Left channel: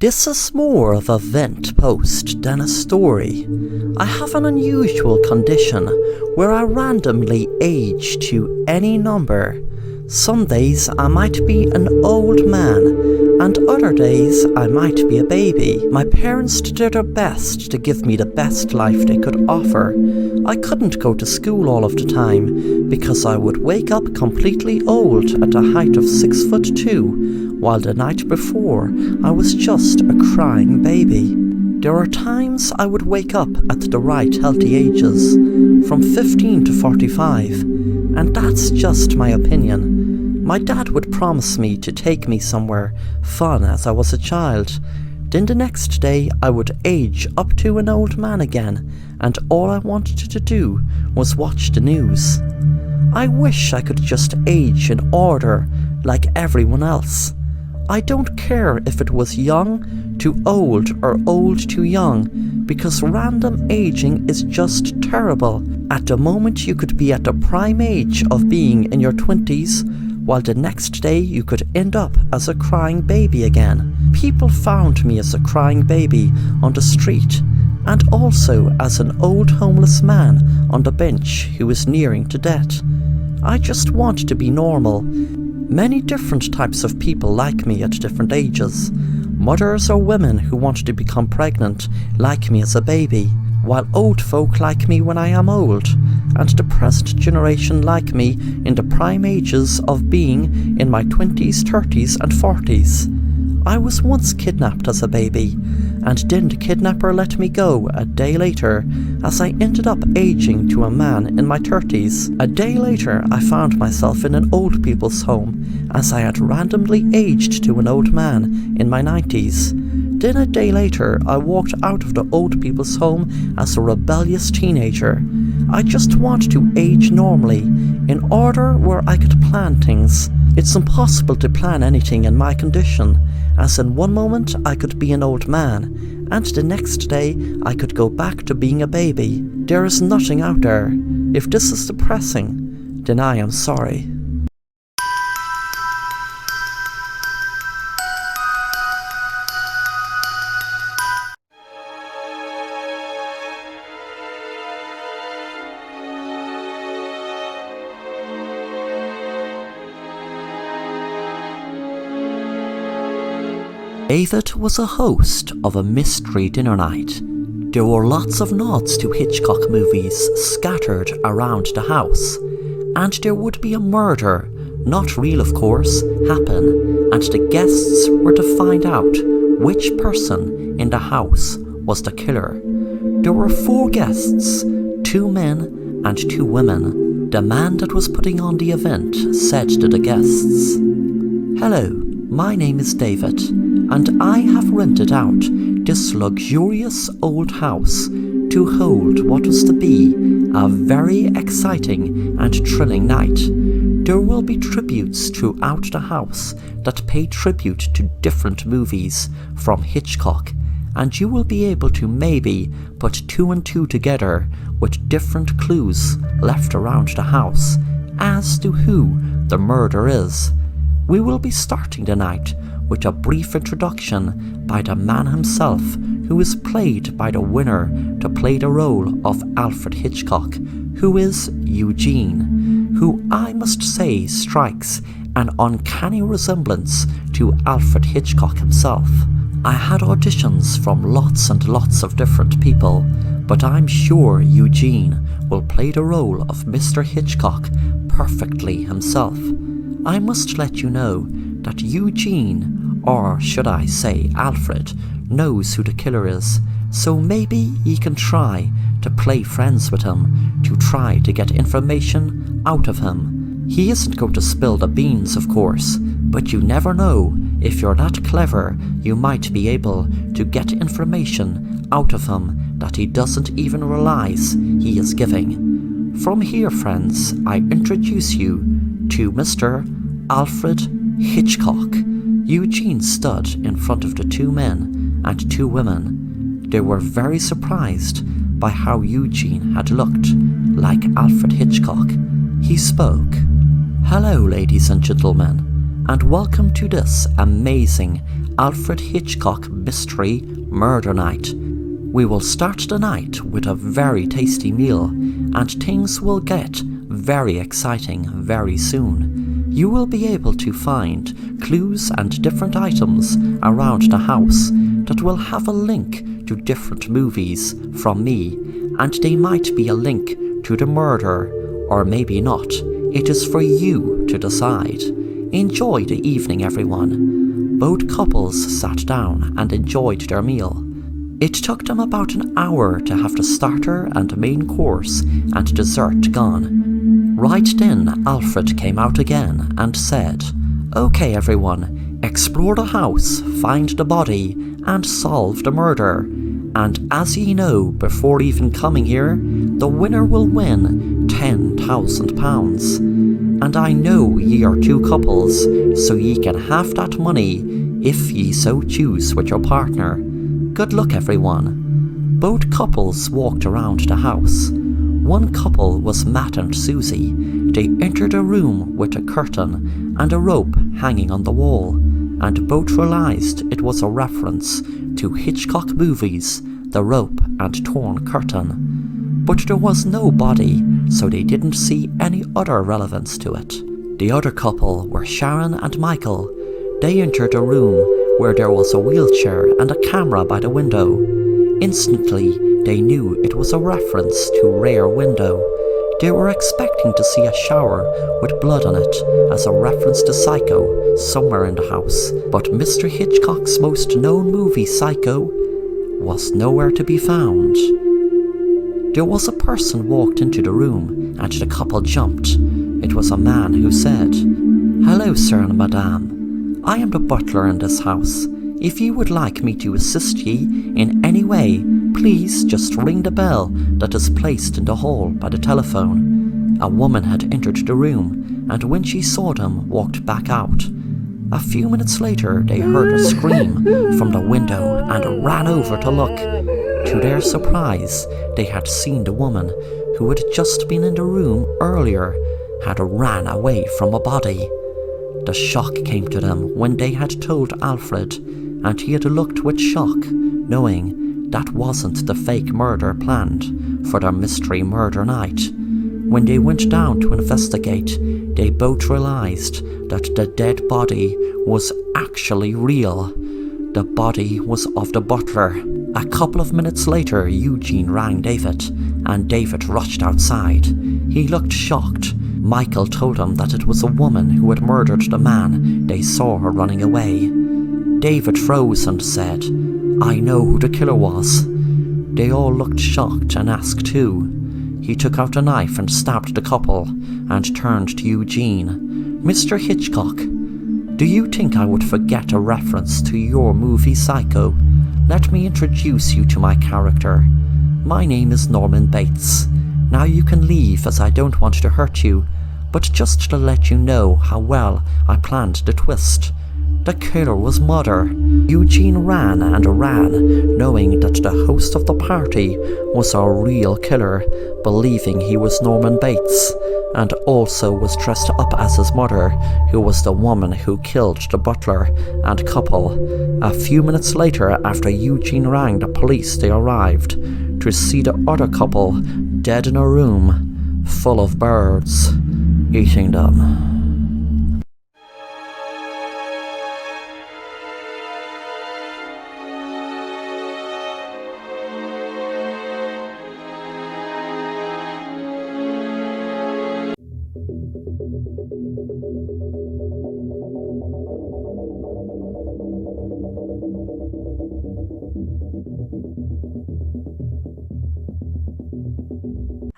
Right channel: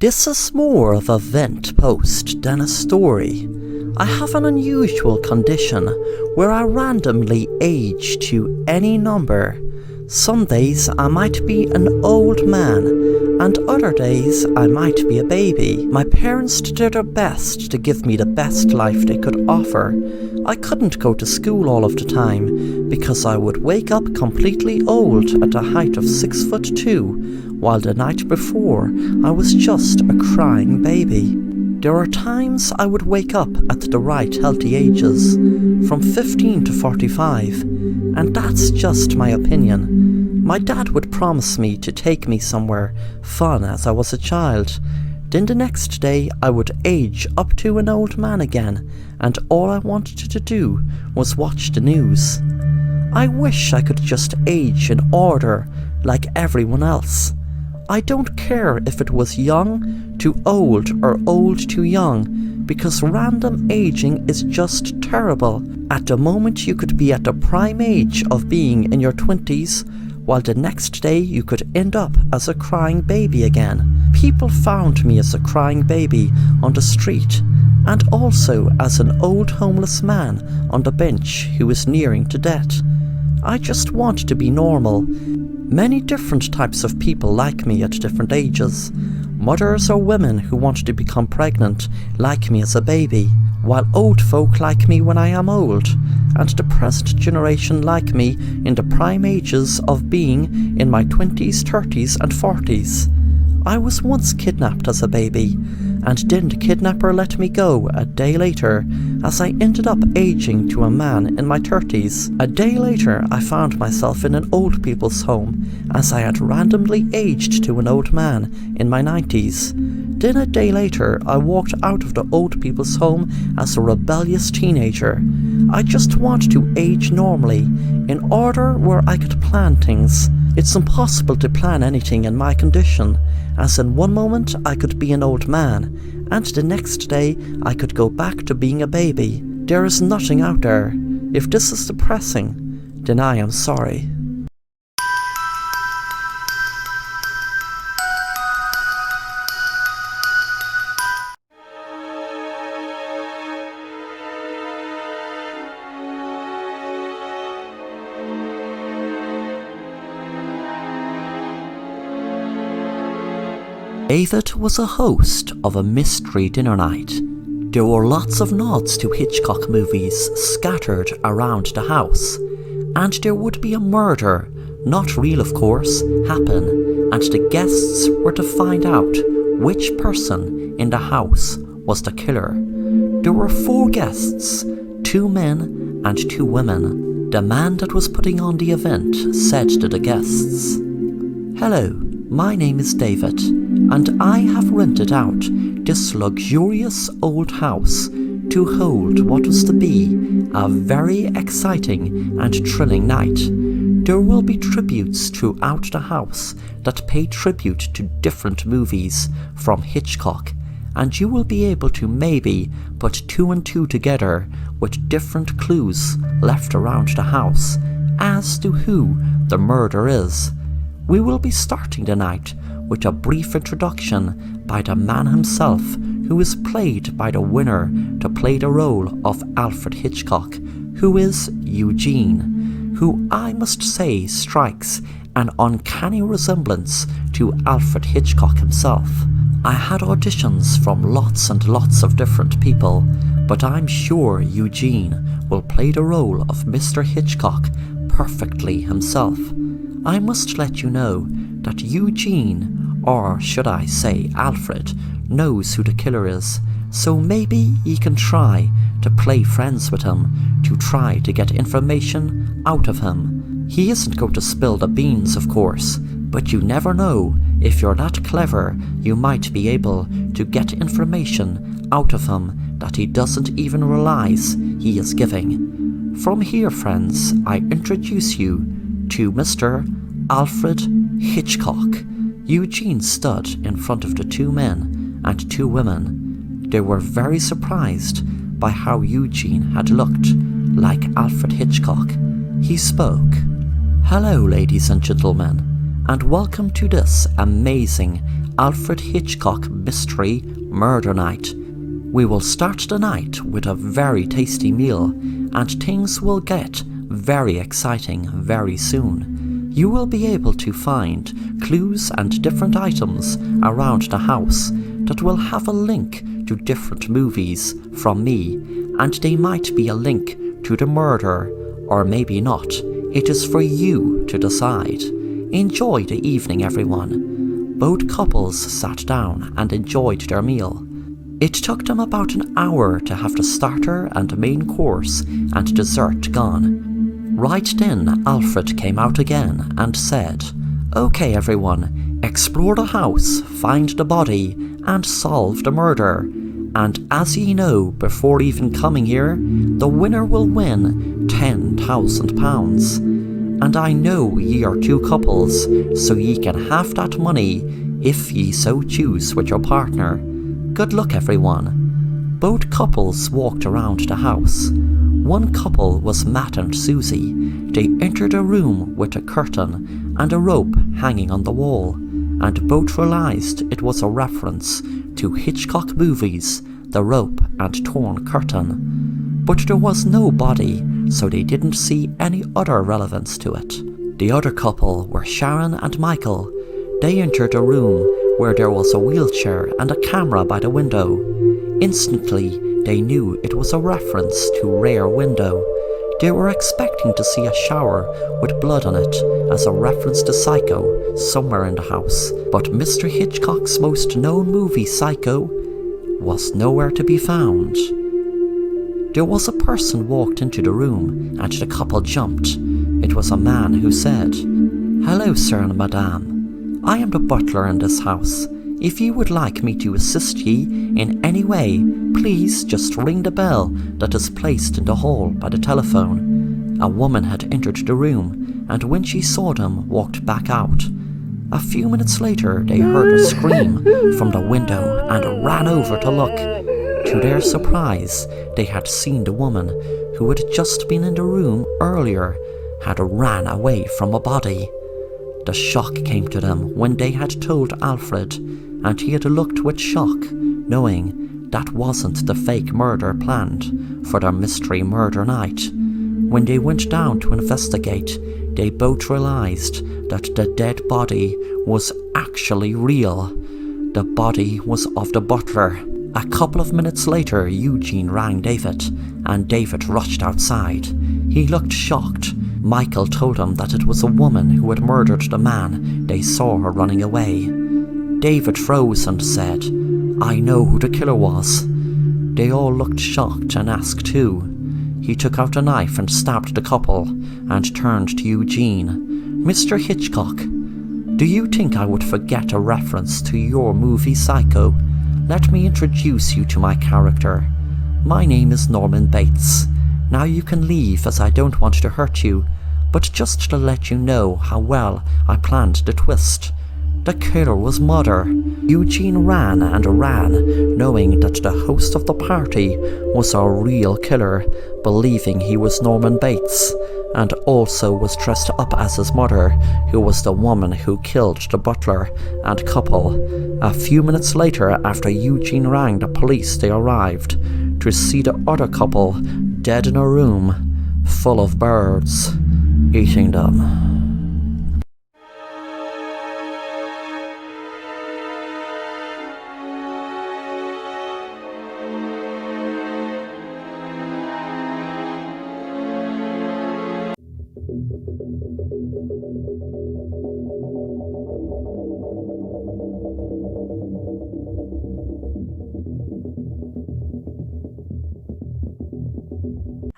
This is more of a vent post than a story. I have an unusual condition where I randomly age to any number. Some days I might be an old man, and other days I might be a baby. My parents did their best to give me the best life they could offer. I couldn't go to school all of the time because I would wake up completely old at the height of 6'2", while the night before I was just a crying baby. There are times I would wake up at the right healthy ages, from 15 to 45, and that's just my opinion. My dad would promise me to take me somewhere fun as I was a child. Then the next day I would age up to an old man again, and all I wanted to do was watch the news. I wish I could just age in order like everyone else. I don't care if it was young to old or old to young, because random aging is just terrible. At the moment you could be at the prime age of being in your 20s, while the next day you could end up as a crying baby again. People found me as a crying baby on the street, and also as an old homeless man on the bench who was nearing to death. I just want to be normal. Many different types of people like me at different ages. Mothers or women who want to become pregnant like me as a baby, while old folk like me when I am old, and the present generation like me in the prime ages of being in my 20s, 30s and 40s. I was once kidnapped as a baby, and then the kidnapper let me go a day later, as I ended up aging to a man in my 30s. A day later I found myself in an old people's home, as I had randomly aged to an old man in my 90s. Then a day later I walked out of the old people's home as a rebellious teenager. I just want to age normally, in order where I could plan things. It's impossible to plan anything in my condition, as in one moment I could be an old man, and the next day I could go back to being a baby. There is nothing out there. If this is depressing, then I am sorry. David was a host of a mystery dinner night. There were lots of nods to Hitchcock movies scattered around the house, and there would be a murder, not real of course, happen, and the guests were to find out which person in the house was the killer. There were 4 guests, 2 men and 2 women. The man that was putting on the event said to the guests, "Hello, my name is David, and I have rented out this luxurious old house to hold what was to be a very exciting and thrilling night. There will be tributes throughout the house that pay tribute to different movies from Hitchcock, and you will be able to maybe put 2 and 2 together with different clues left around the house as to who the murderer is. We will be starting the night with a brief introduction by the man himself, who is played by the winner to play the role of Alfred Hitchcock, who is Eugene, who I must say strikes an uncanny resemblance to Alfred Hitchcock himself. I had auditions from lots and lots of different people, but I'm sure Eugene will play the role of Mr. Hitchcock perfectly himself. I must let you know that Eugene, or should I say Alfred, knows who the killer is, so maybe he can try to play friends with him to try to get information out of him. He isn't going to spill the beans, of course, but you never know. If you're that clever, you might be able to get information out of him that he doesn't even realize he is giving. From here, friends, I introduce you to Mr. Alfred Hitchcock. Eugene stood in front of the 2 men and 2 women. They were very surprised by how Eugene had looked like Alfred Hitchcock. He spoke. "Hello, ladies and gentlemen, and welcome to this amazing Alfred Hitchcock Mystery Murder Night. We will start the night with a very tasty meal, and things will get very exciting very soon. You will be able to find clues and different items around the house that will have a link to different movies from me, and they might be a link to the murder, or maybe not. It is for you to decide. Enjoy the evening, everyone. Both couples sat down and enjoyed their meal. It took them about an hour to have the starter and main course and dessert gone. Right then, Alfred came out again and said, "Okay, everyone, explore the house, find the body, and solve the murder. And as ye know, before even coming here, the winner will win £10,000. And I know ye are two couples, so ye can have that money if ye so choose with your partner. Good luck, everyone." Both couples walked around the house. One couple was Matt and Susie. They entered a room with a curtain and a rope hanging on the wall, and both realized it was a reference to Hitchcock movies, The Rope and Torn Curtain. But there was no body, so they didn't see any other relevance to it. The other couple were Sharon and Michael. They entered a room where there was a wheelchair and a camera by the window. Instantly, they knew it was a reference to Rear Window. They were expecting to see a shower with blood on it as a reference to Psycho somewhere in the house, but Mr. Hitchcock's most known movie, Psycho, was nowhere to be found. There was a person walked into the room, and the couple jumped. It was a man who said, "Hello, sir and madame. I am the butler in this house. If you would like me to assist ye in any way, please just ring the bell that is placed in the hall by the telephone." A woman had entered the room, and when she saw them, walked back out. A few minutes later, they heard a scream from the window and ran over to look. To their surprise, they had seen the woman who had just been in the room earlier had ran away from a body. The shock came to them when they had told Alfred, and he had looked with shock, knowing that wasn't the fake murder planned for their mystery murder night. When they went down to investigate, they both realized that the dead body was actually real. The body was of the butler. A couple of minutes later, Eugene rang David, and David rushed outside. He looked shocked. Michael told him that it was a woman who had murdered the man they saw her running away. David froze and said, "I know who the killer was." They all looked shocked and asked who. He took out a knife and stabbed the couple, and turned to Eugene. "Mr. Hitchcock, do you think I would forget a reference to your movie Psycho? Let me introduce you to my character. My name is Norman Bates. Now you can leave, as I don't want to hurt you, but just to let you know how well I planned the twist. The killer was Mother." Eugene ran and ran, knowing that the host of the party was a real killer, believing he was Norman Bates, and also was dressed up as his mother, who was the woman who killed the butler and couple. A few minutes later, after Eugene rang the police, they arrived to see the other couple dead in a room full of birds, eating them.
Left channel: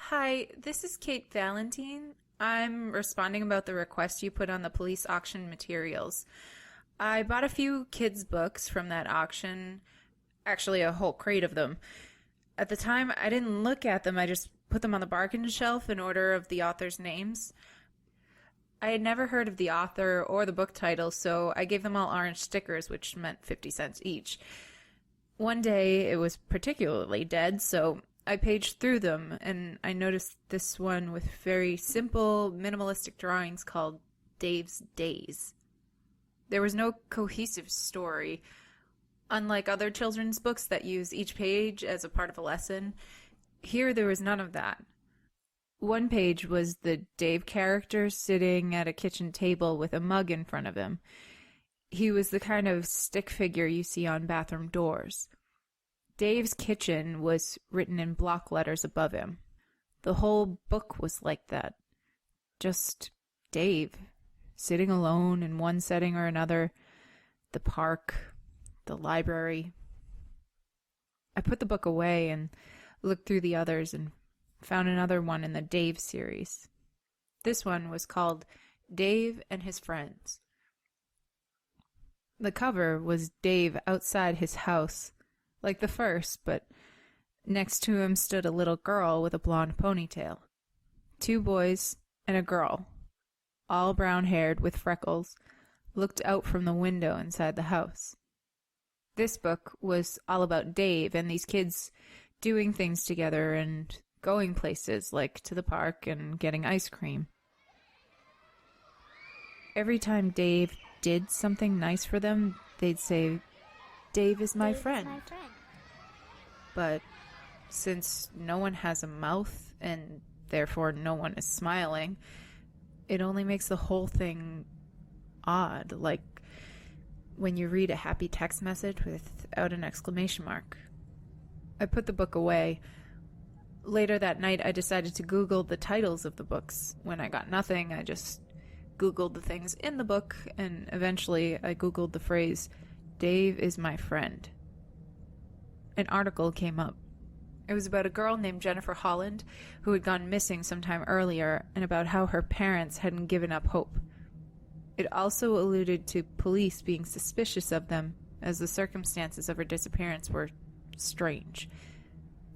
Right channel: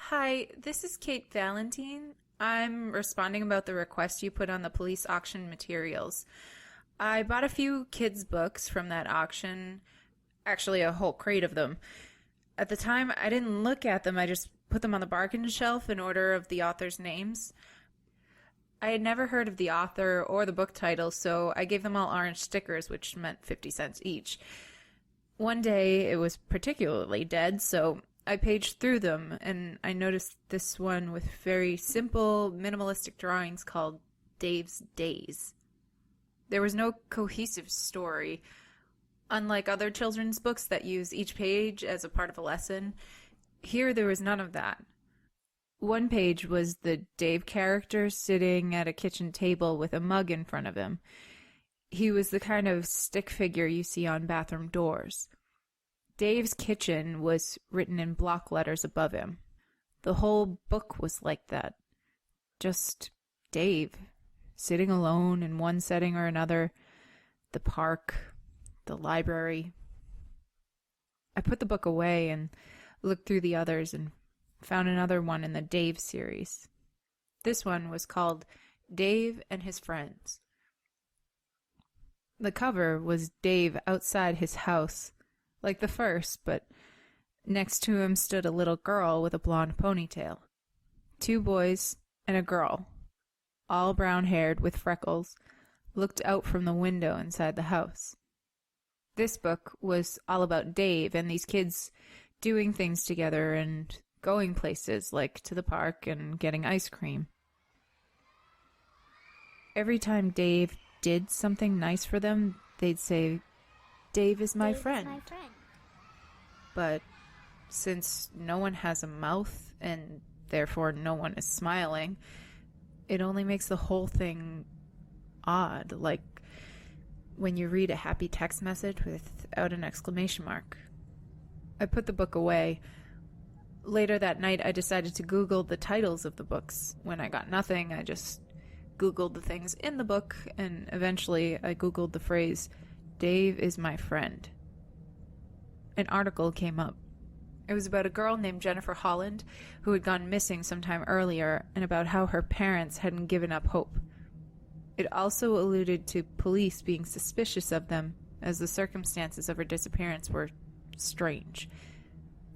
Hi, this is Kate Valentine. I'm responding about the request you put on the police auction materials. I bought a few kids' books from that auction, actually a whole crate of them. At the time, I didn't look at them, I just put them on the bargain shelf in order of the authors' names. I had never heard of the author or the book title, so I gave them all orange stickers, which meant 50 cents each. One day, it was particularly dead, so I paged through them, and I noticed this one with very simple, minimalistic drawings called Dave's Days. There was no cohesive story. Unlike other children's books that use each page as a part of a lesson, here there was none of that. One page was the Dave character sitting at a kitchen table with a mug in front of him. He was the kind of stick figure you see on bathroom doors. Dave's kitchen was written in block letters above him. The whole book was like that. Just Dave, sitting alone in one setting or another. The park, the library. I put the book away and looked through the others and found another one in the Dave series. This one was called Dave and His Friends. The cover was Dave outside his house, like the first, but next to him stood a little girl with a blonde ponytail. 2 boys and a girl, all brown-haired with freckles, looked out from the window inside the house. This book was all about Dave and these kids doing things together and going places like to the park and getting ice cream. Every time Dave did something nice for them, they'd say, "Dave is my friend." But since no one has a mouth and therefore no one is smiling, it only makes the whole thing odd, like when you read a happy text message without an exclamation mark. I put the book away. Later that night, I decided to Google the titles of the books. When I got nothing, I just Googled the things in the book, and eventually I Googled the phrase, "Dave is my friend." An article came up. It was about a girl named Jennifer Holland who had gone missing sometime earlier and about how her parents hadn't given up hope. It also alluded to police being suspicious of them as the circumstances of her disappearance were strange.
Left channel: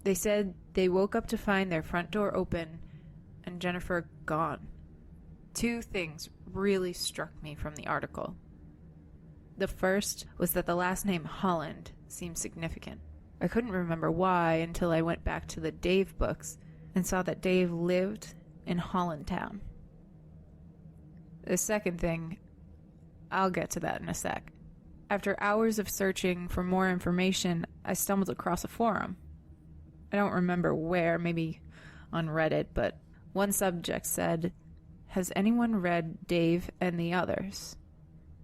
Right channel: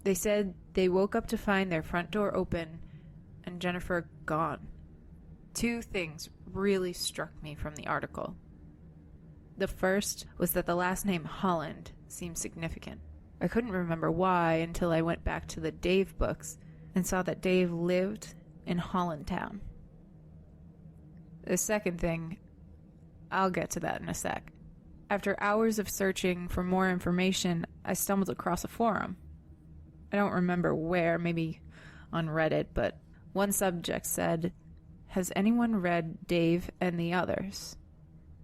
They said they woke up to find their front door open and Jennifer gone. 2 things really struck me from the article. The first was that the last name Holland seemed significant. I couldn't remember why until I went back to the Dave books and saw that Dave lived in Hollandtown. The second thing, I'll get to that in a sec. After hours of searching for more information, I stumbled across a forum. I don't remember where, maybe on Reddit, but one subject said, "Has anyone read Dave and the Others?"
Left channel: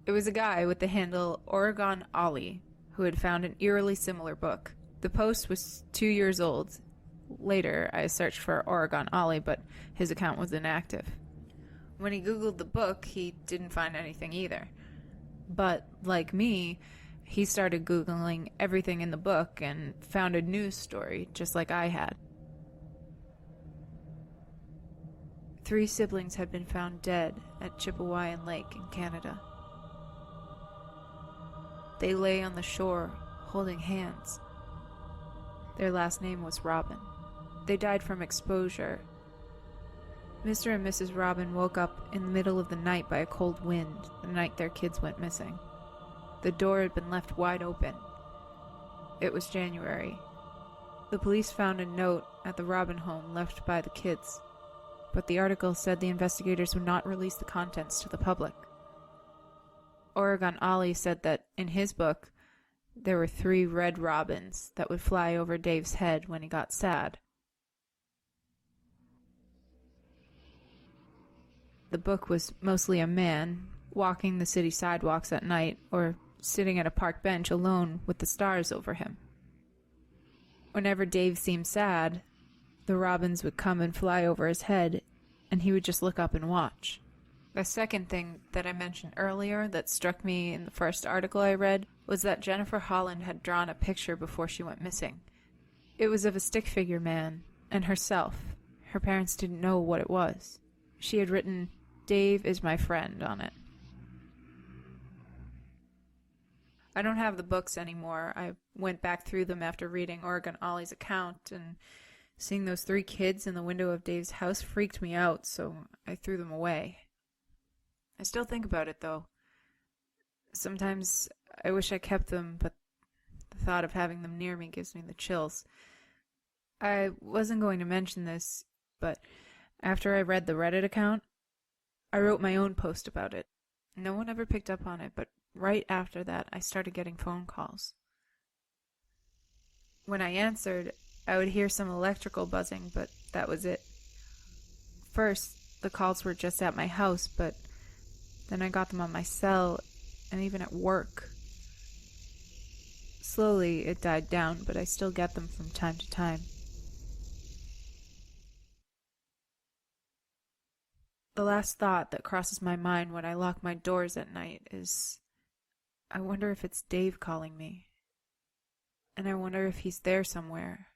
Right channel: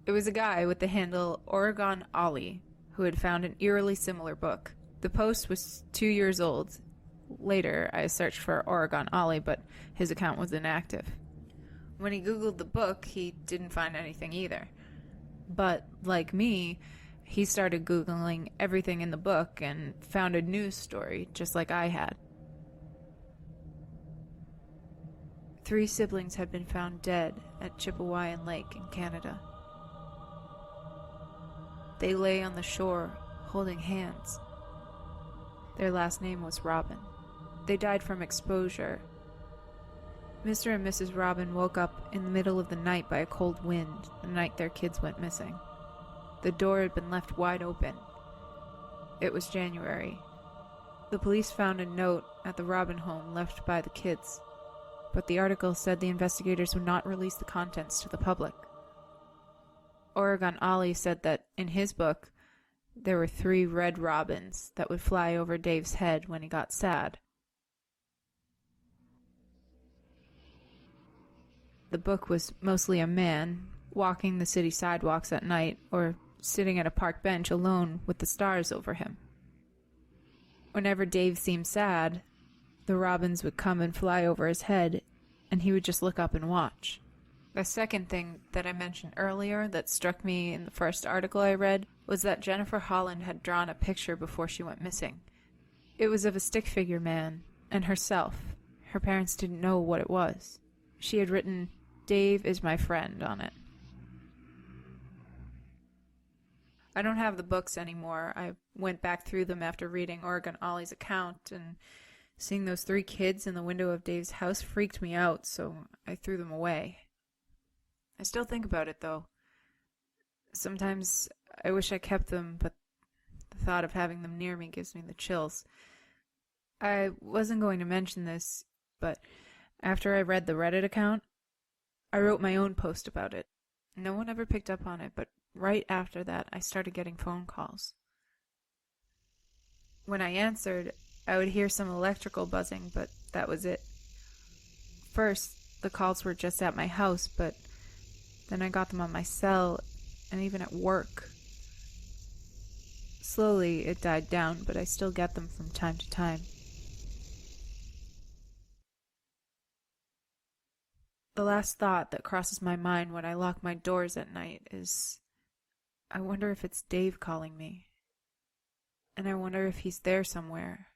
It was a guy with the handle Oregon Ollie who had found an eerily similar book. The post was 2 years old. Later, I searched for Oregon Ollie, but his account was inactive. When he Googled the book, he didn't find anything either. But, like me, he started Googling everything in the book and found a news story, just like I had. 3 siblings had been found dead at Chipewyan Lake in Canada. They lay on the shore, holding hands. Their last name was Robin. They died from exposure. Mr. and Mrs. Robin woke up in the middle of the night by a cold wind the night their kids went missing. The door had been left wide open. It was January. The police found a note at the Robin home left by the kids, but the article said the investigators would not release the contents to the public. Oregon Ollie said that in his book, there were 3 red robins that would fly over Dave's head when he got sad. The book was mostly a man walking the city sidewalks at night or sitting at a park bench alone with the stars over him. Whenever Dave seemed sad, the robins would come and fly over his head, and he would just look up and watch. The second thing that I mentioned earlier that struck me in the first article I read was that Jennifer Holland had drawn a picture before she went missing. It was of a stick figure man and herself. Her parents didn't know what it was. She had written, "Dave is my friend," on it. I don't have the books anymore. I went back through them after reading Oregon Ollie's account, and seeing those 3 kids in the window of Dave's house freaked me out, so I threw them away. I still think about it, though. Sometimes I wish I kept them, but the thought of having them near me gives me the chills. I wasn't going to mention this, but after I read the Reddit account, I wrote my own post about it. No one ever picked up on it, but right after that, I started getting phone calls. When I answered, I would hear some electrical buzzing, but that was it. First, the calls were just at my house, but then I got them on my cell and even at work. Slowly, it died down, but I still get them from time to time. The last thought that crosses my mind when I lock my doors at night is, I wonder if it's Dave calling me. And I wonder if he's there somewhere,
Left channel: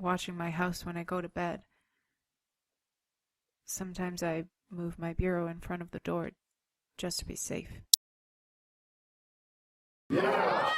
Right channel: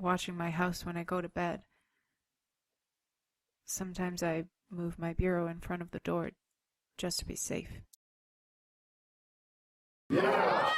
watching my house when I go to bed. Sometimes I move my bureau in front of the door just to be safe. Yeah!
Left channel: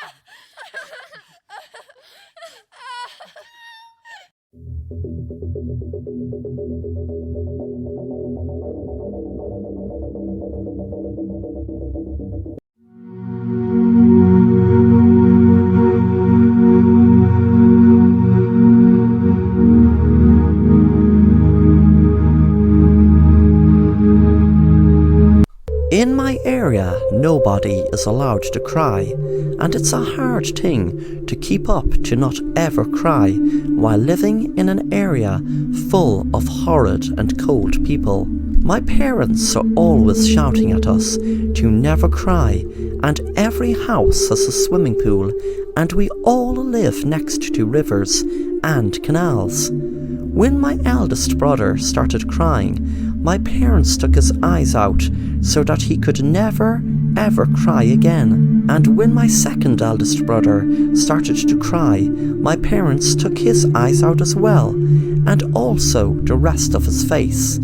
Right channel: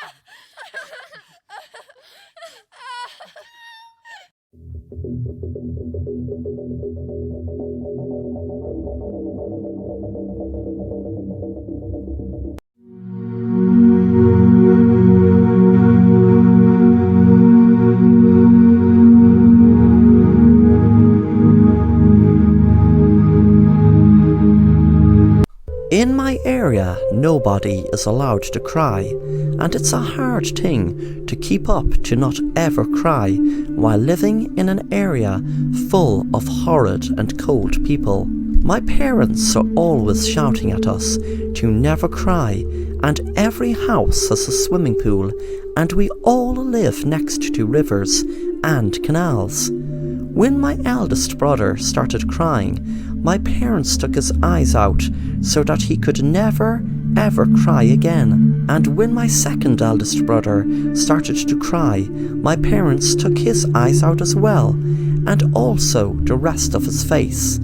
In my area, nobody is allowed to cry, and it's a hard thing to keep up to not ever cry while living in an area full of horrid and cold people. My parents are always shouting at us to never cry, and every house has a swimming pool, and we all live next to rivers and canals. When my eldest brother started crying, my parents took his eyes out so that he could never ever cry again. And when my second eldest brother started to cry, my parents took his eyes out as well, and also the rest of his face.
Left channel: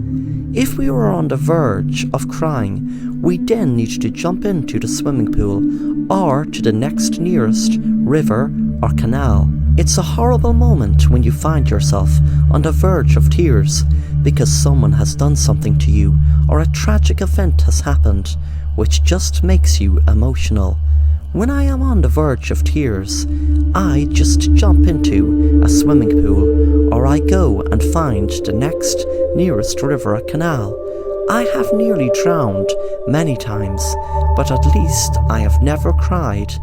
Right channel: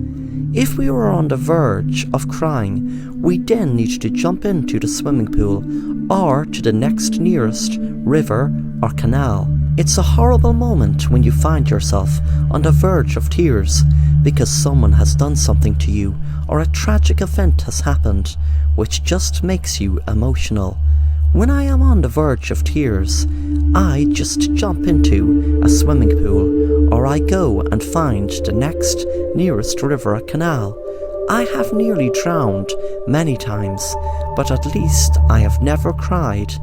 If we were on the verge of crying, we then needed to jump into the swimming pool or to the next nearest river or canal. It's a horrible moment when you find yourself on the verge of tears because someone has done something to you or a tragic event has happened, which just makes you emotional. When I am on the verge of tears, I just jump into a swimming pool, or I go and find the next nearest river or canal. I have nearly drowned many times, but at least I have never cried.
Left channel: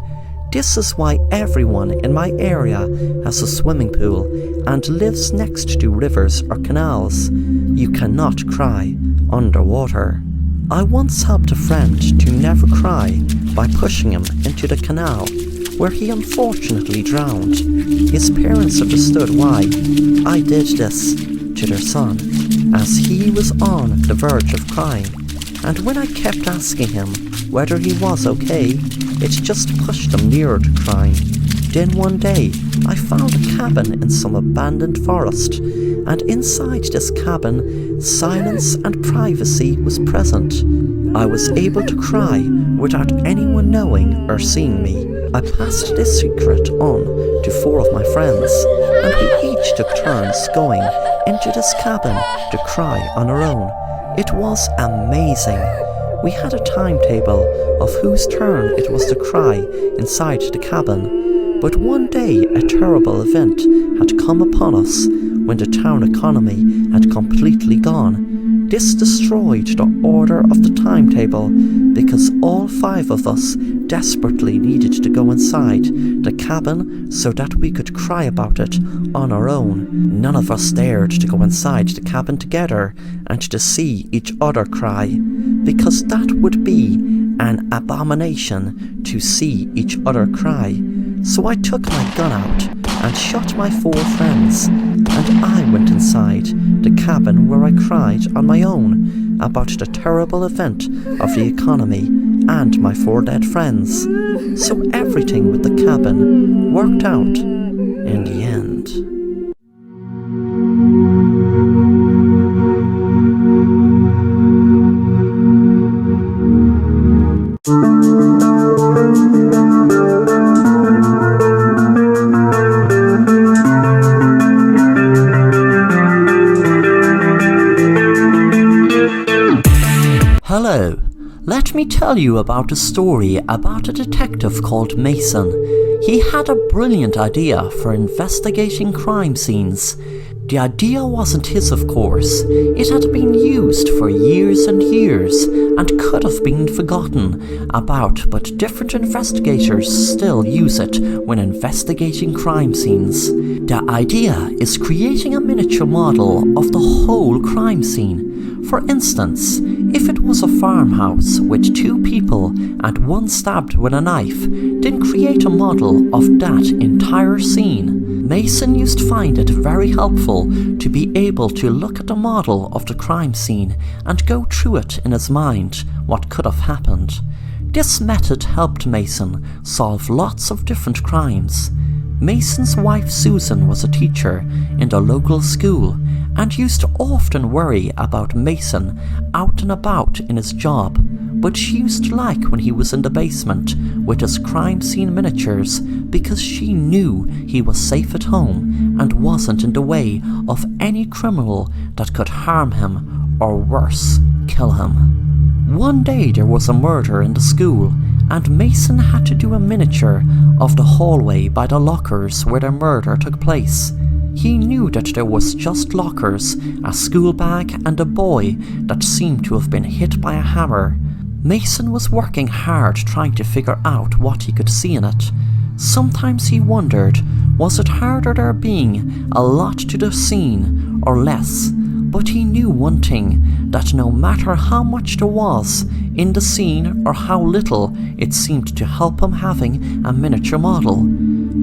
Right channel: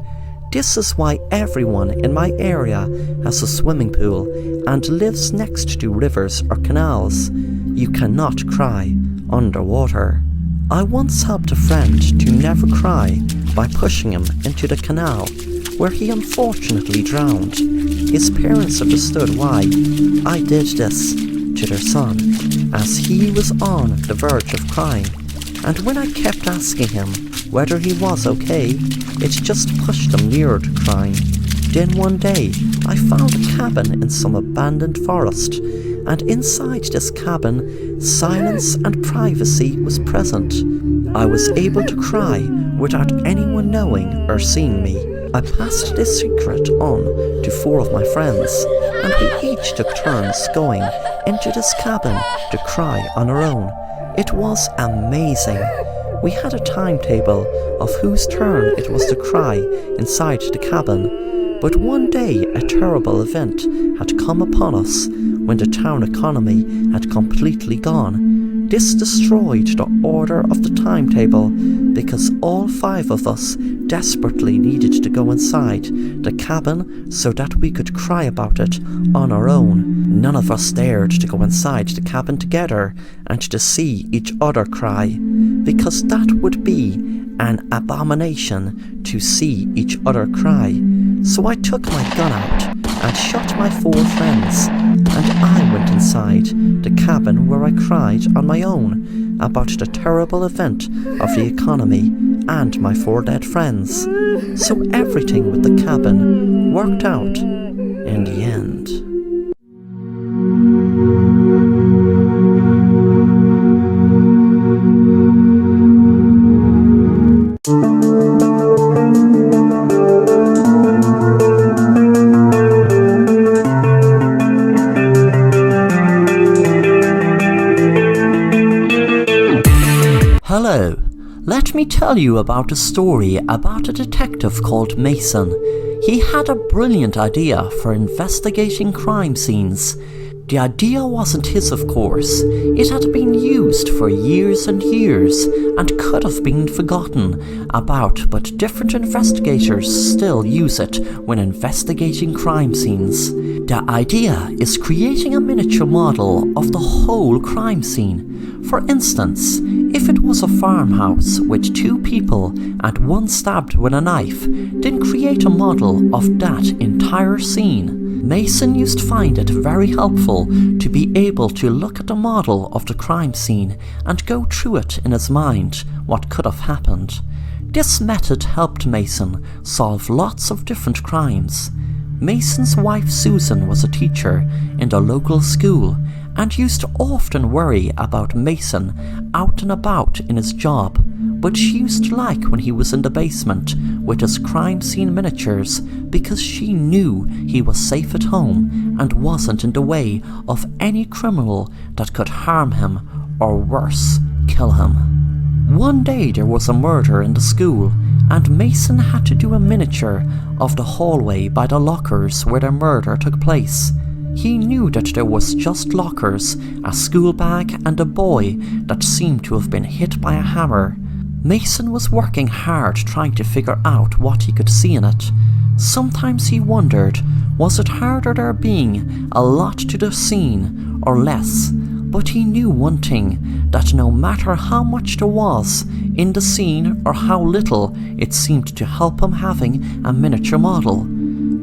This is why everyone in my area has a swimming pool and lives next to rivers or canals. You cannot cry underwater. I once helped a friend to never cry by pushing him into the canal, where he unfortunately drowned. His parents understood why I did this to their son, as he was on the verge of crying, and when I kept asking him whether he was okay, it just pushed him nearer to crying. Then one day, I found a cabin in some abandoned forest, and inside this cabin, silence and privacy was present. I was able to cry without anyone knowing or seeing me. I passed this secret on to 4 of my friends, and we each took turns going into this cabin to cry on our own. It was amazing. We had a timetable of whose turn it was to cry inside the cabin, but one day a terrible event had come upon us when the town economy had completely gone. This destroyed the order of the timetable because all 5 of us desperately needed to go inside the cabin so that we could cry about it on our own. None of us dared to go inside the cabin together and to see each other cry, because that would be an abomination to see each other cry. So I took my gun out and shot my 4 friends, and I went inside the cabin where I cried on my own about the terrible event of the economy and my 4 dead friends. So everything with the cabin worked out in the end. Hello, let me tell you about a story about a detective called Mason. He had a brilliant idea for investigating crime scenes. The idea wasn't his, of course. It had been used for years and years and could have been forgotten about, but different investigators still use it when investigating crime scenes. The idea is creating a miniature model of the whole crime scene. For instance, if it was a farmhouse with 2 people and one stabbed with a knife, then create a model of that entire scene. Mason used to find it very helpful to be able to look at the model of the crime scene and go through it in his mind what could have happened. This method helped Mason solve lots of different crimes. Mason's wife Susan was a teacher in the local school and used to often worry about Mason out and about in his job, but she used to like when he was in the basement with his crime scene miniatures because she knew he was safe at home and wasn't in the way of any criminal that could harm him or worse, kill him. One day there was a murder in the school and Mason had to do a miniature of the hallway by the lockers where the murder took place. He knew that there was just lockers, a school bag and a boy that seemed to have been hit by a hammer. Mason was working hard trying to figure out what he could see in it. Sometimes he wondered, was it harder there being a lot to the scene or less? But he knew one thing, that no matter how much there was in the scene or how little, it seemed to help him having a miniature model.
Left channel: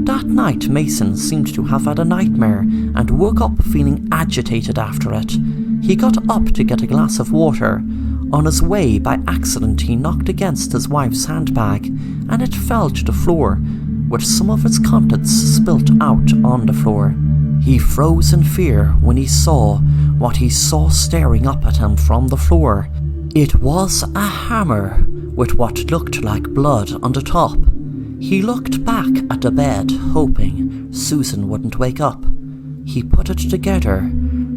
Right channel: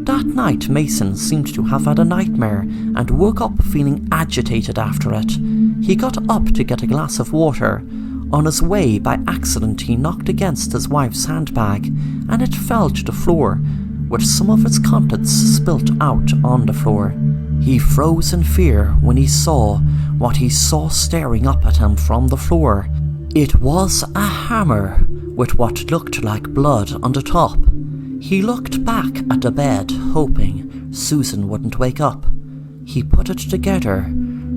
That night Mason seemed to have had a nightmare and woke up feeling agitated after it. He got up to get a glass of water. On his way, by accident, he knocked against his wife's handbag and it fell to the floor, with some of its contents spilt out on the floor. He froze in fear when he saw what he saw staring up at him from the floor. It was a hammer with what looked like blood on the top. He looked back at the bed, hoping Susan wouldn't wake up. He put it together.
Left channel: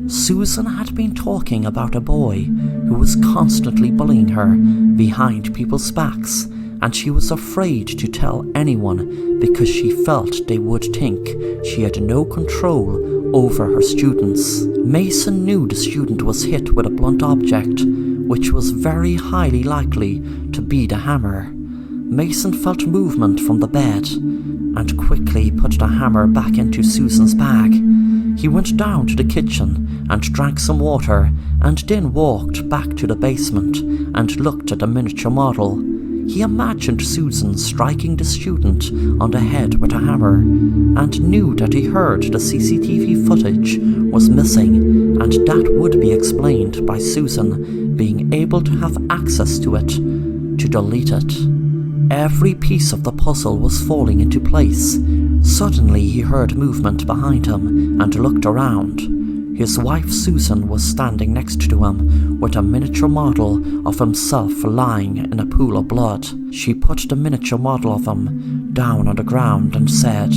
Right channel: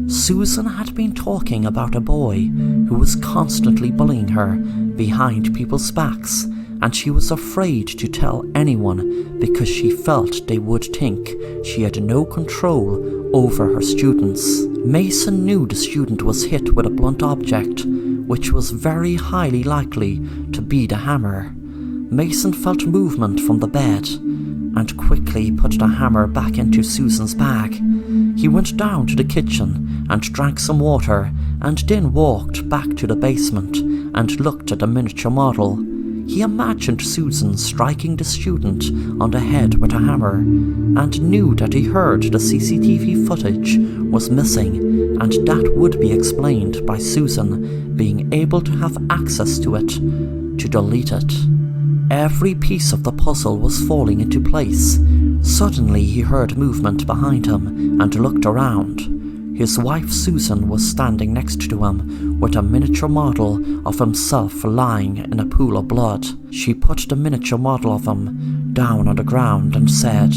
Susan had been talking about a boy who was constantly bullying her behind people's backs, and she was afraid to tell anyone because she felt they would think she had no control over her students. Mason knew the student was hit with a blunt object, which was very highly likely to be the hammer. Mason felt movement from the bed and quickly put the hammer back into Susan's bag. He went down to the kitchen and drank some water and then walked back to the basement and looked at the miniature model. He imagined Susan striking the student on the head with a hammer and knew that he heard the CCTV footage was missing, and that would be explained by Susan being able to have access to it to delete it. Every piece of the puzzle was falling into place. Suddenly he heard movement behind him and looked around. His wife Susan was standing next to him with a miniature model of himself lying in a pool of blood. She put the miniature model of him down on the ground and said,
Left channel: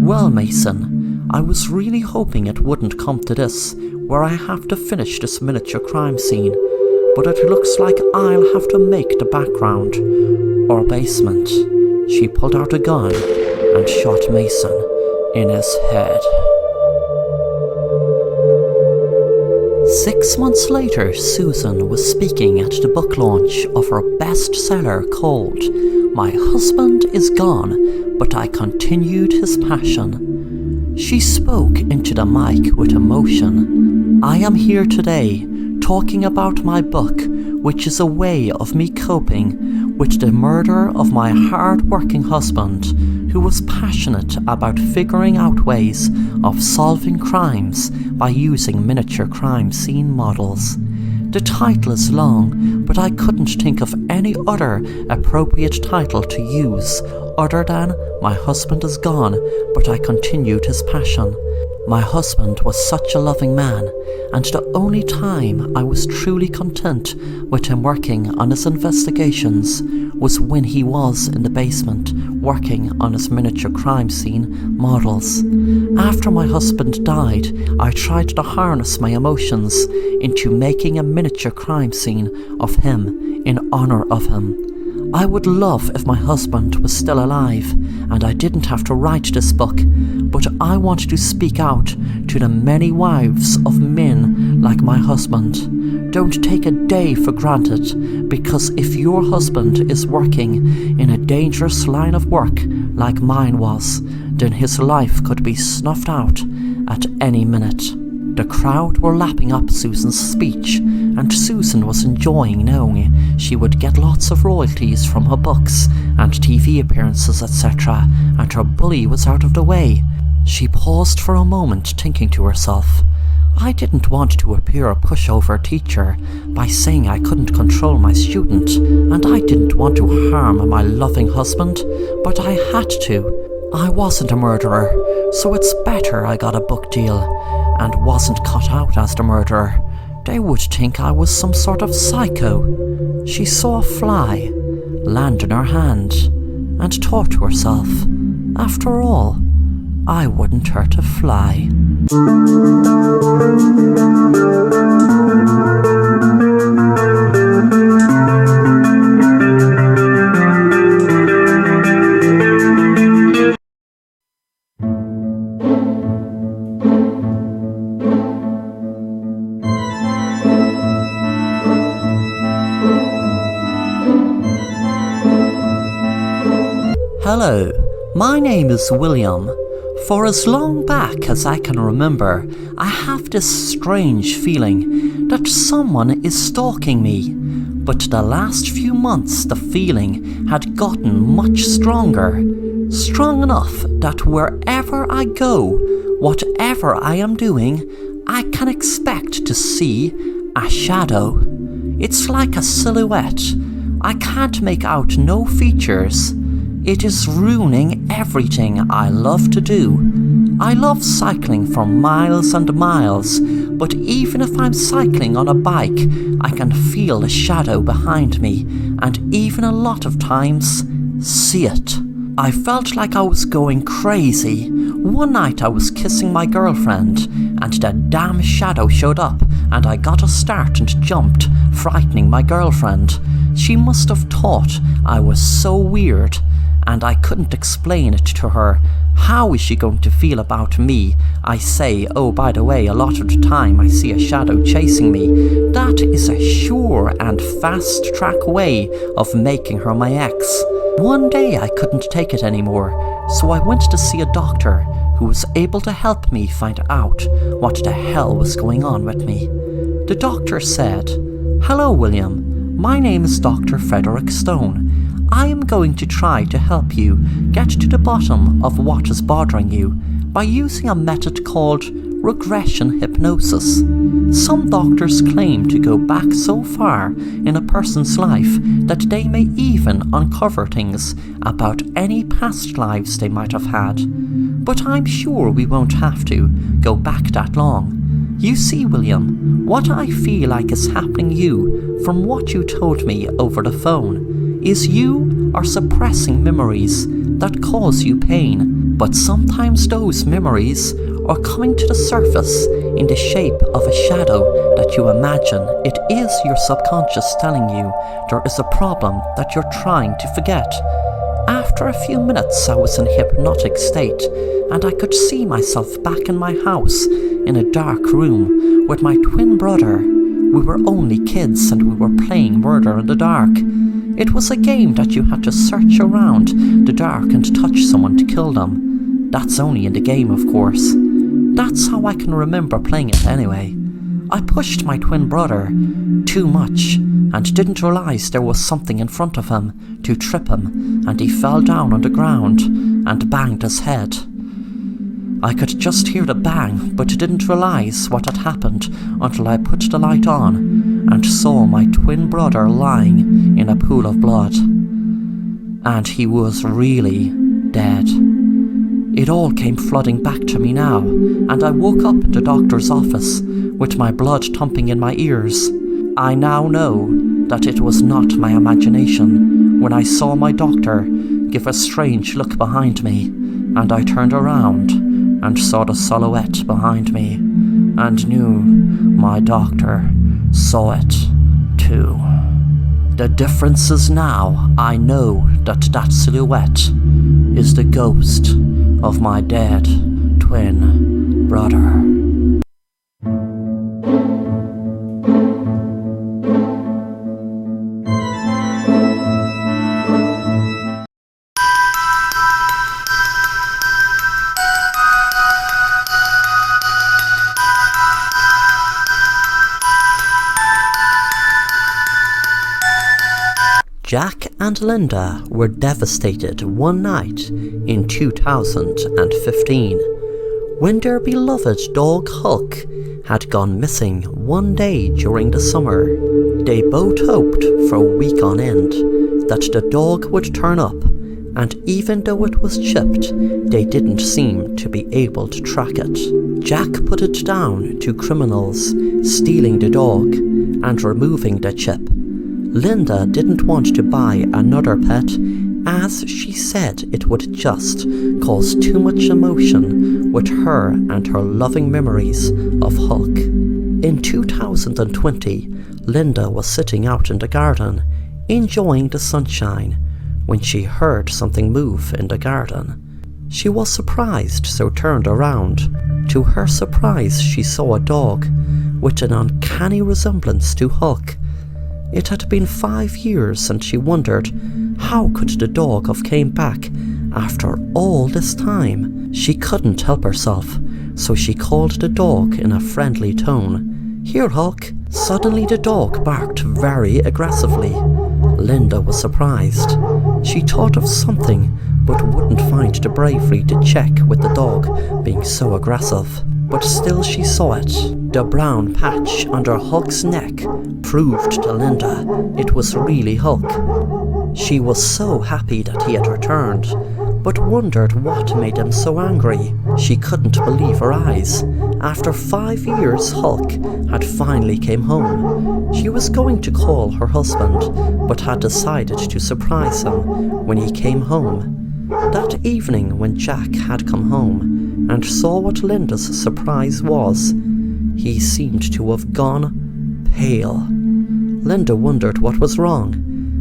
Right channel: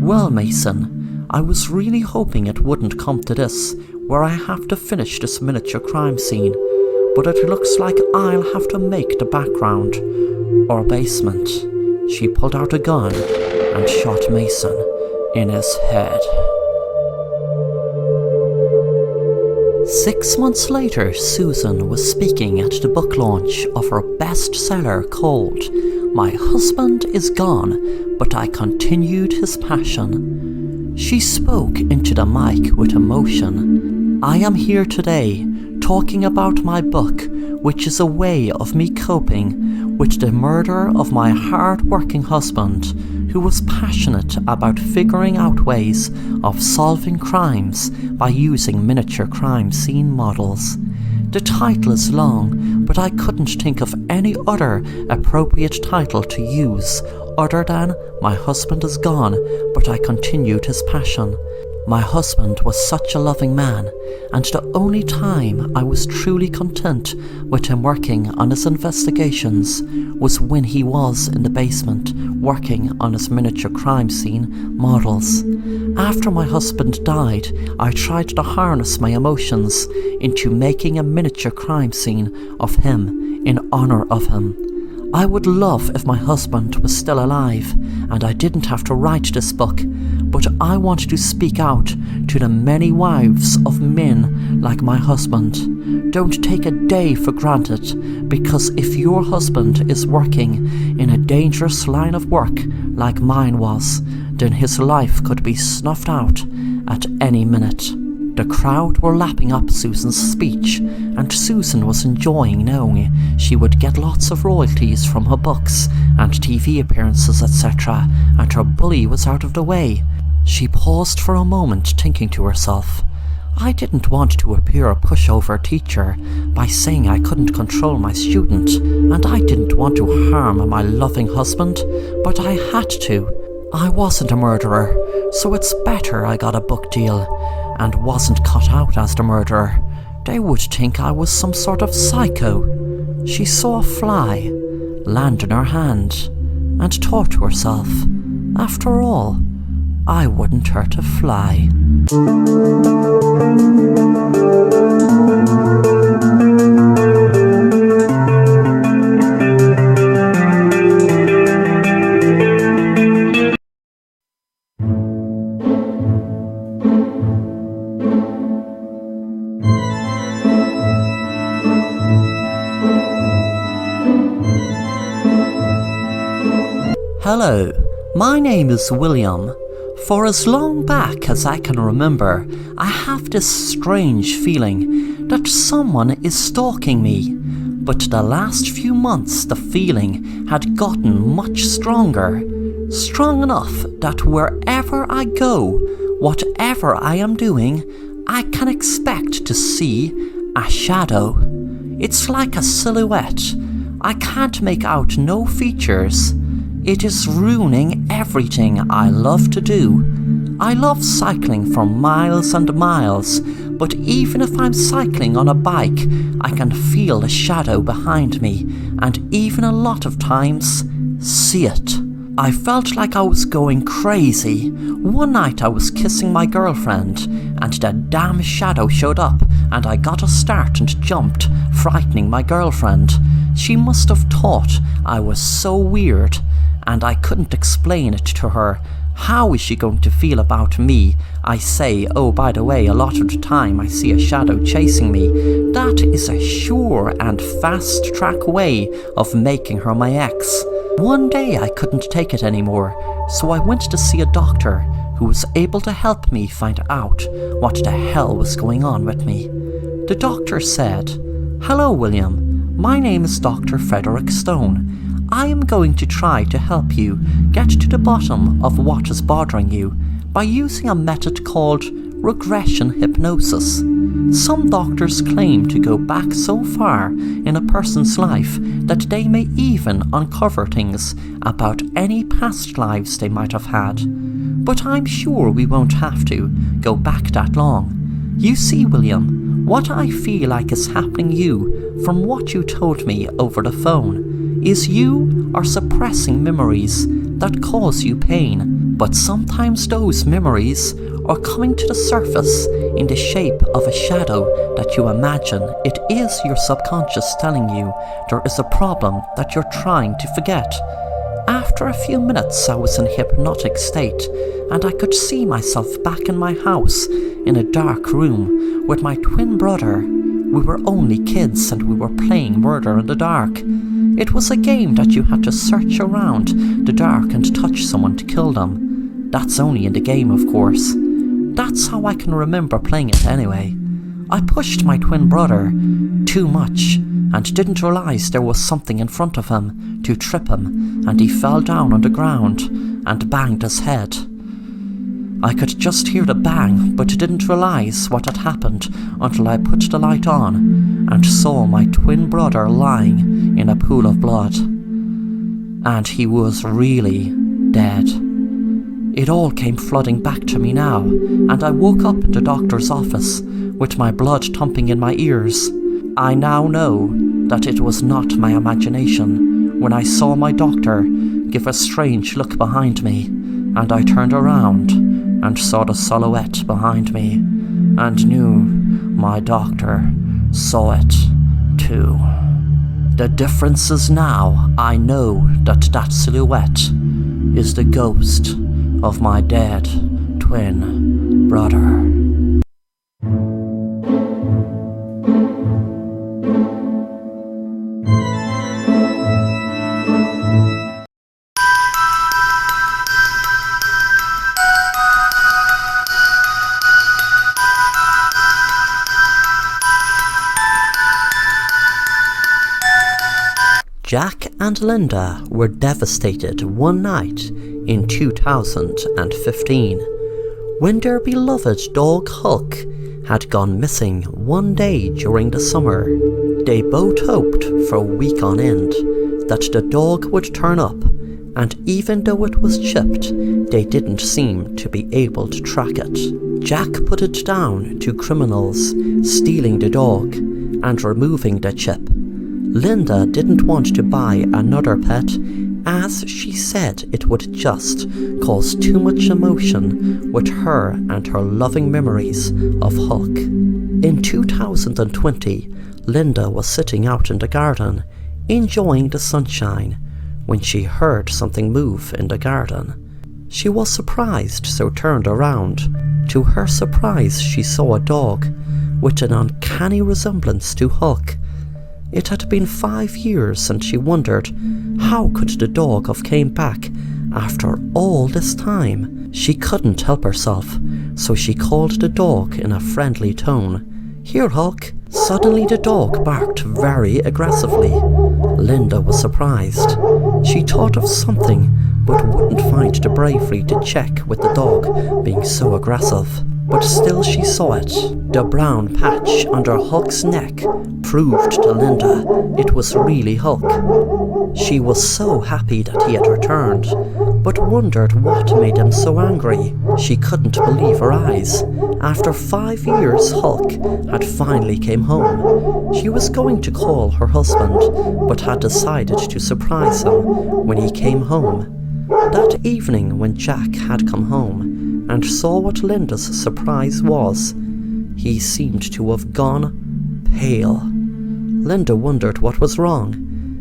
"Well, Mason, I was really hoping it wouldn't come to this, where I have to finish this miniature crime scene, but it looks like I'll have to make the background or basement." She pulled out a gun and shot Mason in his head. 6 months later, Susan was speaking at the book launch of her bestseller called My Husband is Gone, But I Continued His Passion. She spoke into the mic with emotion. "I am here today talking about my book, which is a way of me coping with the murder of my hard-working husband, who was passionate about figuring out ways of solving crimes by using miniature crime scene models. The title is long, but I couldn't think of any other appropriate title to use other than My Husband is Gone, But I Continued His Passion. My husband was such a loving man, and the only time I was truly content with him working on his investigations was when he was in the basement working on his miniature crime scene models. After my husband died, I tried to harness my emotions into making a miniature crime scene of him in honor of him. I would love if my husband was still alive and I didn't have to write this book, but I want to speak out to the many wives of men like my husband. Don't take a day for granted, because if your husband is working in a dangerous line of work like mine was, then his life could be snuffed out at any minute. The crowd were lapping up Susan's speech, and Susan was enjoying knowing she would get lots of royalties from her books and TV appearances, etc., and her bully was out of the way. She paused for a moment, thinking to herself, I didn't want to appear a pushover teacher by saying I couldn't control my student, and I didn't want to harm my loving husband, but I had to. I wasn't a murderer, so it's better I got a book deal and wasn't cut out as the murderer. They would think I was some sort of psycho. She saw a fly land in her hand and thought to herself, after all, I wouldn't hurt a fly. Hello, my name is William. For as long back as I can remember, I have this strange feeling that someone is stalking me. But the last few months the feeling had gotten much stronger. Strong enough that wherever I go, whatever I am doing, I can expect to see a shadow. It's like a silhouette. I can't make out no features. It is ruining everything I love to do. I love cycling for miles and miles, but even if I'm cycling on a bike, I can feel the shadow behind me, and even a lot of times, see it. I felt like I was going crazy. One night I was kissing my girlfriend, and that damn shadow showed up, and I got a start and jumped, frightening my girlfriend. She must have thought I was so weird, and I couldn't explain it to her. How is she going to feel about me? I say, oh, by the way, a lot of the time I see a shadow chasing me. That is a sure and fast track way of making her my ex. One day I couldn't take it anymore, so I went to see a doctor who was able to help me find out what the hell was going on with me. The doctor said, "Hello, William. My name is Dr. Frederick Stone. I am going to try to help you get to the bottom of what is bothering you by using a method called regression hypnosis. Some doctors claim to go back so far in a person's life that they may even uncover things about any past lives they might have had. But I'm sure we won't have to go back that long. You see, William, what I feel like is happening you from what you told me over the phone is you are suppressing memories that cause you pain, but sometimes those memories are coming to the surface in the shape of a shadow that you imagine. It is your subconscious telling you there is a problem that you're trying to forget. After a few minutes I was in hypnotic state, and I could see myself back in my house in a dark room with my twin brother. We were only kids and we were playing murder in the dark. It was a game that you had to search around the dark and touch someone to kill them. That's only in the game, of course. That's how I can remember playing it anyway. I pushed my twin brother too much and didn't realize there was something in front of him to trip him, and he fell down on the ground and banged his head. I could just hear the bang, but didn't realize what had happened until I put the light on and saw my twin brother lying in a pool of blood. And he was really dead. It all came flooding back to me now, and I woke up in the doctor's office with my blood thumping in my ears. I now know that it was not my imagination when I saw my doctor give a strange look behind me, and I turned around and saw the silhouette behind me, and knew my doctor saw it too. The difference is now I know that silhouette is the ghost of my dead twin brother. Jack and Linda were devastated one night in 2015 when their beloved dog Huck had gone missing one day during the summer. They both hoped for a week on end that the dog would turn up, and even though it was chipped, they didn't seem to be able to track it. Jack put it down to criminals stealing the dog and removing the chip. Linda didn't want to buy another pet, as she said it would just cause too much emotion with her and her loving memories of Huck. In 2020, Linda was sitting out in the garden, enjoying the sunshine, when she heard something move in the garden. She was surprised, so turned around. To her surprise, she saw a dog with an uncanny resemblance to Huck. It had been 5 years, and she wondered, how could the dog have came back after all this time? She couldn't help herself, so she called the dog in a friendly tone. "Here, Huck." Suddenly the dog barked very aggressively. Linda was surprised. She thought of something, but wouldn't find the bravery to check with the dog being so aggressive. But still she saw it. The brown patch under Huck's neck proved to Linda it was really Huck. She was so happy that he had returned, but wondered what made him so angry. She couldn't believe her eyes. After 5 years, Huck had finally came home. She was going to call her husband, but had decided to surprise him when he came home. That evening, when Jack had come home and saw what Linda's surprise was, he seemed to have gone pale. Linda wondered what was wrong,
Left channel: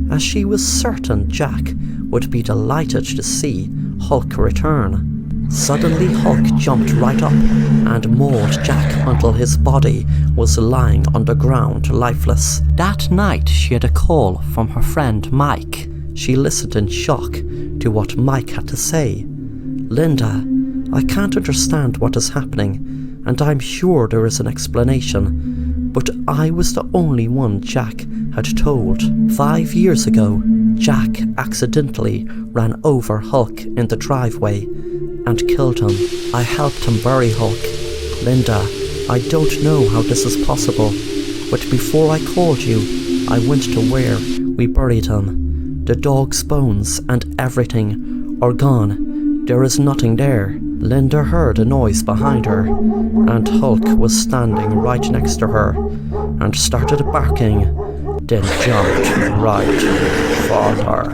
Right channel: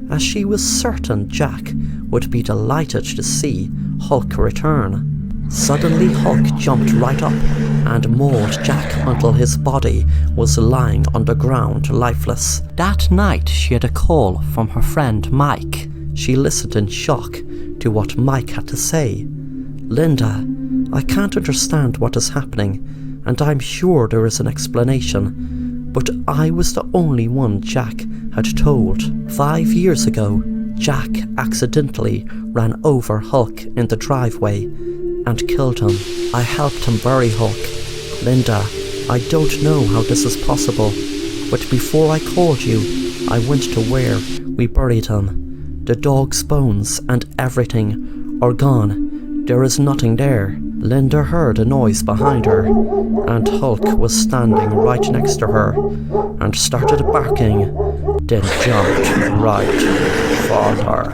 as she was certain Jack would be delighted to see Huck return. Suddenly Huck jumped right up and mauled Jack until his body was lying on the ground lifeless. That night she had a call from her friend Mike. She listened in shock to what Mike had to say. "Linda, I can't understand what is happening, and I'm sure there is an explanation, but I was the only one Jack had told. 5 years ago, Jack accidentally ran over Huck in the driveway and killed him. I helped him bury Huck. Linda, I don't know how this is possible, but before I called you, I went to where we buried him. The dog's bones and everything are gone. There is nothing there." Linda heard a noise behind her, and Huck was standing right next to her and started barking, then jumped right for her.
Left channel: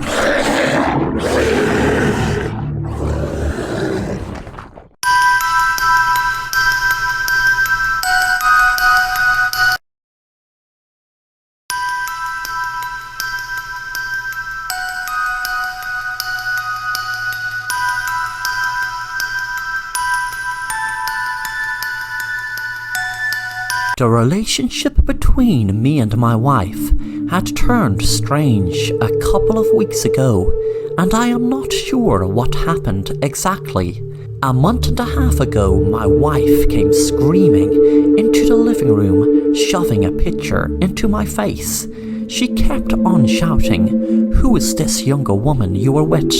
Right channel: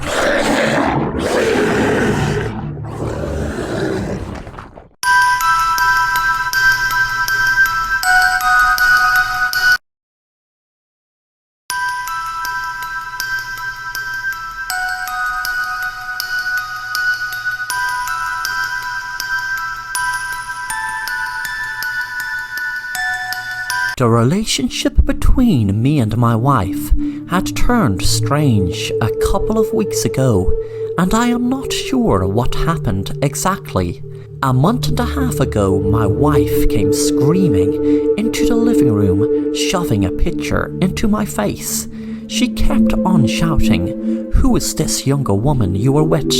The relationship between me and my wife had turned strange a couple of weeks ago, and I am not sure what happened exactly. A month and a half ago, my wife came screaming into the living room, shoving a picture into my face. She kept on shouting, "Who is this younger woman you were with?"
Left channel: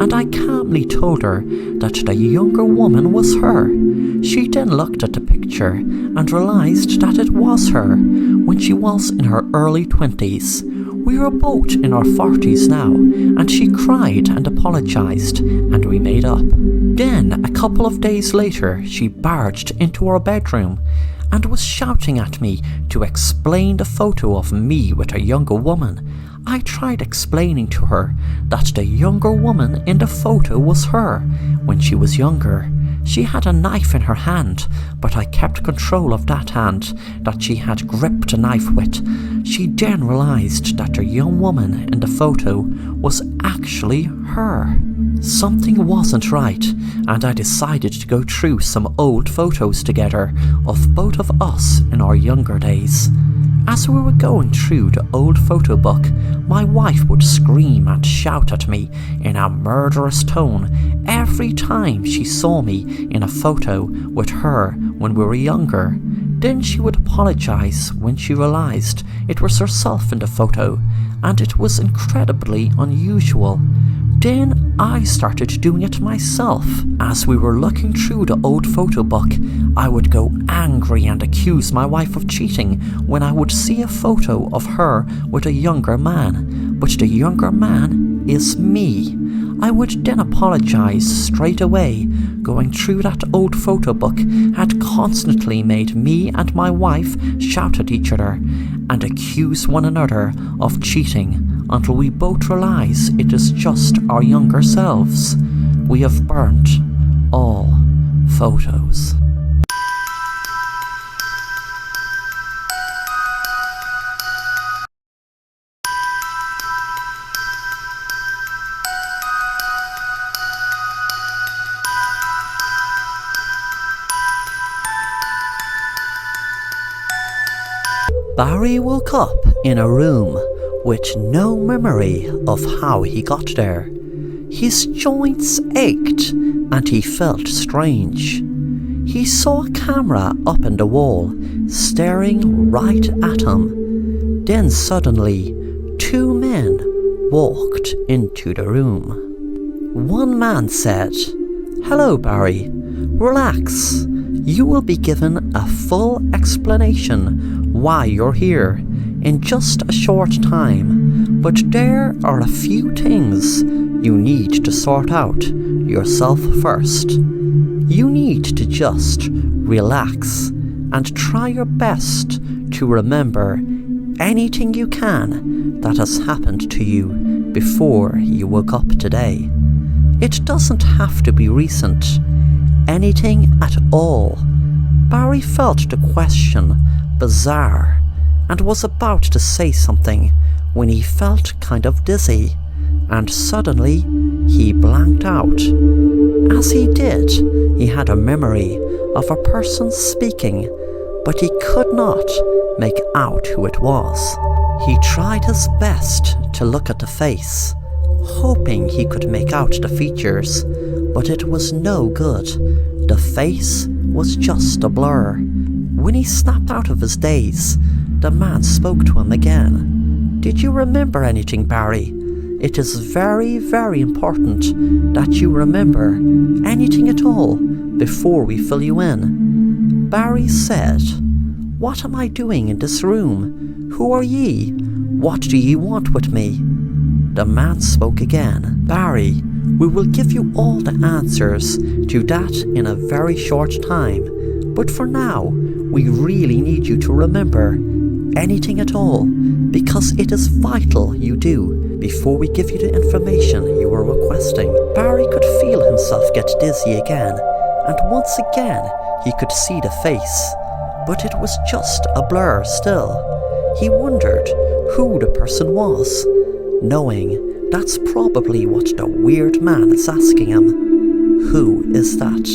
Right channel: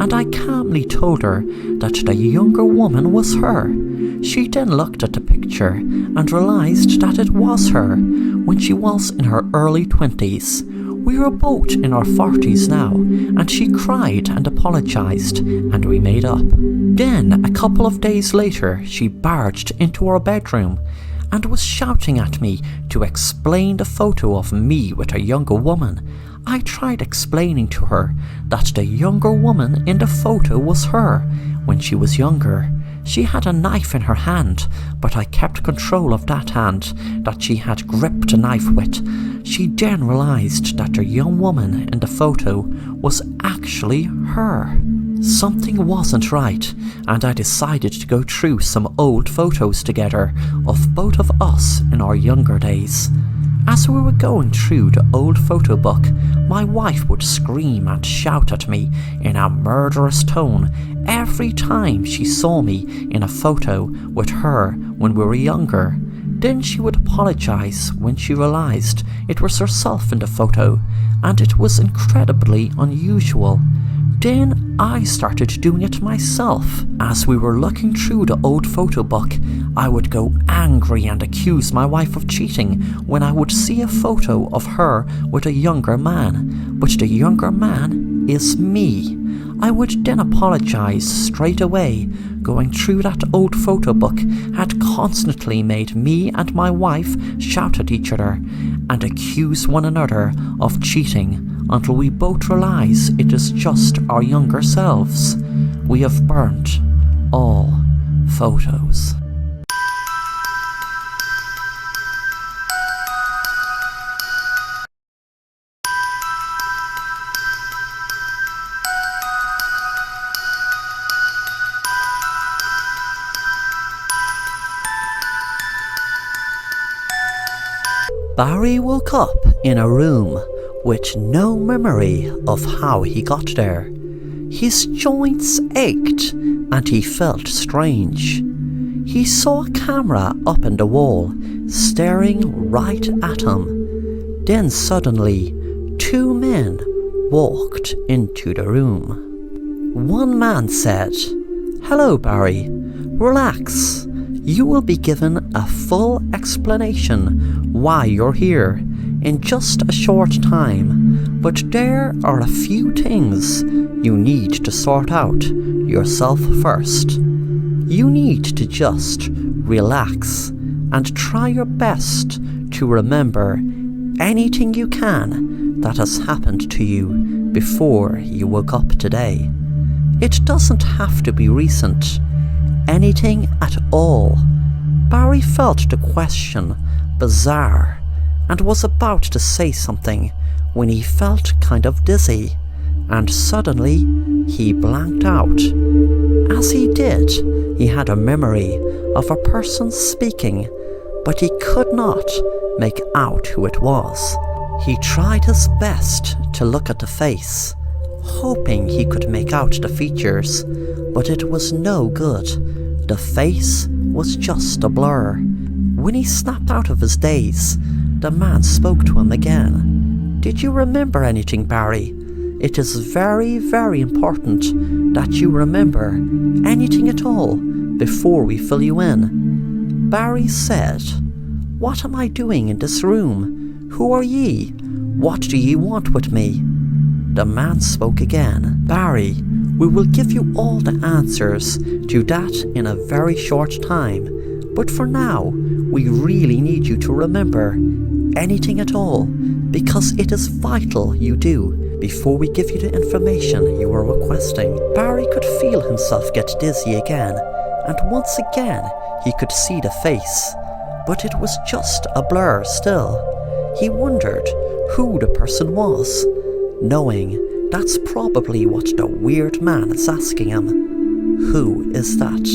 And I calmly told her that the younger woman was her. She then looked at the picture and realized that it was her when she was in her early 20s. We were both in our 40s now, and she cried and apologized, and we made up. Then, a couple of days later, she barged into our bedroom and was shouting at me to explain the photo of me with a younger woman. I tried explaining to her that the younger woman in the photo was her when she was younger. She had a knife in her hand, but I kept control of that hand that she had gripped the knife with. She then realised that the young woman in the photo was actually her. Something wasn't right, and I decided to go through some old photos together of both of us in our younger days. As we were going through the old photo book, my wife would scream and shout at me in a murderous tone every time she saw me in a photo with her when we were younger. Then she would apologise when she realised it was herself in the photo, and it was incredibly unusual. Then I started doing it myself. As we were looking through the old photo book, I would go angry and accuse my wife of cheating when I would see a photo of her with a younger man, but the younger man is me. I would then apologise straight away. Going through that old photo book had constantly made me and my wife shout at each other and accuse one another of cheating until we both realise it is just our younger selves. We have burnt all photos. Barry woke up in a room with no memory of how he got there. His joints ached and he felt strange. He saw a camera up in the wall, staring right at him. Then suddenly, two men walked into the room. One man said, "Hello, Barry. Relax. You will be given a full explanation why you're here in just a short time, but there are a few things you need to sort out yourself first. You need to just relax and try your best to remember anything you can that has happened to you before you woke up today. It doesn't have to be recent. Anything at all." Barry felt the question bizarre and was about to say something when he felt kind of dizzy, and suddenly he blanked out. As he did, he had a memory of a person speaking, but he could not make out who it was. He tried his best to look at the face, hoping he could make out the features, but it was no good. The face was just a blur. When he snapped out of his daze, the man spoke to him again. "Did you remember anything, Barry? It is very, very important that you remember anything at all before we fill you in." Barry said, "What am I doing in this room? Who are ye? What do ye want with me?" The man spoke again. "Barry, we will give you all the answers to that in a very short time, but for now, we really need you to remember anything at all, because it is vital you do before we give you the information you were requesting." Barry could feel himself get dizzy again, and once again he could see the face, but it was just a blur still. He wondered who the person was, knowing that's probably what the weird man is asking him. Who is that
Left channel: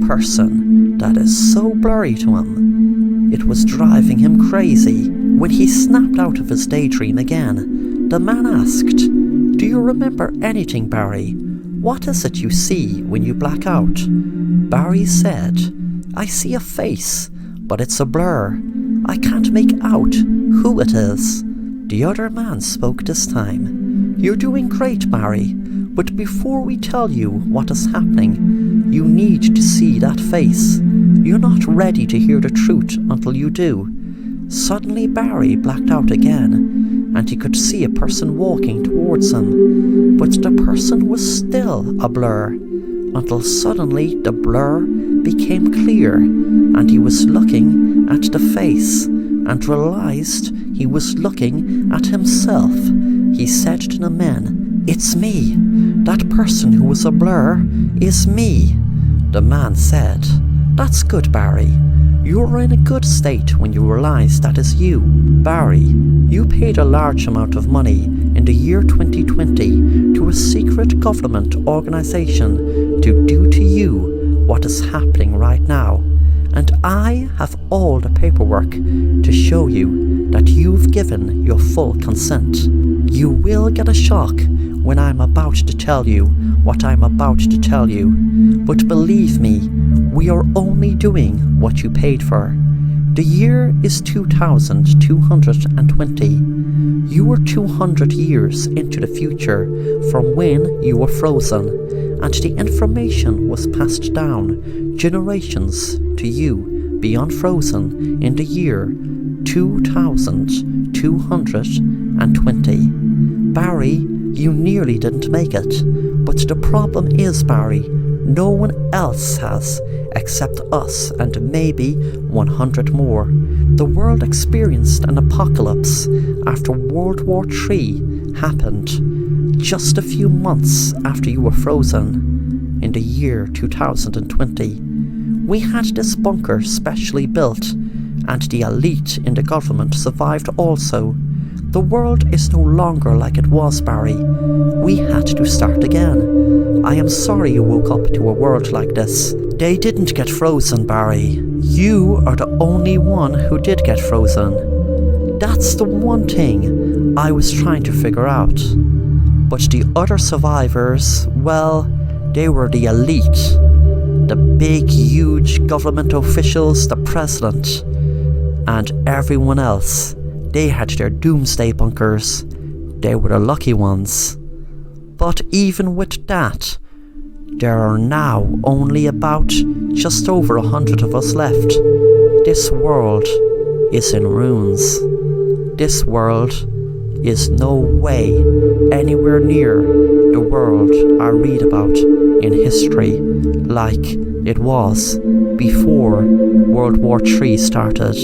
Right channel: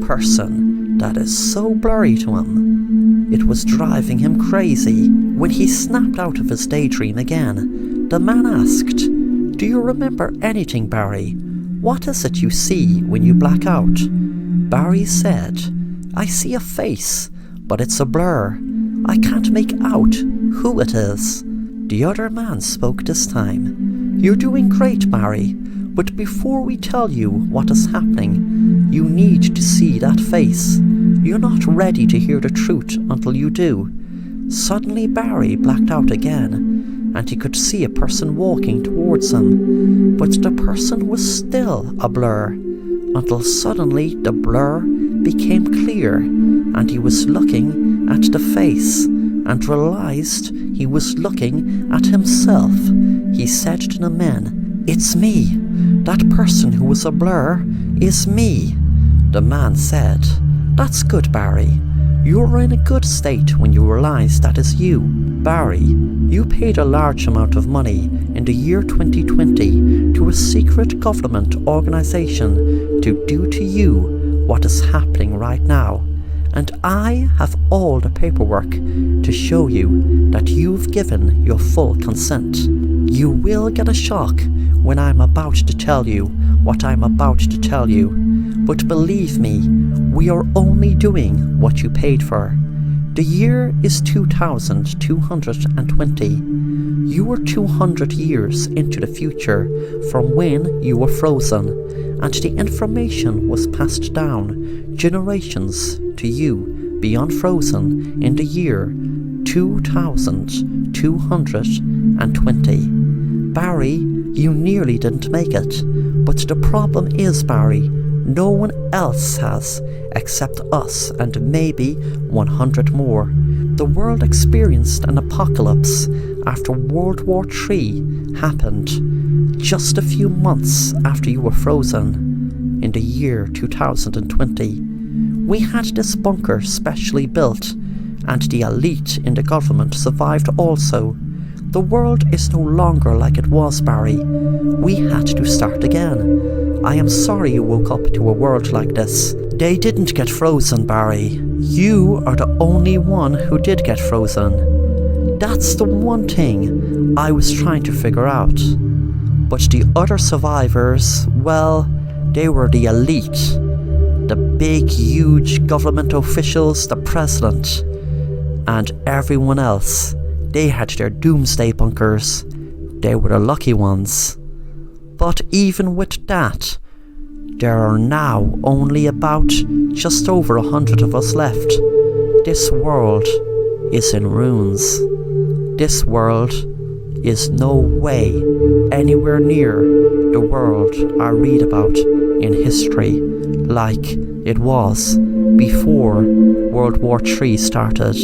person that is so blurry to him? It was driving him crazy. When he snapped out of his daydream again, the man asked, "Do you remember anything, Barry? What is it you see when you black out?" Barry said, "I see a face, but it's a blur. I can't make out who it is." The other man spoke this time. "You're doing great, Barry, but before we tell you what is happening, you need to see that face. You're not ready to hear the truth until you do." Suddenly Barry blacked out again, and he could see a person walking towards him, but the person was still a blur, until suddenly the blur became clear, and he was looking at the face, and realized he was looking at himself. He said to the men, "It's me. That person who was a blur is me." The man said, "That's good, Barry. You're in a good state when you realize that is you. Barry, You paid a large amount of money in the year 2020 to a secret government organisation to do to you what is happening right now. And I have all the paperwork to show you that you've given your full consent. You will get a shock when I'm about to tell you what I'm about to tell you, but believe me, we are only doing what you paid for. The year is 2220. You were 200 years into the future from when you were frozen, and the information was passed down generations to you beyond frozen in the year 2220. Barry, you nearly didn't make it, but the problem is, Barry, no one else has except us and maybe 100 more. The world experienced an apocalypse after World War III happened just a few months after you were frozen in the year 2020. We had this bunker specially built, and the elite in the government survived also. The world is no longer like it was, Barry. We had to start again. I am sorry you woke up to a world like this. They didn't get frozen, Barry. You are the only one who did get frozen. That's the one thing I was trying to figure out. But the other survivors, well, they were the elite. The big, huge government officials, the president, and everyone else. They had their doomsday bunkers. They were the lucky ones. But even with that, there are now only about just over 100 of us left. This world is in ruins. This world is no way anywhere near the world I read about in history like it was before World War III started.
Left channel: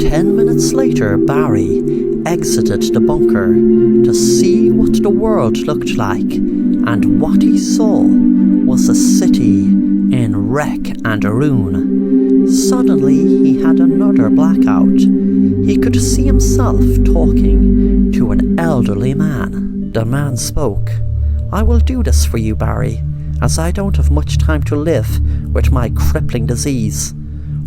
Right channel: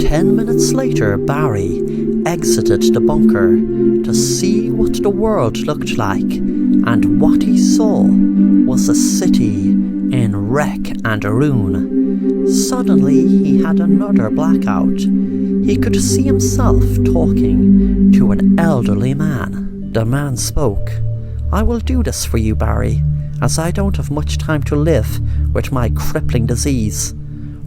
10 minutes later, Barry exited the bunker to see what the world looked like, and what he saw was a city in wreck and ruin. Suddenly he had another blackout. He could see himself talking to an elderly man. The man spoke. "I will do this for you, Barry, as I don't have much time to live with my crippling disease.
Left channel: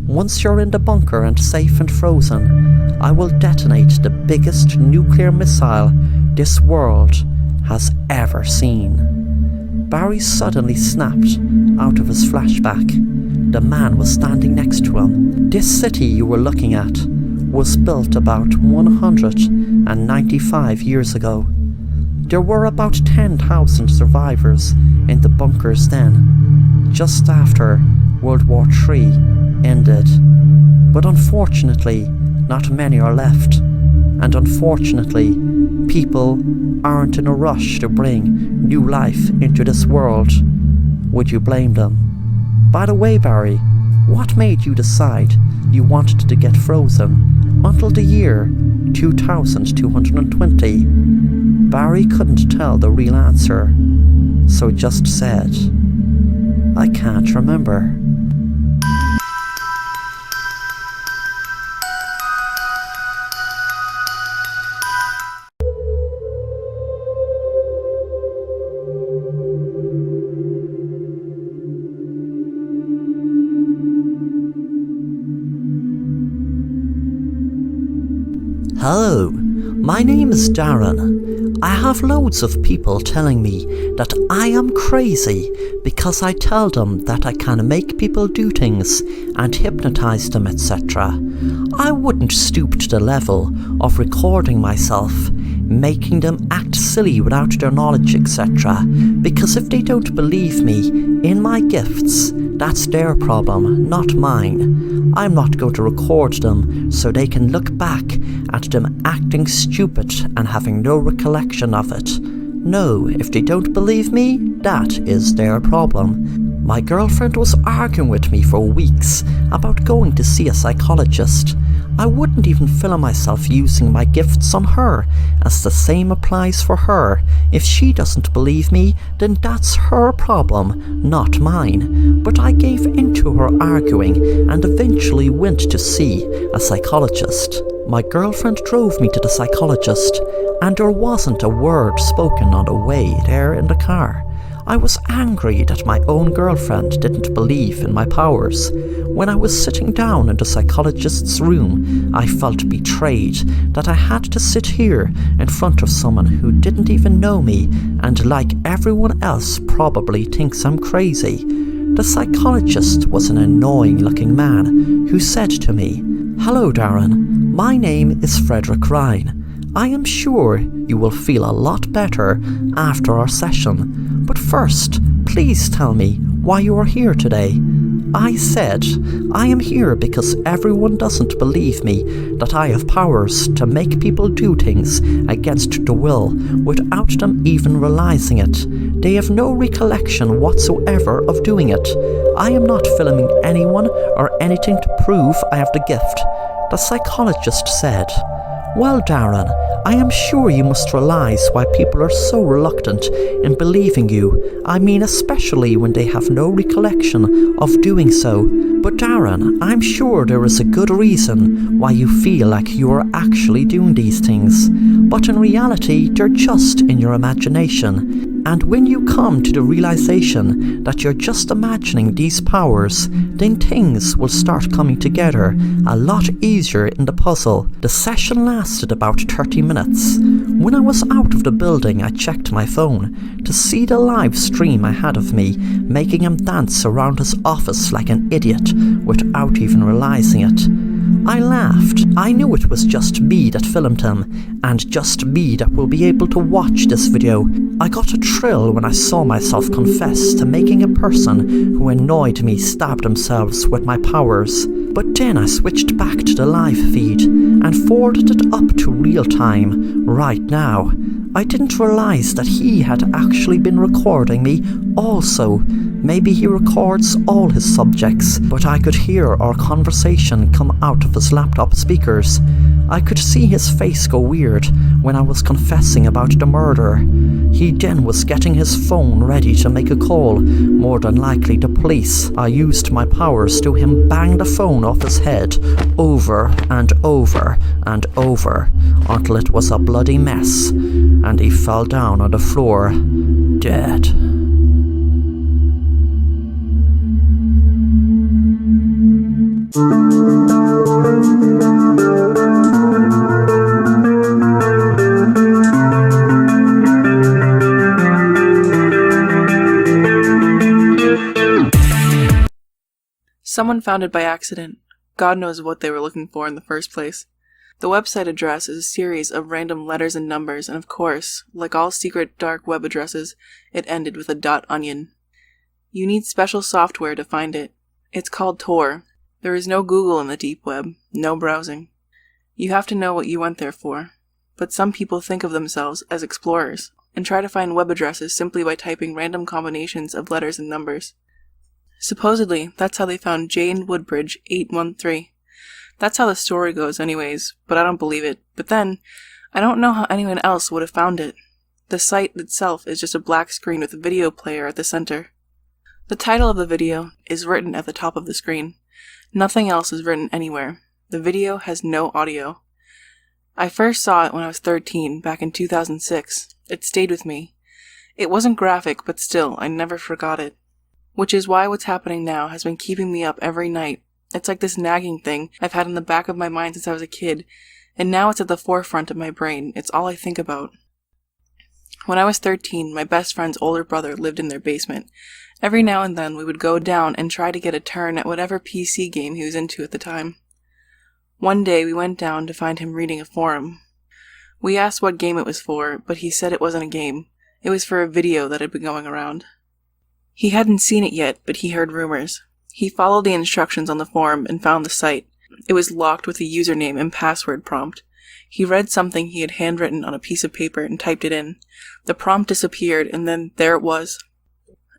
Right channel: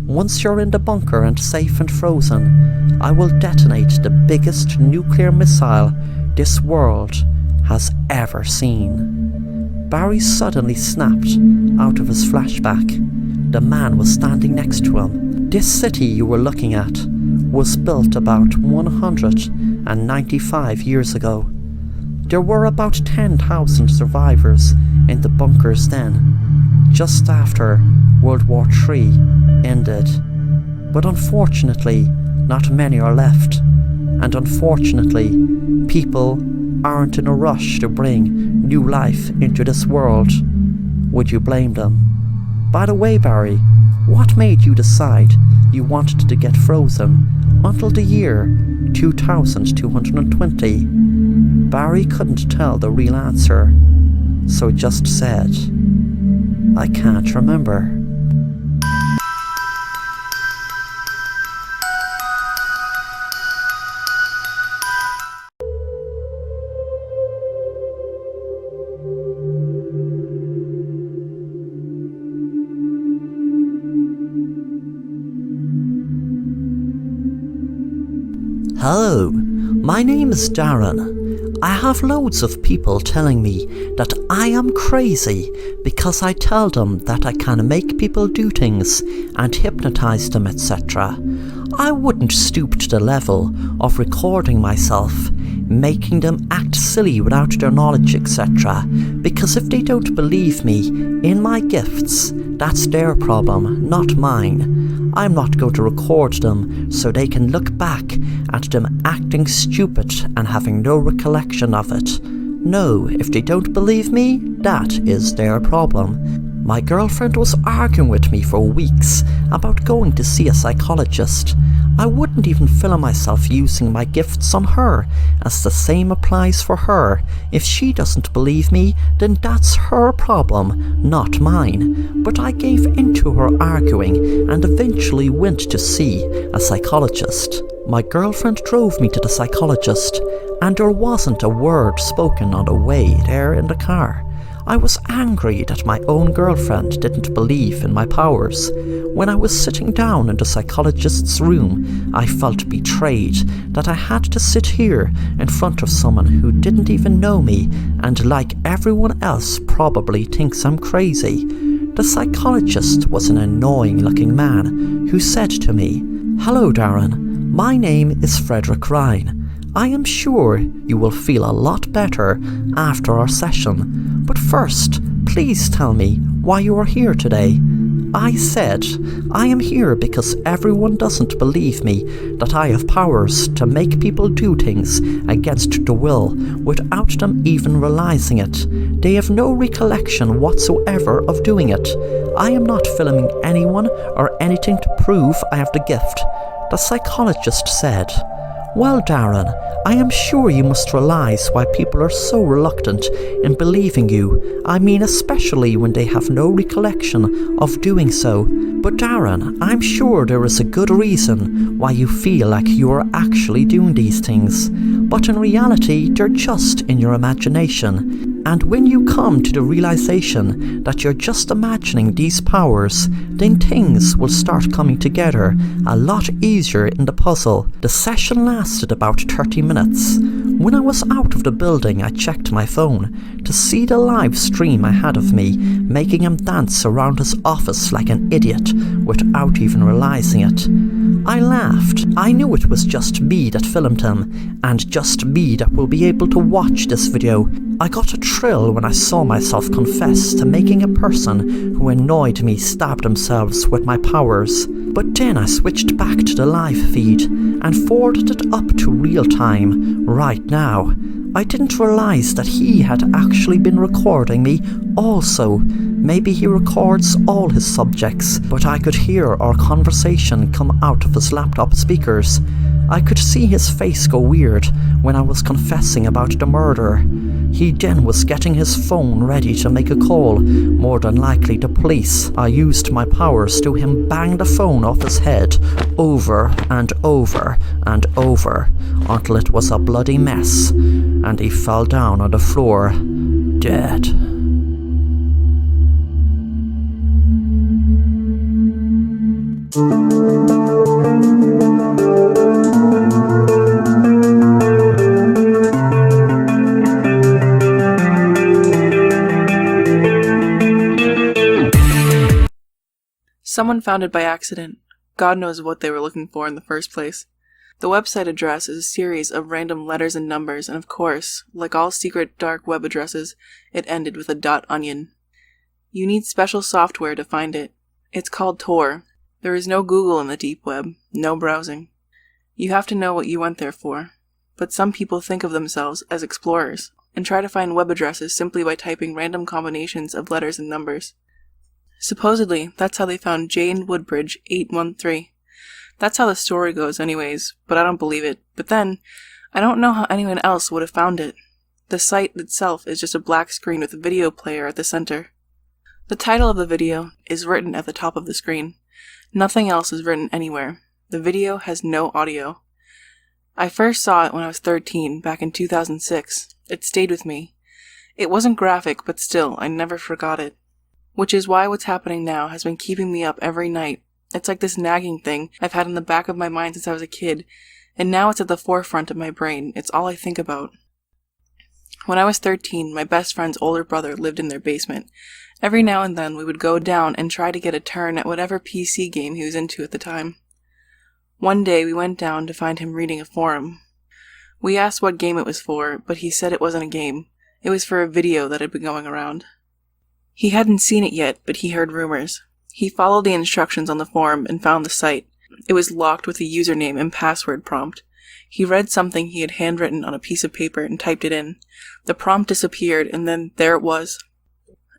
Once you're in the bunker and safe and frozen, I will detonate the biggest nuclear missile this world has ever seen." Barry suddenly snapped out of his flashback. The man was standing next to him. This city you were looking at was built about 195 years ago. There were about 10,000 survivors in the bunkers then, just after World War III ended. But unfortunately, not many are left, and unfortunately, people aren't in a rush to bring new life into this world. Would you blame them? By the way, Barry, what made you decide you wanted to get frozen until the year 2220? Barry couldn't tell the real answer, so just said, "I can't remember." Hello, my name is Darren. I have loads of people telling me that I am crazy because I tell them that I can make people do things and hypnotize them, etc. I wouldn't stoop to the level of recording myself, making them act silly without their knowledge, etc. Because if they don't believe me in my gifts, that's their problem, not mine. I'm not going to record them so they can look back at them acting stupid and having no recollection of it. No, if they don't believe me, that is their problem. My girlfriend was arguing with me for weeks about going to see a psychologist. I wouldn't even film myself using my gifts on her, as the same applies for her. If she doesn't believe me, then that's her problem, not mine. But I gave in to her arguing and eventually went to see a psychologist. My girlfriend drove me to the psychologist, and there wasn't a word spoken on the way there in the car. I was angry that my own girlfriend didn't believe in my powers. When I was sitting down in the psychologist's room, I felt betrayed that I had to sit here in front of someone who didn't even know me and, like everyone else, probably thinks I'm crazy. The psychologist was an annoying-looking man who said to me, "Hello, Darren. My name is Frederick Ryan. I am sure you will feel a lot better after our session. But first, please tell me why you are here today." I said, "I am here because everyone doesn't believe me that I have powers to make people do things against the will without them even realizing it. They have no recollection whatsoever of doing it. I am not filming anyone or anything to prove I have the gift." The psychologist said, "Well, Darren, I am sure you must realize why people are so reluctant in believing you. I mean, especially when they have no recollection of doing so. But Darren, I'm sure there is a good reason why you feel like you are actually doing these things. But in reality, they're just in your imagination. And when you come to the realization that you're just imagining these powers, then things will start coming together a lot easier in the puzzle." The session lasted about 30 minutes. When I was out of the building, I checked my phone to see the live stream I had of me making him dance around his office like an idiot without even realizing it. I laughed. I knew it was just me that filmed him, and just me that will be able to watch this video. I got a thrill when I saw myself confess to making a person who annoyed me stab themselves with my powers. But then I switched back to the live feed and forwarded it up to real time, right now. I didn't realize that he had actually been recording me also. Maybe he records all his subjects, but I could hear our conversation come out of his laptop speakers. I could see his face go weird when I was confessing about the murder. He then was getting his phone ready to make a call, more than likely the police. I used my powers to him bang the phone off his head over and over and over until it was a bloody mess, and he fell down on the floor, dead. Someone found it by accident. God knows what they were looking for in the first place. The website address is a series of random letters and numbers, and of course, like all secret dark web addresses, it ended with a .onion. You need special software to find it. It's called Tor. There is no Google in the deep web, no browsing. You have to know what you went there for. But some people think of themselves as explorers, and try to find web addresses simply by typing random combinations of letters and numbers. Supposedly, that's how they found Jane Woodbridge 813. That's how the story goes anyways, but I don't believe it. But then, I don't know how anyone else would have found it. The site itself is just a black screen with a video player at the center. The title of the video is written at the top of the screen. Nothing else is written anywhere. The video has no audio. I first saw it when I was 13, back in 2006. It stayed with me. It wasn't graphic, but still, I never forgot it. Which is why what's happening now has been keeping me up every night. It's like this nagging thing I've had in the back of my mind since I was a kid, and now it's at the forefront of my brain. It's all I think about. When I was 13, my best friend's older brother lived in their basement. Every now and then we would go down and try to get a turn at whatever PC game he was into at the time. One day we went down to find him reading a forum. We asked what game it was for, but he said it wasn't a game. It was for a video that had been going around. He hadn't seen it yet, but he heard rumors. He followed the instructions on the forum and found the site. It was locked with a username and password prompt. He read something he had handwritten on a piece of paper and typed it in. The prompt disappeared, and then there it was.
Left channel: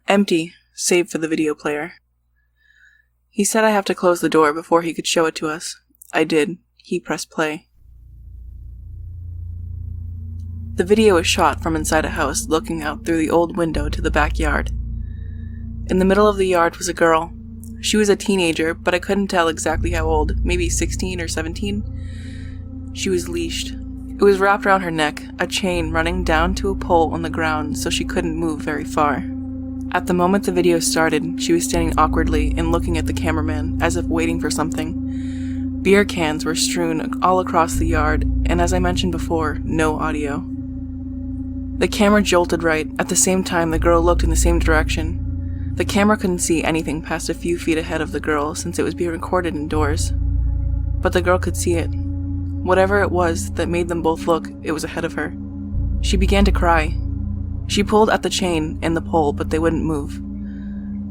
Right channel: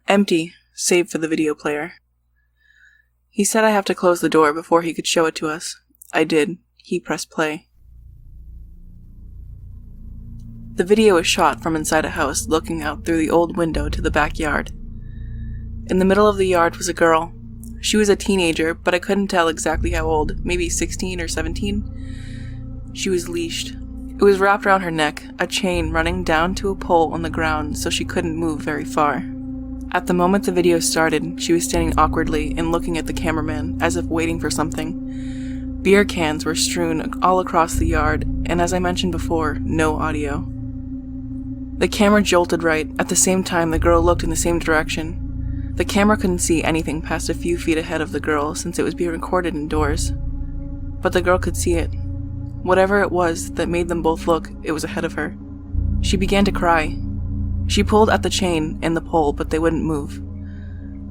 Empty, save for the video player. He said I have to close the door before he could show it to us. I did. He pressed play. The video was shot from inside a house looking out through the old window to the backyard. In the middle of the yard was a girl. She was a teenager, but I couldn't tell exactly how old, maybe 16 or 17. She was leashed. It was wrapped around her neck, a chain running down to a pole on the ground so she couldn't move very far. At the moment the video started, she was standing awkwardly and looking at the cameraman, as if waiting for something. Beer cans were strewn all across the yard, and as I mentioned before, no audio. The camera jolted right. At the same time, the girl looked in the same direction. The camera couldn't see anything past a few feet ahead of the girl since it was being recorded indoors. But the girl could see it. Whatever it was that made them both look, it was ahead of her. She began to cry. She pulled at the chain and the pole, but they wouldn't move.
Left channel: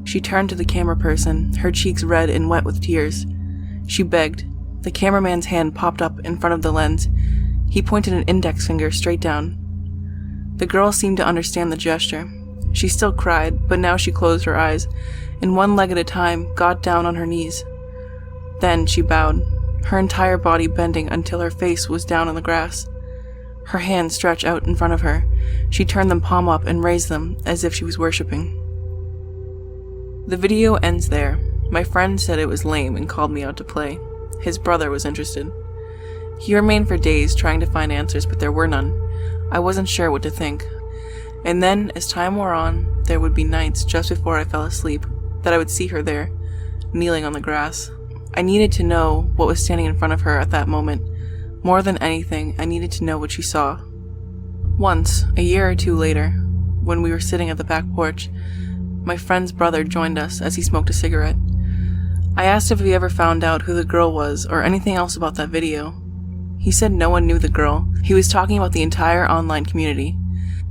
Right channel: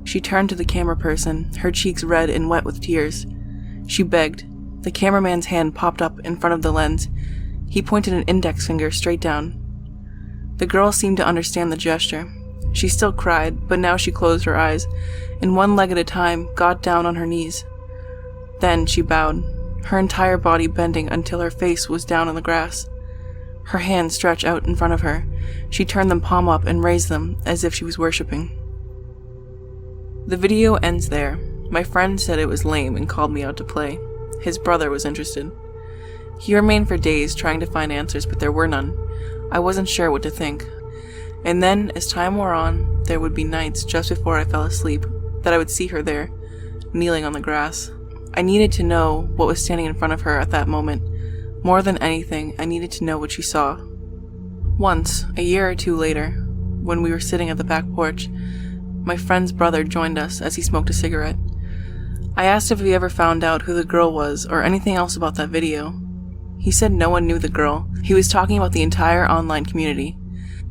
She turned to the camera person, her cheeks red and wet with tears. She begged. The cameraman's hand popped up in front of the lens. He pointed an index finger straight down. The girl seemed to understand the gesture. She still cried, but now she closed her eyes, and one leg at a time got down on her knees. Then she bowed, her entire body bending until her face was down on the grass. Her hands stretched out in front of her. She turned them palm up and raised them as if she was worshipping. The video ends there. My friend said it was lame and called me out to play. His brother was interested. He remained for days trying to find answers, but there were none. I wasn't sure what to think. And then, as time wore on, there would be nights just before I fell asleep that I would see her there, kneeling on the grass. I needed to know what was standing in front of her at that moment. More than anything, I needed to know what she saw. Once, a year or two later, when we were sitting at the back porch, my friend's brother joined us as he smoked a cigarette. I asked if he ever found out who the girl was or anything else about that video. He said no one knew the girl. He was talking about the entire online community.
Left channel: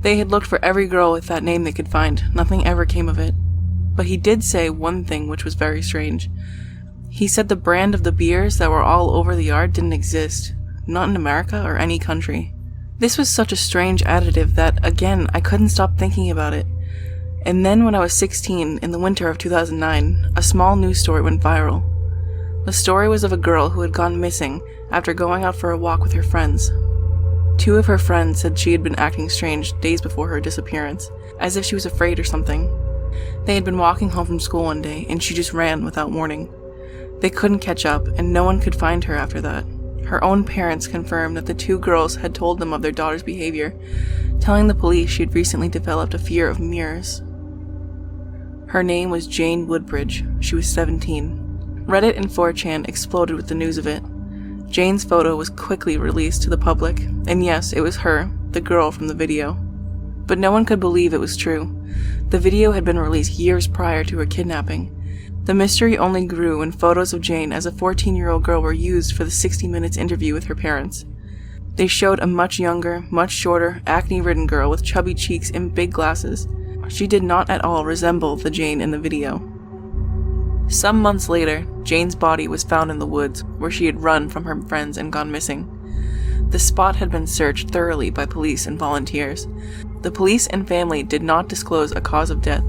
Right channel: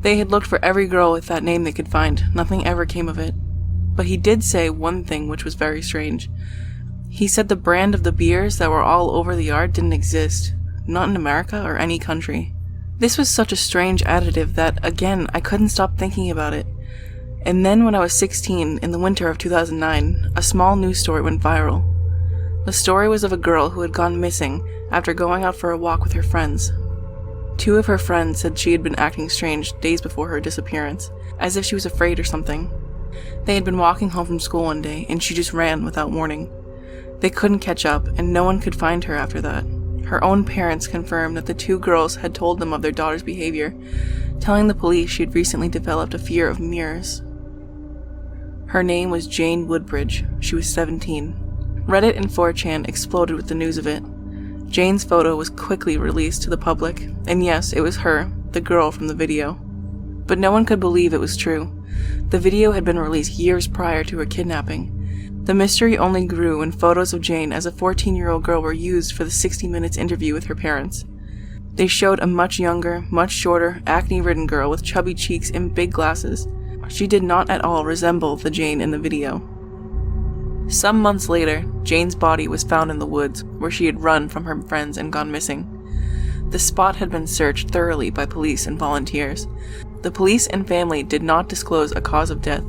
They had looked for every girl with that name they could find. Nothing ever came of it. But he did say one thing which was very strange. He said the brand of the beers that were all over the yard didn't exist. Not in America or any country. This was such a strange additive that, again, I couldn't stop thinking about it. And then when I was 16, in the winter of 2009, a small news story went viral. The story was of a girl who had gone missing after going out for a walk with her friends. Two of her friends said she had been acting strange days before her disappearance, as if she was afraid or something. They had been walking home from school one day, and she just ran without warning. They couldn't catch up, and no one could find her after that. Her own parents confirmed that the two girls had told them of their daughter's behavior, telling the police she had recently developed a fear of mirrors. Her name was Jane Woodbridge. She was 17. Reddit and 4chan exploded with the news of it. Jane's photo was quickly released to the public, and yes, it was her, the girl from the video. But no one could believe it was true. The video had been released years prior to her kidnapping. The mystery only grew when photos of Jane as a 14-year-old girl were used for the 60 Minutes interview with her parents. They showed a much younger, much shorter, acne-ridden girl with chubby cheeks and big glasses. She did not at all resemble the Jane in the video. Some months later, Jane's body was found in the woods, where she had run from her friends and gone missing. The spot had been searched thoroughly by police and volunteers. The police and family did not disclose a cause of death,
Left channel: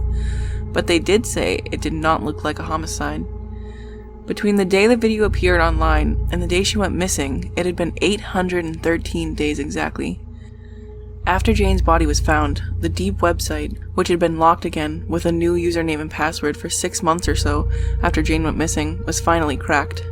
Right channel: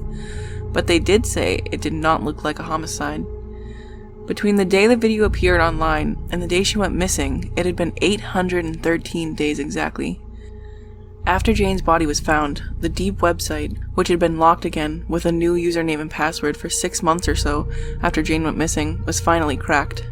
but they did say it did not look like a homicide. Between the day the video appeared online and the day she went missing, it had been 813 days exactly. After Jane's body was found, the Deep website, which had been locked again with a new username and password for 6 months or so after Jane went missing, was finally cracked.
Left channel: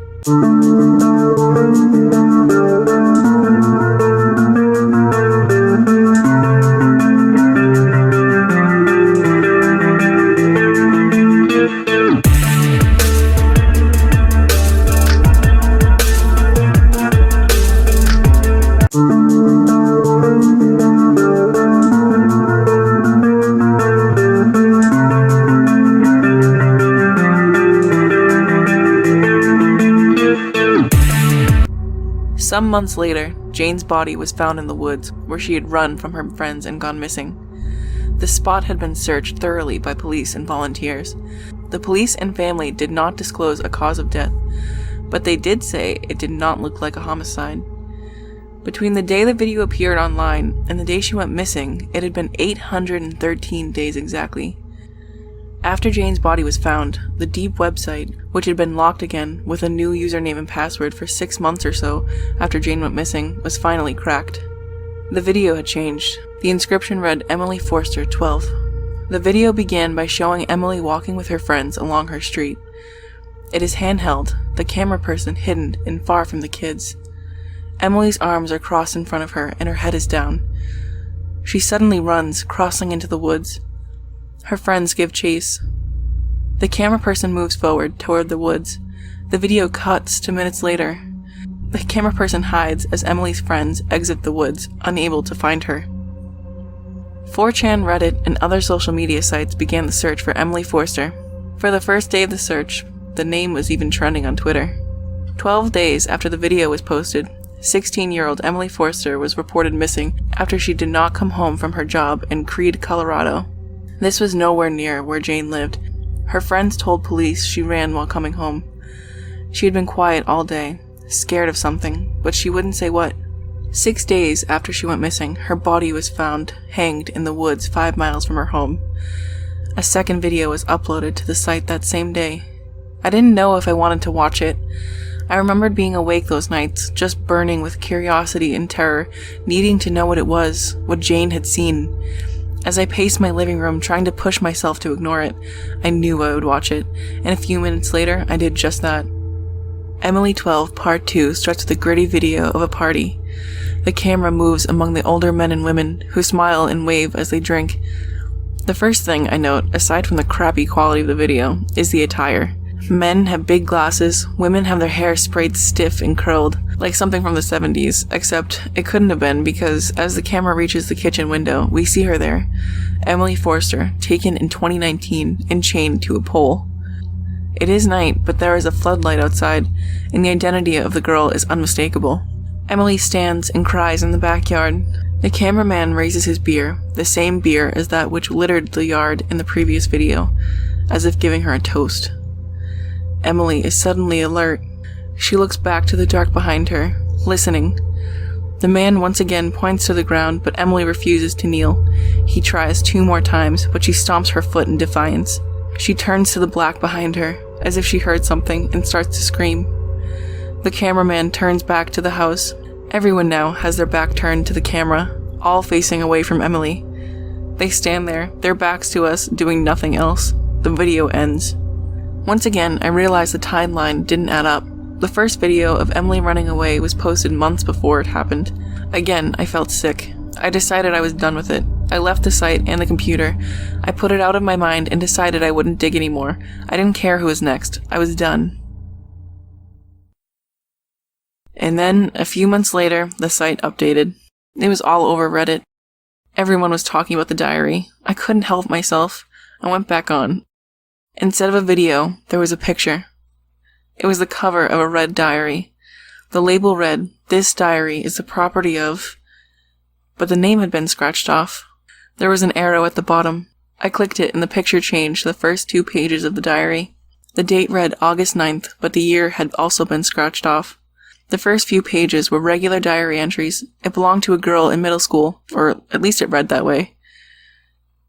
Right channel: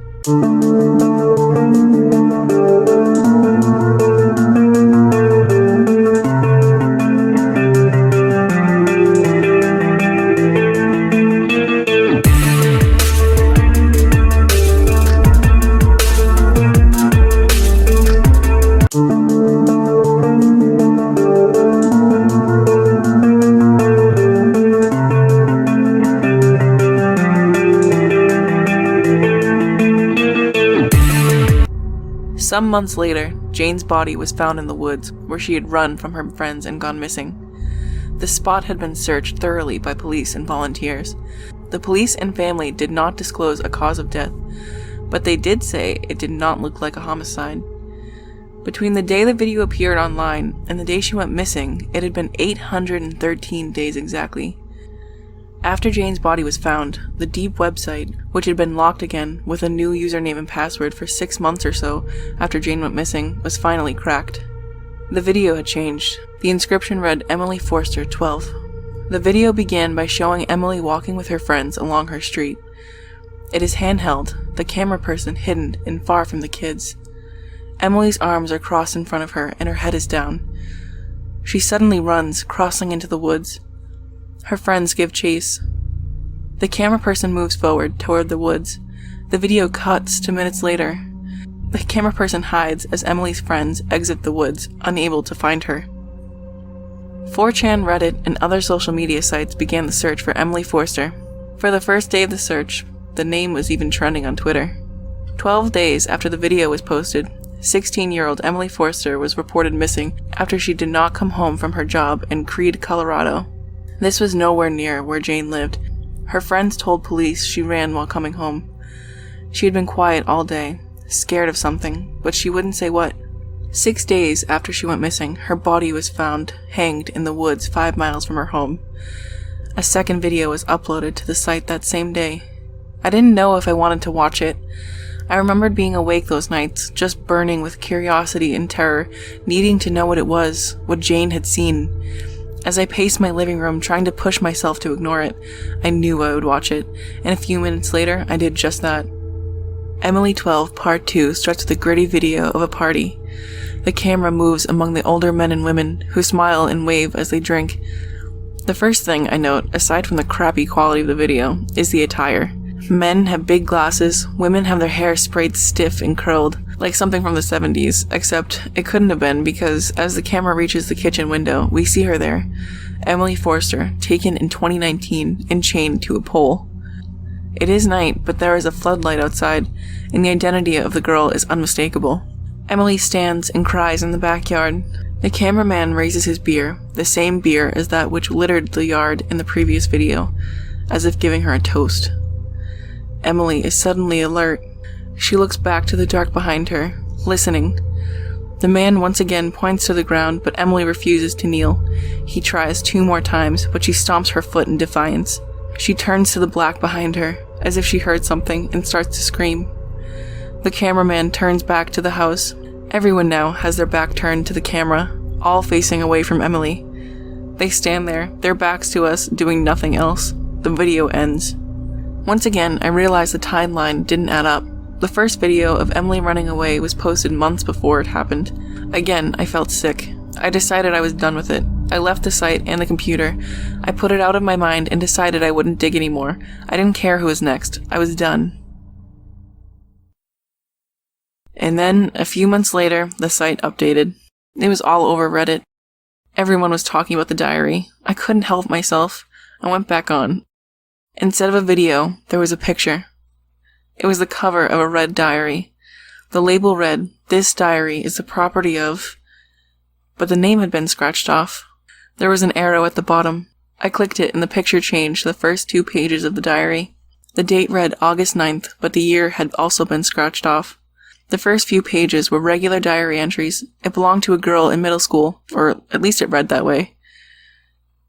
Some months later, Jane's body was found in the woods, where she had run from her friends and gone missing. The spot had been searched thoroughly by police and volunteers. The police and family did not disclose a cause of death, but they did say it did not look like a homicide. Between the day the video appeared online and the day she went missing, it had been 813 days exactly. After Jane's body was found, the Deep website, which had been locked again with a new username and password for 6 months or so after Jane went missing, was finally cracked. The video had changed. The inscription read Emily Forster, 12. The video began by showing Emily walking with her friends along her street. It is handheld, the camera person hidden and far from the kids. Emily's arms are crossed in front of her and her head is down. She suddenly runs, crossing into the woods. Her friends give chase. The camera person moves forward toward the woods. The video cuts to minutes later. The camera person hides as Emily's friends exit the woods, unable to find her. 4chan, Reddit, and other social media sites began the search for Emily Forster. For the first day of the search, the name was even trending on Twitter. 12 days after the video was posted, 16-year-old Emily Forster was reported missing after she did not come home from her job in Creede, Colorado. This was nowhere near where Jane lived. Her friends told police she ran while coming home. She had been quiet all day, scared of something, but she wouldn't say what. 6 days after she went missing, her body was found hanged in the woods 5 miles from her home. A second video was uploaded to the site that same day. I didn't know if I wanted to watch it. I remembered being awake those nights, just burning with curiosity and terror, needing to know what it was, what Jane had seen. As I paced my living room, trying to push myself to ignore it, I knew I would watch it, and a few minutes later, I did just that. Emily 12 Part 2 starts with a gritty video of a party. The camera moves among the older men and women, who smile and wave as they drink. The first thing I note, aside from the crappy quality of the video, is the attire. Men have big glasses, women have their hair sprayed stiff and curled, like something from the 70s, except it couldn't have been because as the camera reaches the kitchen window, we see her there. Emily Forster, taken in 2019 and chained to a pole. It is night, but there is a floodlight outside, and the identity of the girl is unmistakable. Emily stands and cries in the backyard. The cameraman raises his beer, the same beer as that which littered the yard in the previous video, as if giving her a toast. Emily is suddenly alert. She looks back to the dark behind her, listening. The man once again points to the ground, but Emily refuses to kneel. He tries 2 more times, but she stomps her foot in defiance. She turns to the black behind her, as if she heard something, and starts to scream. The cameraman turns back to the house. Everyone now has their back turned to the camera, all facing away from Emily. They stand there, their backs to us, doing nothing else. The video ends. Once again, I realized the timeline didn't add up. The first video of Emily running away was posted months before it happened. Again, I felt sick. I decided I was done with it. I left the site and the computer. I put it out of my mind and decided I wouldn't dig anymore. I didn't care who was next. I was done. And then, a few months later, the site updated. It was all over Reddit. Everyone was talking about the diary. I couldn't help myself. I went back on. Instead of a video, there was a picture. It was the cover of a red diary. The label read, "This diary is the property of..." But the name had been scratched off. There was an arrow at the bottom. I clicked it and the picture changed to the first 2 pages of the diary. The date read August 9th, but the year had also been scratched off. The first few pages were regular diary entries. It belonged to a girl in middle school, or at least it read that way.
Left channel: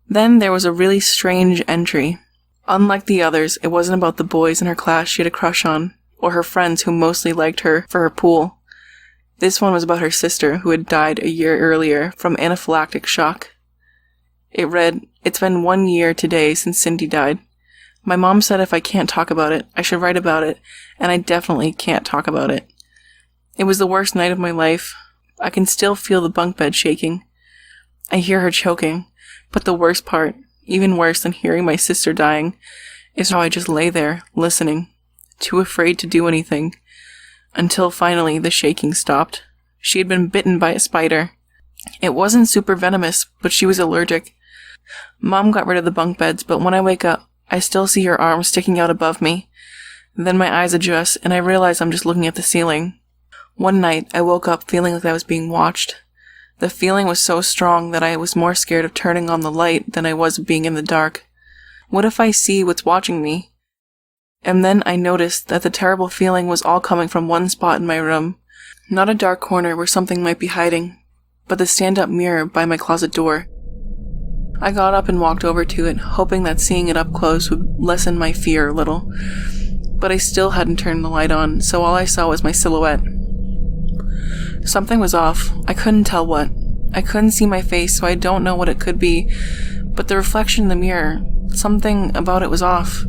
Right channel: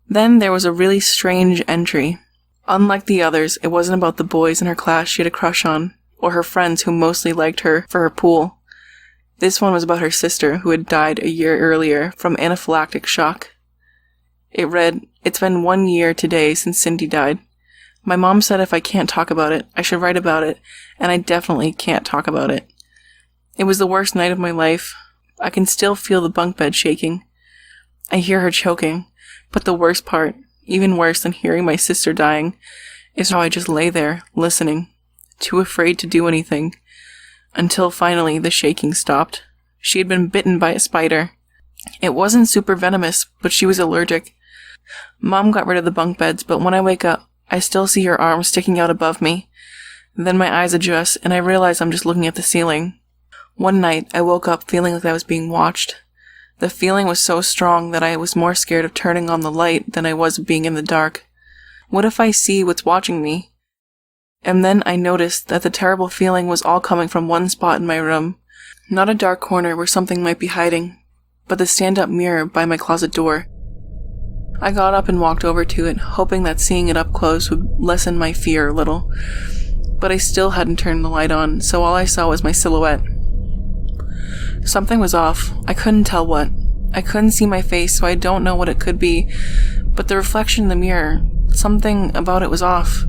Then there was a really strange entry. Unlike the others, it wasn't about the boys in her class she had a crush on, or her friends who mostly liked her for her pool. This one was about her sister, who had died a year earlier from anaphylactic shock. It read, "It's been 1 year today since Cindy died. My mom said if I can't talk about it, I should write about it, and I definitely can't talk about it. It was the worst night of my life. I can still feel the bunk bed shaking. I hear her choking, but the worst part, even worse than hearing my sister dying, is how I just lay there, listening, too afraid to do anything, until finally the shaking stopped. She had been bitten by a spider. It wasn't super venomous, but she was allergic. Mom got rid of the bunk beds, but when I wake up, I still see her arm sticking out above me. Then my eyes adjust, and I realize I'm just looking at the ceiling. One night, I woke up feeling like I was being watched. The feeling was so strong that I was more scared of turning on the light than I was of being in the dark. What if I see what's watching me? And then I noticed that the terrible feeling was all coming from one spot in my room. Not a dark corner where something might be hiding, but the stand-up mirror by my closet door. I got up and walked over to it, hoping that seeing it up close would lessen my fear a little. But I still hadn't turned the light on, so all I saw was my silhouette. Something was off. I couldn't tell what. I couldn't see my face, so I don't know what it could be. But the reflection in the mirror, something about it was off.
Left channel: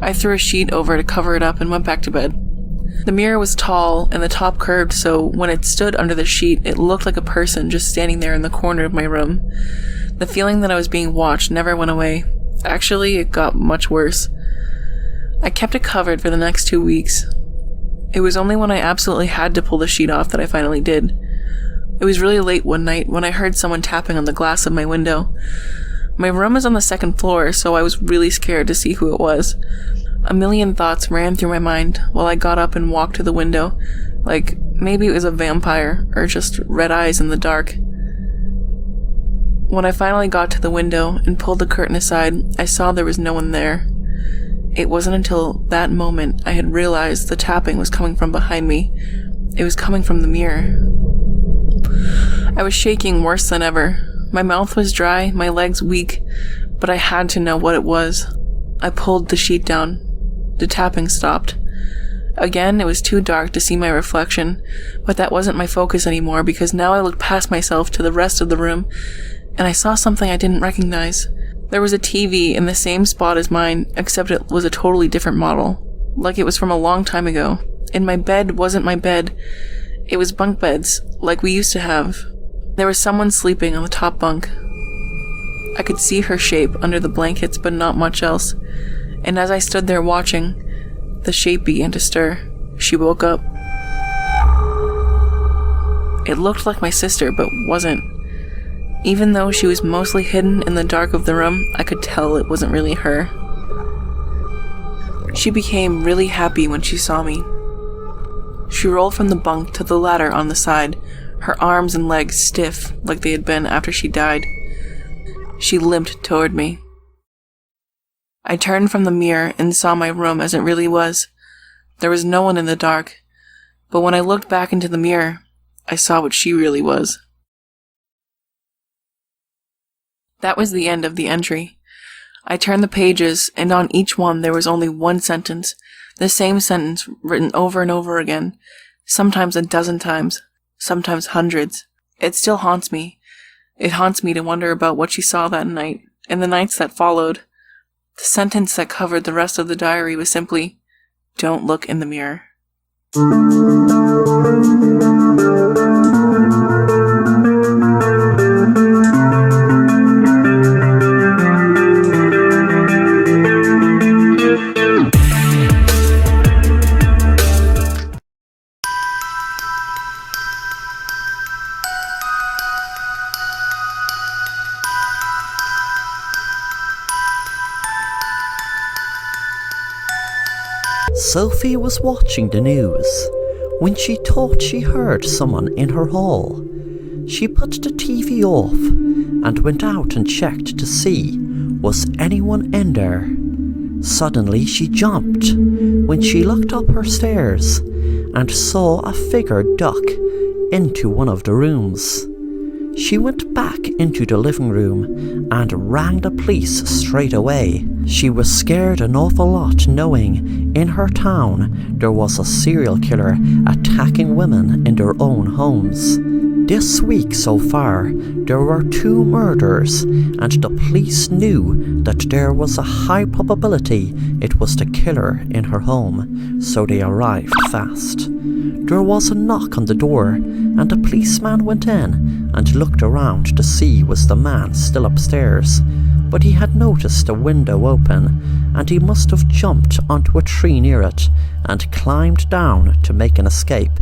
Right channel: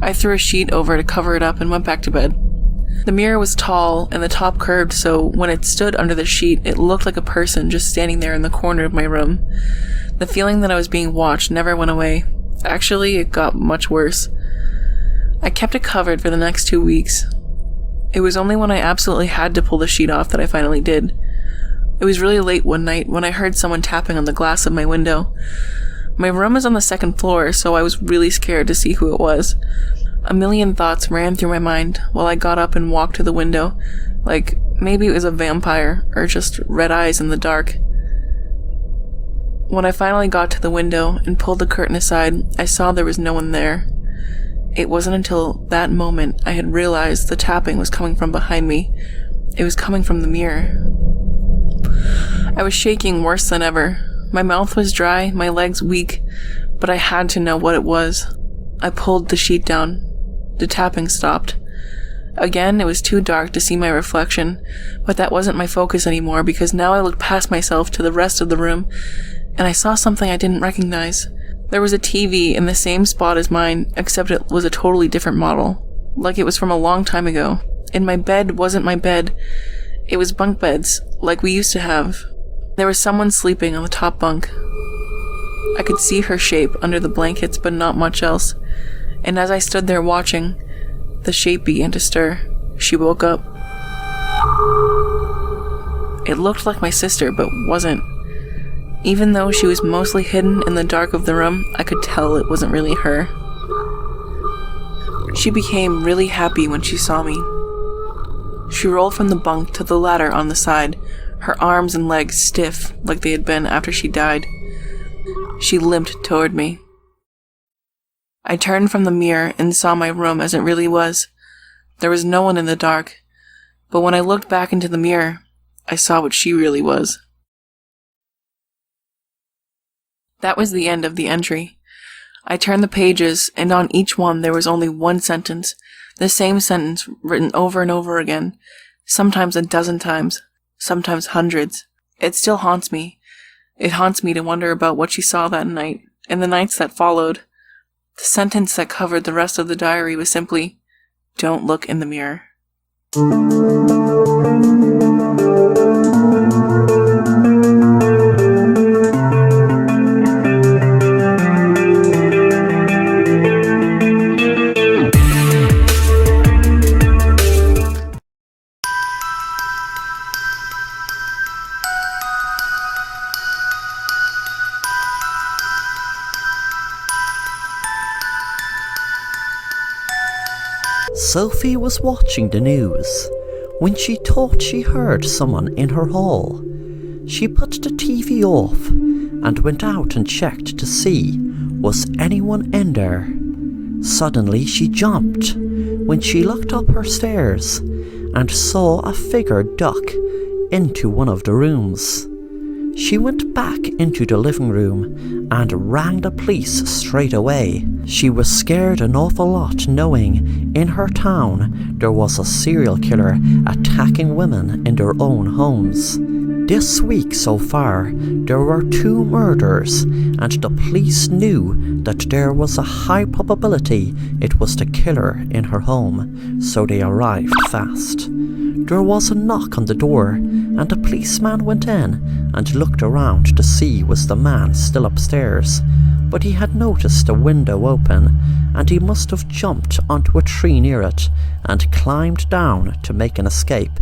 I threw a sheet over to cover it up and went back to bed. The mirror was tall and the top curved, so when it stood under the sheet, it looked like a person just standing there in the corner of my room. The feeling that I was being watched never went away. Actually, it got much worse. I kept it covered for the next 2 weeks. It was only when I absolutely had to pull the sheet off that I finally did. It was really late one night when I heard someone tapping on the glass of my window. My room is on the 2nd floor, so I was really scared to see who it was. A million thoughts ran through my mind while I got up and walked to the window, like maybe it was a vampire or just red eyes in the dark. When I finally got to the window and pulled the curtain aside, I saw there was no one there. It wasn't until that moment I had realized the tapping was coming from behind me. It was coming from the mirror. I was shaking worse than ever. My mouth was dry, my legs weak, but I had to know what it was. I pulled the sheet down. The tapping stopped. Again, it was too dark to see my reflection, but that wasn't my focus anymore because now I looked past myself to the rest of the room, and I saw something I didn't recognize. There was a TV in the same spot as mine, except it was a totally different model, like it was from a long time ago. And my bed wasn't my bed. It was bunk beds, like we used to have. There was someone sleeping on the top bunk. I could see her shape under the blankets, but not much else. And as I stood there watching, the shape began to stir. She woke up. It looked like my sister, but wasn't. Even though she was mostly hidden in the dark of the room, I could tell it wasn't really her. She became really happy when she saw me. She rolled from the bunk to the ladder on the side, her arms and legs stiff like they had been after she died. She limped toward me. I turned from the mirror and saw my room as it really was. There was no one in the dark, but when I looked back into the mirror, I saw what she really was. That was the end of the entry. I turned the pages, and on each one there was only one sentence, the same sentence written over and over again, sometimes a dozen times, sometimes hundreds. It still haunts me. It haunts me to wonder about what she saw that night, and the nights that followed. The sentence that covered the rest of the diary was simply, "Don't look in the mirror." Sophie was watching the news when she thought she heard someone in her hall. She put the TV off and went out and checked to see was anyone in there. Suddenly she jumped when she looked up her stairs and saw a figure duck into one of the rooms. She went back into the living room and rang the police straight away. She was scared an awful lot knowing in her town there was a serial killer attacking women in their own homes. This week so far, there were 2 murders, and the police knew that there was a high probability it was the killer in her home, so they arrived fast. There was a knock on the door, and the policeman went in and looked around to see was the man still upstairs, but he had noticed a window open, and he must have jumped onto a tree near it and climbed down to make an escape.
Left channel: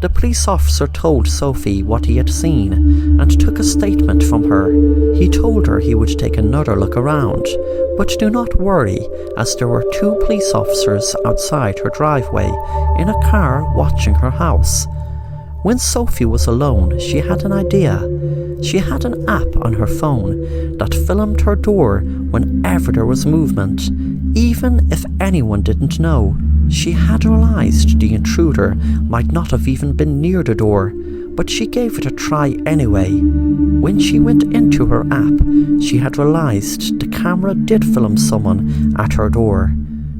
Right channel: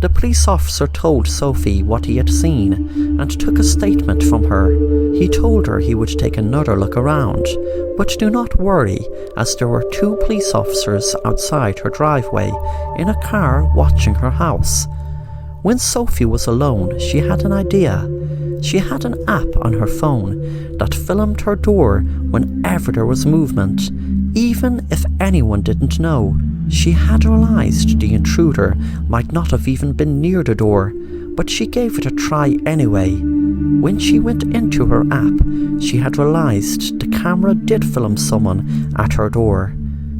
The police officer told Sophie what he had seen and took a statement from her. He told her he would take another look around, but do not worry, as there were 2 police officers outside her driveway in a car watching her house. When Sophie was alone, she had an idea. She had an app on her phone that filmed her door whenever there was movement, even if anyone didn't know. She had realized the intruder might not have even been near the door, but she gave it a try anyway. When she went into her app, she had realized the camera did film someone at her door.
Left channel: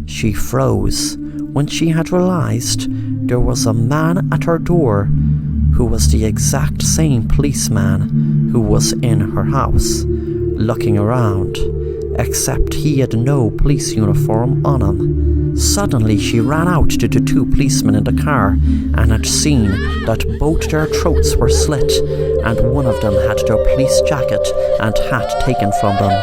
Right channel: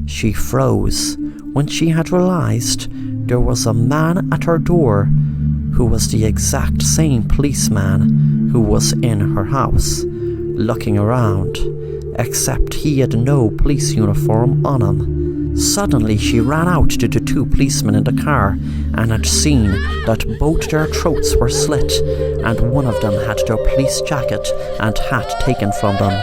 She froze when she had realized there was a man at her door who was the exact same policeman who was in her house, looking around, except he had no police uniform on him. Suddenly she ran out to the two policemen in the car and had seen that both their throats were slit and one of them had their police jacket and hat taken from them.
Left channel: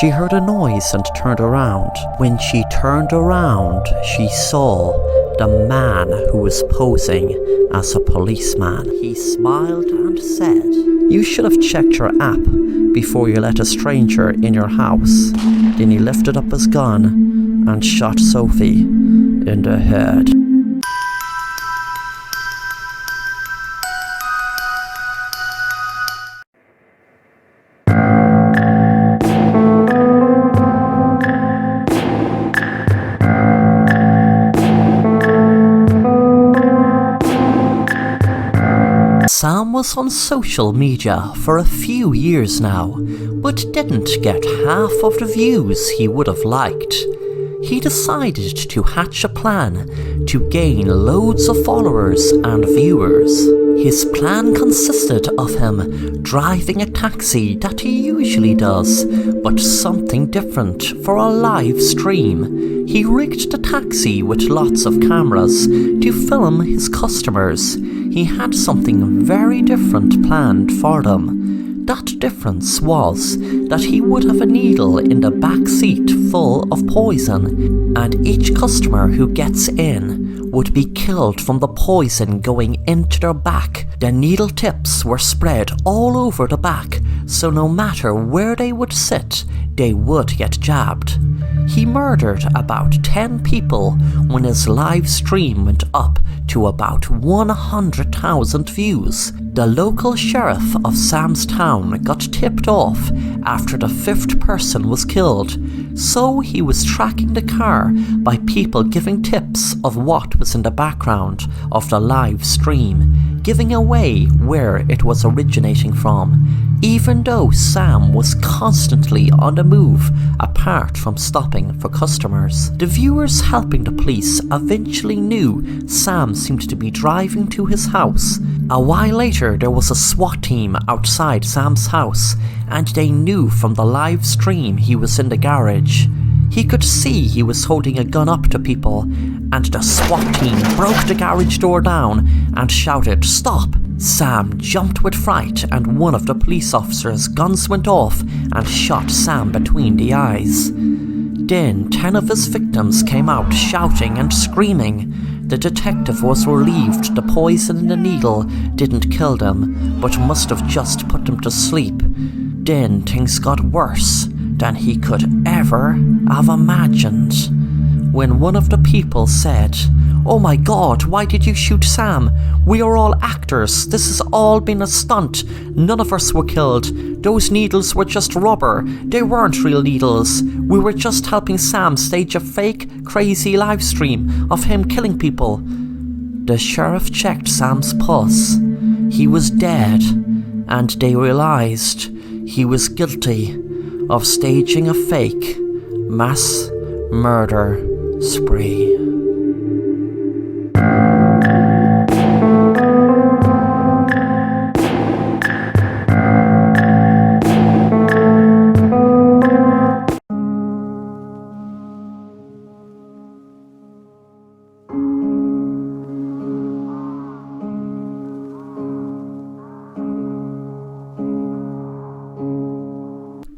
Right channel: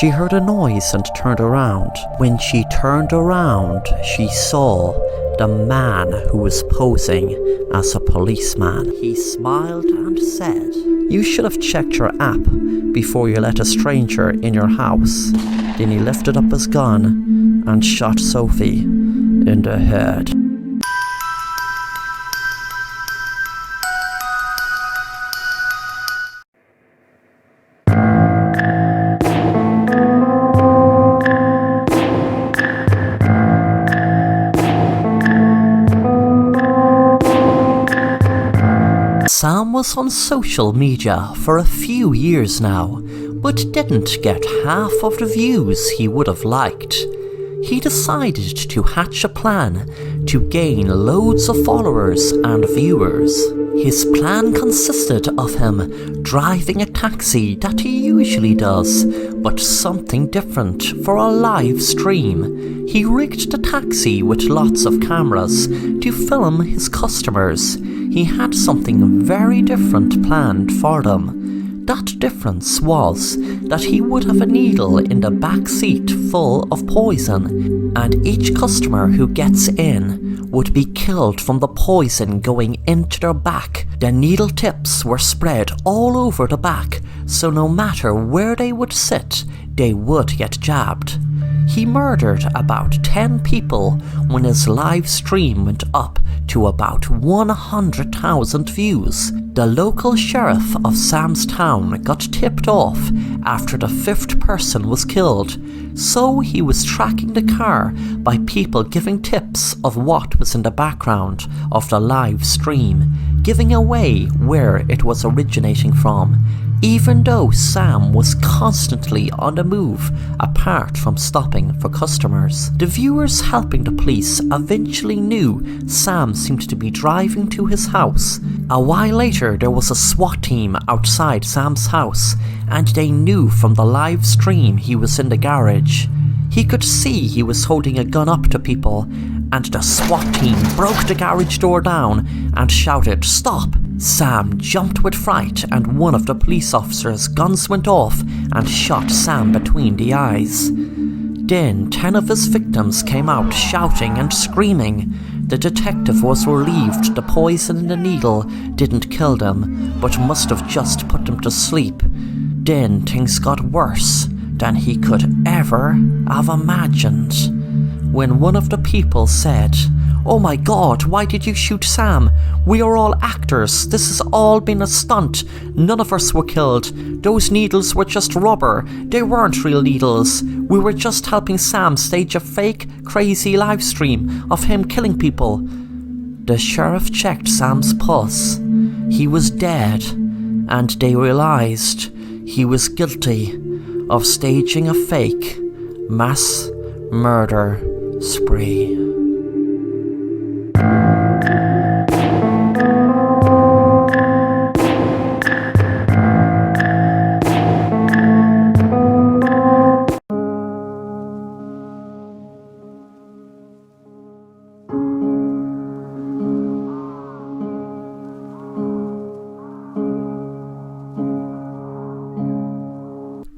She heard a noise and turned around. When she turned around, she saw the man who was posing as a policeman. He smiled and said, "You should have checked your app before you let a stranger in your house." Then he lifted up his gun and shot Sophie in the head. Sam was on social media for a few years now, but didn't get half of the views he would have liked. He decided to hatch a plan to gain loads of followers and viewers. His plan consisted of him driving a taxi that he usually does, but something different for a live stream. He rigged the taxi with lots of cameras to film his customers. He had something very different planned for them. That difference was that he would have a needle in the back seat full of poison, and each customer who gets in would be killed from the poison going into their back. The needle tips were spread all over the back, so no matter where they would sit, they would get jabbed. He murdered about 10 people when his live stream went up to about 100,000 views. The local sheriff of Sam's town got tipped off after the 5th person was killed, so he was tracking the car by people giving tips of what was in the background of the live stream, giving away where it was originating from, even though Sam was constantly on the move apart from stopping for customers. The viewers helping the police eventually knew Sam seemed to be driving to his house. A while later there was a SWAT team outside Sam's house, and they knew from the live stream he was in the garage. He could see he was holding a gun up to people, and the SWAT team broke the garage door down and shouted, "Stop!" Sam jumped with fright, and one of the police officers' guns went off and shot Sam between the eyes. Then 10 of his victims came out shouting and screaming. The detective was relieved the poison in the needle didn't kill them, but must have just put them to sleep. Then things got worse than he could ever have imagined. When one of the people said, "Oh my God, why did you shoot Sam? We are all actors. This has all been a stunt. None of us were killed. Those needles were just rubber. They weren't real needles. We were just helping Sam stage a fake, crazy live stream of him killing people." The sheriff checked Sam's pulse. He was dead, and they realized he was guilty of staging a fake mass murder spree.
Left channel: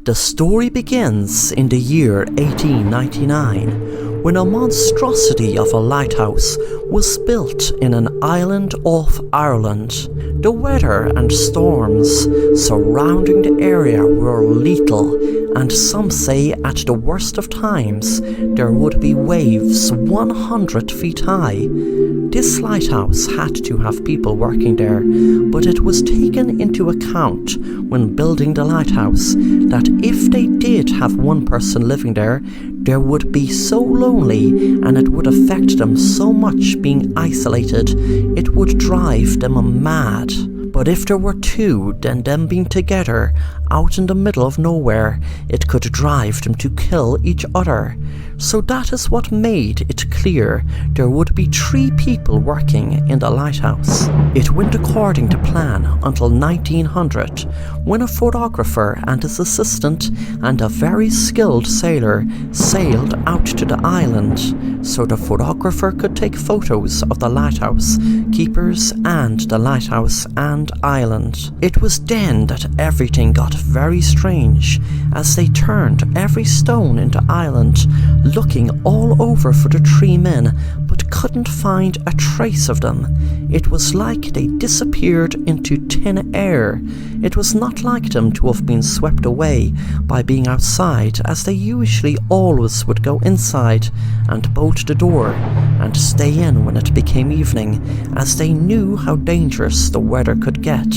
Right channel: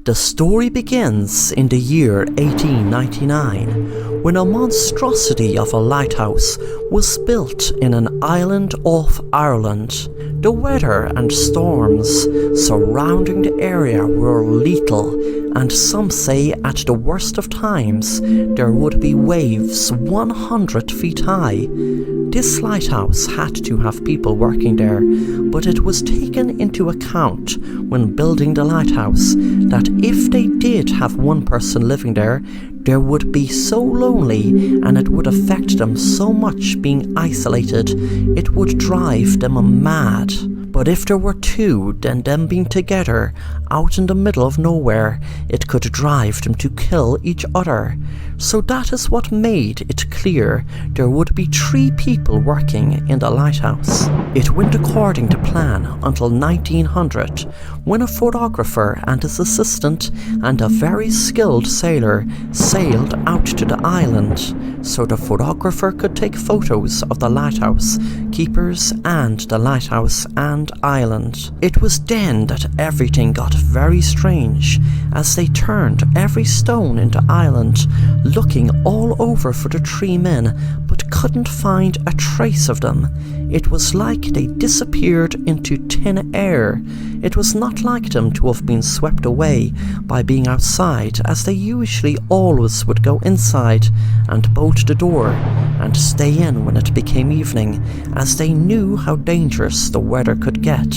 The story begins in the year 1899, when a monstrosity of a lighthouse was built in an island off Ireland. The weather and storms surrounding the area were lethal, and some say at the worst of times there would be waves 100 feet high. This lighthouse had to have people working there, but it was taken into account when building the lighthouse that if they did have one person living there, they would be so lonely and it would affect them so much being isolated, it would drive them mad. But if there were two, then them being together out in the middle of nowhere, it could drive them to kill each other. So that is what made it clear there would be 3 people working in the lighthouse. It went according to plan until 1900, when a photographer and his assistant and a very skilled sailor sailed out to the island so the photographer could take photos of the lighthouse keepers and the lighthouse and island. It was then that everything got very strange, as they turned every stone in the island, looking all over for the 3 men, but couldn't find a trace of them. It was like they disappeared into thin air. It was not like them to have been swept away by being outside, as they usually always would go inside and bolt the door and stay in when it became evening, as they knew how dangerous the weather could get.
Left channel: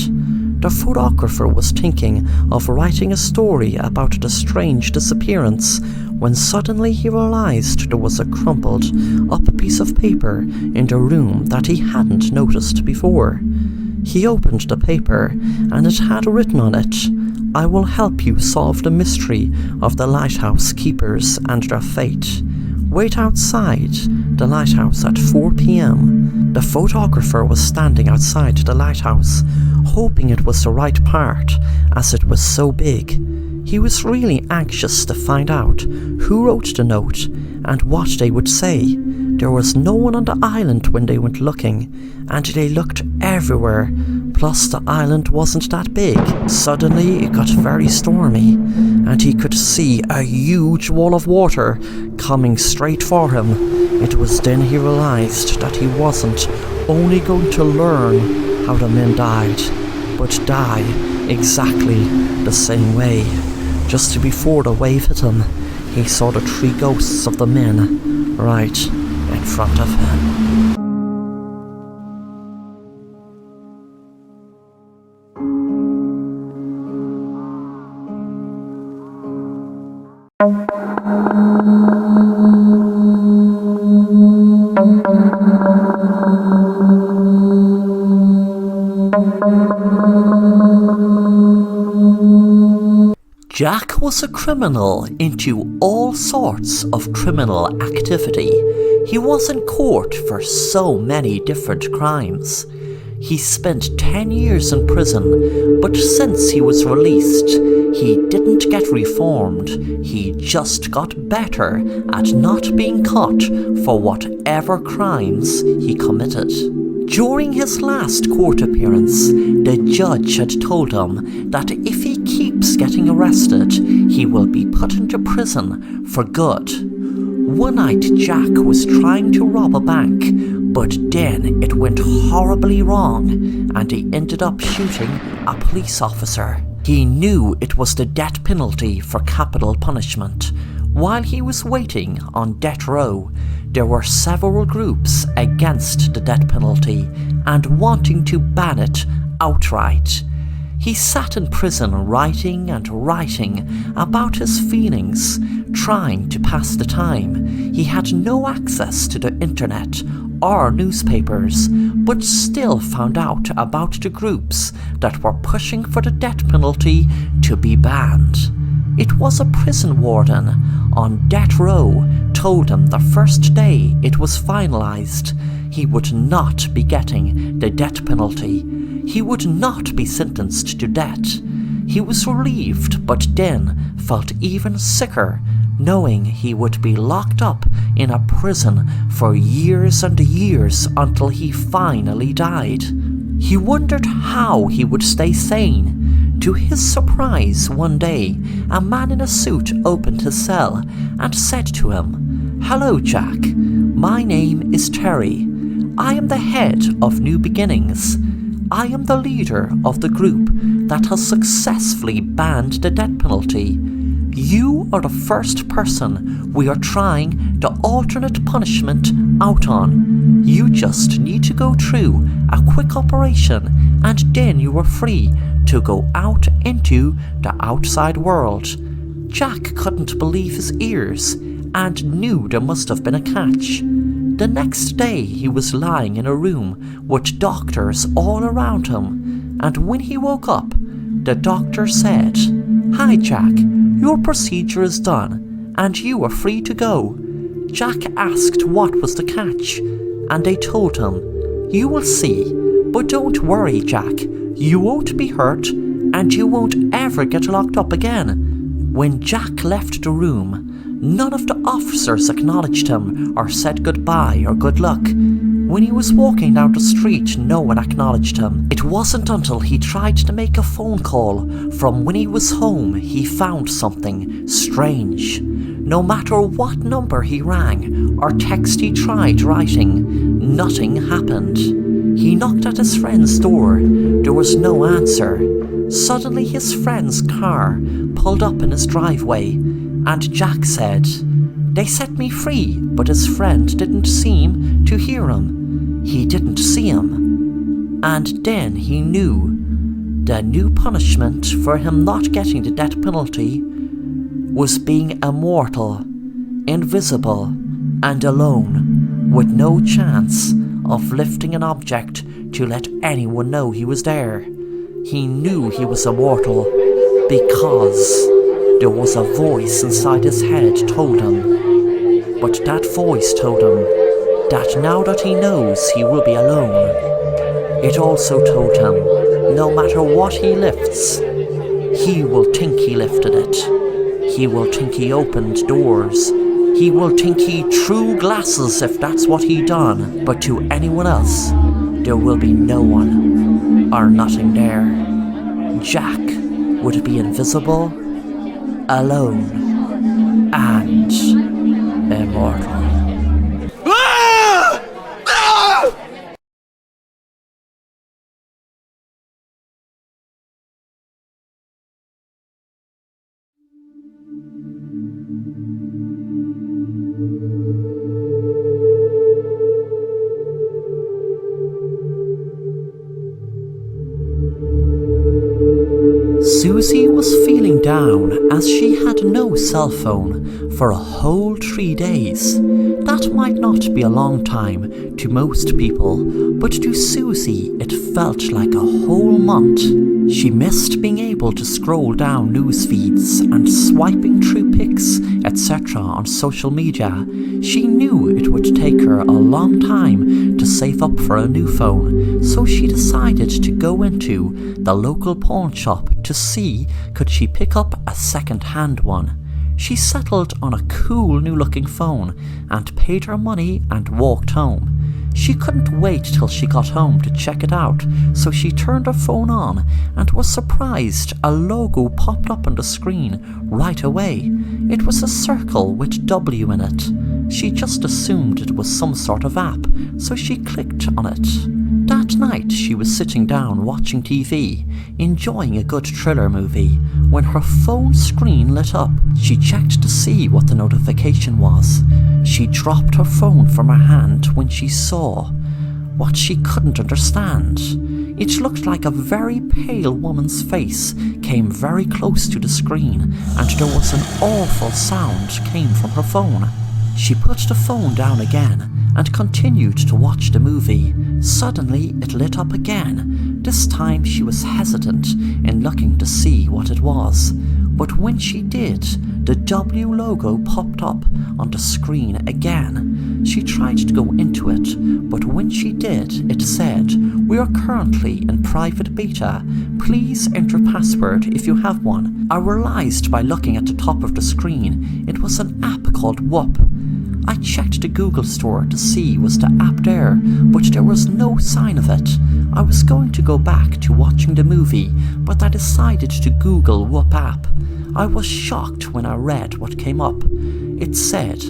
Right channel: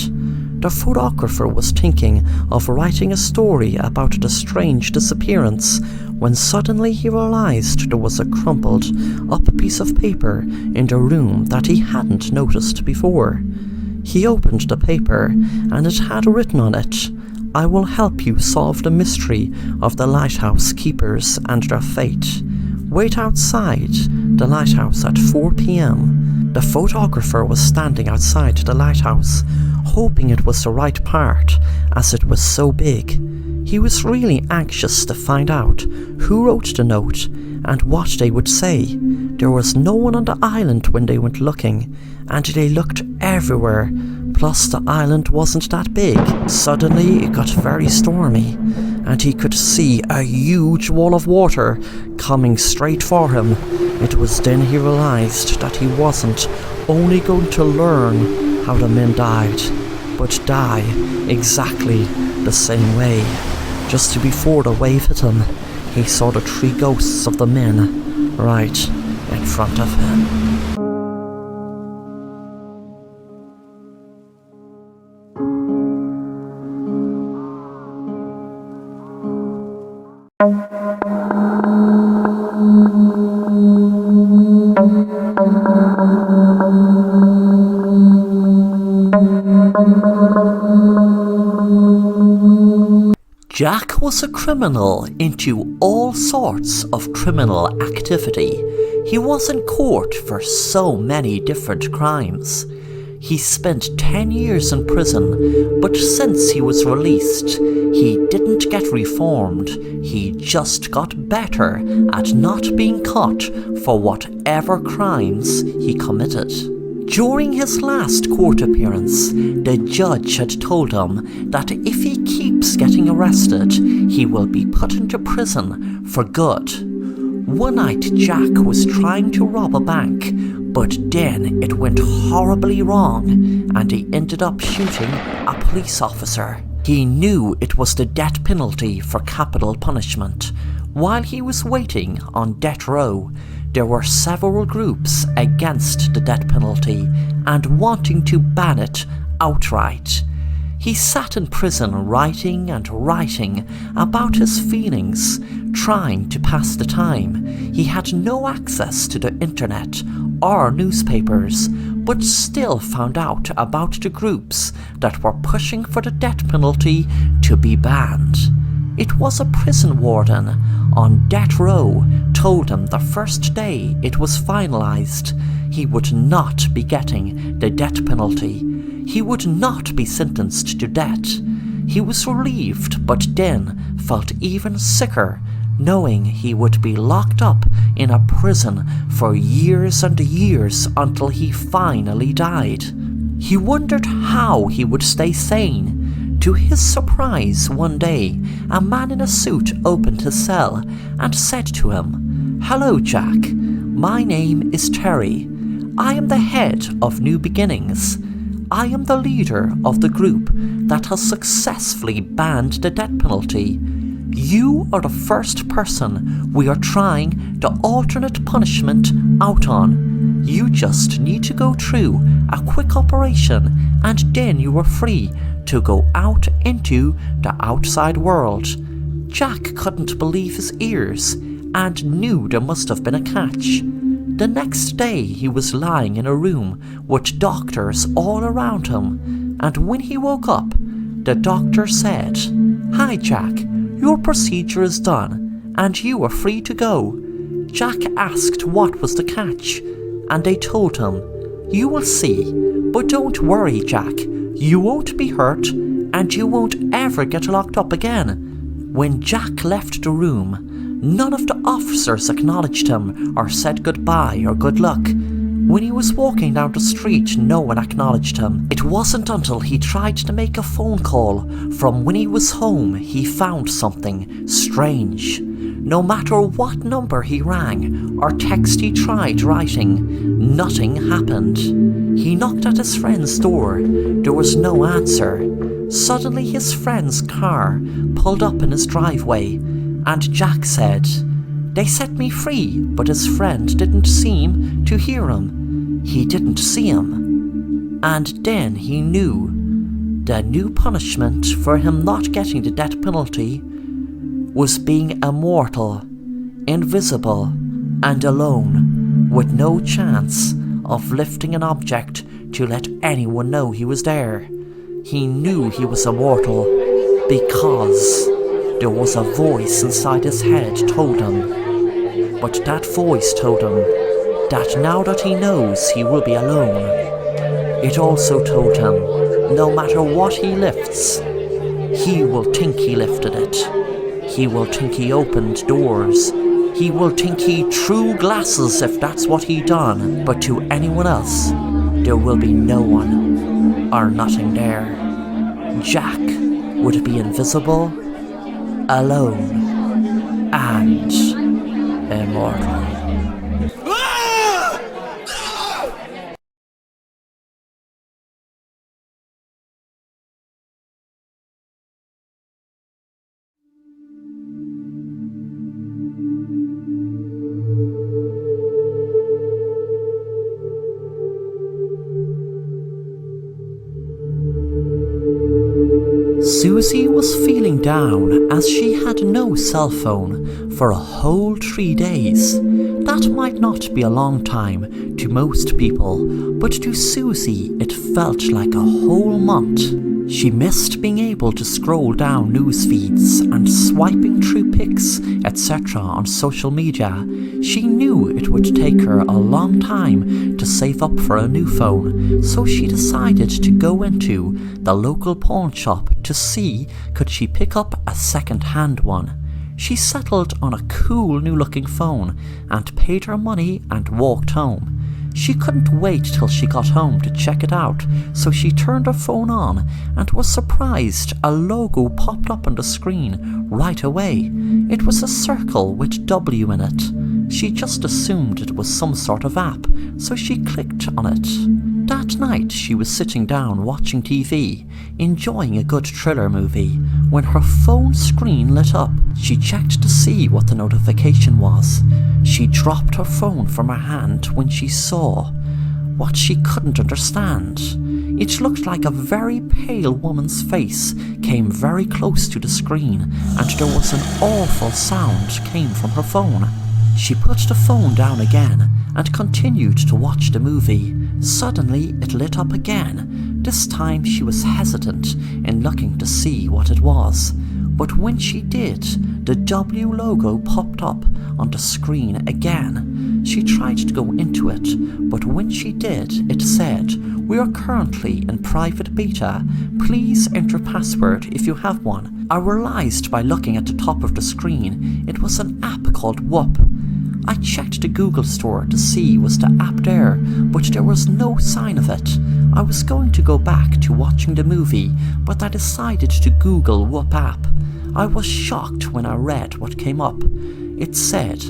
The photographer was thinking of writing a story about the strange disappearance when suddenly he realized there was a crumpled up piece of paper in the room that he hadn't noticed before. He opened the paper, and it had written on it, "I will help you solve the mystery of the lighthouse keepers and their fate. Wait outside the lighthouse at 4 p.m. The photographer was standing outside the lighthouse, hoping it was the right part, as it was so big. He was really anxious to find out who wrote the note and what they would say. There was no one on the island when they went looking, and they looked everywhere. Plus, the island wasn't that big. Suddenly, it got very stormy, and he could see a huge wall of water coming straight for him. It was then he realized that he wasn't only going to learn how the men died, but die exactly the same way. Just before the wave hit him, he saw the 3 ghosts of the men right in front of him. Jack was a criminal into all sorts of criminal activity. He was in court for so many different crimes. He spent 10 years in prison, but since he was released, he didn't get reformed. He just got better at not being caught for whatever crimes he committed. During his last court appearance, the judge had told him that if he keeps getting arrested, he will be put into prison for good. One night, Jack was trying to rob a bank, but then it went horribly wrong, and he ended up shooting a police officer. He knew it was the death penalty for capital punishment. While he was waiting on death row, there were several groups against the death penalty and wanting to ban it outright. He sat in prison writing and writing about his feelings, trying to pass the time. He had no access to the internet or newspapers, but still found out about the groups that were pushing for the death penalty to be banned. It was a prison warden on death row told him the first day it was finalized, he would not be getting the death penalty. He would not be sentenced to death. He was relieved, but then felt even sicker, knowing he would be locked up in a prison for years and years until he finally died. He wondered how he would stay sane. To his surprise, one day, a man in a suit opened his cell and said to him, "Hello, Jack. My name is Terry. I am the head of New Beginnings. I am the leader of the group that has successfully banned the death penalty. You are the first person we are trying the alternate punishment out on. You just need to go through a quick operation, and then you are free to go out into the outside world." Jack couldn't believe his ears and knew there must have been a catch. The next day he was lying in a room with doctors all around him, and when he woke up, the doctor said, "Hi Jack, your procedure is done and you are free to go. Jack asked what was the catch, and they told him, "You will see, but don't worry, Jack. You won't be hurt, and you won't ever get locked up again." When Jack left the room, none of the officers acknowledged him or said goodbye or good luck. When he was walking down the street, no one acknowledged him. It wasn't until he tried to make a phone call from when he was home he found something strange. No matter what number he rang or text he tried writing, nothing happened. He knocked at his friend's door. There was no answer. Suddenly his friend's car pulled up in his driveway, and Jack said, "They set me free," but his friend didn't seem to hear him. He didn't see him. And then he knew the new punishment for him not getting the death penalty was being immortal, invisible, and alone, with no chance of lifting an object to let anyone know he was there. He knew he was immortal because there was a voice inside his head told him. But that voice told him that now that he knows he will be alone, it also told him no matter what he lifts, he will think he lifted it. He will think he opened doors. He will think he threw glasses if that's what he done. But to anyone else, there will be no one or nothing there. Jack would be invisible, alone, and immortal. Susie was feeling down as she had no cell phone for a whole 3 days. That might not be a long time to most people, but to Susie it felt like a whole month. She missed being able to scroll down news feeds and swiping through pics, etc. on social media. She knew it would take her a long time to save up for a new phone, so she decided to go into the local pawn shop to see could she pick up a second-hand one. She settled on a cool new-looking phone and paid her money and walked home. She couldn't wait till she got home to check it out, so she turned her phone on and was surprised a logo popped up on the screen right away. It was a circle with W in it. She just assumed it was some sort of app, so she clicked on it. That night she was sitting down watching TV, enjoying a good thriller movie, when her phone screen lit up. She checked to see what the notification was. She dropped her phone from her hand when she saw what she couldn't understand. It looked like a very pale woman's face came very close to the screen, and there was an awful sound came from her phone. She put the phone down again and continued to watch the movie. Suddenly it lit up again. This time she was hesitant in looking to see what it was, but when she did, the W logo popped up on the screen again. She tried to go into it, but when she did, it said, "We are currently in private beta. Please enter password if you have one." I realized by looking at the top of the screen, it was an app called Whoop. I checked the Google store to see was the app there, but there was no sign of it. I was going to go back to watching the movie, but I decided to Google Whoop app. I was shocked when I read what came up. It said,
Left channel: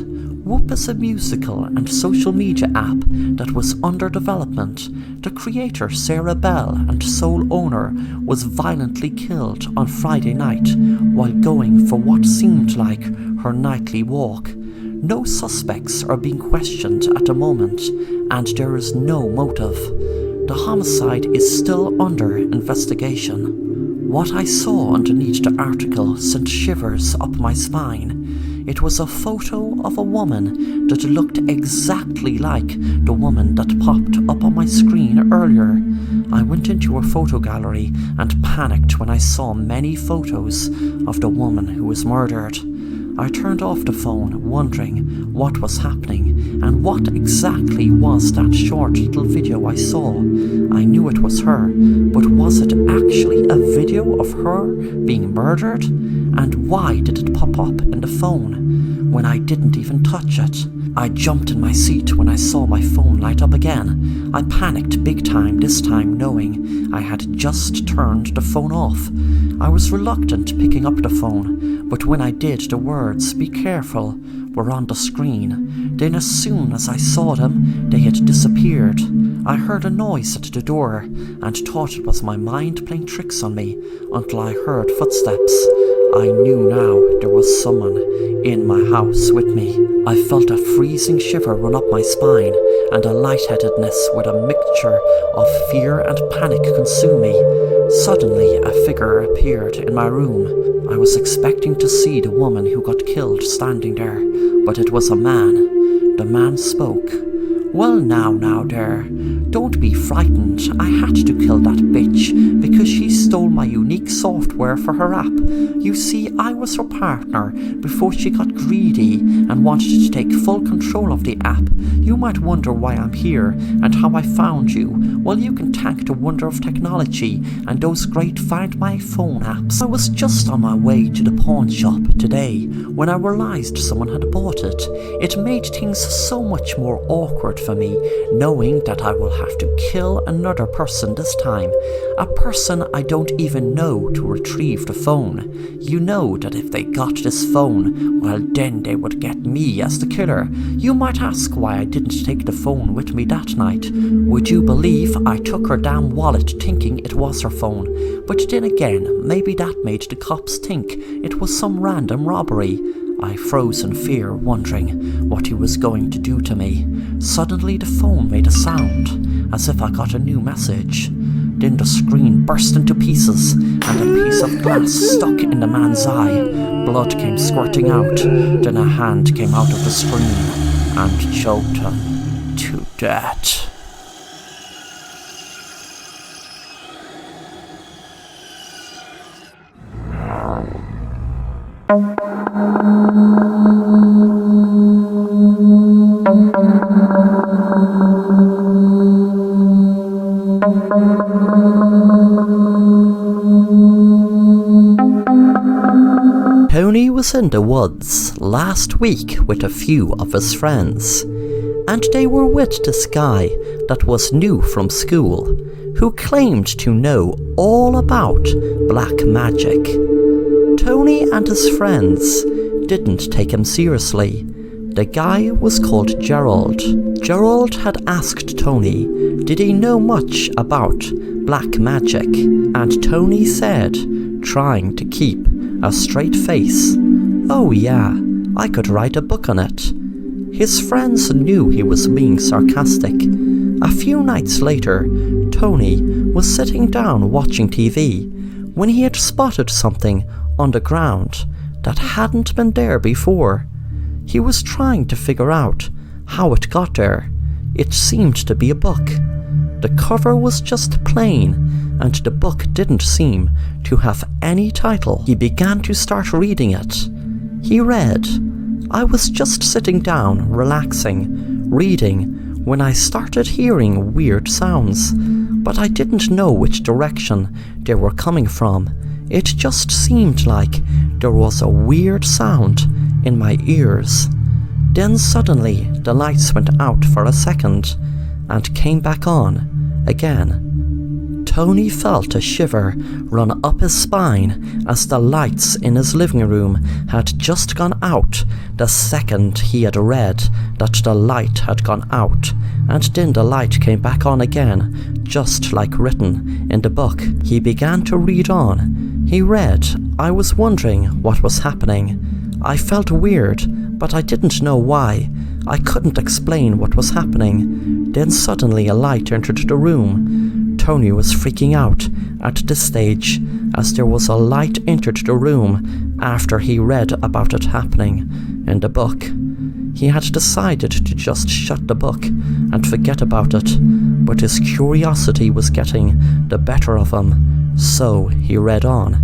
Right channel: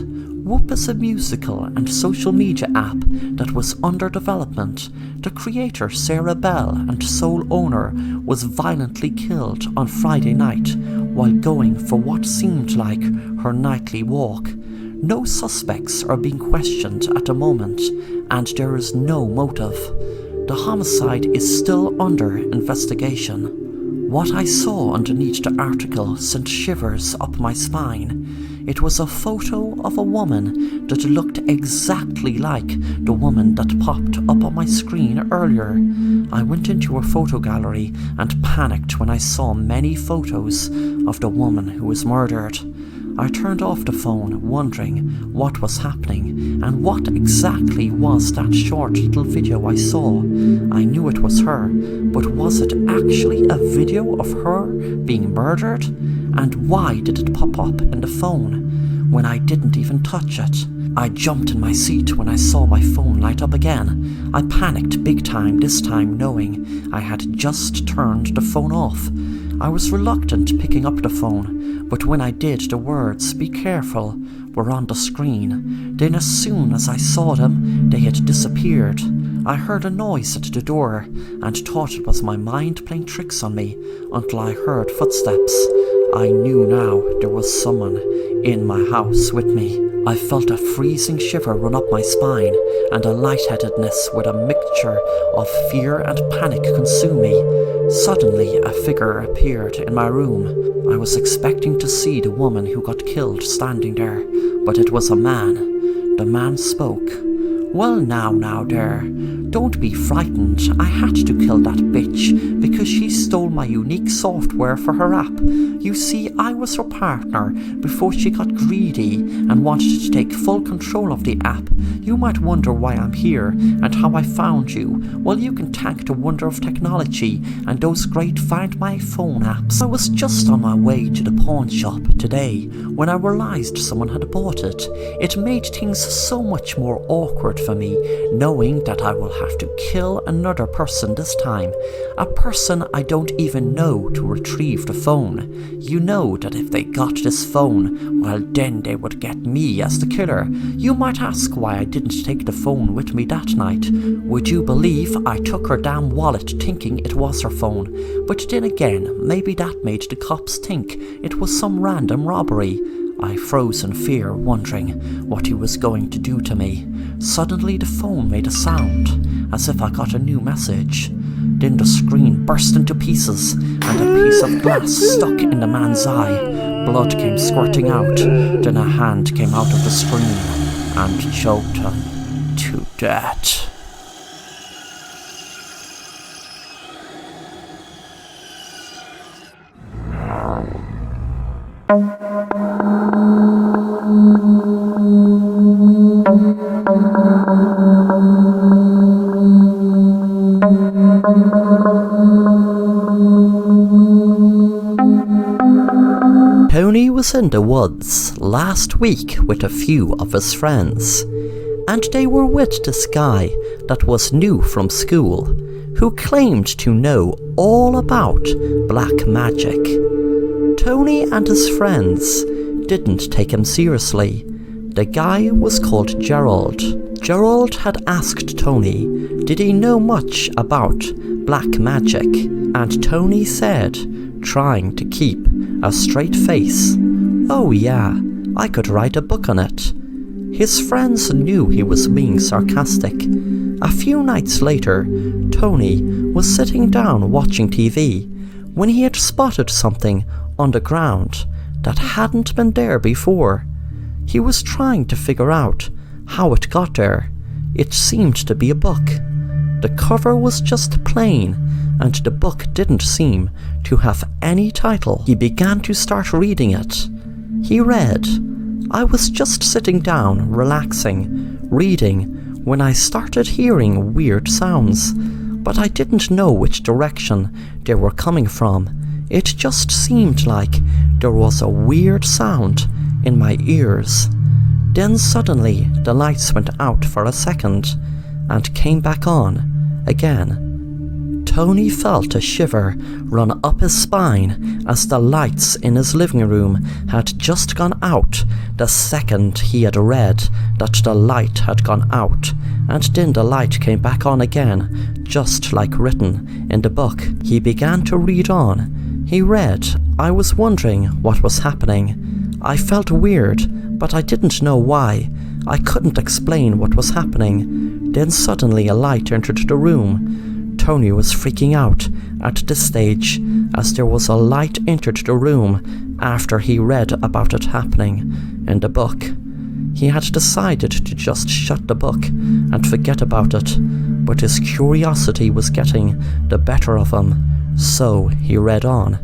Whoop is a musical and social media app that was under development. The creator, Sarah Bell, and sole owner, was violently killed on Friday night while going for what seemed like her nightly walk. No suspects are being questioned at the moment, and there is no motive. The homicide is still under investigation. What I saw underneath the article sent shivers up my spine. It was a photo of a woman that looked exactly like the woman that popped up on my screen earlier. I went into her photo gallery and panicked when I saw many photos of the woman who was murdered. I turned off the phone, wondering what was happening and what exactly was that short little video I saw. I knew it was her, but was it actually a video of her being murdered? And why did it pop up in the phone when I didn't even touch it? I jumped in my seat when I saw my phone light up again. I panicked big time this time, knowing I had just turned the phone off. I was reluctant picking up the phone, but when I did, the words, "Be careful," were on the screen. Then as soon as I saw them, they had disappeared. I heard a noise at the door and thought it was my mind playing tricks on me until I heard footsteps. I knew now there was someone in my house with me. I felt a freezing shiver run up my spine, and a lightheadedness with a mixture of fear and panic consume me. Suddenly, a figure appeared in my room. I was expecting to see the woman who got killed standing there, but it was a man. The man spoke. "Well now there, don't be frightened. I had to kill that bitch because she stole my unique software for her app. You see, I was her partner before she got greedy and wanted to take full control of the app. You might wonder why I'm here and how I found you. Well, you can thank the wonder of technology and those great Find My Phone apps. I was just on my way to the pawn shop today when I realized someone had bought it. It made things so much more awkward for me, knowing that I will have to kill another person this time, a person I don't even know, to retrieve the phone. You know that if they got this phone, well then they would get me as the killer. You might ask why I didn't take the phone with me that night. Would you believe I took her damn wallet thinking it was her phone? But then again, maybe that made the cops think it was some random robbery. I froze in fear, wondering what he was going to do to me. Suddenly the phone made a sound, as if I got a new message. Then the screen burst into pieces, and a piece of glass stuck in the man's eye. Blood came squirting out. Then a hand came out of the screen and choked him to death. Tony was in the woods last week with a few of his friends, and they were with this guy that was new from school, who claimed to know all about black magic. Tony and his friends didn't take him seriously. The guy was called Gerald. Gerald had asked Tony, did he know much about black magic, and Tony said, trying to keep a straight face, "Oh yeah, I could write a book on it." His friends knew he was being sarcastic. A few nights later, Tony was sitting down watching TV when he had spotted something on the ground that hadn't been there before. He was trying to figure out how it got there. It seemed to be a book. The cover was just plain, and the book didn't seem to have any title. He began to start reading it. He read, "I was just sitting down, relaxing, reading, when I started hearing weird sounds, but I didn't know which direction they were coming from. It just seemed like there was a weird sound in my ears. Then suddenly the lights went out for a second and came back on again." Tony felt a shiver run up his spine as the lights in his living room had just gone out the second he had read that the light had gone out, and then the light came back on again, just like written in the book. He began to read on. He read, "I was wondering what was happening. I felt weird, but I didn't know why. I couldn't explain what was happening. Then suddenly a light entered the room." Tony was freaking out at this stage, as there was a light entered the room after he read about it happening in the book. He had decided to just shut the book and forget about it, but his curiosity was getting the better of him, so he read on.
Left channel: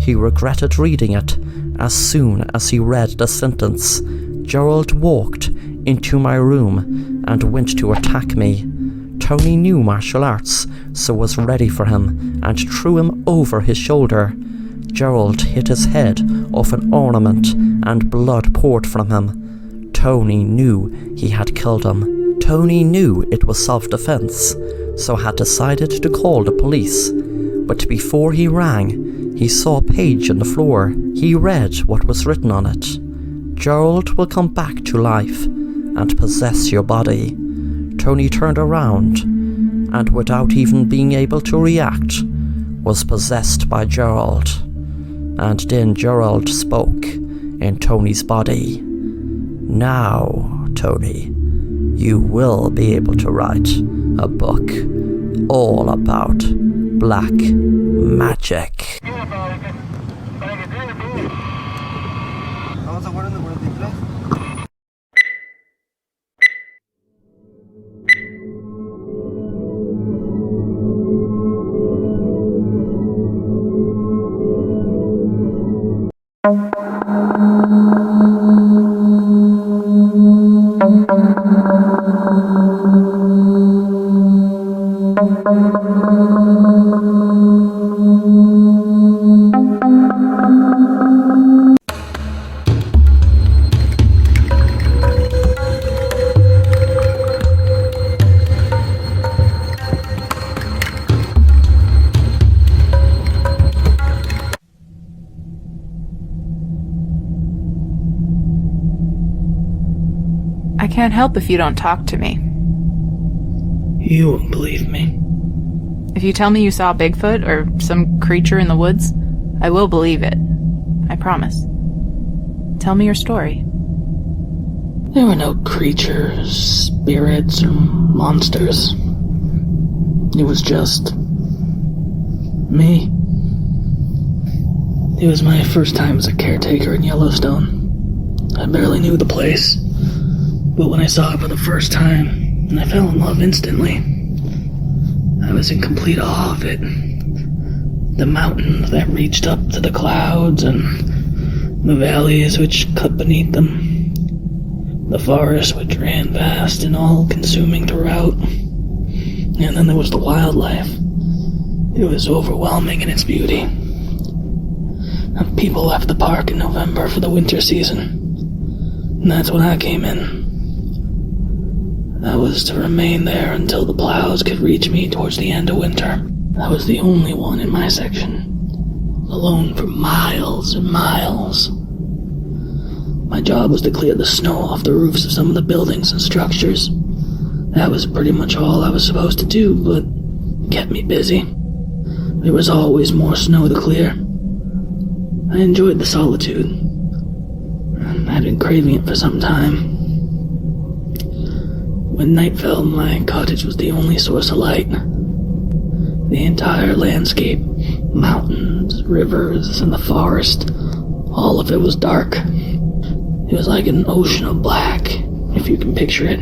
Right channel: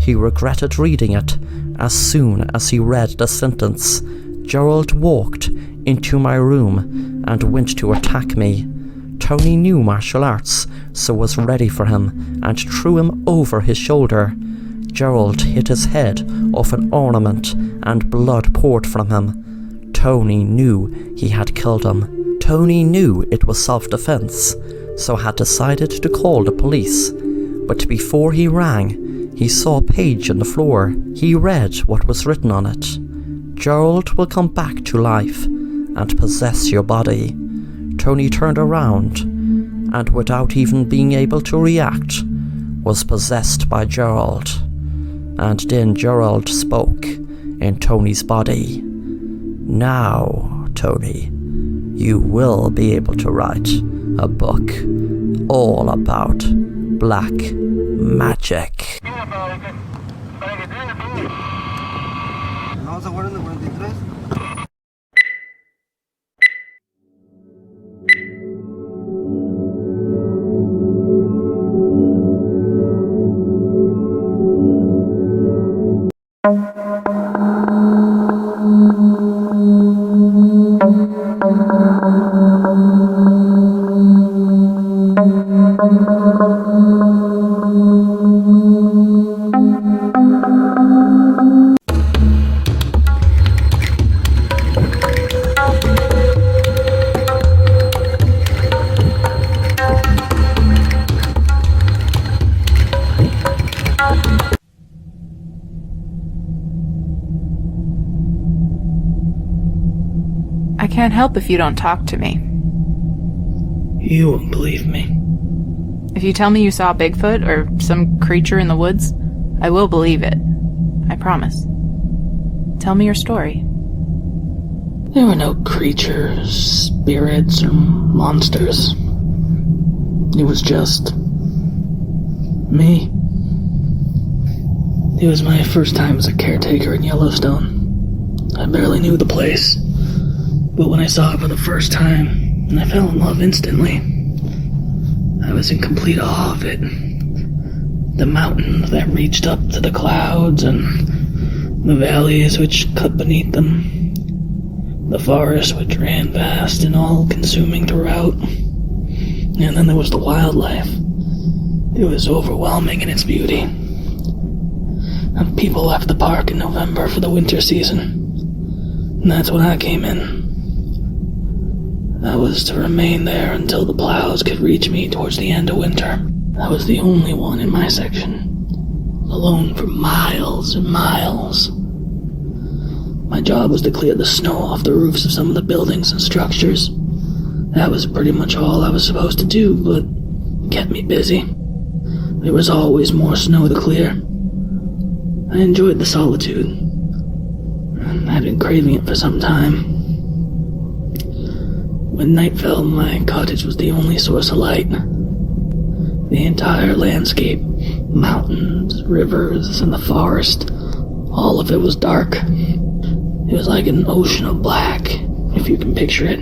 He regretted reading it as soon as he read the sentence. Gerald walked into my room and went to attack me. Tony knew martial arts, so was ready for him and threw him over his shoulder. Gerald hit his head off an ornament and blood poured from him. Tony knew he had killed him. Tony knew it was self-defense, so had decided to call the police. But before he rang, he saw a page on the floor. He read what was written on it. Gerald will come back to life and possess your body. Tony turned around and, without even being able to react, was possessed by Gerald. And then Gerald spoke in Tony's body. Now, Tony, you will be able to write a book all about black magic. Vamos a jugar en el 43. I can't help if you don't talk to me. You won't believe me. If you tell me you saw Bigfoot or some creature in the woods, I will believe it. I promise. Tell me your story. There were no creatures, spirits, or monsters. It was just me. It was my first time as a caretaker in Yellowstone. I barely knew the place, but when I saw it for the first time, I fell in love instantly. I was in complete awe of it. The mountains that reached up to the clouds and the valleys which cut beneath them. The forest which ran vast and all-consuming throughout. And then there was the wildlife. It was overwhelming in its beauty. People left the park in November for the winter season. And that's when I came in. I was to remain there until the plows could reach me towards the end of winter. I was the only one in my section, alone for miles and miles. My job was to clear the snow off the roofs of some of the buildings and structures. That was pretty much all I was supposed to do, but it kept me busy. There was always more snow to clear. I enjoyed the solitude. I'd been craving it for some time. When night fell, my cottage was the only source of light. The entire landscape, mountains, rivers, and the forest, all of it was dark. It was like an ocean of black, if you can picture it.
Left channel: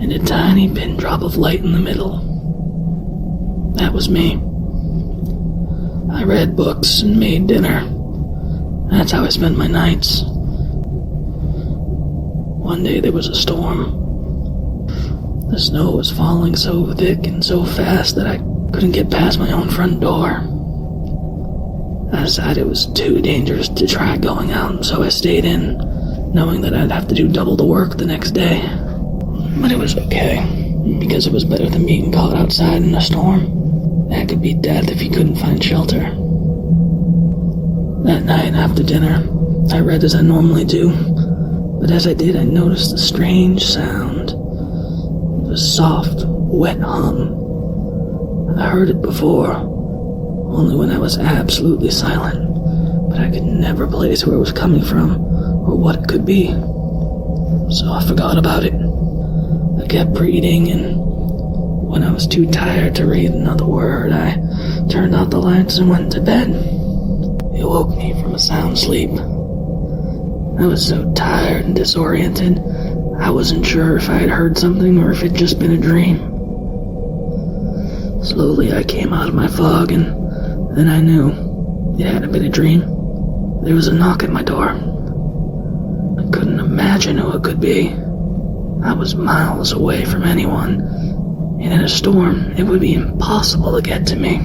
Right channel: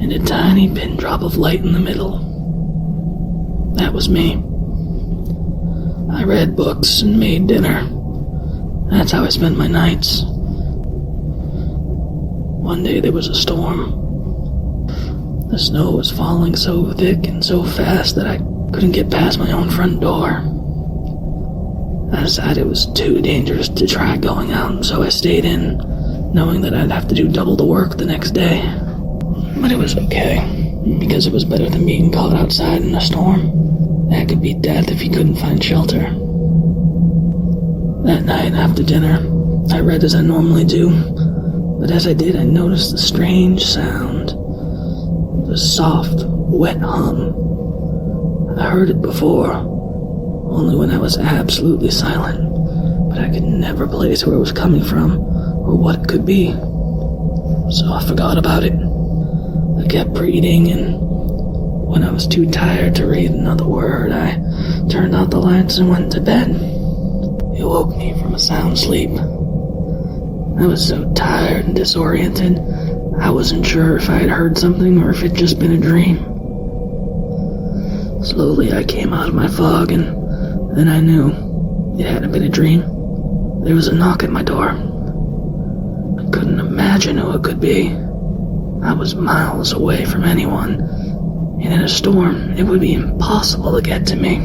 And a tiny pin drop of light in the middle. That was me. I read books and made dinner. That's how I spent my nights. One day there was a storm. The snow was falling so thick and so fast that I couldn't get past my own front door. I decided it was too dangerous to try going out, so I stayed in, knowing that I'd have to do double the work the next day. But it was okay, because it was better than being caught outside in a storm. That could be death if you couldn't find shelter. That night after dinner, I read as I normally do, but as I did, I noticed a strange sound. A soft, wet hum. I heard it before, only when I was absolutely silent, but I could never place where it was coming from or what it could be. So I forgot about it. I kept reading, and when I was too tired to read another word, I turned out the lights and went to bed. It woke me from a sound sleep. I was so tired and disoriented, I wasn't sure if I had heard something or if it'd just been a dream. Slowly I came out of my fog, and then I knew. it hadn't been a dream. There was a knock at my door. I couldn't imagine who it could be. I was miles away from anyone, and in a storm, it would be impossible to get to me.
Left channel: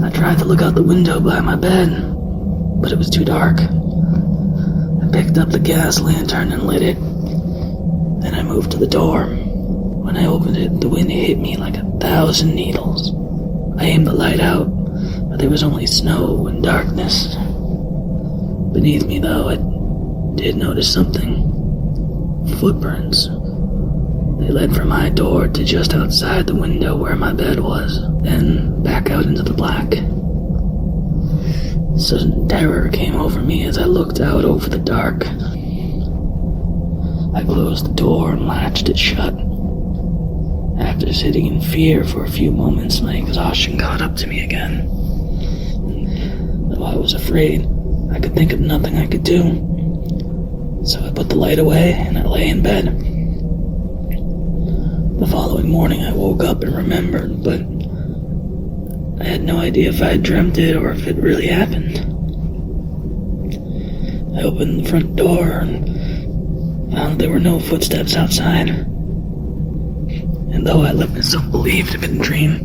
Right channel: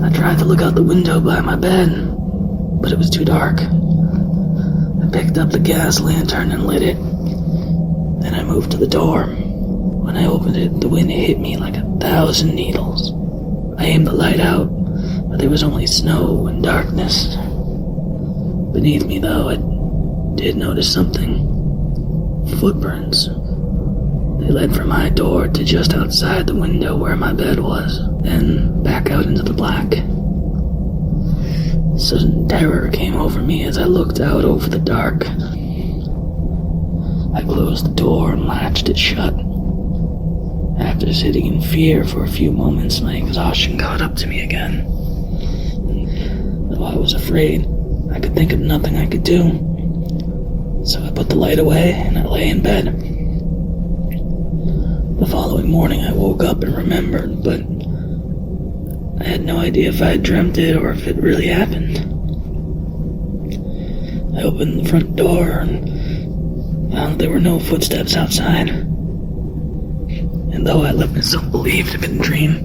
I tried to look out the window by my bed, but it was too dark. I picked up the gas lantern and lit it. Then I moved to the door. When I opened it, the wind hit me like 1,000 needles. I aimed the light out, but there was only snow and darkness. Beneath me, though, I did notice something. Footprints. They led from my door to just outside the window where my bed was, then back out into the black. Sudden terror came over me as I looked out over the dark. I closed the door and latched it shut. After sitting in fear for a few moments, my exhaustion caught up to me again. Though I was afraid, I could think of nothing I could do. So I put the light away and I lay in bed. The following morning I woke up and remembered, but I had no idea if I had dreamt it or if it really happened. I opened the front door and found there were no footsteps outside. And though I let myself believe it had been a dream,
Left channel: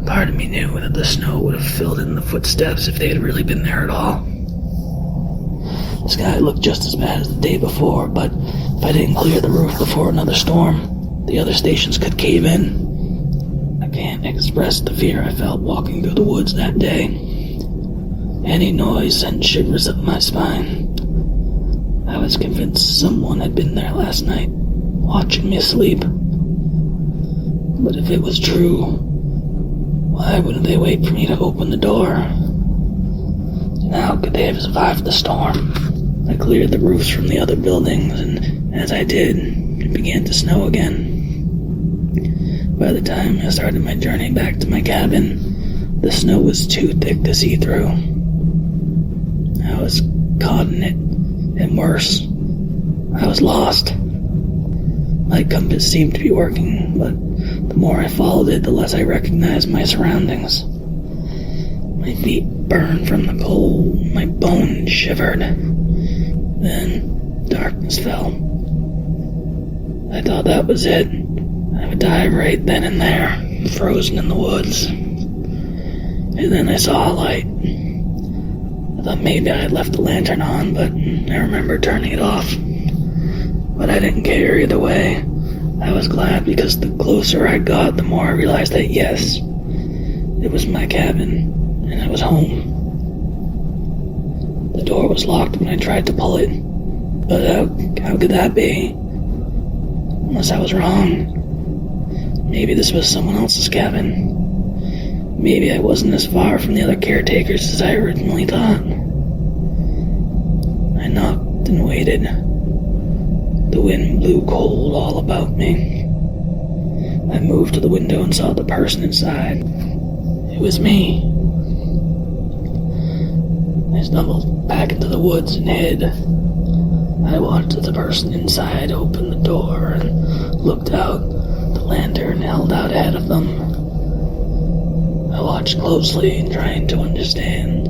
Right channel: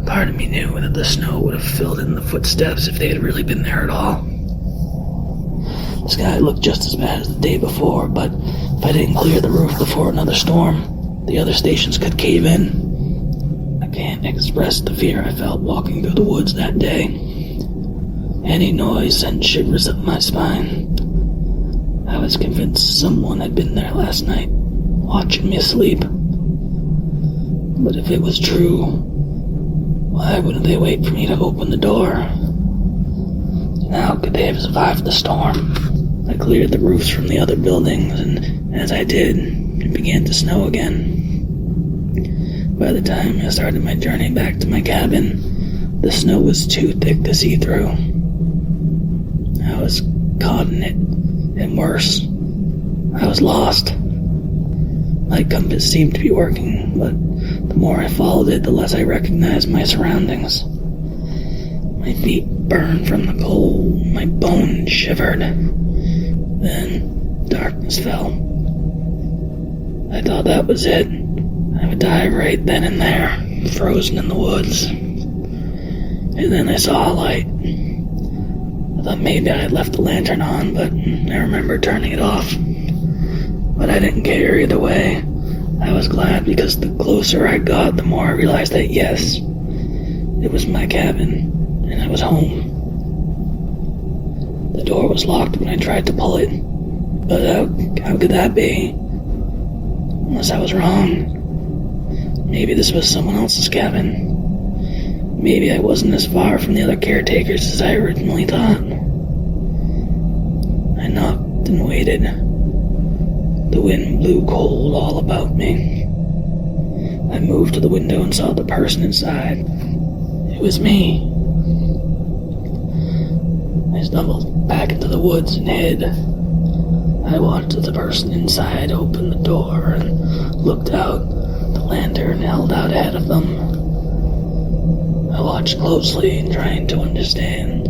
a part of me knew that the snow would have filled in the footsteps if they had really been there at all. The sky looked just as bad as the day before, but if I didn't clear the roof before another storm, the other stations could cave in. I can't express the fear I felt walking through the woods that day. Any noise sent shivers up my spine. I was convinced someone had been there last night, watching me sleep. But if it was true, why wouldn't they wait for me to open the door? And how could they have survived the storm? I cleared the roofs from the other buildings, and as I did, it began to snow again. By the time I started my journey back to my cabin, the snow was too thick to see through. I was caught in it, and worse, I was lost. My compass seemed to be working, but the more I followed it, the less I recognized my surroundings. My feet burned from the cold, my bones shivered. Then darkness fell. I thought that was it. I would die right then and there, frozen in the woods. And then I saw a light. I thought maybe I had left the lantern on, but I remember turning it off. But I didn't care either way. I was glad because the closer I got, the more I realized that yes, it was my cabin, and I was home. The door was locked when I tried to pull it, but how could that be? Unless I was wrong. Maybe this was someone else's cabin. Maybe I wasn't as far from the other caretakers as I originally thought. I knocked and waited. The wind blew cold all about me. I moved to the window and saw the person inside. It was me. I stumbled back into the woods and hid. I watched as the person inside opened the door and looked out, the lantern held out ahead of them. I watched closely, trying to understand.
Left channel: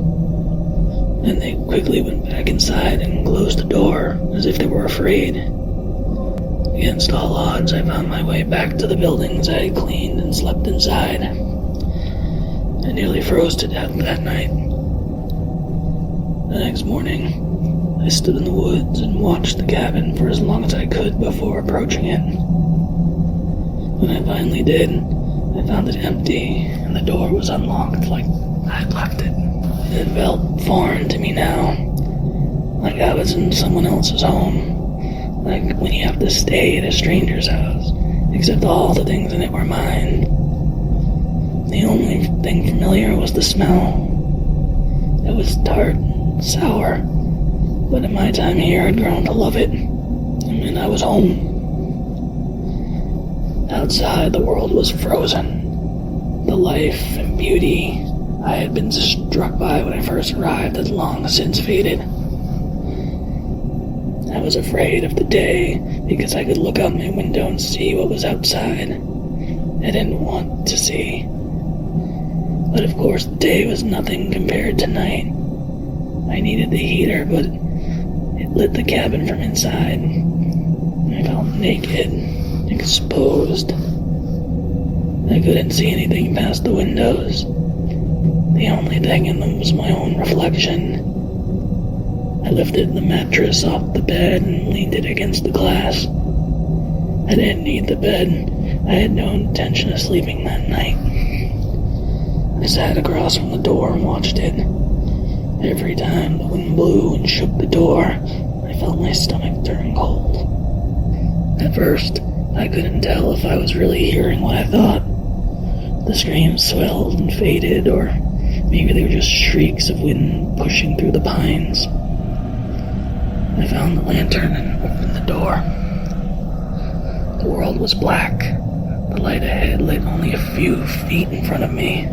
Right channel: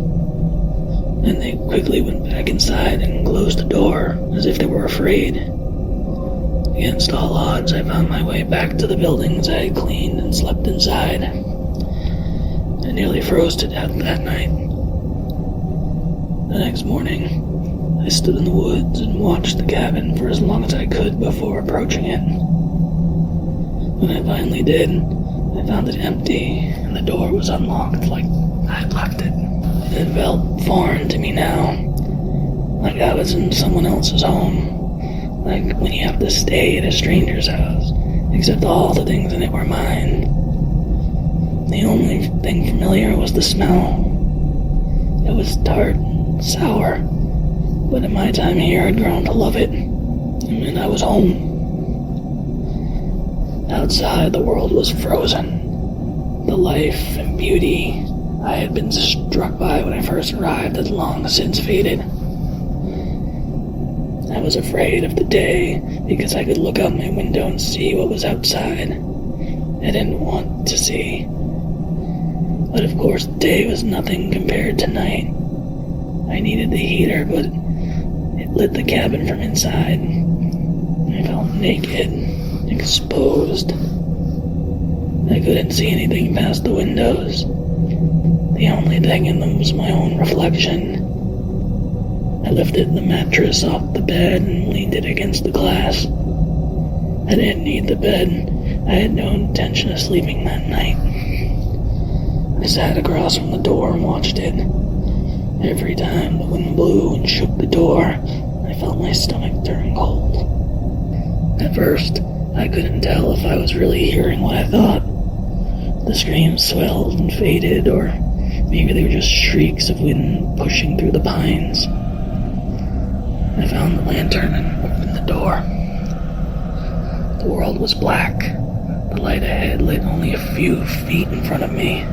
Then they quickly went back inside and closed the door, as if they were afraid. Against all odds, I found my way back to the buildings I had cleaned and slept inside. I nearly froze to death that night. The next morning, I stood in the woods and watched the cabin for as long as I could before approaching it. When I finally did, I found it empty, and the door was unlocked like I'd left it. It felt foreign to me now, like I was in someone else's home. Like when you have to stay at a stranger's house, except all the things in it were mine. The only thing familiar was the smell. It was tart and sour, but in my time here I'd grown to love it, and I was home. Outside, the world was frozen. The life and beauty I had been struck by when I first arrived had long since faded. I was afraid of the day because I could look out my window and see what was outside. I didn't want to see. But of course, the day was nothing compared to night. I needed the heater, but it lit the cabin from inside. I felt naked, exposed. I couldn't see anything past the windows. The only thing in them was my own reflection. I lifted the mattress off the bed and leaned it against the glass. I didn't need the bed. I had no intention of sleeping that night. I sat across from the door and watched it. Every time the wind blew and shook the door, I felt my stomach turn cold. At first, I couldn't tell if I was really hearing what I thought. The screams swelled and faded, or maybe they were just shrieks of wind pushing through the pines. I found the lantern and opened the door. The world was black. The light ahead lit only a few feet in front of me.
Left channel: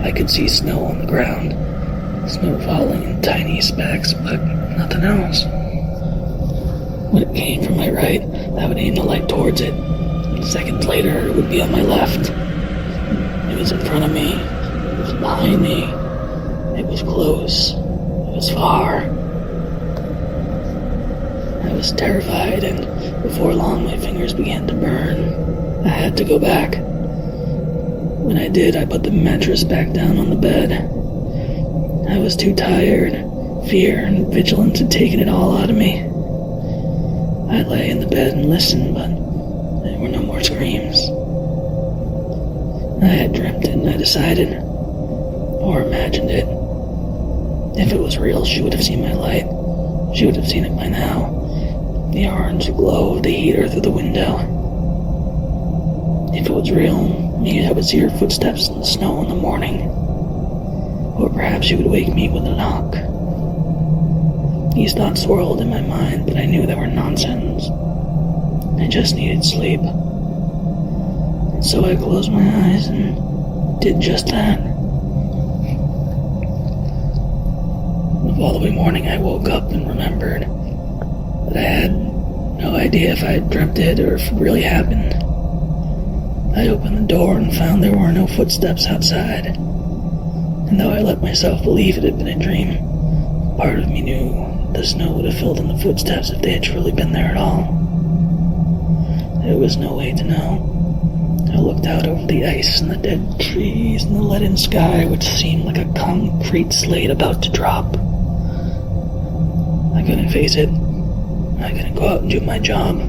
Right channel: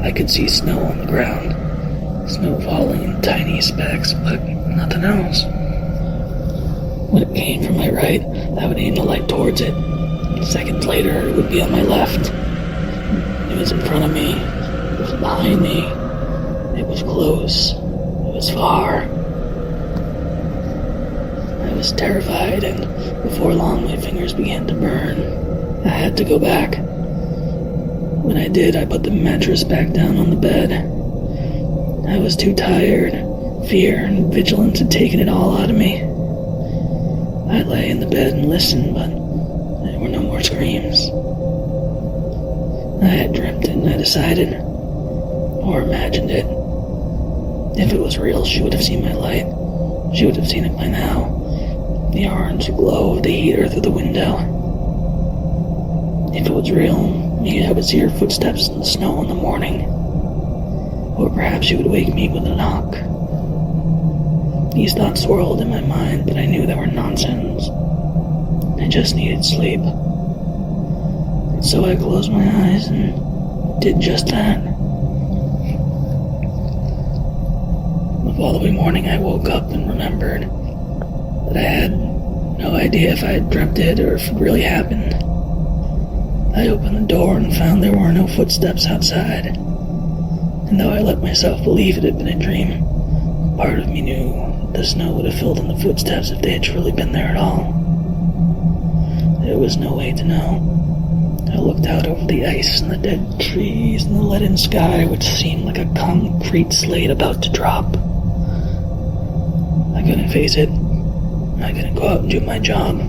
I could see snow on the ground, snow falling in tiny specks, but nothing else. When it came from my right, I would aim the light towards it. Seconds later, it would be on my left. It was in front of me. It was behind me. It was close. It was far. I was terrified, and before long my fingers began to burn. I had to go back. When I did, I put the mattress back down on the bed. I was too tired. Fear and vigilance had taken it all out of me. I lay in the bed and listened, but there were no more screams. I had dreamt it, and I decided, or imagined it. If it was real, she would have seen my light. She would have seen it by now. The orange glow of the heater through the window. If it was real, maybe I would see her footsteps in the snow in the morning. Or perhaps she would wake me with a knock. These thoughts swirled in my mind, but I knew they were nonsense. I just needed sleep. And so I closed my eyes and did just that. The following morning I woke up and remembered that I had no idea if I had dreamt it or if it really happened. I opened the door and found there were no footsteps outside. And though I let myself believe it had been a dream, part of me knew the snow would have filled in the footsteps if they had truly been there at all. There was no way to know. I looked out over the ice and the dead trees and the leaden sky, which seemed like a concrete slate about to drop. I couldn't face it. I couldn't go out and do my job.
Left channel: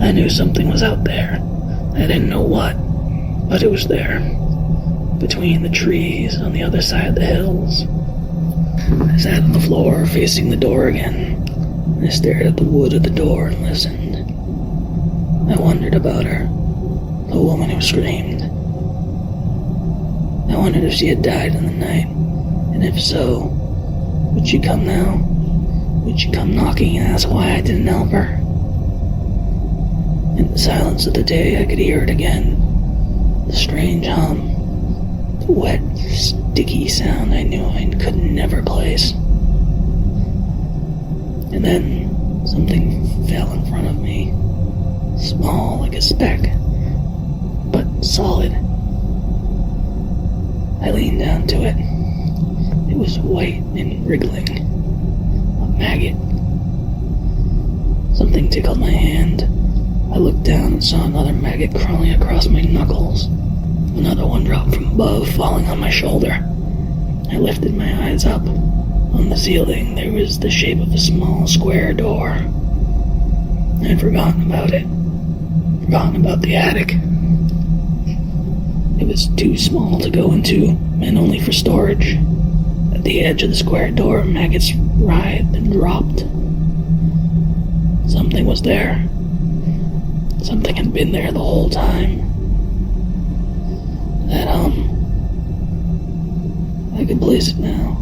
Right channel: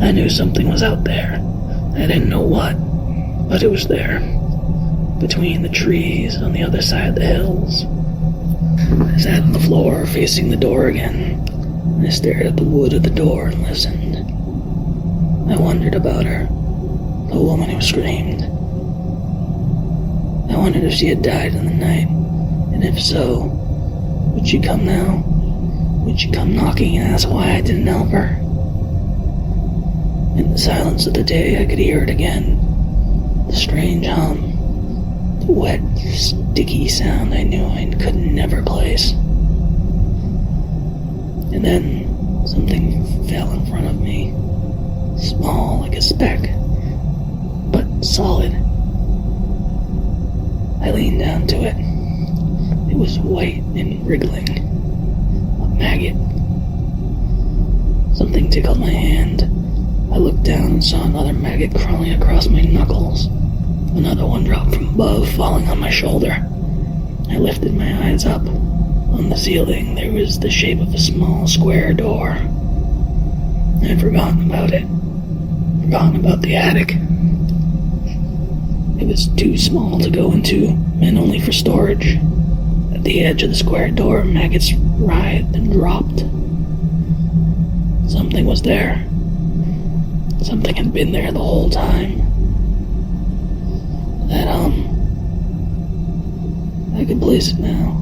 I knew something was out there. I didn't know what, but it was there. Between the trees on the other side of the hills. I sat on the floor facing the door again. I stared at the wood of the door and listened. I wondered about her, the woman who screamed. I wondered if she had died in the night, and if so, would she come now? Would she come knocking and ask why I didn't help her? In the silence of the day, I could hear it again. The strange hum. The wet, sticky sound I knew I could never place. And then something fell in front of me. Small like a speck, but solid. I leaned down to it. It was white and wriggling. A maggot. Something tickled my hand. I looked down and saw another maggot crawling across my knuckles. Another one dropped from above, falling on my shoulder. I lifted my eyes up. On the ceiling, there was the shape of a small square door. I had forgotten about it. Forgotten about the attic. It was too small to go into, meant only for storage. At the edge of the square door, maggots writhed and dropped. Something was there. Something had been there the whole time. That I could place it now.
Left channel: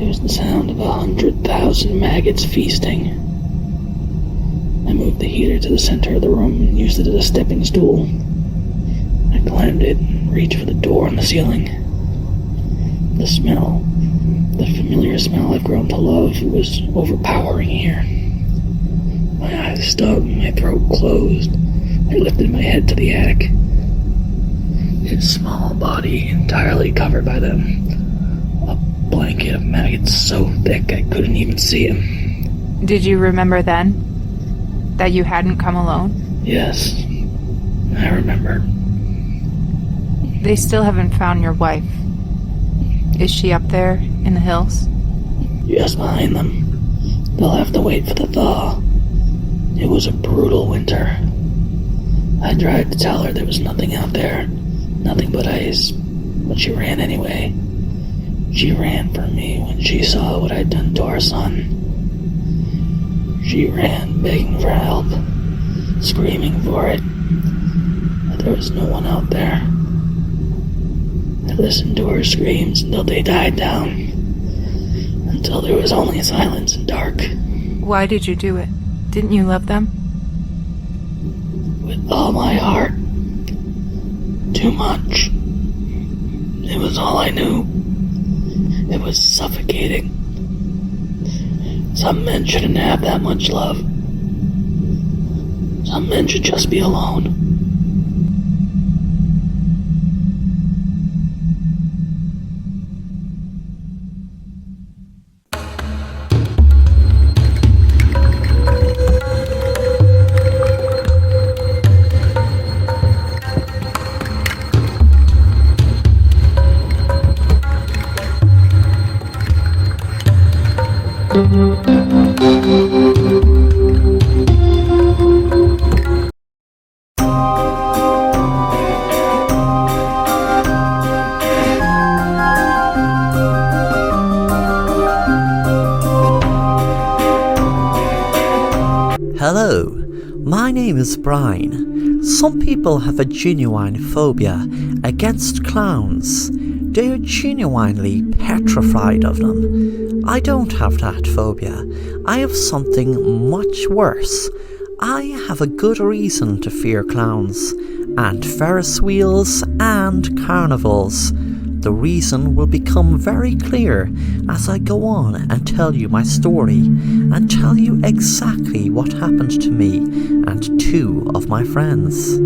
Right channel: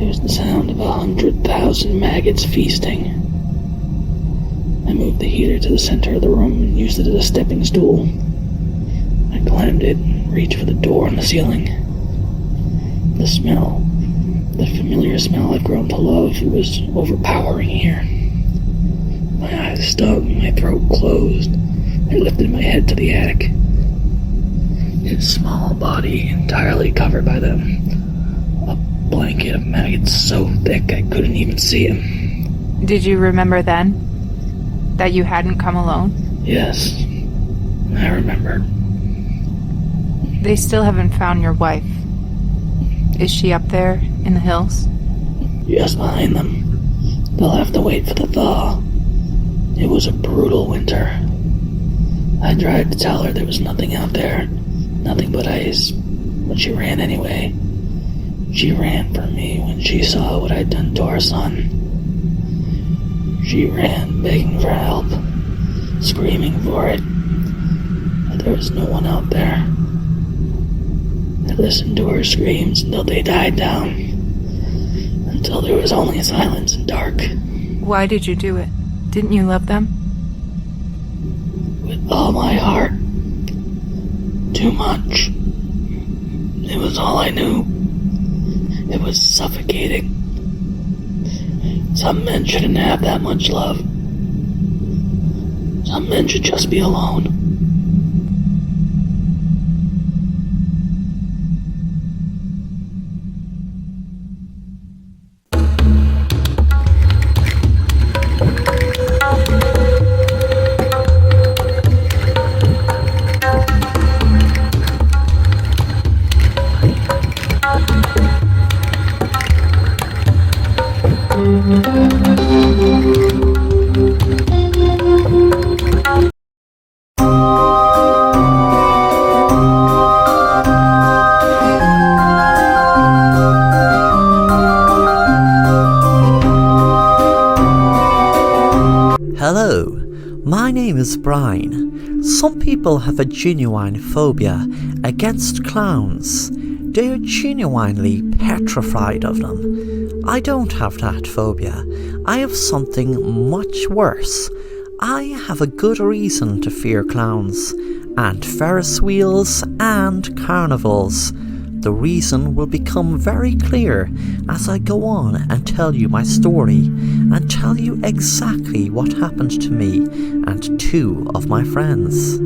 It was the sound of 100,000 maggots feasting. I moved the heater to the center of the room and used it as a stepping stool. I climbed it and reached for the door on the ceiling. The smell, the familiar smell I've grown to love, was overpowering here. My eyes stung, my throat closed. I lifted my head to the attic. It body entirely covered by them. A blanket of maggots so thick I couldn't even see him. Did you remember then that you hadn't come alone? Yes, I remembered. They still haven't found your wife. Is she up there in the hills? Just behind them. They'll have to wait for the thaw. It was a brutal winter. I tried to tell her there was nothing out there, nothing but ice, but she ran anyway. She ran for me when she saw what I'd done to our son. She ran begging for help, screaming for it, but there was no one out there. I listened to her screams until they died down, until there was only silence and dark. Why did you do it? Didn't you love them? With all my heart. Too much. It was all I knew. It was suffocating. Some men shouldn't have that much love. Some men should just be alone. Hello, my name is Brian. Some people have a genuine phobia against clowns. They are genuinely petrified of them. I don't have that phobia. I have something much worse. I have a good reason to fear clowns, and Ferris wheels, and carnivals. The reason will become very clear as I go on and tell you my story, and tell you exactly what happened to me and two of my friends.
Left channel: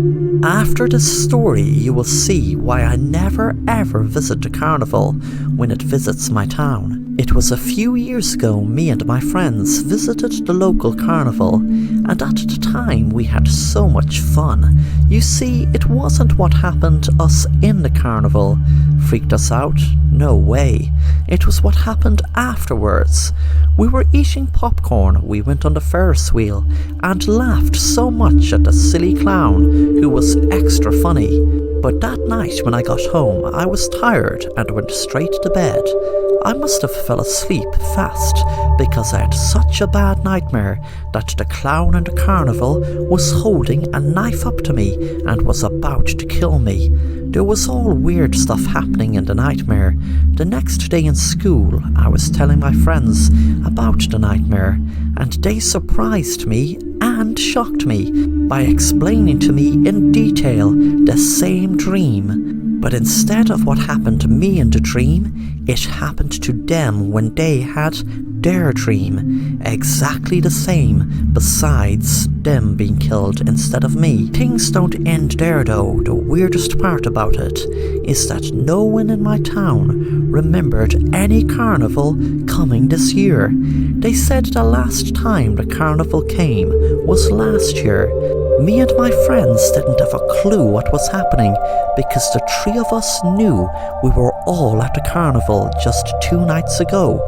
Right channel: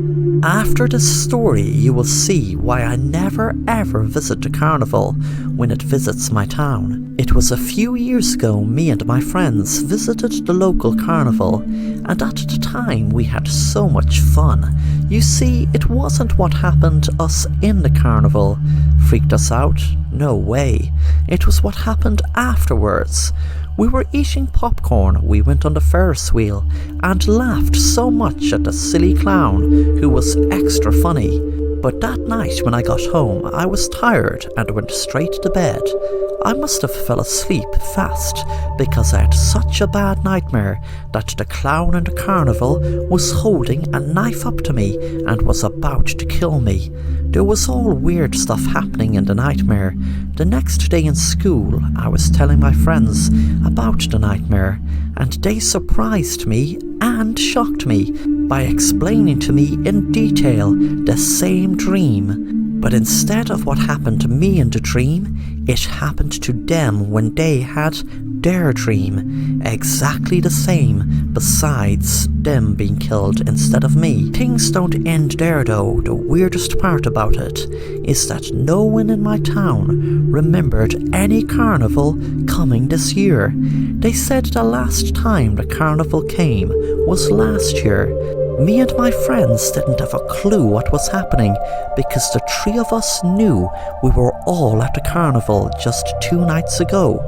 After this story you will see why I never ever visit a carnival when it visits my town. It was a few years ago me and my friends visited the local carnival, and at the time we had so much fun. You see, it wasn't what happened to us in the carnival freaked us out, no way. It was what happened afterwards. We were eating popcorn, we went on the Ferris wheel, and laughed so much at the silly clown who was extra funny. But that night when I got home, I was tired and went straight to bed. I must have fell asleep fast because I had such a bad nightmare that the clown in the carnival was holding a knife up to me and was about to kill me. There was all weird stuff happening in the nightmare. The next day in school, I was telling my friends about the nightmare, and they surprised me and shocked me by explaining to me in detail the same dream. But instead of what happened to me in the dream, it happened to them when they had their dream. Exactly the same, besides them being killed instead of me. Things don't end there though. The weirdest part about it is that no one in my town remembered any carnival coming this year. They said the last time the carnival came was last year. Me and my friends didn't have a clue what was happening because the three of us knew we were all at the carnival just 2 nights ago,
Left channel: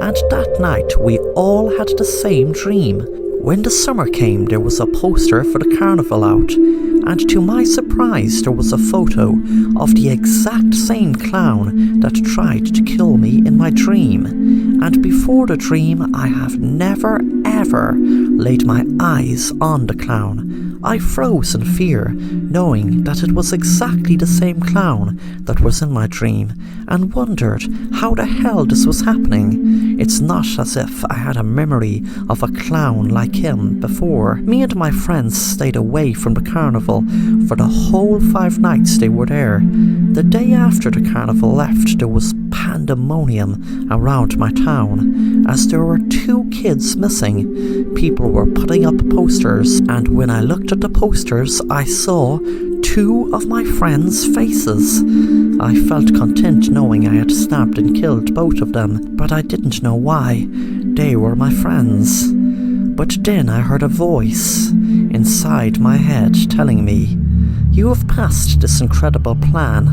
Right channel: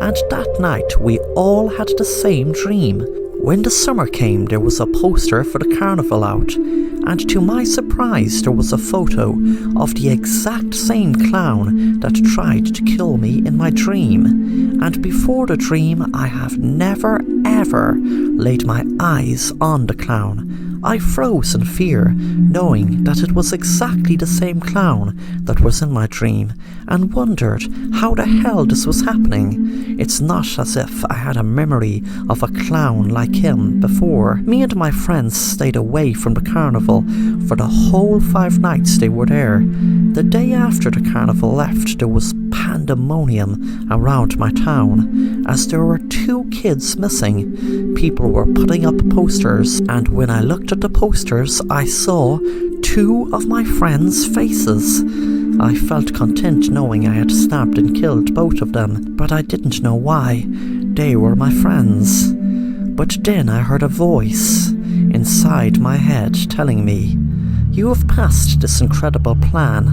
and that night we all had the same dream. When the summer came, there was a poster for the carnival out, and to my surprise there was a photo of the exact same clown that tried to kill me in my dream. And before the dream I have never ever laid my eyes on the clown. I froze in fear, knowing that it was exactly the same clown that was in my dream, and wondered how the hell this was happening. It's not as if I had a memory of a clown like him before. Me and my friends stayed away from the carnival for the whole 5 nights they were there. The day after the carnival left, there was pandemonium around my town, as there were 2 kids missing. People were putting up posters, and when I looked at the posters, I saw 2 of my friends' faces. I felt content knowing I had stabbed and killed both of them, but I didn't know why. They were my friends. But then I heard a voice inside my head telling me, "You have passed this incredible plan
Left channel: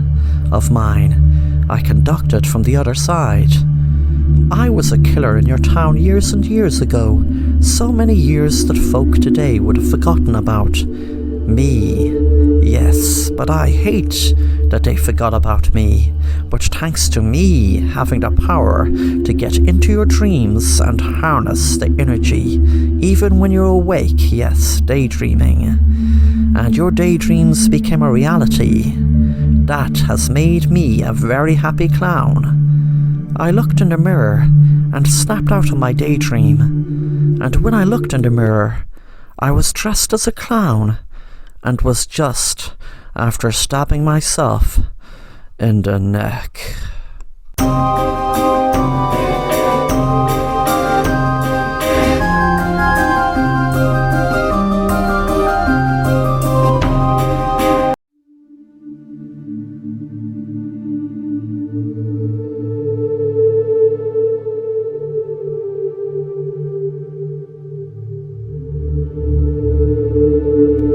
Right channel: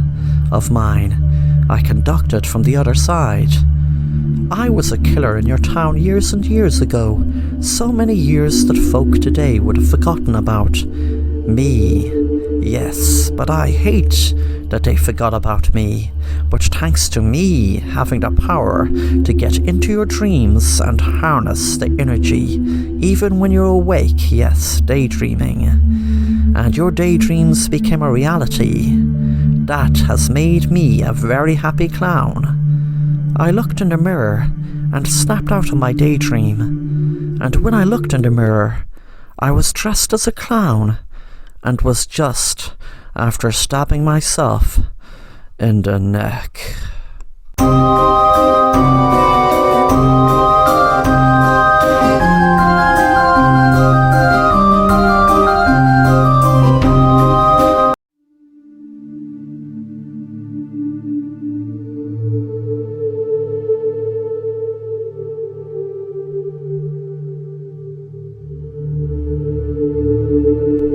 of mine I conducted from the other side. I was a killer in your town years and years ago, so many years that folk today would have forgotten about me. Yes, but I hate that they forgot about me. But thanks to me having the power to get into your dreams and harness the energy, even when you're awake, yes, daydreaming, and your daydreams became a reality, that has made me a very happy clown. I looked in the mirror and snapped out of my daydream, and when I looked in the mirror, I was dressed as a clown and was just after stabbing myself in the neck."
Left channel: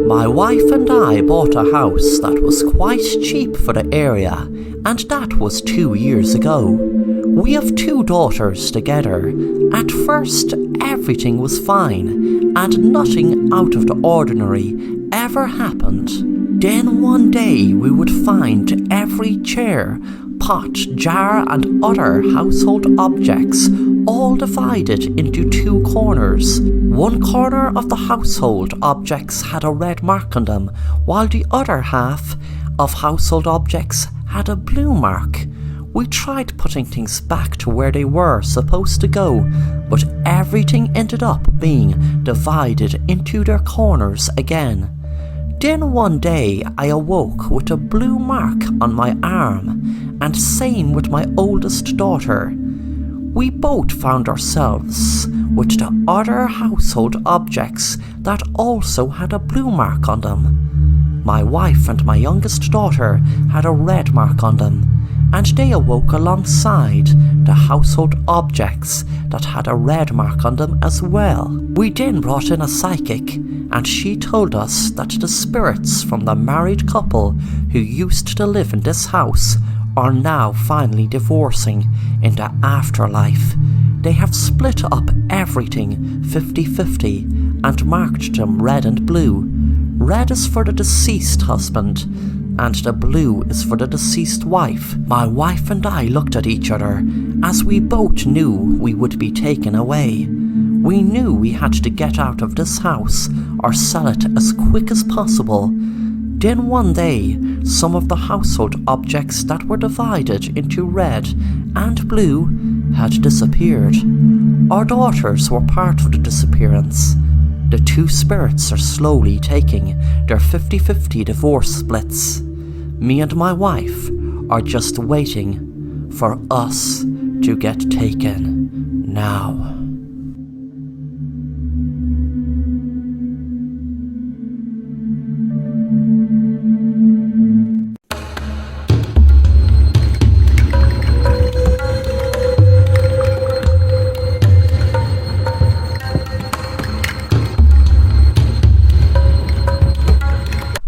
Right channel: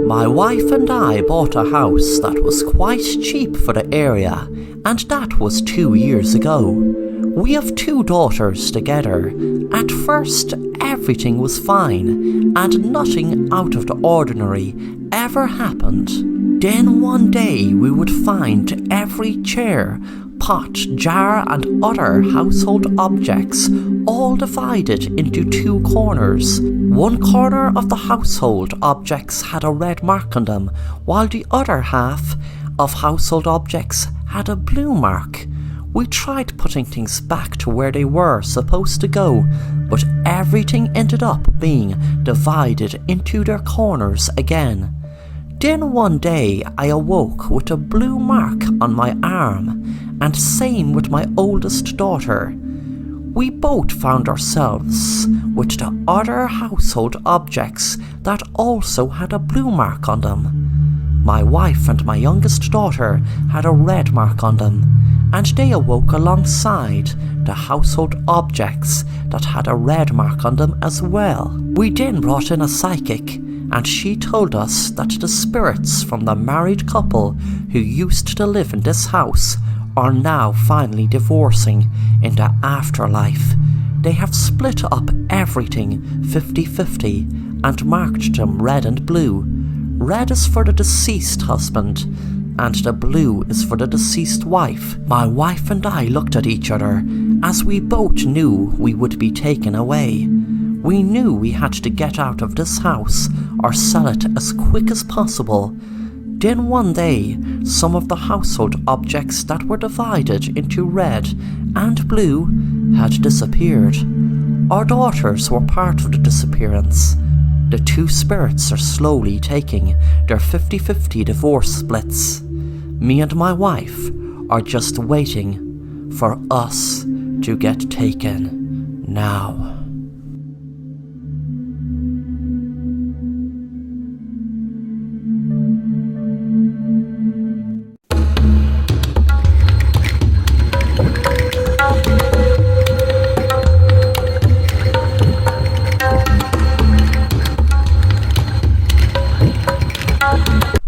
My wife and I bought a house that was quite cheap for the area, and that was 2 years ago. We have 2 daughters together. At first, everything was fine, and nothing out of the ordinary ever happened. Then one day we would find every chair, pot, jar and other household objects all divided into 2 corners. One corner of the household objects had a red mark on them, while the other half of household objects had a blue mark. We tried putting things back to where they were supposed to go, but everything ended up being divided into their corners again. Then one day I awoke with a blue mark on my arm, and same with my oldest daughter. We both found ourselves with the other household objects that also had a blue mark on them. My wife and my youngest daughter had a red mark on them, and they awoke alongside the household objects that had a red mark on them as well. We then brought in a psychic, and she told us that the spirits from the married couple who used to live in this house are now finally divorcing in the afterlife. They have split up everything 50-50 and marked them red and blue. Red is for the deceased husband, and the blue is for the deceased wife. My wife and I looked at each other, as we both knew we would be taken away. We knew we had to get out of this house or sell it as quick as possible. Then one day, some of the household objects that were divided into red and blue had disappeared. Our daughters were part of the disappearance. The 2 spirits are slowly taking their 50-50 divorce splits. Me and my wife are just waiting for us to get taken now.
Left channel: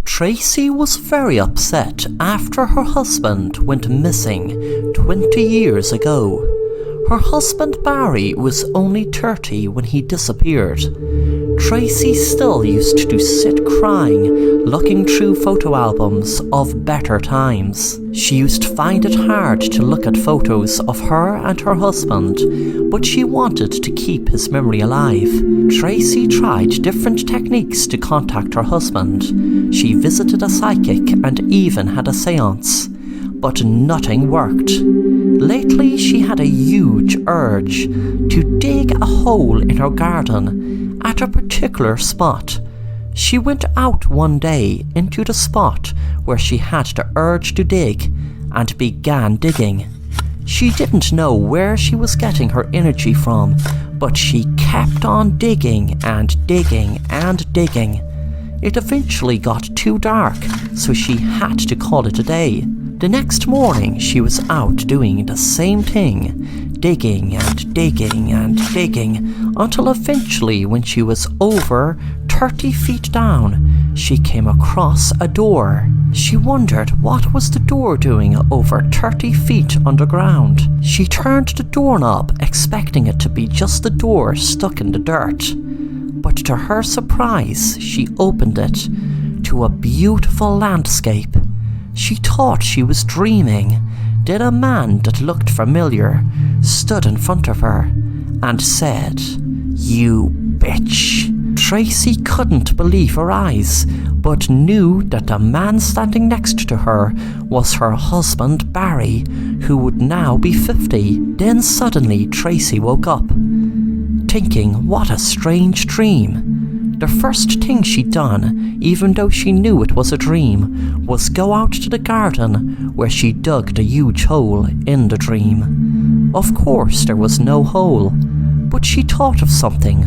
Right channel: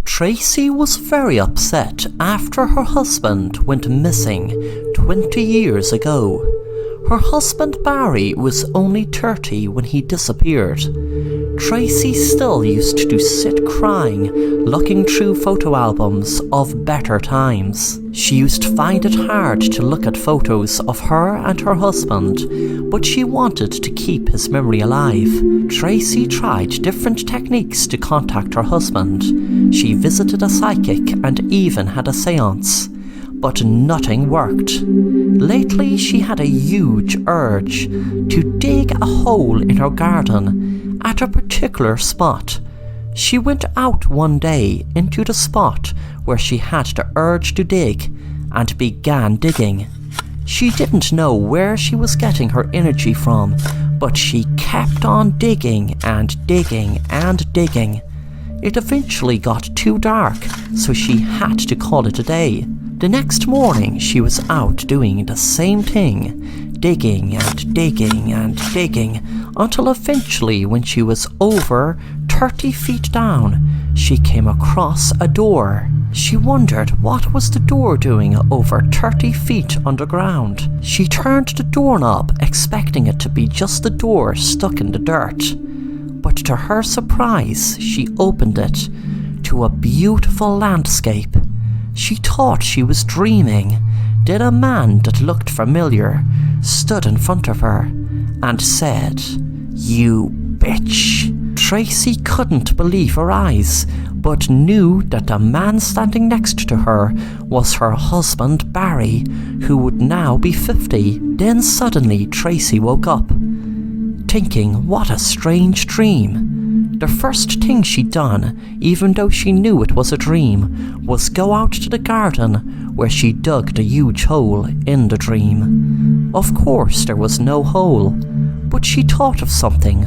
Tracy was very upset after her husband went missing 20 years ago. Her husband Barry was only 30 when he disappeared. Tracy still used to sit crying, looking through photo albums of better times. She used to find it hard to look at photos of her and her husband, but she wanted to keep his memory alive. Tracy tried different techniques to contact her husband. She visited a psychic and even had a seance, but nothing worked. Lately, she had a huge urge to dig a hole in her garden at a particular spot. She went out one day into the spot where she had the urge to dig and began digging. She didn't know where she was getting her energy from, but she kept on digging and digging and digging. It eventually got too dark, so she had to call it a day. The next morning she was out doing the same thing, digging and digging and digging, until eventually when she was over 30 feet down, she came across a door. She wondered what was the door doing over 30 feet underground. She turned the doorknob, expecting it to be just the door stuck in the dirt. But to her surprise, she opened it to a beautiful landscape. She thought she was dreaming. Then a man that looked familiar stood in front of her and said, "You bitch." Tracy couldn't believe her eyes, but knew that the man standing next to her was her husband Barry, who would now be 50. Then suddenly Tracy woke up, thinking what a strange dream. The first thing she'd done, even though she knew it was a dream, was go out to the garden where she dug the huge hole in the dream. Of course there was no hole, but she thought of something.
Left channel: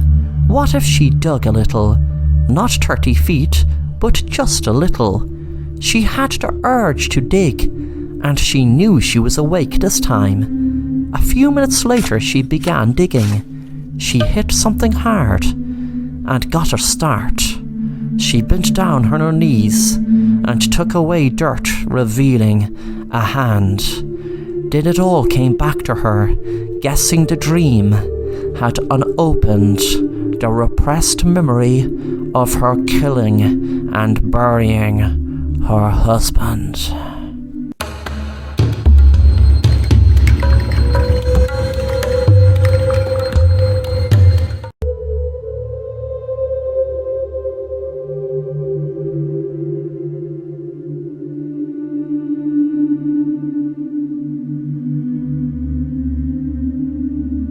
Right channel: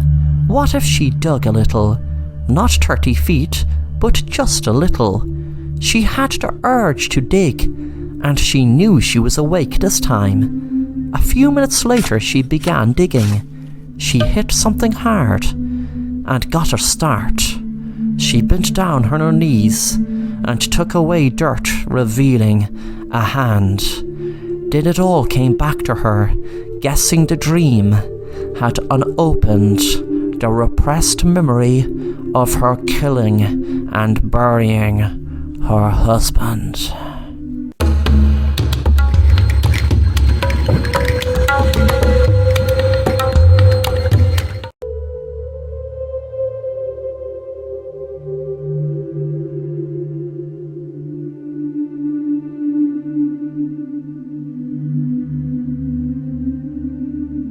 What if she dug a little? Not 30 feet, but just a little. She had the urge to dig, and she knew she was awake this time. A few minutes later she began digging. She hit something hard and got a start. She bent down on her knees and took away dirt, revealing a hand. Then it all came back to her, guessing the dream had unopened the repressed memory of her killing and burying her husband.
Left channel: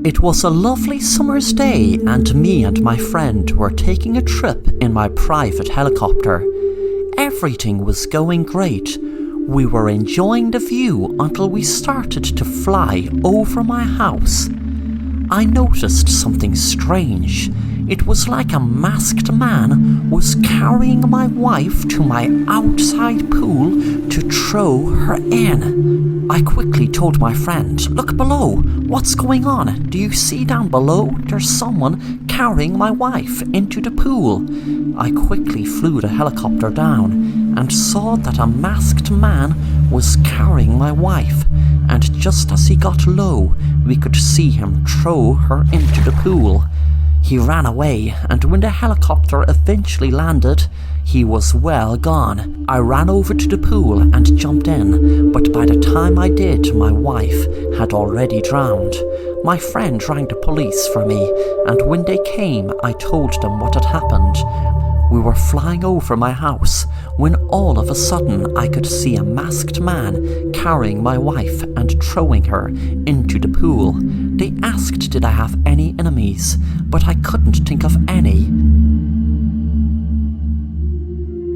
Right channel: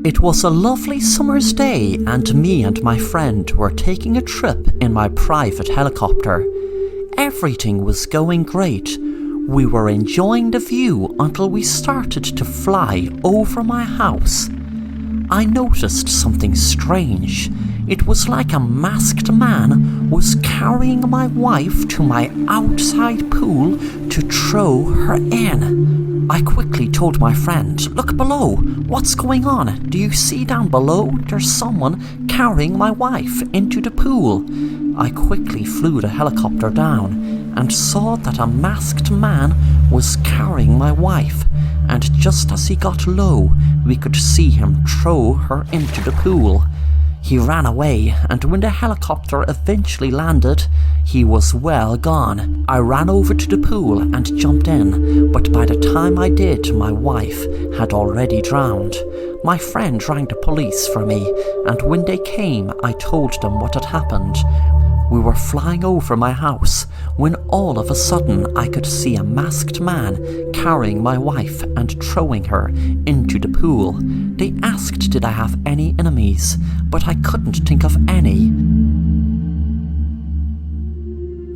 It was a lovely summer's day, and me and my friend were taking a trip in my private helicopter. Everything was going great. We were enjoying the view until we started to fly over my house. I noticed something strange. It was like a masked man was carrying my wife to my outside pool to throw her in. I quickly told my friend, "Look below, what's going on? Do you see down below? There's someone carrying my wife into the pool." I quickly flew the helicopter down and saw that a masked man was carrying my wife, and just as he got low, we could see him throw her into the pool. He ran away, and when the helicopter eventually landed, he was well gone. I ran over to the pool and jumped in, but by the time I did, my wife had already drowned. My friend rang the police for me, and when they came, I told them what had happened. We were flying over my house when all of a sudden I could see a masked man carrying my wife and throwing her into the pool. They asked did I have any enemies, but I couldn't think of any.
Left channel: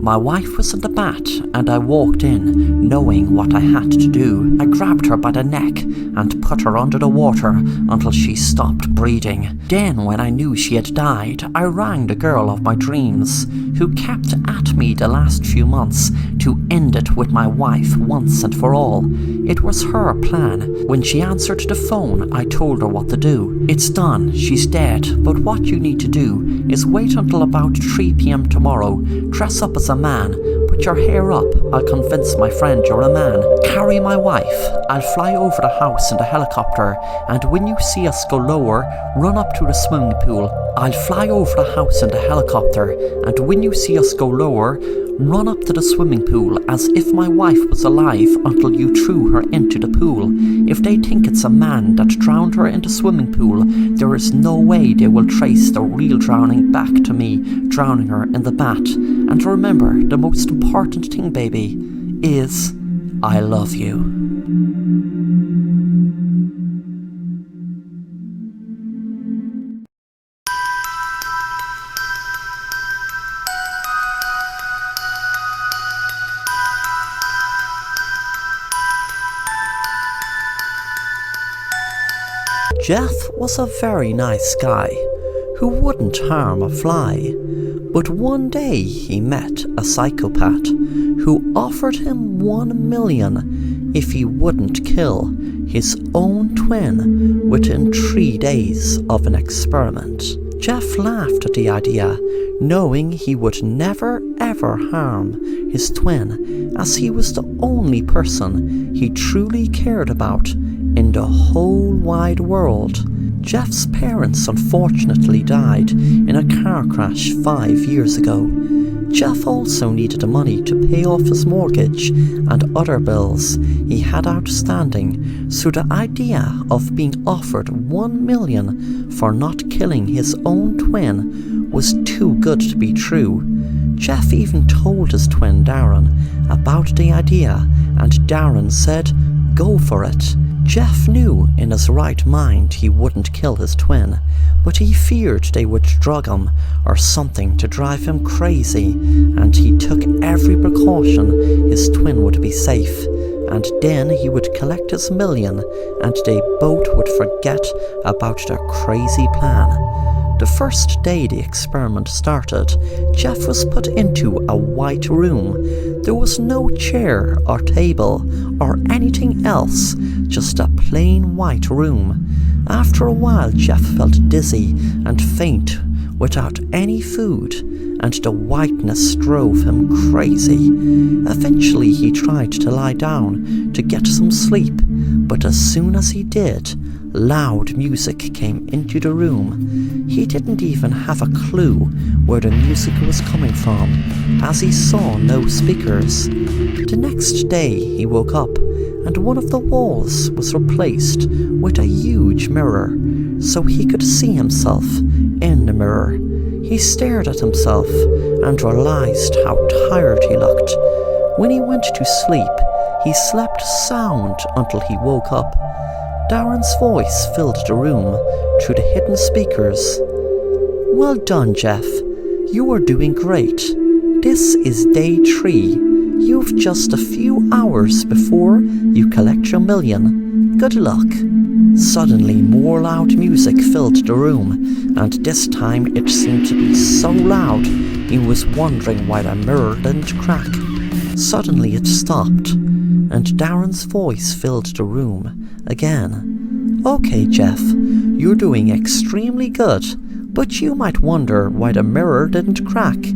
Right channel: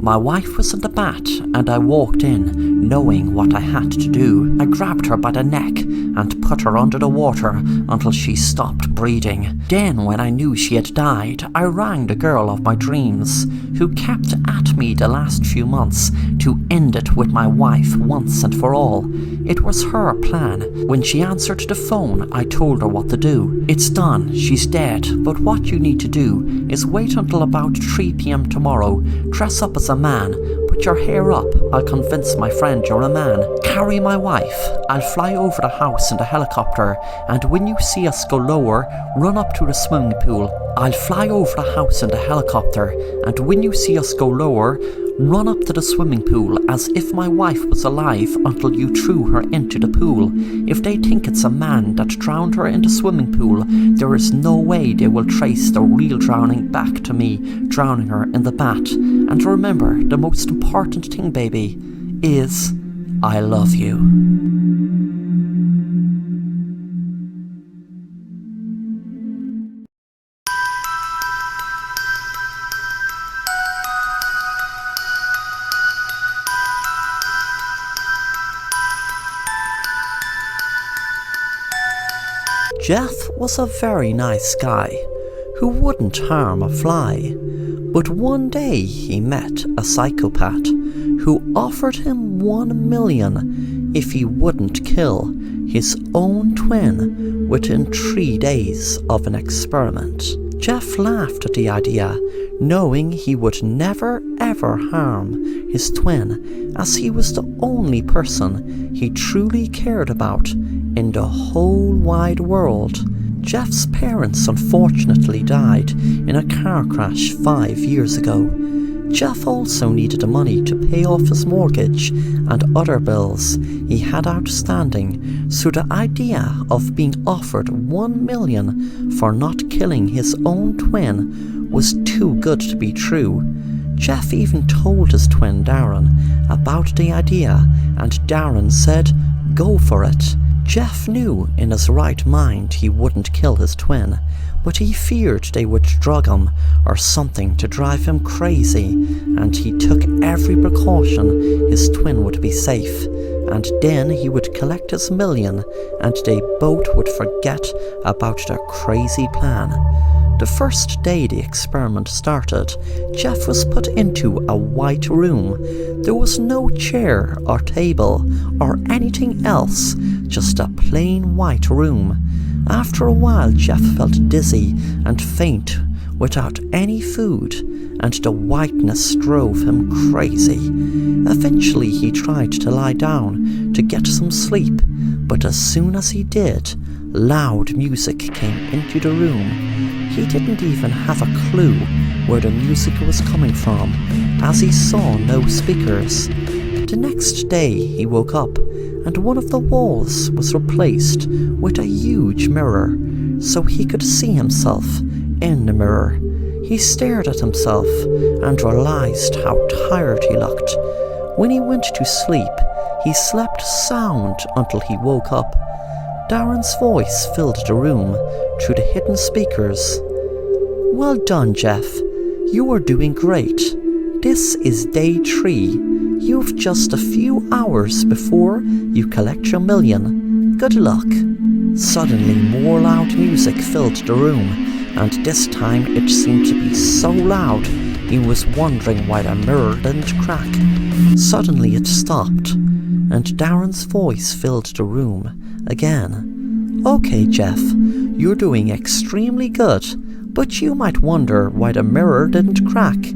My wife was in the bat, and I walked in, knowing what I had to do. I grabbed her by the neck and put her under the water until she stopped breathing. Then, when I knew she had died, I rang the girl of my dreams, who kept at me the last few months to end it with my wife once and for all. It was her plan. When she answered the phone, I told her what to do. "It's done, she's dead, but what you need to do is wait until about 3 p.m. tomorrow, dress up as a man, put your hair up, I'll convince my friend you're a man, carry my wife, I'll fly over the house in the helicopter, and when you see us go lower, run up to the swimming pool. I'll fly over the house in the helicopter, and when you see us go lower, run up to the swimming pool as if my wife was alive until you threw her into the pool. If they think it's a man that drowned her in the swimming pool, there is no way they will trace the real drowning back to me drowning her in the bat. And remember, the most important thing, baby, is I love you." Jeff was a very nice guy who wouldn't harm a fly, but one day he met a psychopath who offered him $1 million if he wouldn't kill his own twin within 3 days of an experiment. Jeff laughed at the idea, knowing he would never ever harm his twin, as he was the only person he truly cared about in the whole wide world. Jeff's parents unfortunately died in a car crash 5 years ago. Jeff also needed the money to pay off his mortgage and other bills he had outstanding, so the idea of being offered $1 million for not killing his own twin was too good to be true. Jeff even told his twin Darren about the idea, and Darren said, "Go for it." Jeff knew in his right mind he wouldn't kill his twin, but he feared they would drug him or something to drive him crazy, and he took every precaution his twin would be safe, and then he would collect his $1 million and they both would forget about their crazy plan. The first day the experiment started, Jeff was put into a white room. There was no chair or table or anything else, just a plain white room. After a while, Jeff felt dizzy and faint without any food, and the whiteness drove him crazy. Eventually he tried to lie down to get some sleep, but as soon as he did, loud music came into the room. He didn't even have a clue where the music was coming from, as he saw no speakers. The next day he woke up, and one of the walls was replaced with a huge mirror, so he could see himself in the mirror. He stared at himself and realized how tired he looked. When he went to sleep, he slept sound until he woke up. Darren's voice filled the room through the hidden speakers. "Well done, Jeff. You are doing great. This is day 3. You've just a few hours before you collect your $1 million. Good luck." Suddenly more loud music filled the room, and this time it seemed to be so loud he was wondering why the mirror didn't crack. Suddenly it stopped, and Darren's voice filled the room again. "Okay, Jeff, you're doing extremely good, but you might wonder why the mirror didn't crack.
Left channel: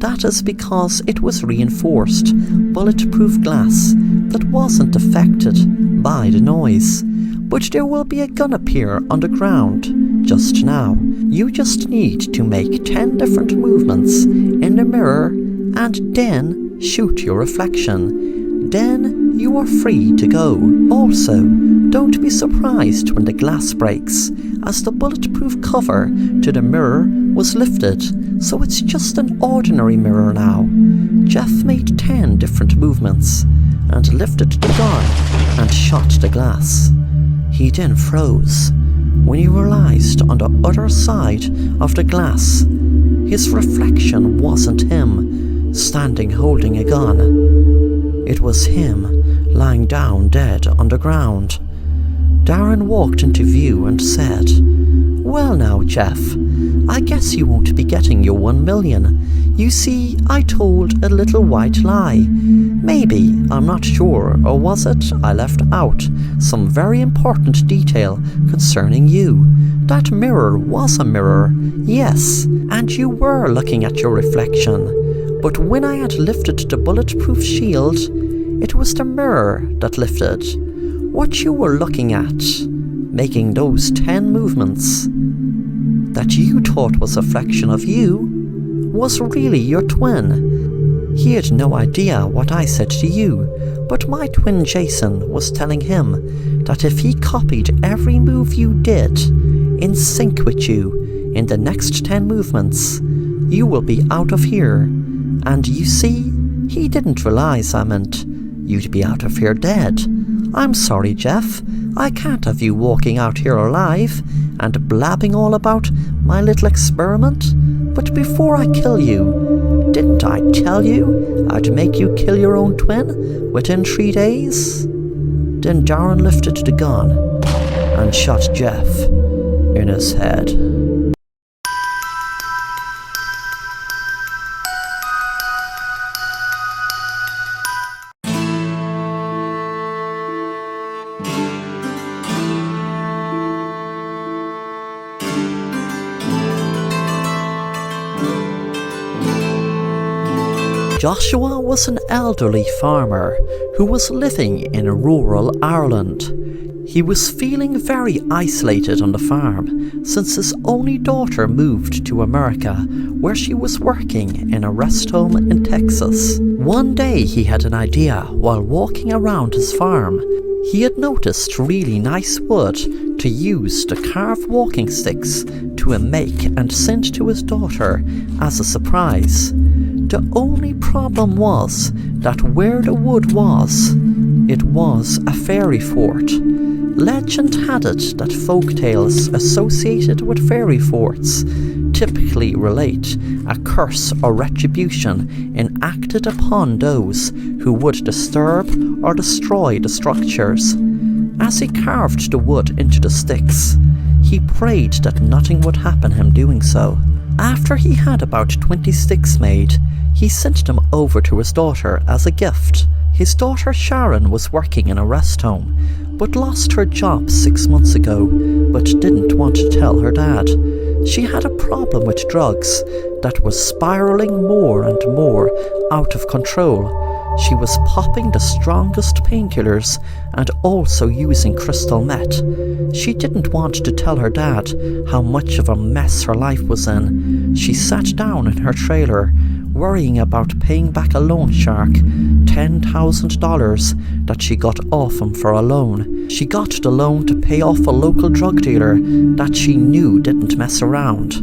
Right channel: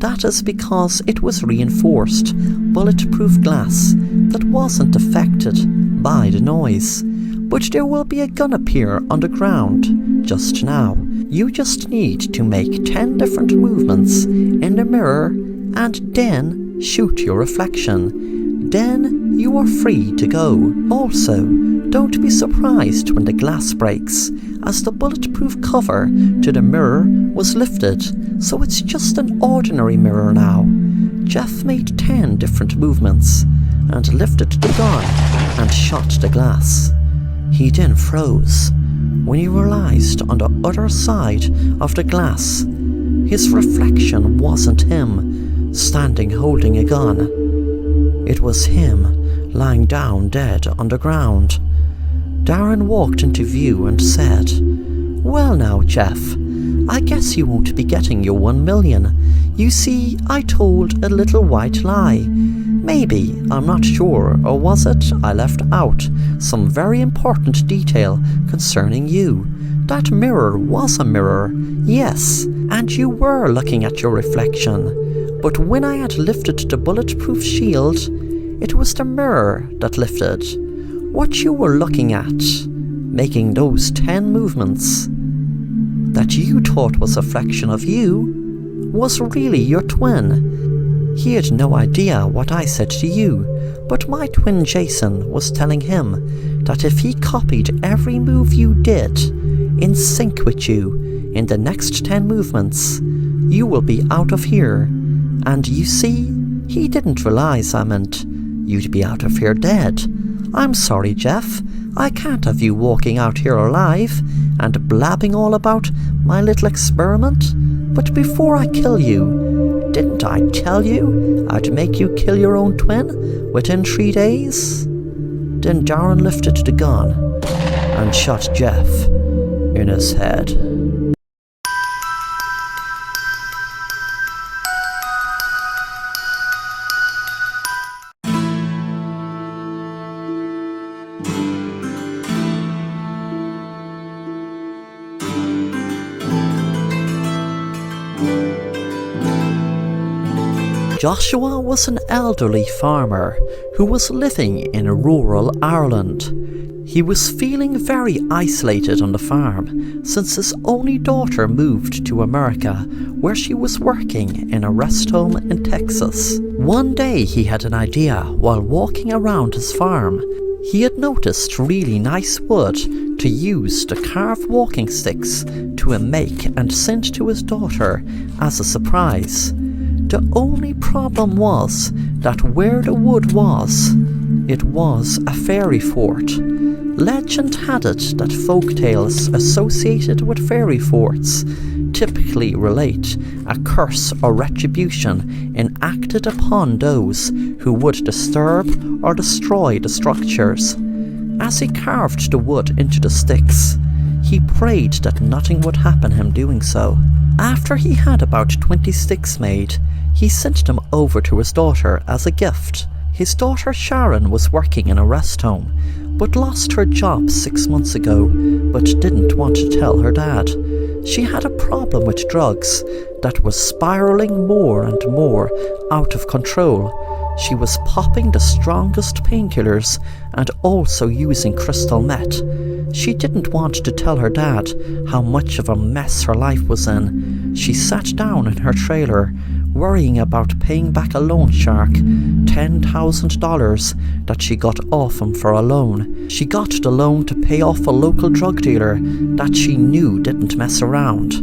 That is because it was reinforced, bulletproof glass that wasn't affected by the noise. But there will be a gun appear on the ground just now. You just need to make 10 different movements in the mirror and then shoot your reflection. Then you are free to go. Also, don't be surprised when the glass breaks, as the bulletproof cover to the mirror was lifted, so it's just an ordinary mirror now." Jeff made 10 different movements and lifted the gun and shot the glass. He then froze when he realized on the other side of the glass his reflection wasn't him standing holding a gun. It was him lying down dead on the ground. Darren walked into view and said, "Well now, Jeff, I guess you won't be getting your $1 million. You see, I told a little white lie. Maybe, I'm not sure, or was it I left out some very important detail concerning you? That mirror was a mirror, yes, and you were looking at your reflection. But when I had lifted the bulletproof shield, it was the mirror that lifted. What you were looking at, making those 10 movements, that you thought was a reflection of you, was really your twin. He had no idea what I said to you, but my twin Jason was telling him that if he copied every move you did in sync with you in the next 10 movements, you will be out of here. And you see, he didn't realize I meant you'd be out of here dead. I'm sorry, Jeff. I can't have you walking out here alive and blabbing all about my little experiment. But before I kill you, didn't I tell you I'd make you kill your own twin within 3 days?" Then Darren lifted the gun and shot Jeff in his head. Joshua was an elderly farmer who was living in rural Ireland. He was feeling very isolated on the farm since his only daughter moved to America, where she was working in a rest home in Texas. One day he had an idea while walking around his farm. He had noticed really nice wood to use to carve walking sticks to make and send to his daughter as a surprise. The only problem was that where the wood was, it was a fairy fort. Legend had it that folk tales associated with fairy forts typically relate a curse or retribution enacted upon those who would disturb or destroy the structures. As he carved the wood into the sticks, he prayed that nothing would happen him doing so. After he had about 20 sticks made, he sent them over to his daughter as a gift. His daughter Sharon was working in a rest home, but lost her job 6 months ago, but didn't want to tell her dad. She had a problem with drugs that was spiraling more and more out of control. She was popping the strongest painkillers and also using crystal meth. She didn't want to tell her dad how much of a mess her life was in. She sat down in her trailer, worrying about paying back a loan shark $10,000 that she got off him for a loan. She got the loan to pay off a local drug dealer that she knew didn't mess around.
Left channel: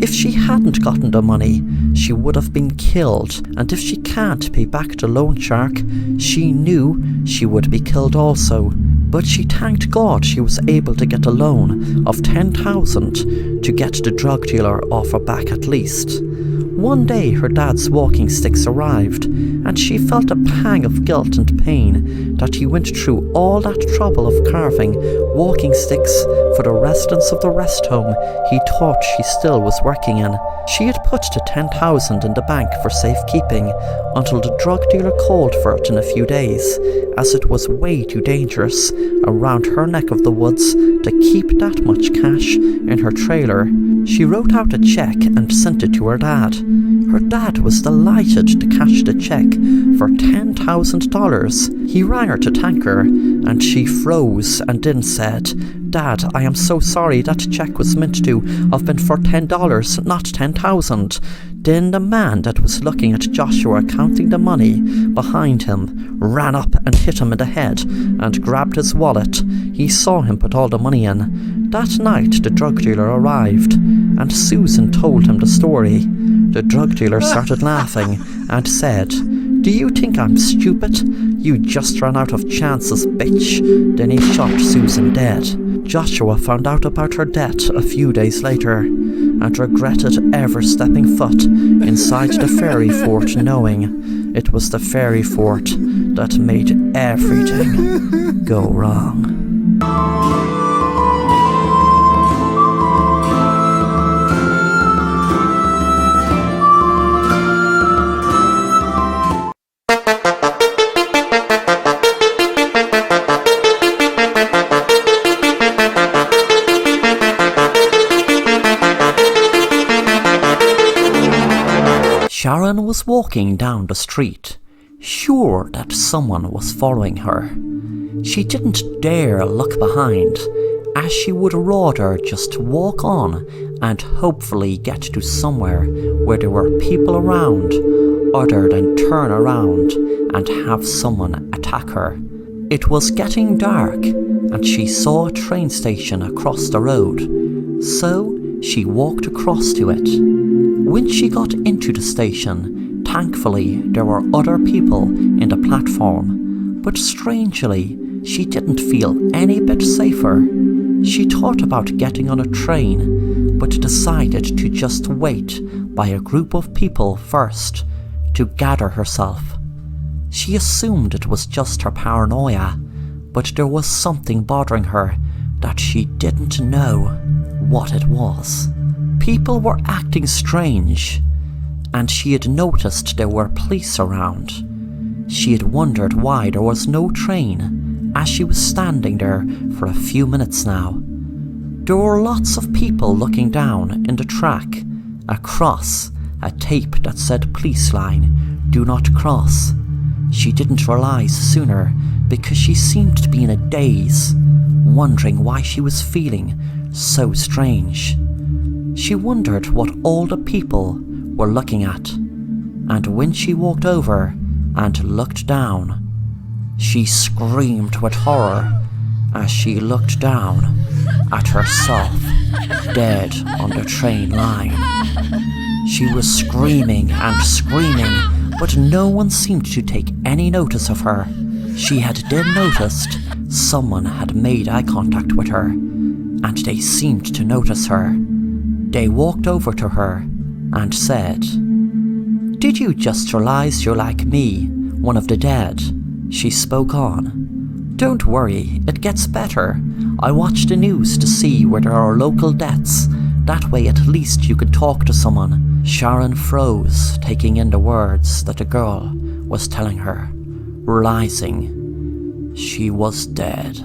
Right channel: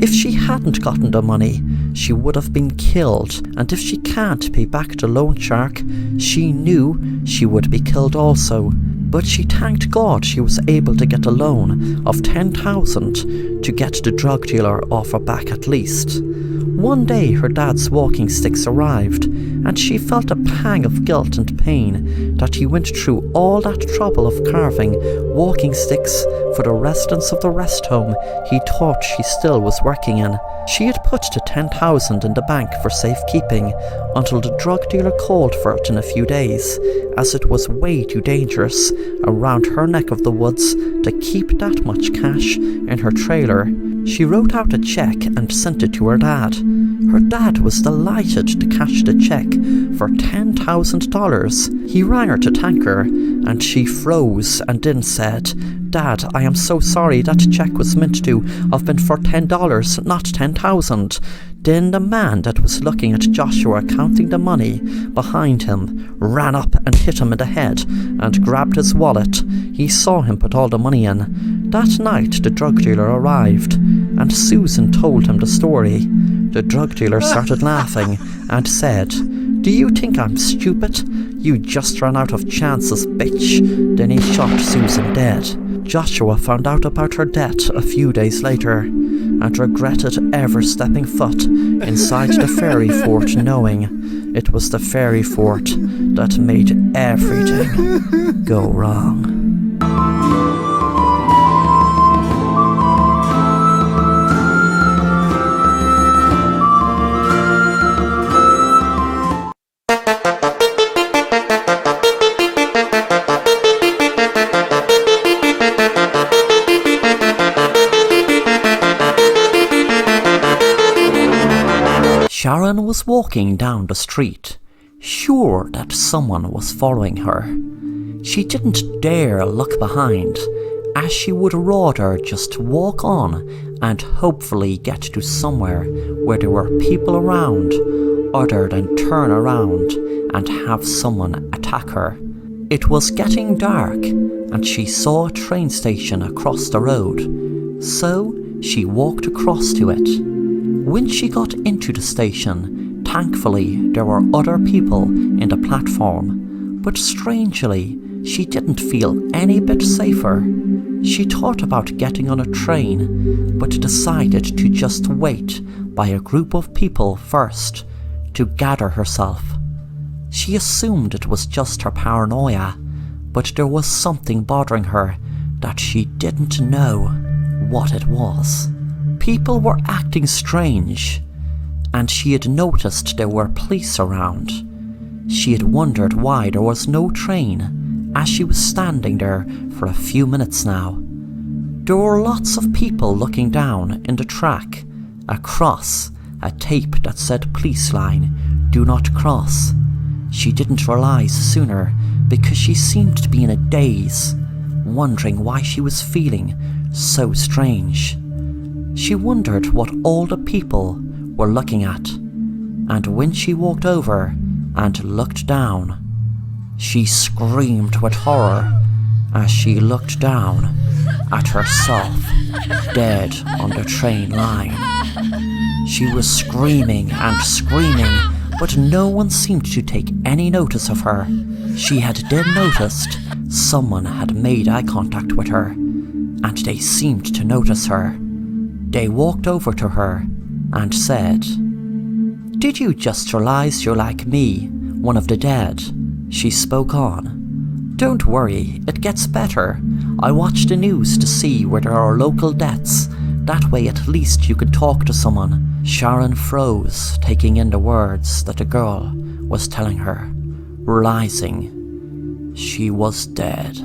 If she hadn't gotten the money, she would have been killed, and if she can't pay back the loan shark, she knew she would be killed also. But she thanked God she was able to get a loan of $10,000 to get the drug dealer off her back at least. One day her dad's walking sticks arrived, and she felt a pang of guilt and pain that he went through all that trouble of carving walking sticks for the residents of the rest home he thought she still was working in. She had put the $10,000 in the bank for safekeeping until the drug dealer called for it in a few days, as it was way too dangerous around her neck of the woods to keep that much cash in her trailer. She wrote out a check and sent it to her dad. Her dad was delighted to cash the check for $10,000. He rang her to thank her, and she froze and then said, "Dad, I am so sorry, that check was meant to have been for $10, not $10,000. Then the man that was looking at Joshua counting the money behind him ran up and hit him in the head and grabbed his wallet. He saw him put all the money in. That night the drug dealer arrived, and Susan told him the story. The drug dealer started laughing and said, "Do you think I'm stupid? You just ran out of chances, bitch." Then he shot Susan dead. Joshua found out about her death a few days later and regretted ever stepping foot inside the fairy fort, knowing it was the fairy fort that made everything go wrong. Sharon was walking down the street, sure that someone was following her. She didn't dare look behind, as she would rather just walk on and hopefully get to somewhere where there were people around, other than turn around and have someone attack her. It was getting dark, and she saw a train station across the road, so she walked across to it. When she got into the station, thankfully there were other people in the platform, but strangely, she didn't feel any bit safer. She thought about getting on a train, but decided to just wait by a group of people first to gather herself. She assumed it was just her paranoia, but there was something bothering her that she didn't know what it was. People were acting strange, and she had noticed there were police around. She had wondered why there was no train, as she was standing there for a few minutes now. There were lots of people looking down in the track, across a tape that said police line "Do not cross." She didn't realize sooner because she seemed to be in a daze, wondering why she was feeling so strange. She wondered what all the people were looking at, and when she walked over and looked down, she screamed with horror as she looked down at herself, dead on the train line. She was screaming and screaming, but no one seemed to take any notice of her. She had then noticed someone had made eye contact with her, and they seemed to notice her. They walked over to her and said, "Did you just realize you're like me, one of the dead?" She spoke on. "Don't worry, it gets better. I watch the news to see where there are local deaths. That way at least you could talk to someone." Sharon froze, taking in the words that the girl was telling her, realizing she was dead.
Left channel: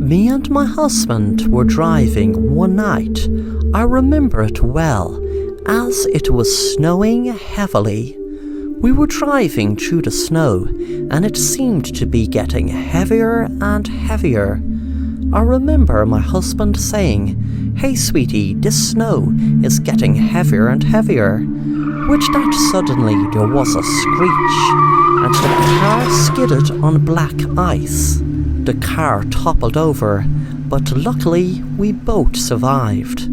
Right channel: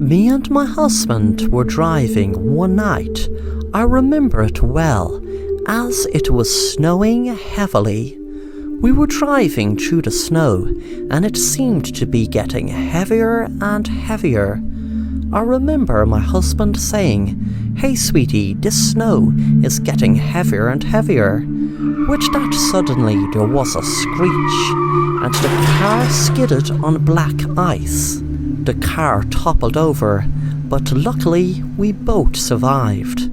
Me and my husband were driving one night. I remember it well, as it was snowing heavily. We were driving through the snow, and it seemed to be getting heavier and heavier. I remember my husband saying, "Hey sweetie, this snow is getting heavier and heavier." With that suddenly there was a screech, and the car skidded on black ice. The car toppled over, but luckily we both survived.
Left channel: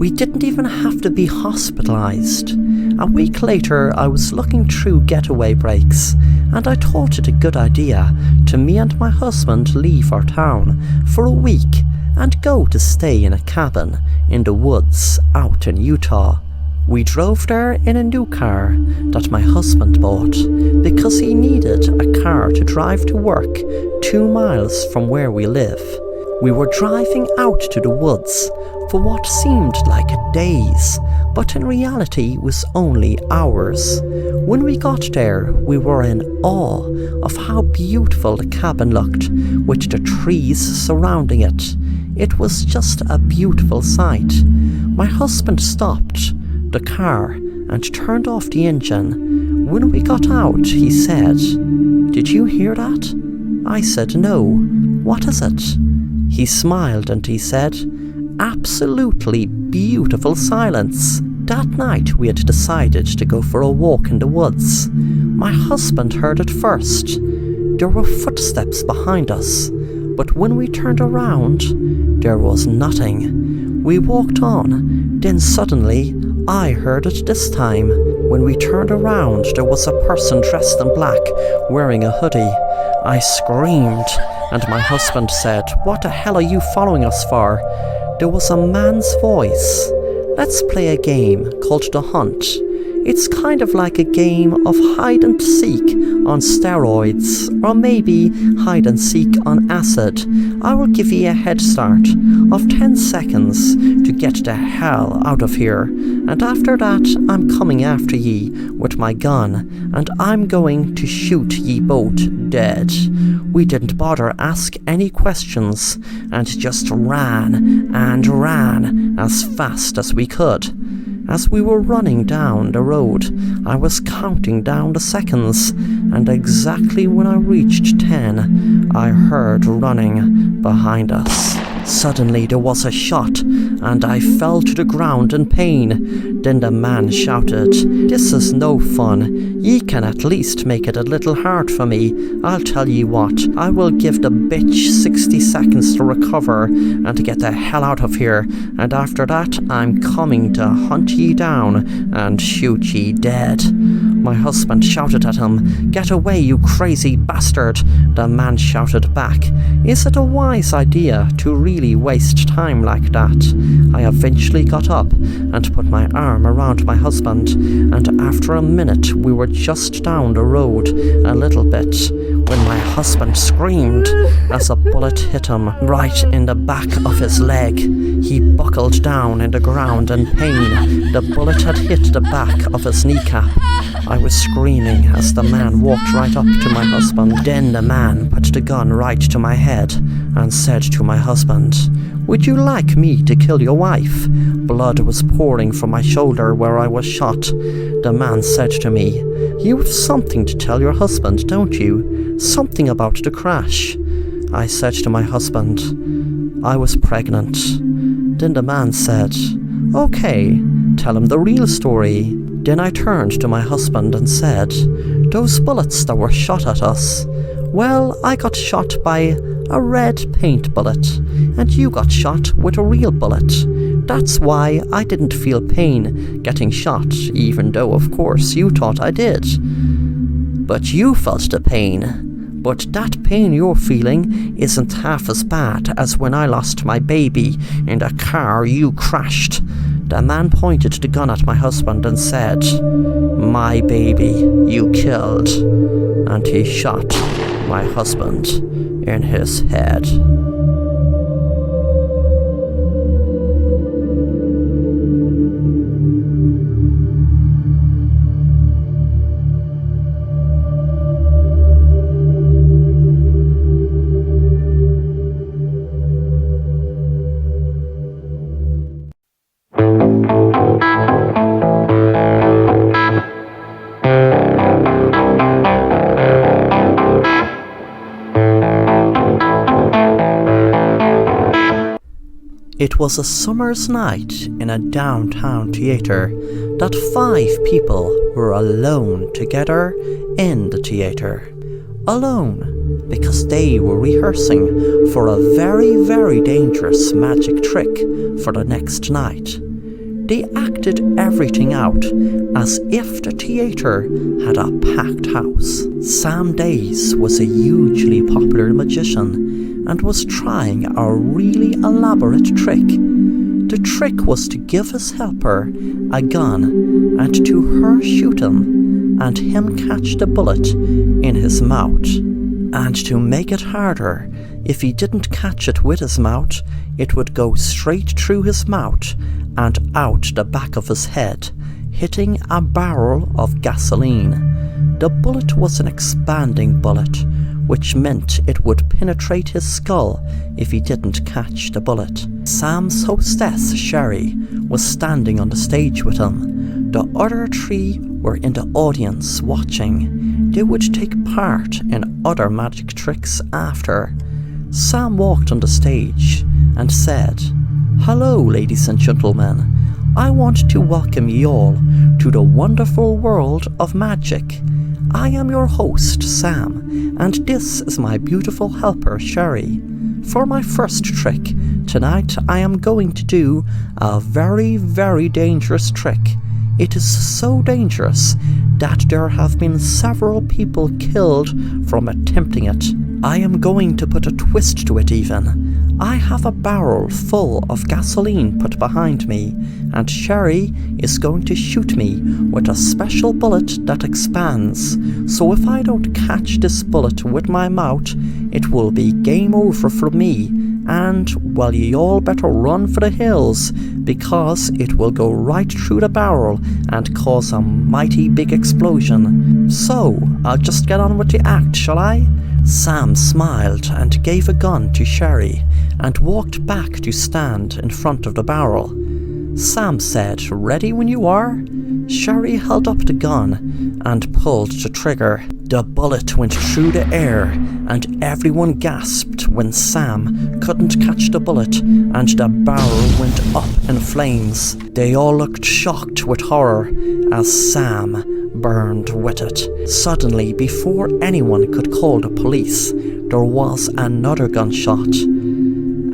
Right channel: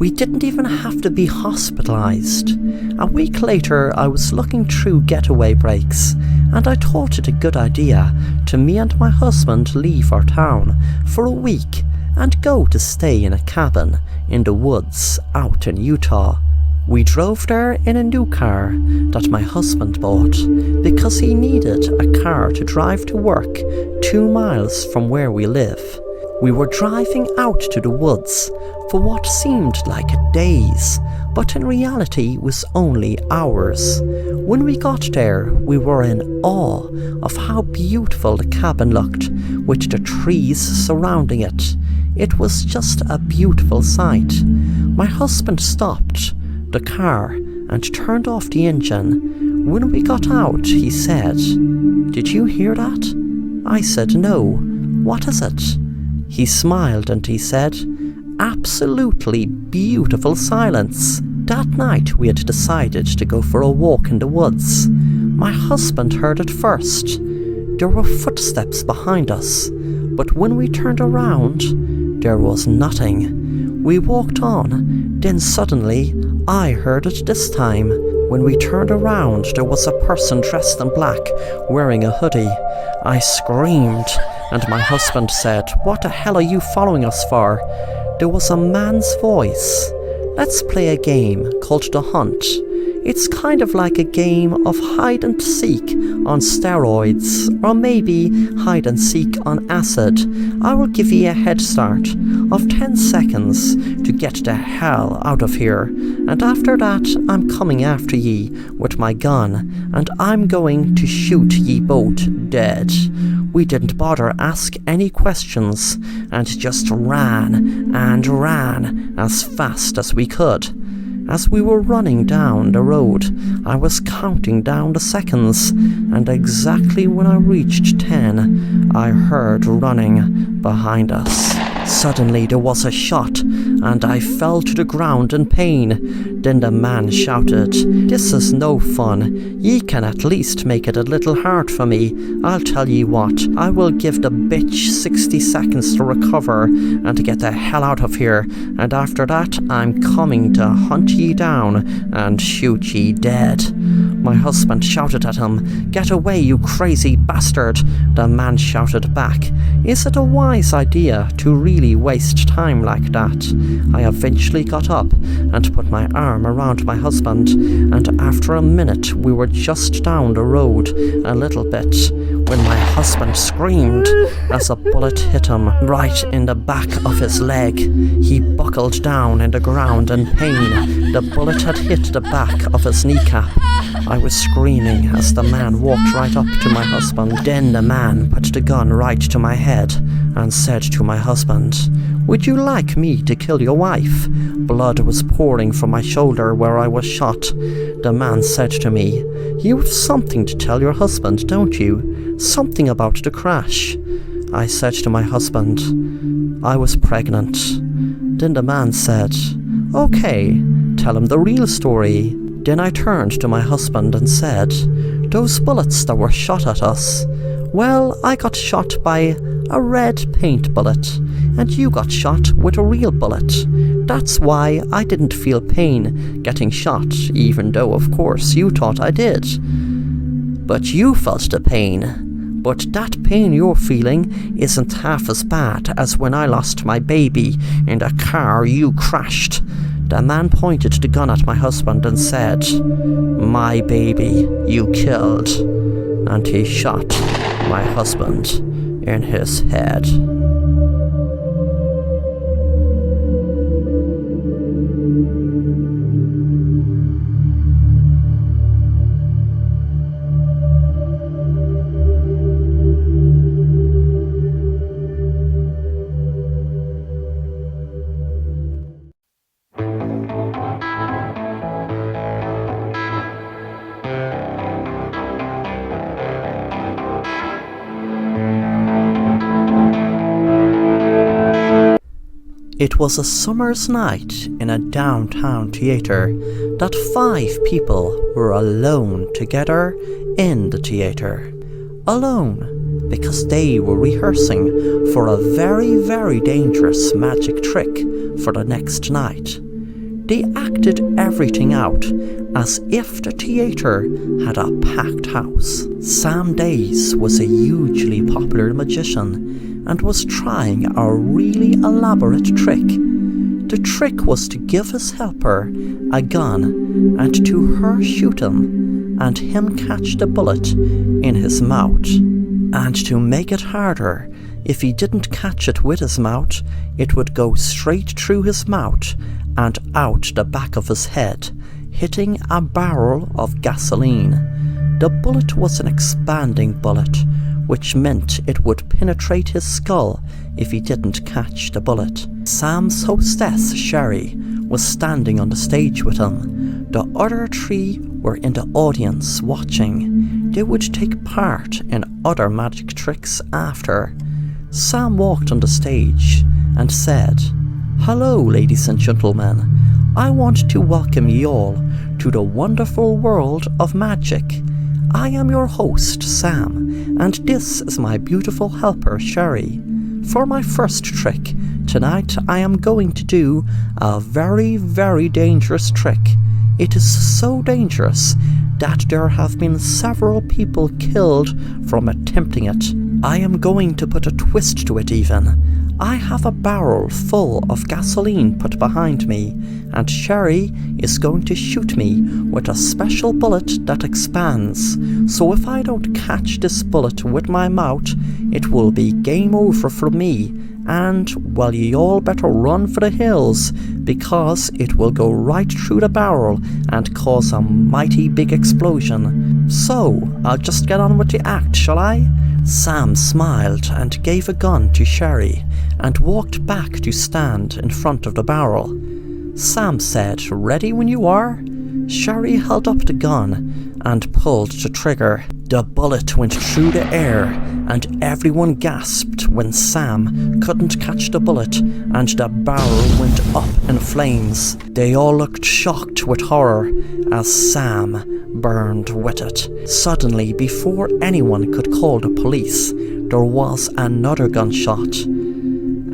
We didn't even have to be hospitalized. A week later I was looking through getaway breaks, and I thought it a good idea to me and my husband leave our town for a week and go to stay in a cabin in the woods out in Utah. We drove there in a new car that my husband bought because he needed a car to drive to work 2 miles from where we live. We were driving out to the woods for what seemed like days, but in reality was only hours. When we got there, we were in awe of how beautiful the cabin looked with the trees surrounding it. It was just a beautiful sight. My husband stopped the car and turned off the engine. When we got out, he said, "Did you hear that?" I said, "No. What is it?" He smiled and he said, "Absolutely beautiful silence." That night we had decided to go for a walk in the woods. My husband heard it first. There were footsteps behind us, but when we turned around, there was nothing. We walked on, then suddenly I heard it this time. When we turned around, there was a person dressed in black, wearing a hoodie. I screamed, and my husband said, "What the hell are you following us for?" There was a man's voice. "Let's play a game called The Hunt. It's kind of like a game of hide and seek on steroids, or maybe hide and seek on acid. I will give you a head start of 10 seconds to get the hell out of here, and after that I'm coming after ye with my gun, and I'm going to shoot ye both dead." We didn't bother ask any questions, and just ran and ran as fast as we could. As we were running down the road, I was counting down the seconds, and exactly when I reached 10, I heard running behind us. Suddenly there was a shot, and I fell to the ground in pain. Then the man shouted, "This is no fun. Ye can at least make it a little hard for me. I'll tell ye what, I will give the bitch 60 seconds to recover and to get the hell out of here, and after that I'm coming to hunt ye down and shoot ye dead." My husband shouted at him, "Get away, you crazy bastard!" The man shouted back, "Is it a wise idea to really waste time like that?" I eventually got up and put my arm around my husband, and after a minute we were just down the road a little bit when my husband screamed as a bullet hit him right in the back of his leg. He buckled down in the ground in pain. The bullet had hit the back of his kneecap. I was screaming as the man walked right up to my husband. Then the man put the gun right to my head and said to my husband, "Would you like me to kill your wife?" Blood was pouring from my shoulder where I was shot. The man said to me, "You have something to tell your husband, don't you? Something about the crash." I said to my husband, "I was pregnant." Then the man said, "Okay, tell him the real story." Then I turned to my husband and said, "Those bullets that were shot at us, well, I got shot by a red paint bullet, and you got shot with a real bullet. That's why I didn't feel pain getting shot, even though, of course, you thought I did. But you felt the pain. But that pain you're feeling isn't half as bad as when I lost my baby in the car you crashed." The man pointed the gun at my husband and said, "My baby you killed." And he shot my husband in his head. It was a summer's night in a downtown theatre that 5 people were alone together in the theatre. Alone because they were rehearsing for a very, very dangerous magic trick for the next night. They acted everything out as if the theatre had a packed house. Sam Days was a hugely popular magician and was trying a really elaborate trick. The trick was to give his helper a gun and to her shoot him and him catch the bullet in his mouth. And to make it harder, if he didn't catch it with his mouth, it would go straight through his mouth and out the back of his head, hitting a barrel of gasoline. The bullet was an expanding bullet, which meant it would penetrate his skull if he didn't catch the bullet. Sam's hostess, Sherry, was standing on the stage with him. The other 3 were in the audience watching. They would take part in other magic tricks after. Sam walked on the stage and said, "Hello, ladies and gentlemen. I want to welcome you all to the wonderful world of magic. I am your host, Sam, and this is my beautiful helper, Sherry. For my first trick, tonight I am going to do a very, very dangerous trick. It is so dangerous that there have been several people killed from attempting it. I am going to put a twist to it even. I have a barrel full of gasoline put behind me, and Sherry is going to shoot me with a special bullet that expands. So if I don't catch this bullet with my mouth, it will be game over for me, and, well, you all better run for the hills, because it will go right through the barrel and cause a mighty big explosion. So, I'll just get on with the act, shall I?" Sam smiled and gave a gun to Sherry and walked back to stand in front of the barrel. Sam said, "Ready when you are?" Sherry held up the gun and pulled the trigger. The bullet went through the air and everyone gasped when Sam couldn't catch the bullet and the barrel went up in flames. They all looked shocked with horror as Sam burned with it. Suddenly, before anyone could call the police, there was another gunshot,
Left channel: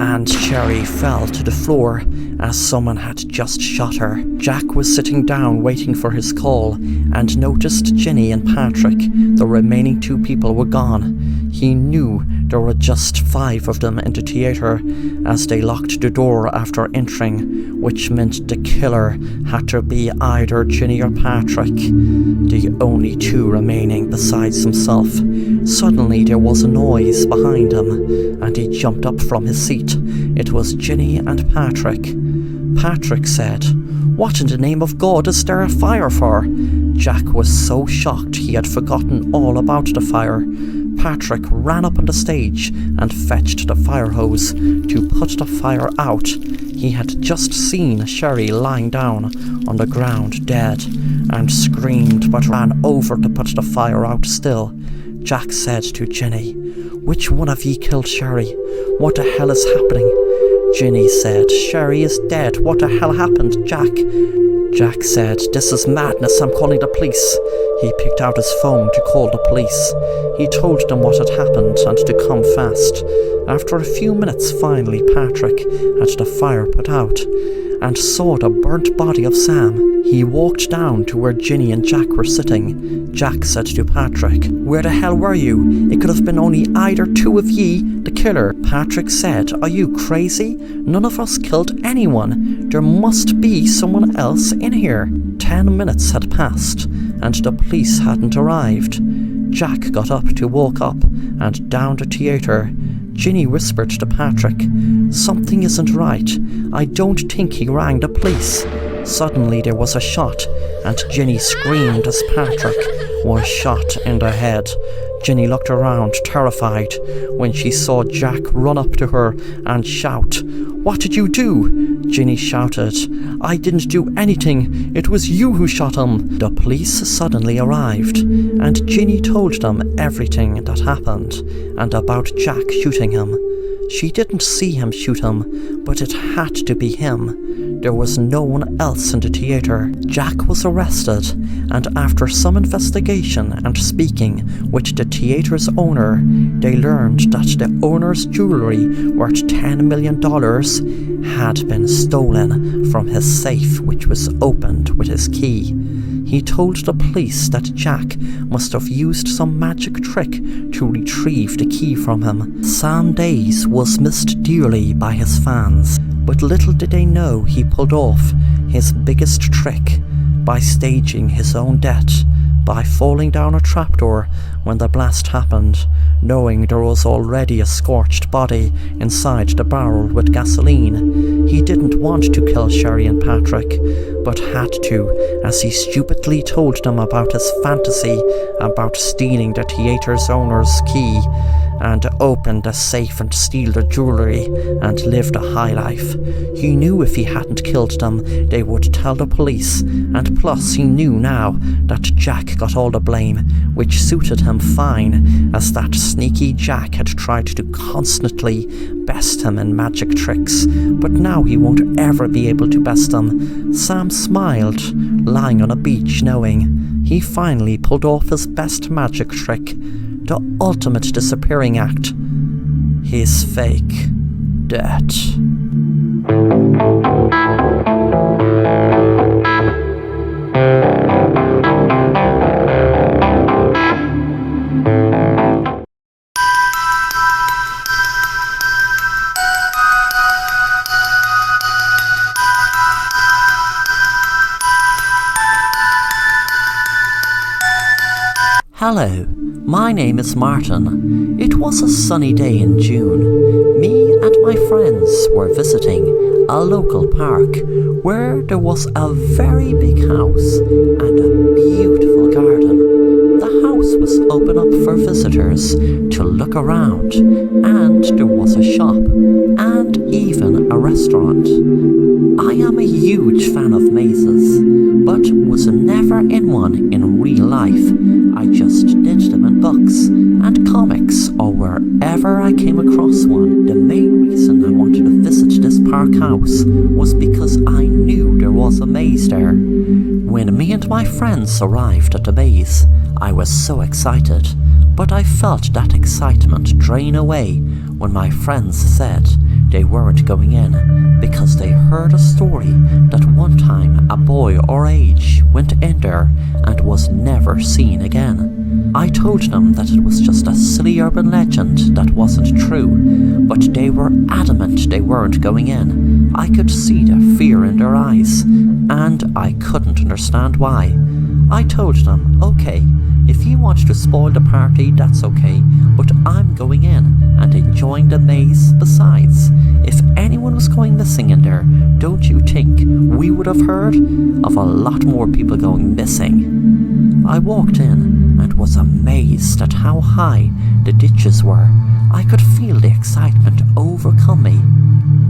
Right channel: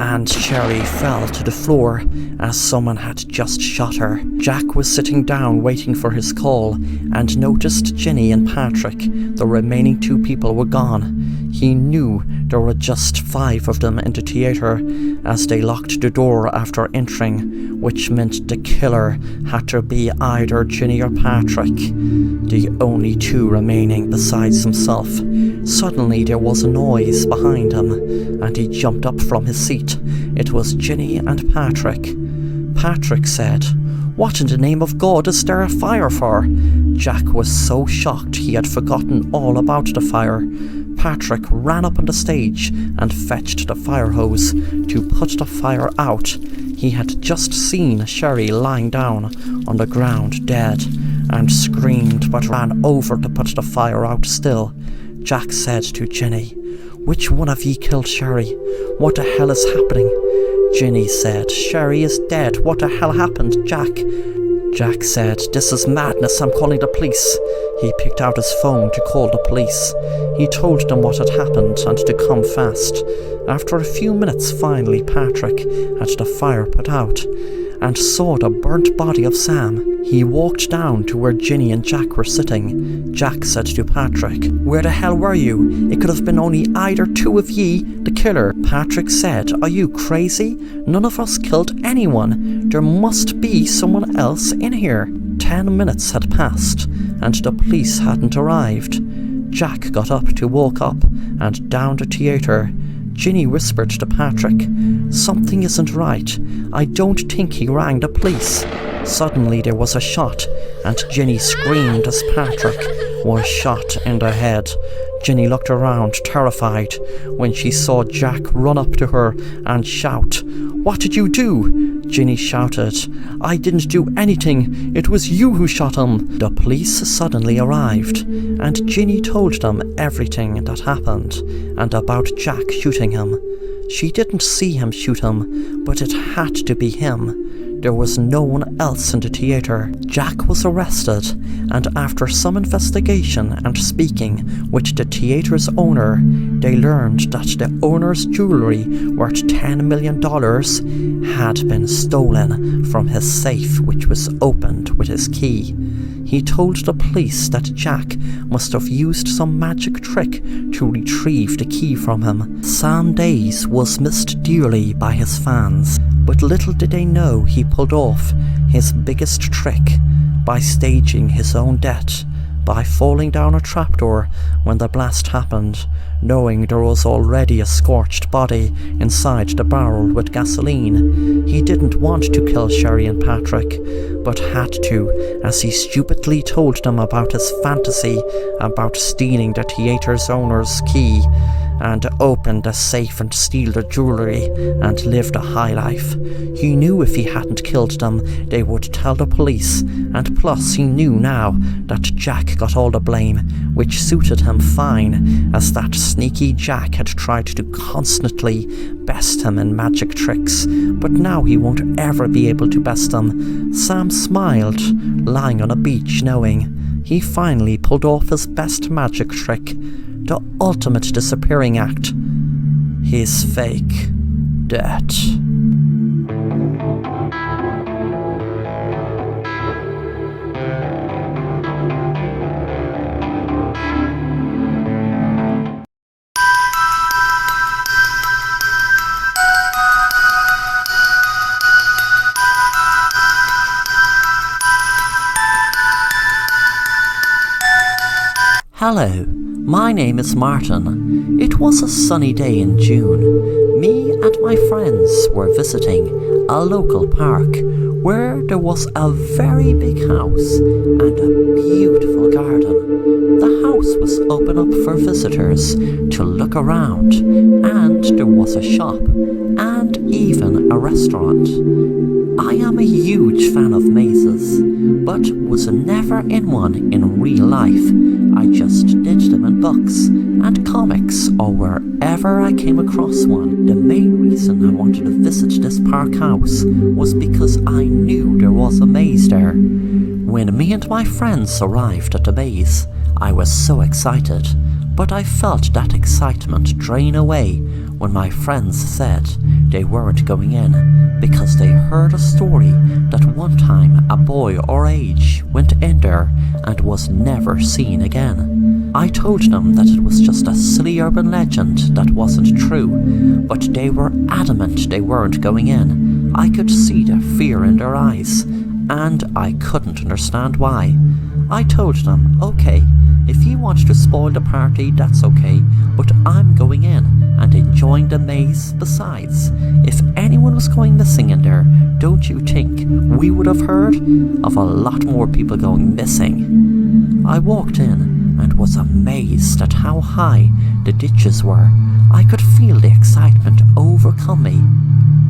and Sherry fell to the floor as someone had just shot her. Jack was sitting down waiting for his call and noticed Ginny and Patrick, the remaining 2 people, were gone. He knew there were just 5 of them in the theatre as they locked the door after entering, which meant the killer had to be either Ginny or Patrick, the only 2 remaining besides himself. Suddenly there was a noise behind him, and he jumped up from his seat. It was Ginny and Patrick. Patrick said, "What in the name of God is there a fire for?" Jack was so shocked he had forgotten all about the fire. Patrick ran up on the stage and fetched the fire hose to put the fire out. He had just seen Sherry lying down on the ground dead and screamed but ran over to put the fire out still. Jack said to Ginny, "Which one of ye killed Sherry? What the hell is happening?" Ginny said, "Sherry is dead. What the hell happened, Jack?" Jack said, "This is madness. I'm calling the police." He picked out his phone to call the police. He told them what had happened and to come fast. After a few minutes, finally Patrick had the fire put out and saw the burnt body of Sam. He walked down to where Ginny and Jack were sitting. Jack said to Patrick, "Where the hell were you? It could have been only either 2 of ye, the killer." Patrick said, "Are you crazy? None of us killed anyone. There must be someone else in here." 10 minutes had passed, and the police hadn't arrived. Jack got up to walk up and down the theatre. Ginny whispered to Patrick, "Something isn't right. I don't think he rang the police." Suddenly there was a shot, and Ginny screamed as Patrick was shot in the head. Ginny looked around, terrified, when she saw Jack run up to her and shout, "What did you do?" Ginny shouted, "I didn't do anything. It was you who shot him." The police suddenly arrived, and Ginny told them everything that happened, and about Jack shooting him. She didn't see him shoot him, but it had to be him. There was no one else in the theatre. Jack was arrested, and after some investigation and speaking with the theatre's owner, they learned that the owner's jewellery worth $10 million had been stolen from his safe, which was opened with his key. He told the police that Jack must have used some magic trick to retrieve the key from him. Sam Days was missed dearly by his fans, but little did they know he pulled off his biggest trick by staging his own death by falling down a trapdoor when the blast happened, knowing there was already a scorched body inside the barrel with gasoline. He didn't want to kill Sherry and Patrick, but had to, as he stupidly told them about his fantasy about stealing the theatre's owner's key and open the safe and steal the jewellery and live the high life. He knew if he hadn't killed them, they would tell the police, and plus he knew now that Jack got all the blame, which suited him fine, as that sneaky Jack had tried to constantly best him in magic tricks, but now he won't ever be able to best him. Sam smiled, lying on a beach, knowing he finally pulled off his best magic trick, the ultimate disappearing act, his fake death. Hello, my name is Martin. It was a sunny day in June. Me and my friends were visiting a local park where there was a very big house and a beautiful garden. The house was open up for visitors to look around, and there was a shop and even a restaurant. I am a huge fan of mazes, but was never in one in real life. I just did them in books and comics or wherever I came across one. The main reason I wanted to visit this park house was because I knew there was a maze there. When me and my friends arrived at the maze, I was so excited, but I felt that excitement drain away when my friends said they weren't going in because they heard a story that one time a boy our age went in there and was never seen again. I told them that it was just a silly urban legend that wasn't true, but they were adamant they weren't going in. I could see the fear in their eyes, and I couldn't understand why. I told them, okay, if you want to spoil the party, that's okay, but I'm going in and enjoying the maze. Besides, if anyone was going missing in there, don't you think we would have heard of a lot more people going missing? I walked in and was amazed at how high the ditches were. I could feel the excitement overcome me.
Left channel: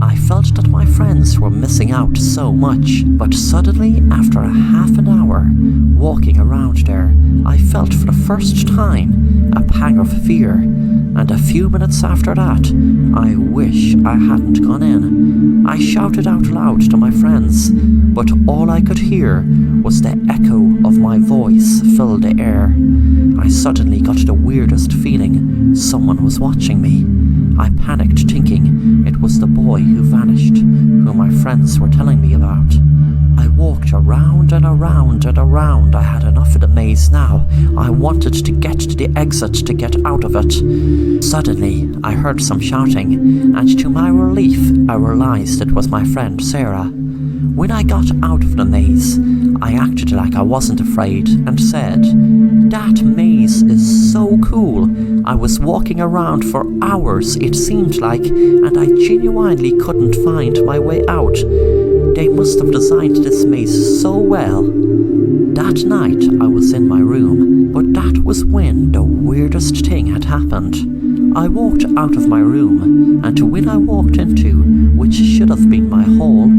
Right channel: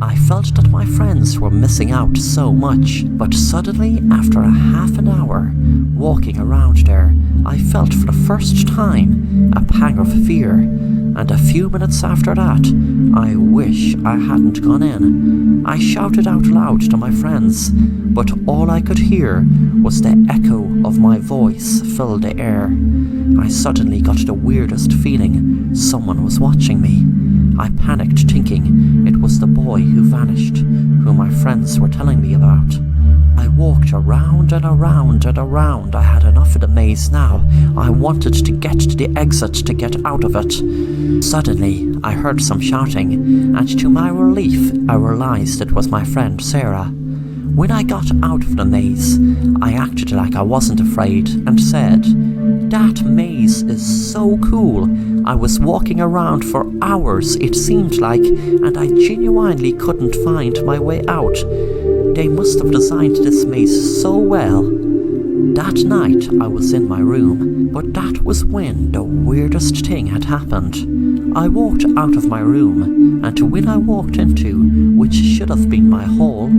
I felt that my friends were missing out so much, but suddenly, after a half an hour walking around there, I felt for the first time a pang of fear, and a few minutes after that, I wish I hadn't gone in. I shouted out loud to my friends, but all I could hear was the echo of my voice fill the air. I suddenly got the weirdest feeling someone was watching me. I panicked, thinking it was the boy who vanished, who my friends were telling me about. I walked around and around and around. I had enough of the maze now. I wanted to get to the exit to get out of it. Suddenly, I heard some shouting, and to my relief, I realized it was my friend Sarah. When I got out of the maze, I acted like I wasn't afraid and said, "That maze is so cool. I was walking around for hours, it seemed like, and I genuinely couldn't find my way out. They must have designed this maze so well." That night I was in my room, but that was when the weirdest thing had happened. I walked out of my room, and when I walked into, which should have been my hall,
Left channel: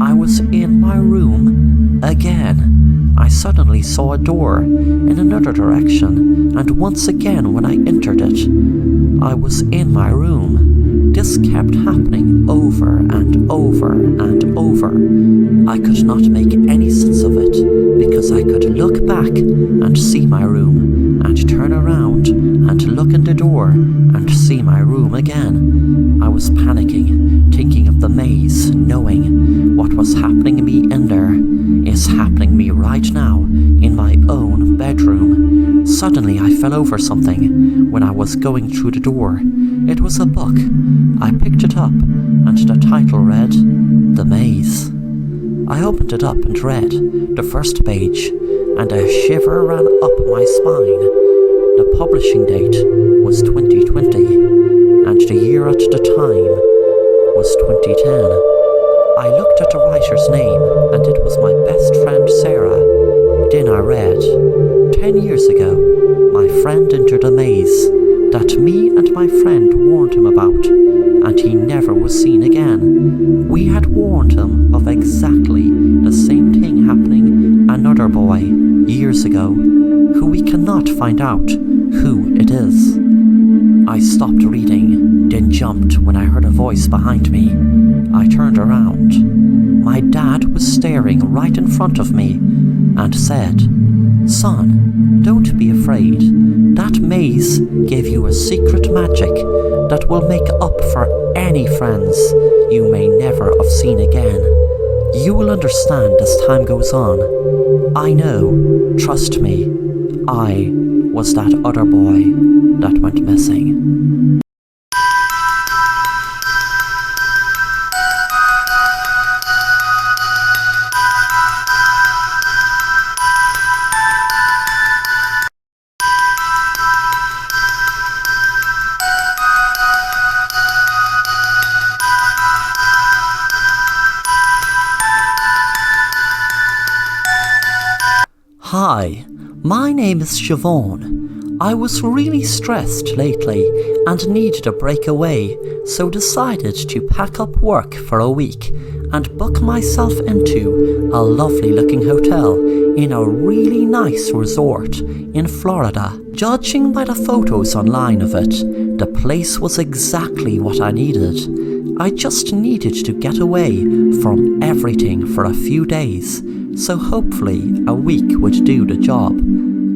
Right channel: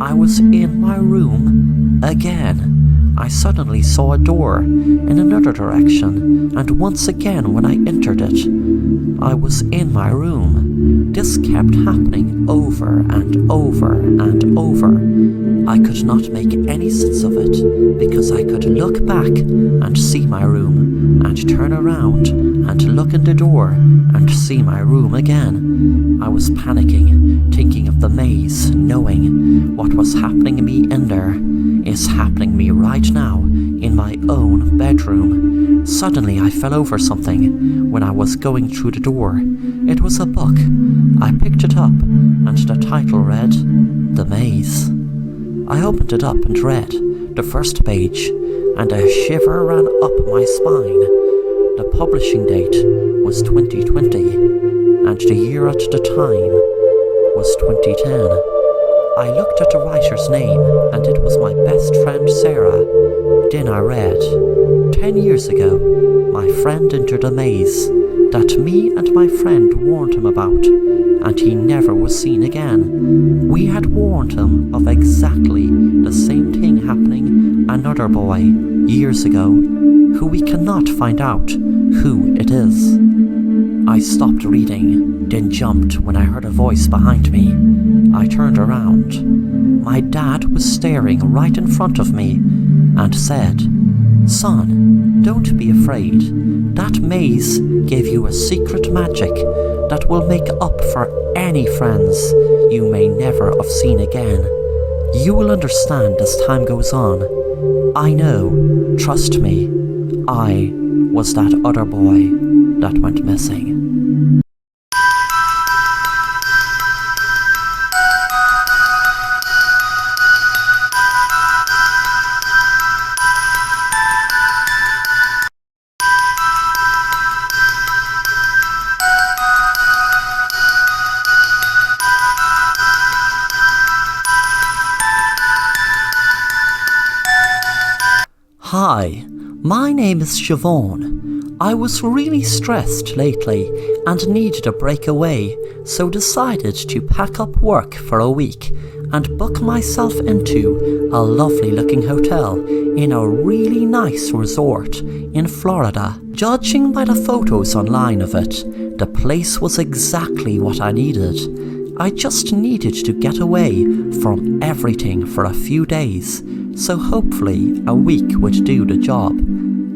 I was in my room again. I suddenly saw a door in another direction, and once again when I entered it, I was in my room. This kept happening over and over and over. I could not make any sense of it, because I could look back and see my room, and turn around and look in the door and see my room again. I was panicking, thinking of the maze, knowing what was happening to me in there is happening to me right now in my own bedroom. Suddenly I fell over something when I was going through the door. It was a book. I picked it up, and the title read, "The Maze." I opened it up and read the first page, and a shiver ran up my spine. The publishing date was 2020, and the year at the time was 2010. I looked at the writer's name, and it was my best friend Sarah. Then I read, 10 years ago, my friend entered a maze that me and my friend warned him about, and he never was seen again. We had warned him of exactly the same thing happening another boy years ago, who we cannot find out who it is. I stopped reading, then jumped when I heard a voice behind me. I turned around. My dad was staring right in front of me and said, "Son, don't be afraid. That maze gave you a secret magic that will make up for any friends you may never have seen again. You will understand as time goes on. I know, trust me, I was that other boy that went missing." Hi, my name is Siobhan. I was really stressed lately and needed a break away, so decided to pack up work for a week and book myself into a lovely looking hotel in a really nice resort in Florida. Judging by the photos online of it, the place was exactly what I needed. I just needed to get away from everything for a few days, so hopefully a week would do the job.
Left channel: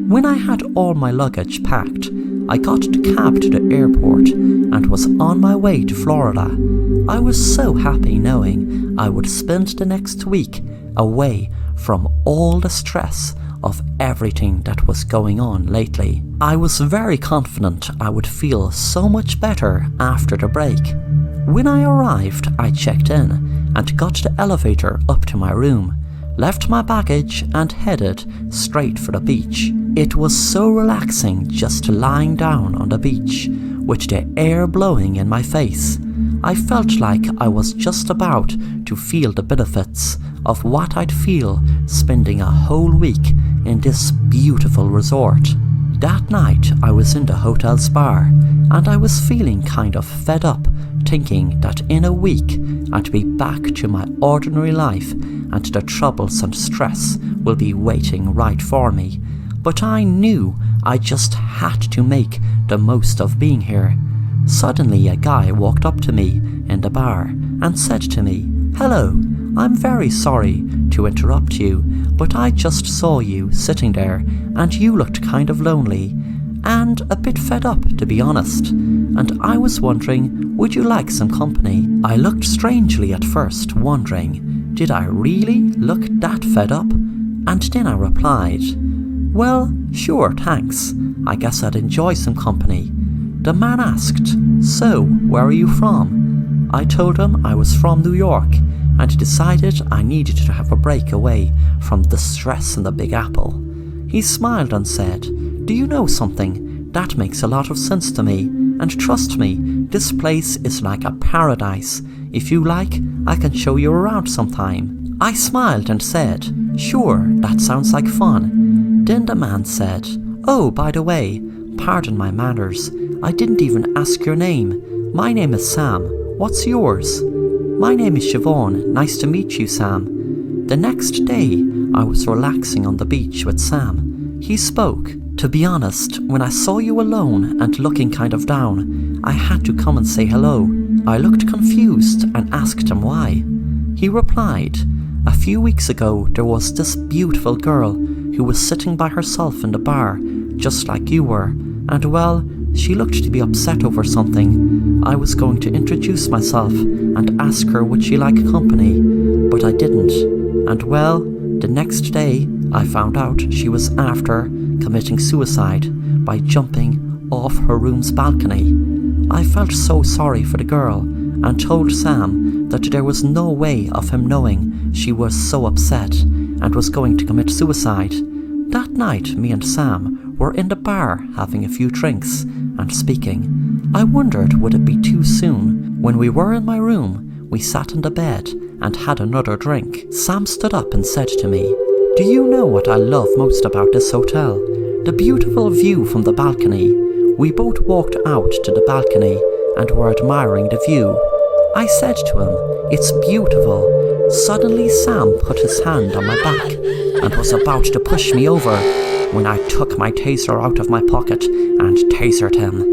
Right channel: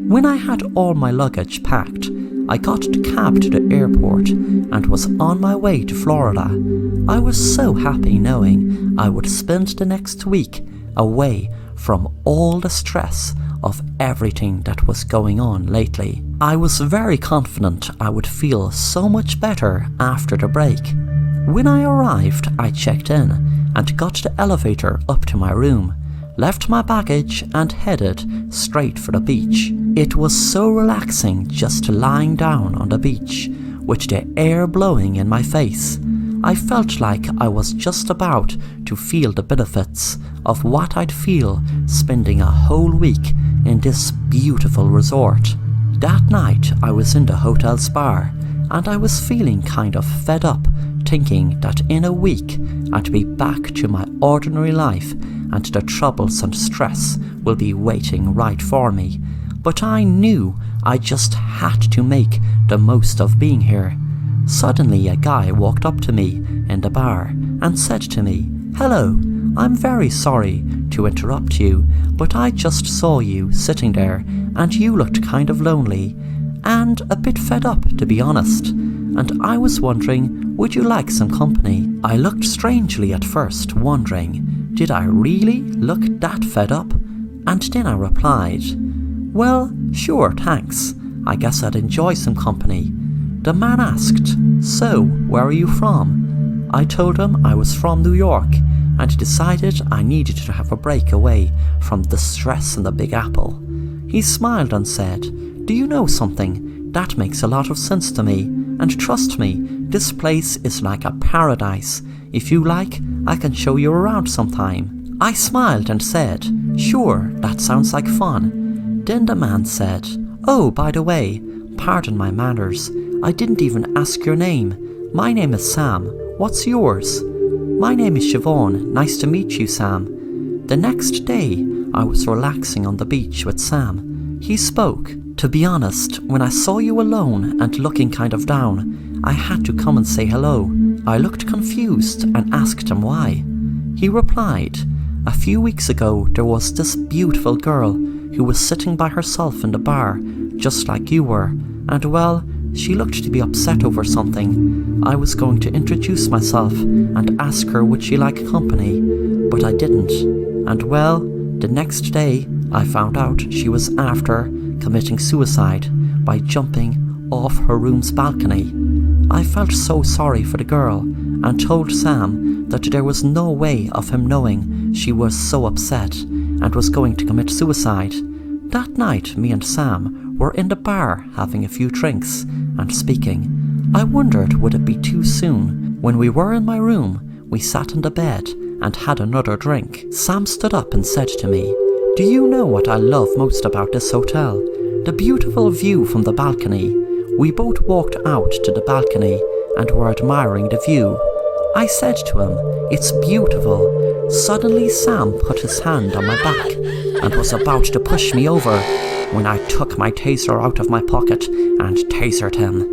When I had all my luggage packed, I got the cab to the airport and was on my way to Florida. I was so happy knowing I would spend the next week away from all the stress of everything that was going on lately. I was very confident I would feel so much better after the break. When I arrived, I checked in and got the elevator up to my room, left my baggage and headed straight for the beach. It was so relaxing just lying down on the beach, with the air blowing in my face. I felt like I was just about to feel the benefits of what I'd feel spending a whole week in this beautiful resort. That night I was in the hotel's bar, and I was feeling kind of fed up, thinking that in a week I'd be back to my ordinary life and the troubles and stress will be waiting right for me. But I knew I just had to make the most of being here. Suddenly a guy walked up to me in the bar and said to me, "Hello, I'm very sorry to interrupt you, but I just saw you sitting there and you looked kind of lonely and a bit fed up, to be honest. And I was wondering, would you like some company?" I looked strangely at first, wondering, did I really look that fed up? And then I replied, "Well, sure, thanks. I guess I'd enjoy some company." The man asked, "So, where are you from?" I told him I was from New York and decided I needed to have a break away from the stress in the Big Apple. He smiled and said, "Do you know something? That makes a lot of sense to me, and trust me, this place is like a paradise. If you like, I can show you around sometime." I smiled and said, "Sure, that sounds like fun." Then the man said, "Oh, by the way, pardon my manners, I didn't even ask your name. My name is Sam. What's yours?" "My name is Siobhan. Nice to meet you, Sam." The next day, I was relaxing on the beach with Sam. He spoke. "To be honest, when I saw you alone and looking kind of down, I had to come and say hello." I looked confused and asked him why. He replied, "A few weeks ago there was this beautiful girl who was sitting by herself in the bar, just like you were, and well, she looked to be upset over something. I was going to introduce myself and ask her would she like company, but I didn't. And well, the next day I found out she was after committing suicide by jumping off her room's balcony. I felt so sorry for the girl and told Sam that there was no way of him knowing she was so upset and was going to commit suicide. That night me and Sam were in the bar having a few drinks and speaking. I wondered would it be too soon. When we were in my room, we sat on the bed and had another drink. Sam stood up and said to me, "Do you know what I love most about this hotel? The beautiful view from the balcony." We both walked out to the balcony and were admiring the view. I said to him, "It's beautiful." Suddenly Sam put his hand on my back and was about to push me over when I took my taser out of my pocket and tasered him.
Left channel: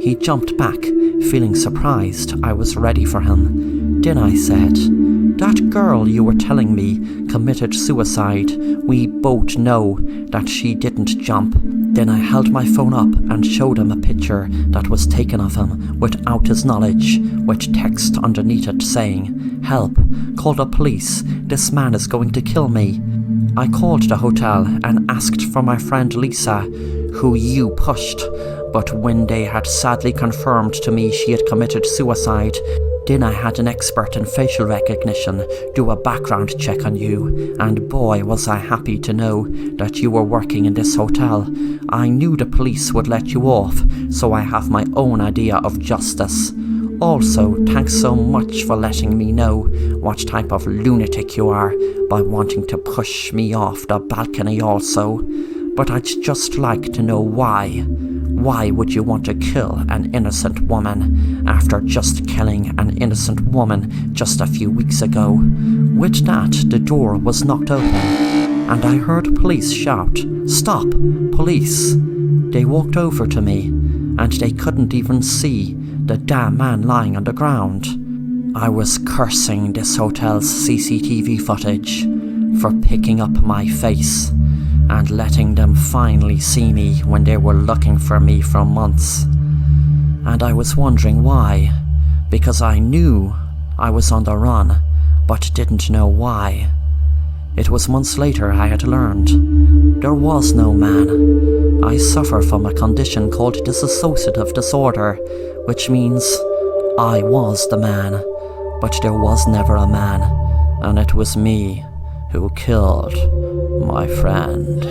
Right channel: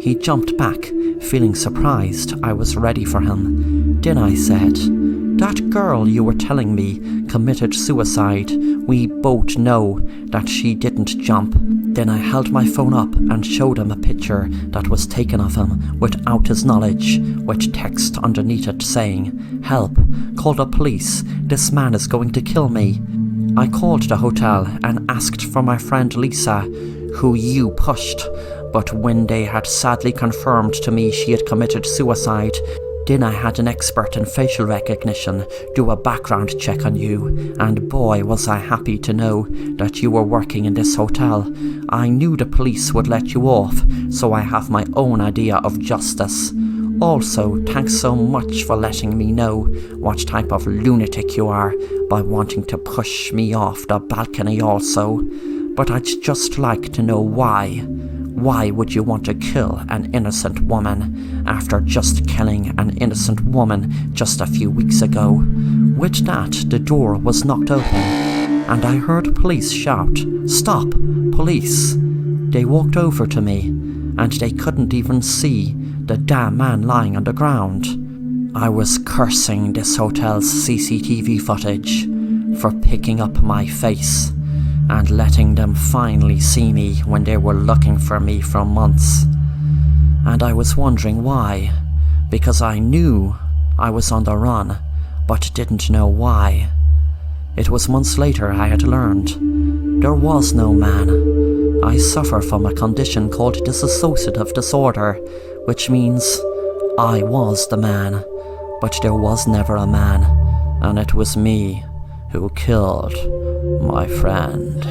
He jumped back, feeling surprised I was ready for him. Then I said, "That girl you were telling me committed suicide. We both know that she didn't jump." Then I held my phone up and showed him a picture that was taken of him without his knowledge, with text underneath it saying, "Help, call the police, this man is going to kill me." I called the hotel and asked for my friend Lisa, who you pushed, but when they had sadly confirmed to me she had committed suicide, then I had an expert in facial recognition do a background check on you, and boy was I happy to know that you were working in this hotel. I knew the police would let you off, so I have my own idea of justice. Also, thanks so much for letting me know what type of lunatic you are by wanting to push me off the balcony also. But I'd just like to know why. Why would you want to kill an innocent woman after just killing an innocent woman just a few weeks ago? With that, the door was knocked open, and I heard police shout, "Stop, police!" They walked over to me, and they couldn't even see the damn man lying on the ground. I was cursing this hotel's CCTV footage for picking up my face and letting them finally see me when they were looking for me for months. And I was wondering why, because I knew I was on the run, but didn't know why. It was months later I had learned There was no man. I suffer from a condition called dissociative disorder, which means I was the man, but there was never a man, and it was me who killed my friend.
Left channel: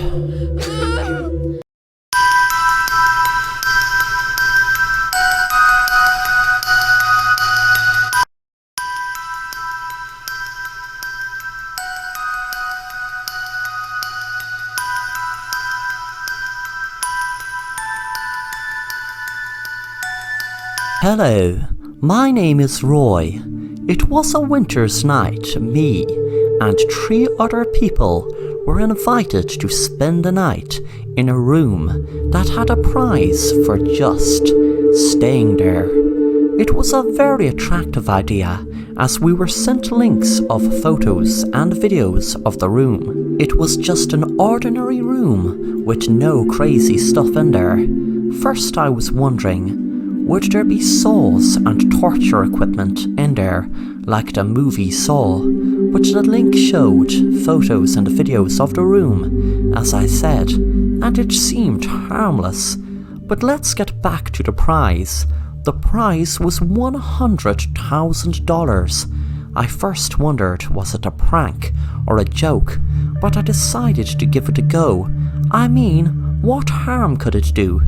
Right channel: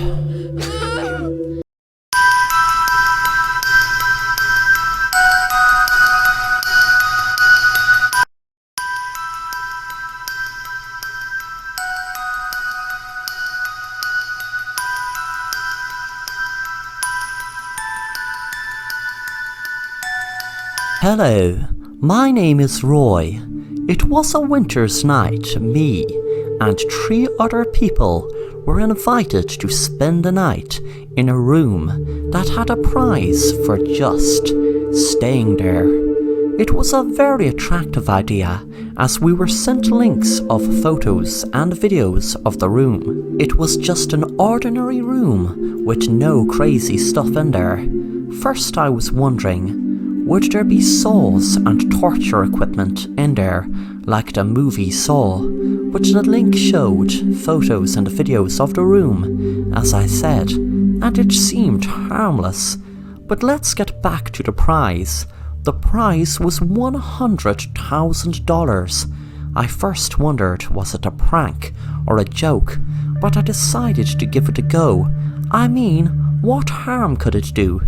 Hello, my name is Roy. It was a winter's night. Me and 3 other people were invited to spend the night in a room that had a prize for just staying there. It was a very attractive idea, as we were sent links of photos and videos of the room. It was just an ordinary room with no crazy stuff in there. First I was wondering, would there be saws and torture equipment in there, like the movie Saw? But the link showed photos and videos of the room, as I said, and it seemed harmless. But let's get back to the prize. The prize was $100,000. I first wondered, was it a prank or a joke, but I decided to give it a go. I mean, what harm could it do?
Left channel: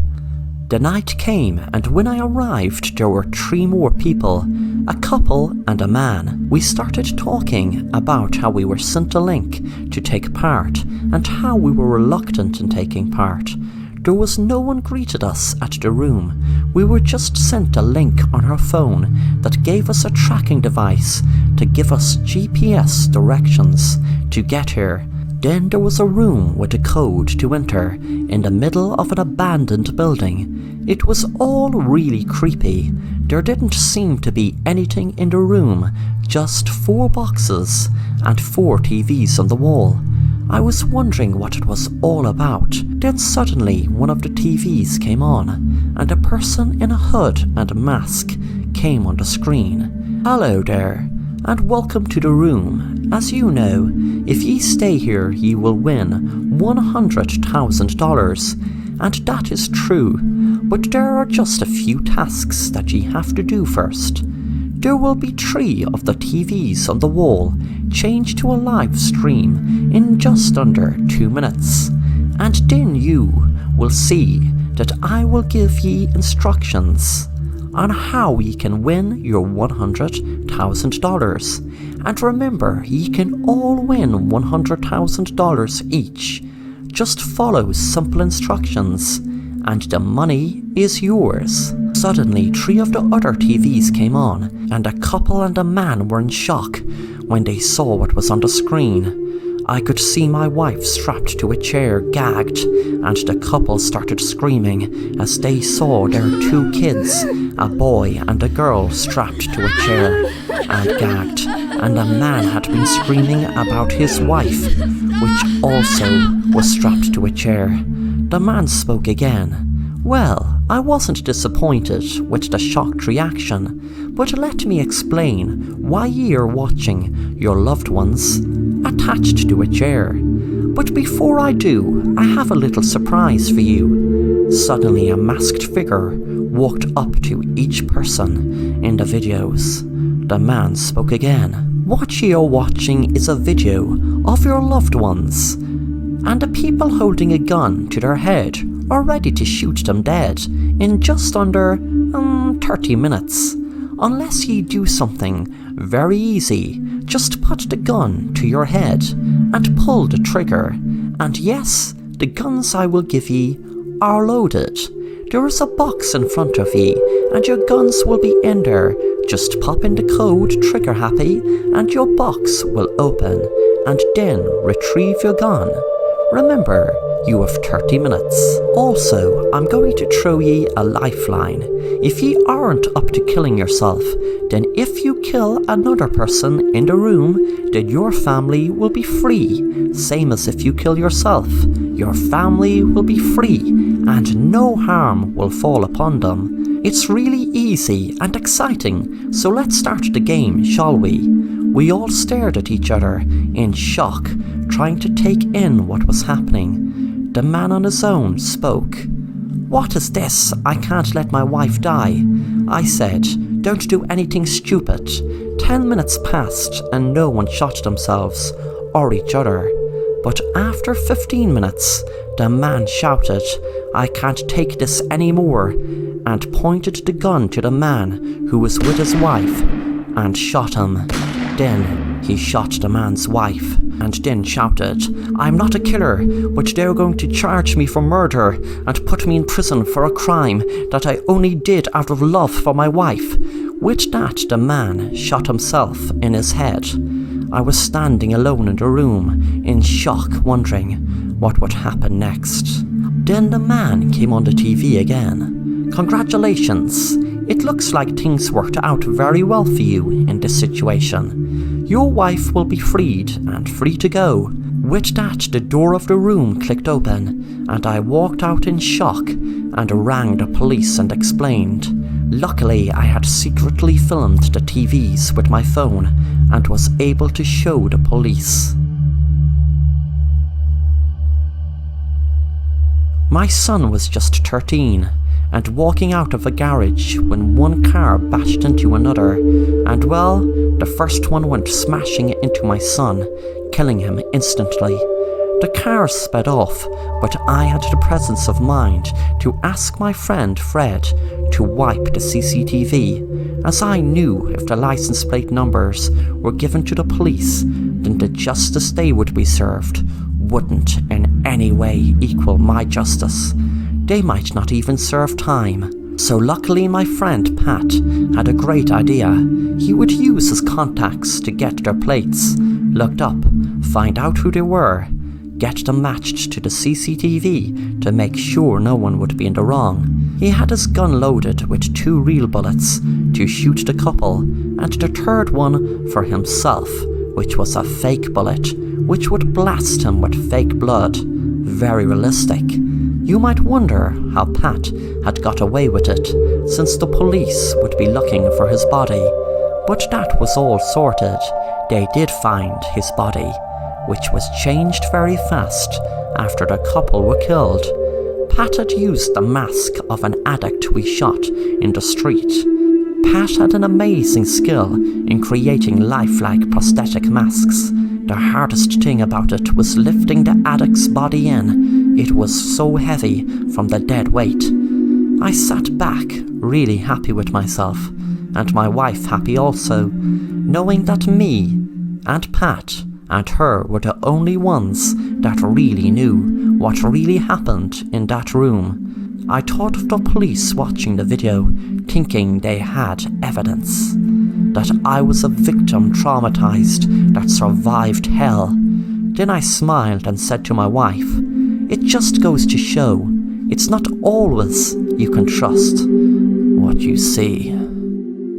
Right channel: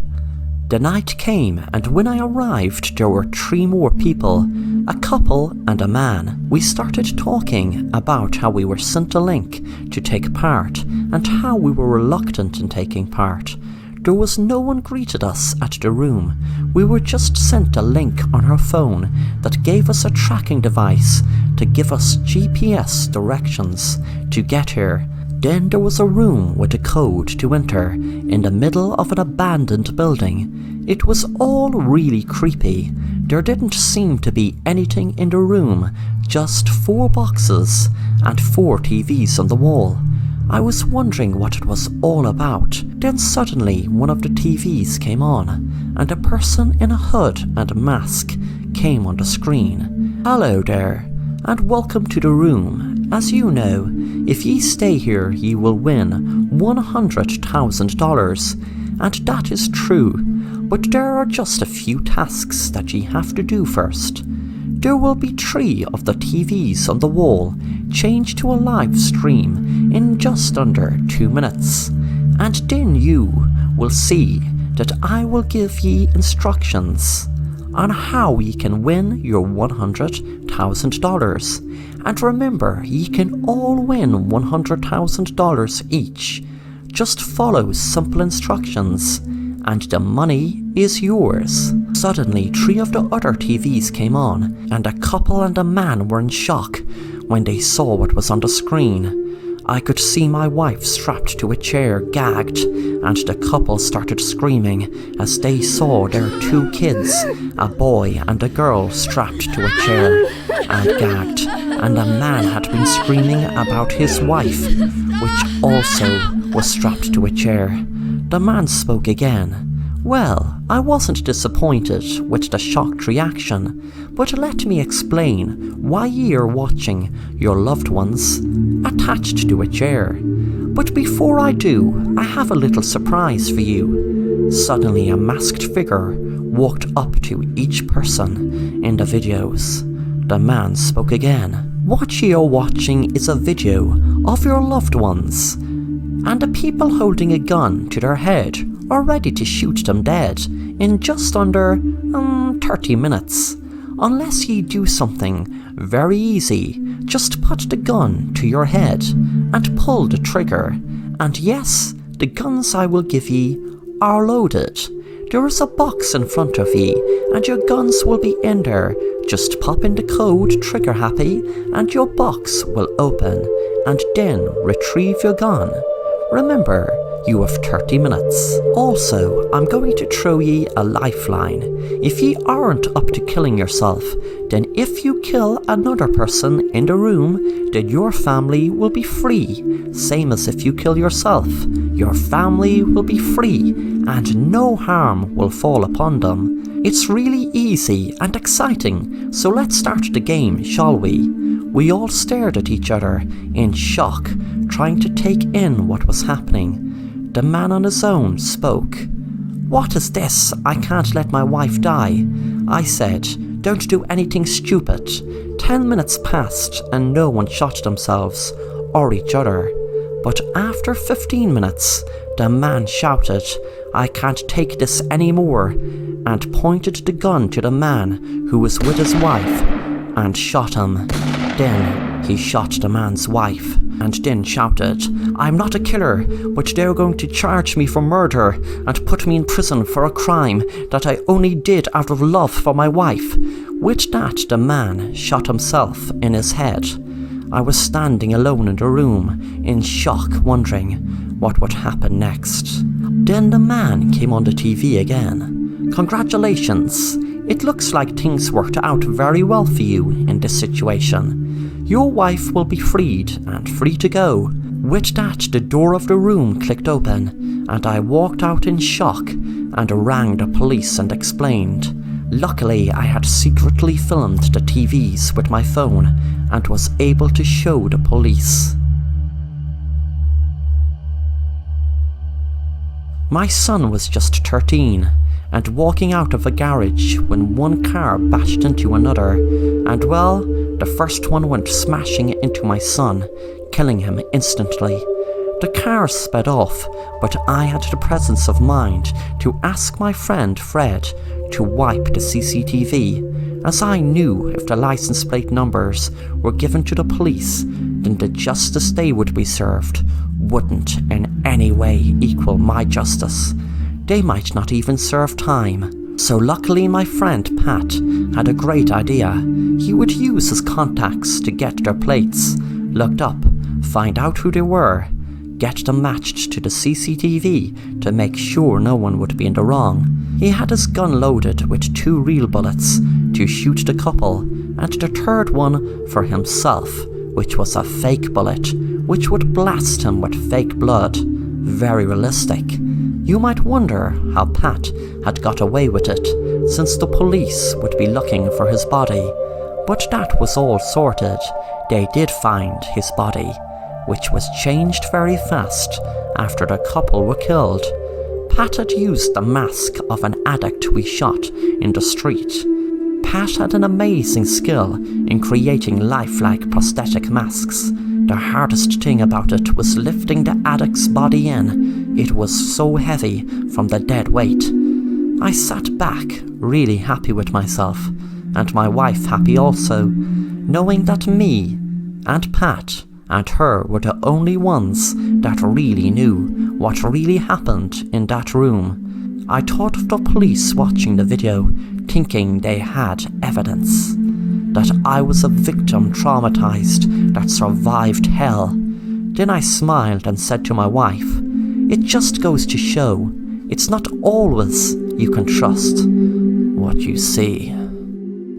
The night came, and when I arrived there were 3 more people, a couple and a man. We started talking about how we were sent a link to take part, and how we were reluctant in taking part. There was no one greeted us at the room. We were just sent a link on our phone that gave us a tracking device to give us GPS directions to get here. Then there was a room with a code to enter in the middle of an abandoned building. It was all really creepy. There didn't seem to be anything in the room, just 4 boxes and 4 TVs on the wall. I was wondering what it was all about. Then suddenly one of the TVs came on, and a person in a hood and mask came on the screen. Hello there, and welcome to the room. As you know, if ye stay here ye will win $100,000, and that is true, but there are just a few tasks that ye have to do first. There will be 3 of the TVs on the wall changed to a live stream in just under 2 minutes, and then you will see that I will give ye instructions on how ye can win your $100,000. And remember, ye can all win $100,000 each. Just follow simple instructions, and the money is yours. Suddenly, 3 of the other TVs came on, and a couple and a man were in shock when they saw what was on the screen. I could see my wife strapped to a chair, gagged, and the couple started screaming as they saw their 2 kids, a boy and a girl, strapped to a chair and gagged, and a man had been screaming about his wife, which also was strapped to a chair. The man spoke again. Well, I wasn't disappointed with the shocked reaction, but let me explain why ye are watching your loved ones attached to a chair. But before I do, I have a little surprise for you. Suddenly a masked figure walked up to each person in the videos. The man spoke again. What ye are watching is a video of your loved ones, and the people holding a gun to their head are ready to shoot them dead in just under 30 minutes. Unless ye do something very easy, just put the gun to your head and pull the trigger, and yes, the guns I will give ye are loaded. There is a box in front of ye, and your guns will be in there. Just pop in the code trigger happy, and your box will open, and then retrieve your gun. Remember, you have 30 minutes. Also, I'm going to throw ye a lifeline. If ye aren't up to killing yourself, then if you kill another person in the room, then your family will be free. Same as if you kill yourself. Your family will be free, and no harm will fall upon them. It's really easy and exciting, so let's start the game, shall we? We all stared at each other in shock, trying to take in what was happening. the man on his own spoke. "What is this? I can't let my wife die." I said, "Don't do anything stupid." 10 minutes passed and no one shot themselves or each other. But after 15 minutes, the man shouted, "I can't take this anymore," and pointed the gun to the man who was with his wife and shot him. Then he shot the man's wife and then shouted, "I'm not a killer, but they're going to charge me for murder and put me in prison for a crime that I only did out of love for my wife." With that, the man shot himself in his head. I was standing alone in the room, in shock, wondering what would happen next. Then the man came on the TV again. "Congratulations. It looks like things worked out very well for you in this situation. Your wife will be freed and free to go." With that, the door of the room clicked open, and I walked out in shock and rang the police and explained. Luckily, I had secretly filmed the TVs with my phone and was able to show the police. My son was just 13 and walking out of a garage when one car bashed into another, and well, the first one went smashing into my son, killing him instantly. The car sped off, but I had the presence of mind to ask my friend Fred to wipe the CCTV, as I knew if the license plate numbers were given to the police, then the justice they would be served wouldn't in any way equal my justice. They might not even serve time. So luckily my friend Pat had a great idea. He would use his contacts to get their plates looked up, find out who they were, get them matched to the CCTV to make sure no one would be in the wrong. He had his gun loaded with 2 real bullets to shoot the couple, and the third one for himself, which was a fake bullet, which would blast him with fake blood. Very realistic. You might wonder how Pat had got away with it, since the police would be looking for his body. But that was all sorted. They did find his body, which was changed very fast after the couple were killed. Pat had used the mask of an addict we shot in the street. Pat had an amazing skill in creating lifelike prosthetic masks. The hardest thing about it was lifting the addict's body in. It was so heavy from the dead weight. I sat back, really happy with myself, and my wife happy also, knowing that me and Pat and her were the only ones that really knew what really happened in that room. I thought of the police watching the video, thinking they had evidence. That I was a victim traumatized that survived hell. Then I smiled and said to my wife, "It just goes to show, it's not always you can trust what you see."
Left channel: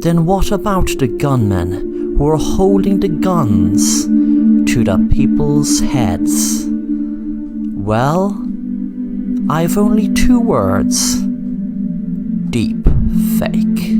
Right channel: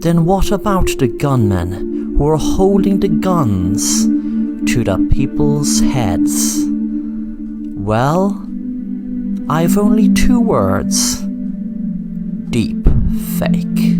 Then what about the gunmen who were holding the guns to the people's heads? Well, I've only 2 words. Deep fake.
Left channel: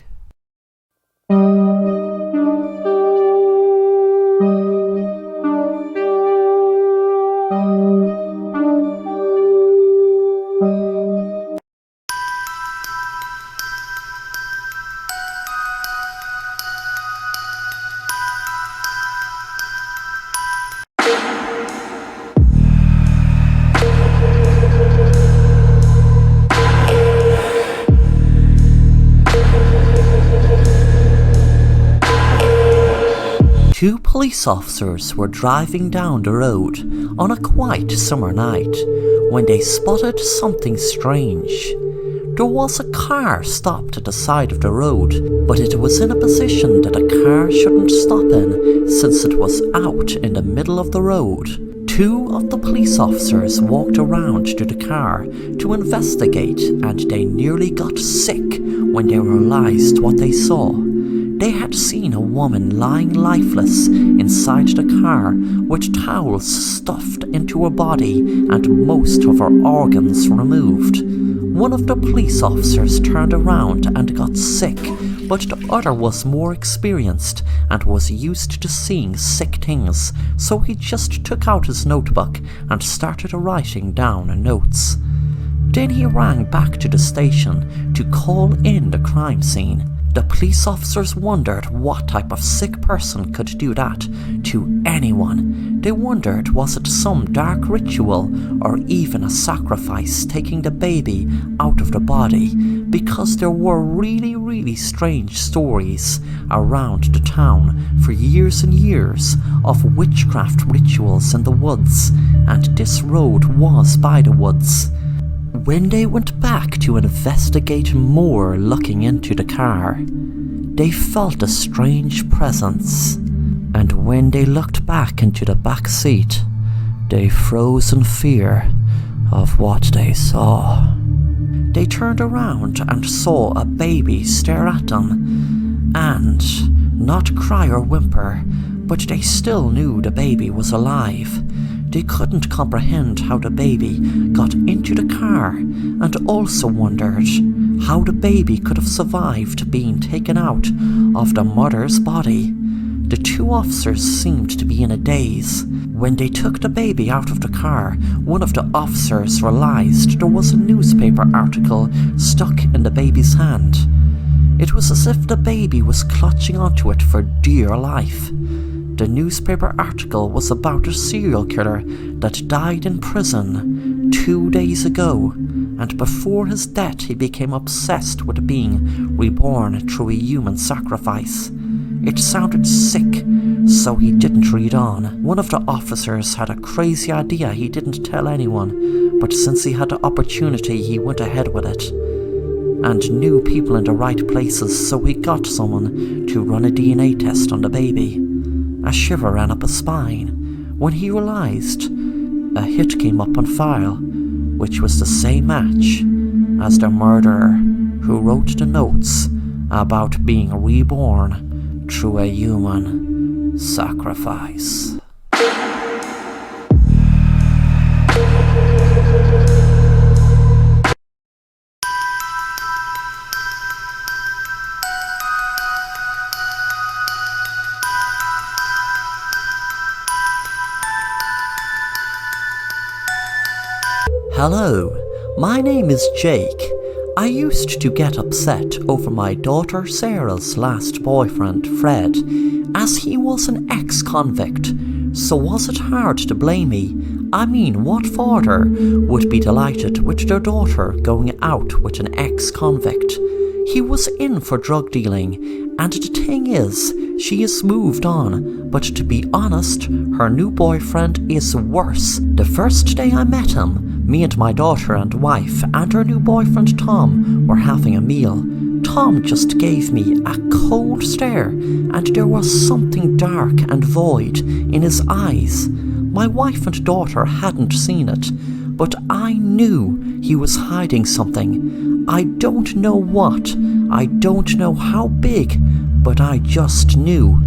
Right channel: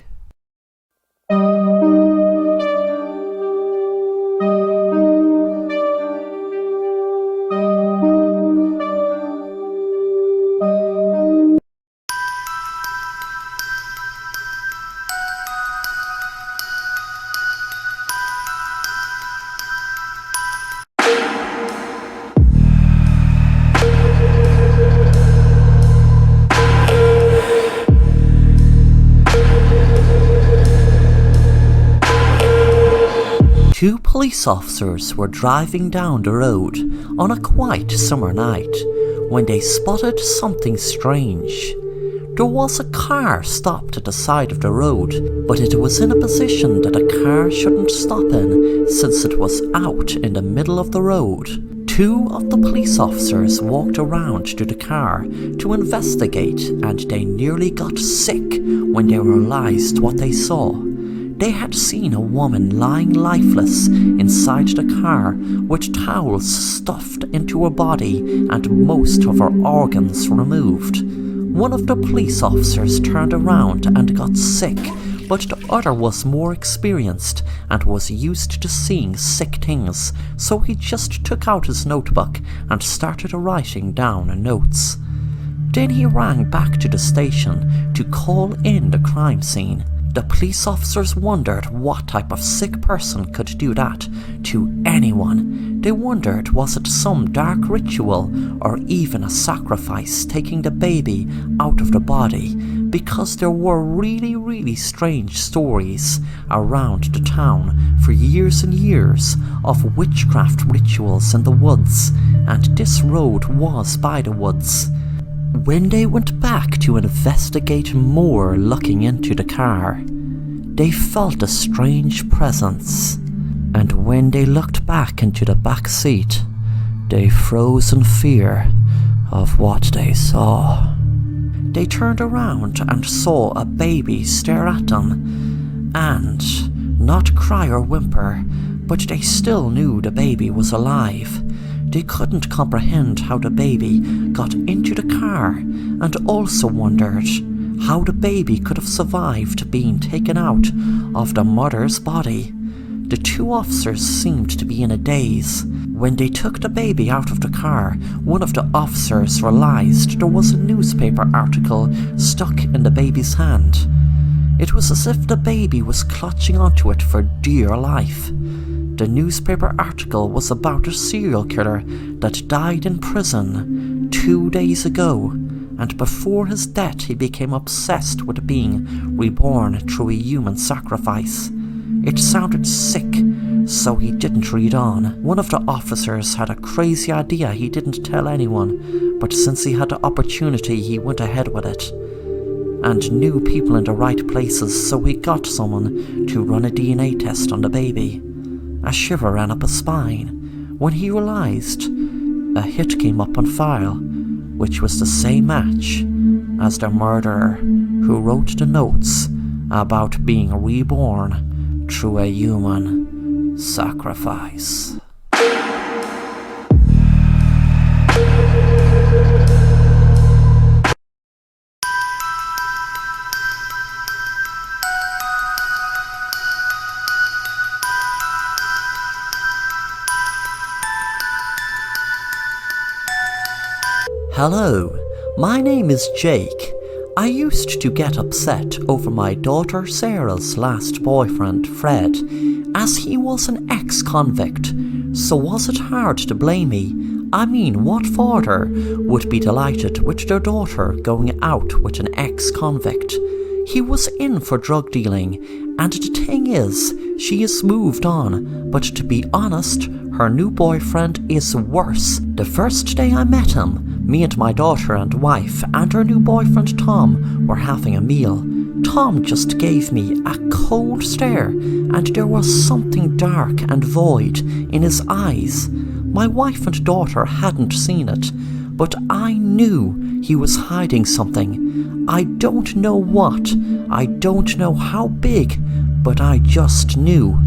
Two police officers were driving down the road on a quiet summer night when they spotted something strange. There was a car stopped at the side of the road, but it was in a position that a car shouldn't stop in since it was out in the middle of the road. 2 of the police officers walked around to the car to investigate, and they nearly got sick when they realized what they saw. They had seen a woman lying lifeless inside the car with towels stuffed into her body and most of her organs removed. One of the police officers turned around and got sick, but the other was more experienced and was used to seeing sick things, so he just took out his notebook and started writing down notes. Then he rang back to the station to call in the crime scene. The police officers wondered what type of sick person could do that to anyone. They wondered, was it some dark ritual or even a sacrifice taking the baby out of the body, because there were really strange stories around the town for years and years of witchcraft rituals in the woods, and this road was by the woods. When they went back to investigate more looking into the car, they felt a strange presence, and when they looked back into the back seat, they froze in fear of what they saw. They turned around and saw a baby stare at them, and not cry or whimper, but they still knew the baby was alive. They couldn't comprehend how the baby got into the car, and also wondered how the baby could have survived being taken out of the mother's body. The two officers seemed to be in a daze. When they took the baby out of the car, one of the officers realized there was a newspaper article stuck in the baby's hand. It was as if the baby was clutching onto it for dear life. The newspaper article was about a serial killer that died in prison 2 days ago, and before his death he became obsessed with being reborn through a human sacrifice. It sounded sick, so he didn't read on. One of the officers had a crazy idea he didn't tell anyone, but since he had the opportunity he went ahead with it, and knew people in the right places, so he got someone to run a DNA test on the baby. A shiver ran up his spine when he realized a hit came up on file, which was the same match as the murderer who wrote the notes about being reborn through a human sacrifice. Hello, my name is Jake. I used to get upset over my daughter Sarah's last boyfriend, Fred, as he was an ex-convict. So was it hard to blame me? I mean, what father would be delighted with their daughter going out with an ex-convict? He was in for drug dealing, and the thing is, she has moved on, but to be honest, her new boyfriend is worse. The first day I met him, me and my daughter and wife and her new boyfriend Tom were having a meal. Tom just gave me a cold stare, and there was something dark and void in his eyes. My wife and daughter hadn't seen it, but I knew he was hiding something. I don't know what, I don't know how big, but I just knew.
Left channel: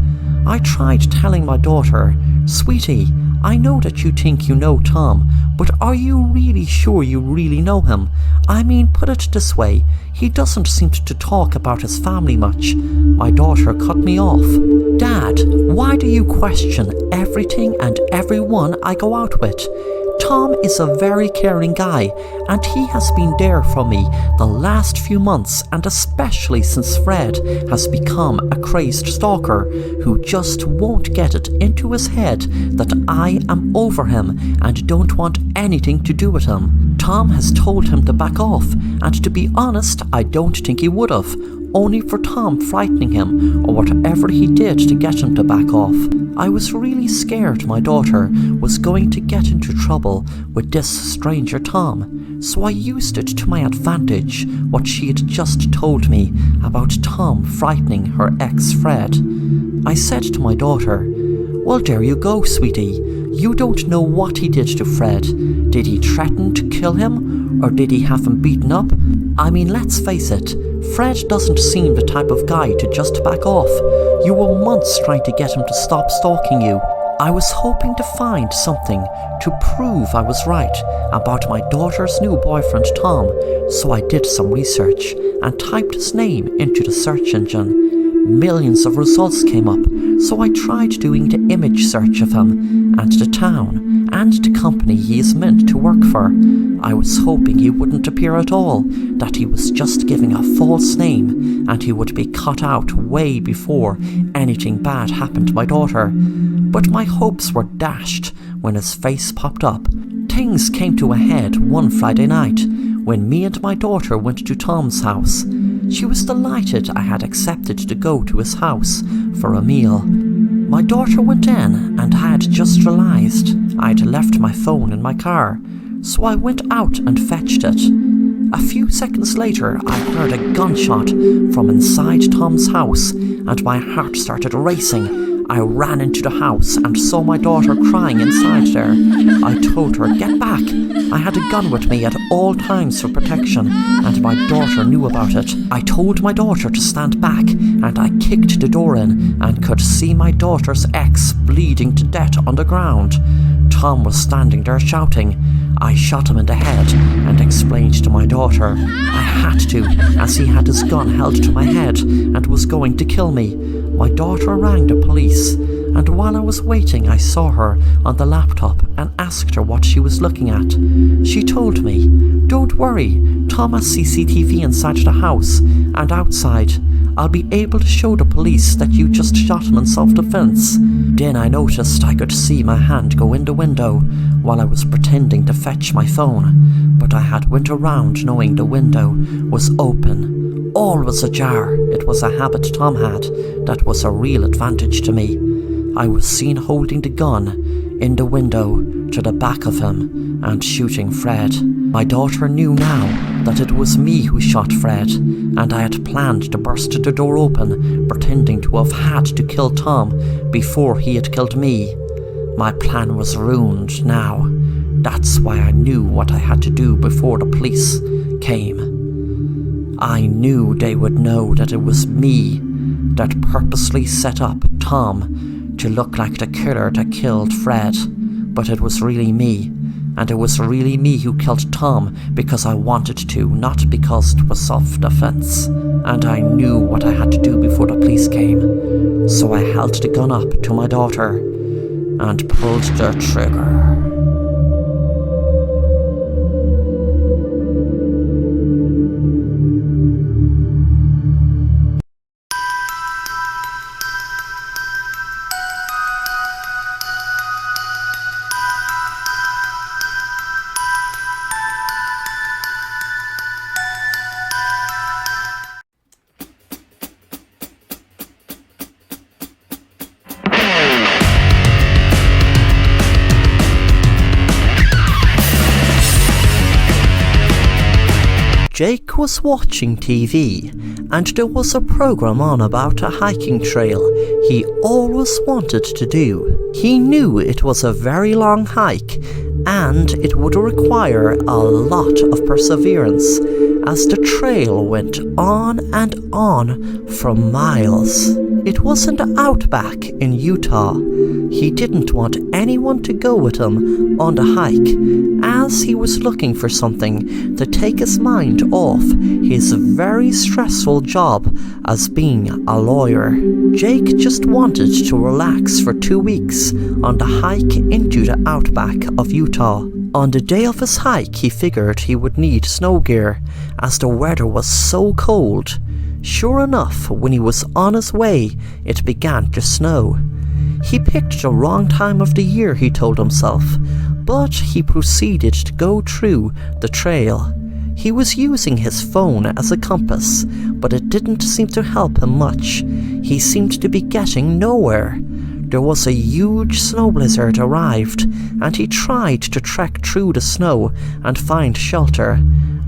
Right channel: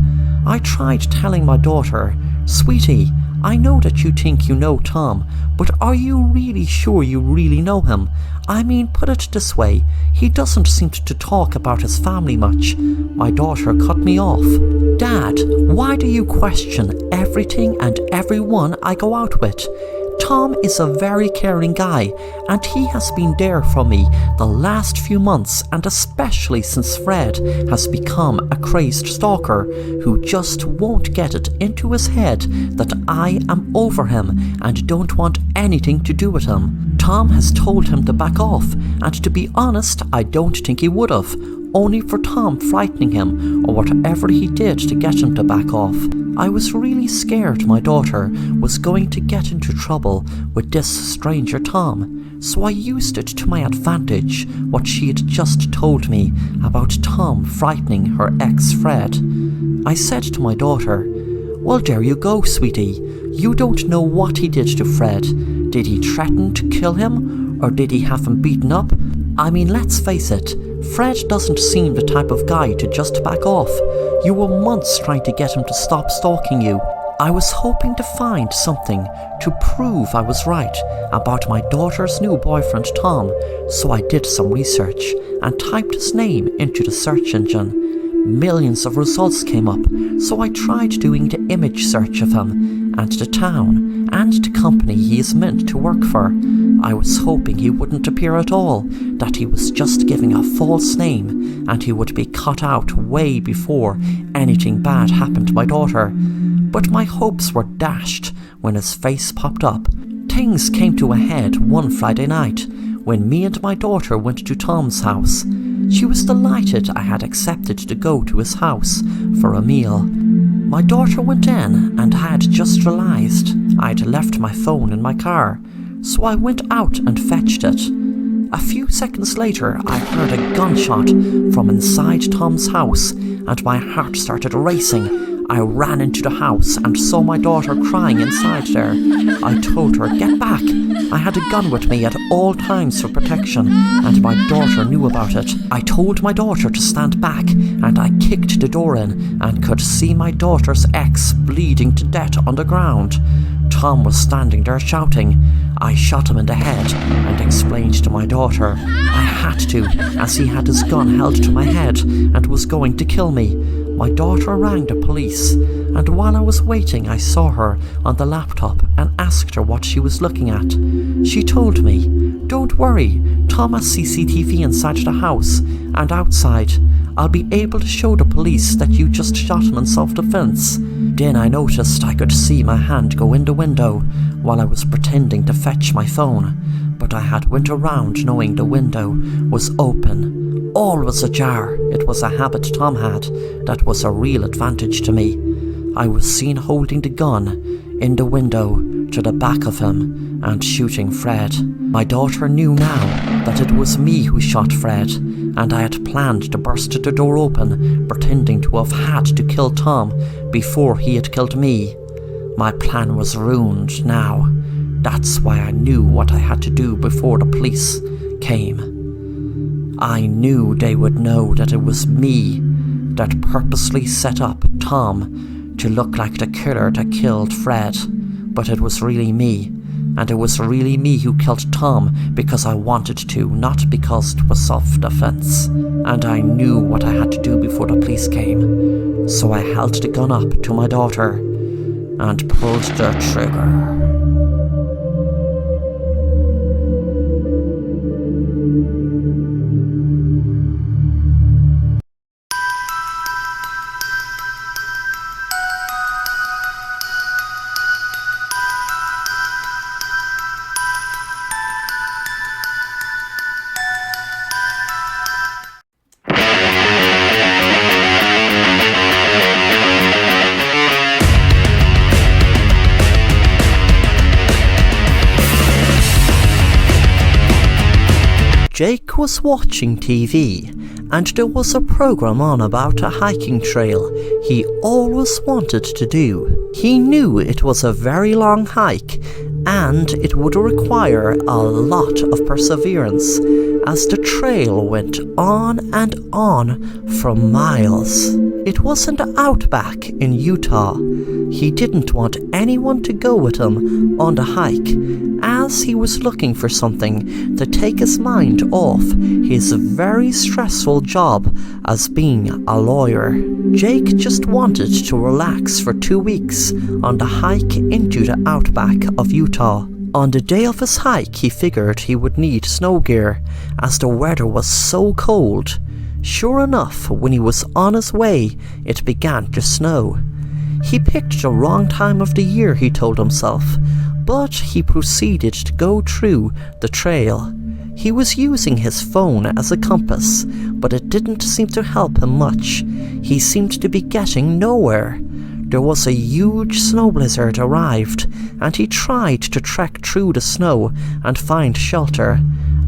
I tried telling my daughter, "Sweetie, I know that you think you know Tom, but are you really sure you really know him? I mean, put it this way, he doesn't seem to talk about his family much." My daughter cut me off. "Dad, why do you question everything and everyone I go out with? Tom is a very caring guy, and he has been there for me the last few months, and especially since Fred has become a crazed stalker who just won't get it into his head that I am over him and don't want anything to do with him. Tom has told him to back off, and to be honest, I don't think he would have, only for Tom frightening him or whatever he did to get him to back off. I was really scared my daughter was going to get into trouble with this stranger Tom, so I used it to my advantage what she had just told me about Tom frightening her ex Fred. I said to my daughter, "Well, there you go, sweetie. You don't know what he did to Fred. Did he threaten to kill him, or did he have him beaten up? I mean, let's face it, Fred doesn't seem the type of guy to just back off. You were months trying to get him to stop stalking you. I was hoping to find something to prove I was right about my daughter's new boyfriend Tom, so I did some research and typed his name into the search engine. Millions of results came up, so I tried doing the image search of him and the town and the company he is meant to work for. I was hoping he wouldn't appear at all, that he was just giving a false name and he would be cut out way before anything bad happened to my daughter. But my hopes were dashed when his face popped up. Things came to a head one Friday night when me and my daughter went to Tom's house. She was delighted I had accepted to go to his house for a meal. My daughter went in and had just realised I'd left my phone in my car, so I went out and fetched it. A few seconds later, I heard a gunshot from inside Tom's house and my heart started racing. I ran into the house and saw my daughter crying inside there. I told her, "Get back." I had a gun with me at all times for protection, and my daughter knew about it. I told my daughter to stand back, and I kicked the door in and could see my daughter's ex bleeding to death on the ground. Tom was standing there shouting. I shot him in the head and explained to my daughter I had to, as he had his gun held to my head and was going to kill me. My daughter rang the police, and while I was waiting I saw her on the laptop and asked her what she was looking at. She told me, "Don't worry, Tom has CCTV inside the house and outside. I'll be able to show the police that you just shot him in self-defense." Then I noticed I could see my hand go in the window while I was pretending to fetch my phone, but I had went around knowing the window was open. All was ajar. It was a habit Tom had that was a real advantage to me. I was seen holding the gun in the window to the back of him and shooting Fred. My daughter knew now that it was me who shot Fred, and I had planned to burst the door open, pretending to have had to kill Tom before he had killed me. My plan was ruined now. That's why I knew what I had to do before the police came. I knew they would know that it was me that purposely set up Tom to look like the killer that killed Fred, but it was really me. And it was really me who killed Tom because I wanted to, not because it was self-defense. And I knew what I had to do before the police came. So I held the gun up to my daughter and pulled the trigger. Jake was watching TV, and there was a program on about a hiking trail he always wanted to do. He knew it was a very long hike, and it would require a lot of perseverance, as the trail went on and on for miles. It was in the outback in Utah. He didn't want anyone to go with him on the hike, as he was looking for something to take his mind off his very stressful job as being a lawyer. Jake just wanted to relax for 2 weeks on the hike into the outback of Utah. On the day of his hike, he figured he would need snow gear, as the weather was so cold. Sure enough, when he was on his way, it began to snow. He picked the wrong time of the year, he told himself, but he proceeded to go through the trail. He was using his phone as a compass, but it didn't seem to help him much. He seemed to be getting nowhere. There was a huge snow blizzard arrived, and he tried to trek through the snow and find shelter.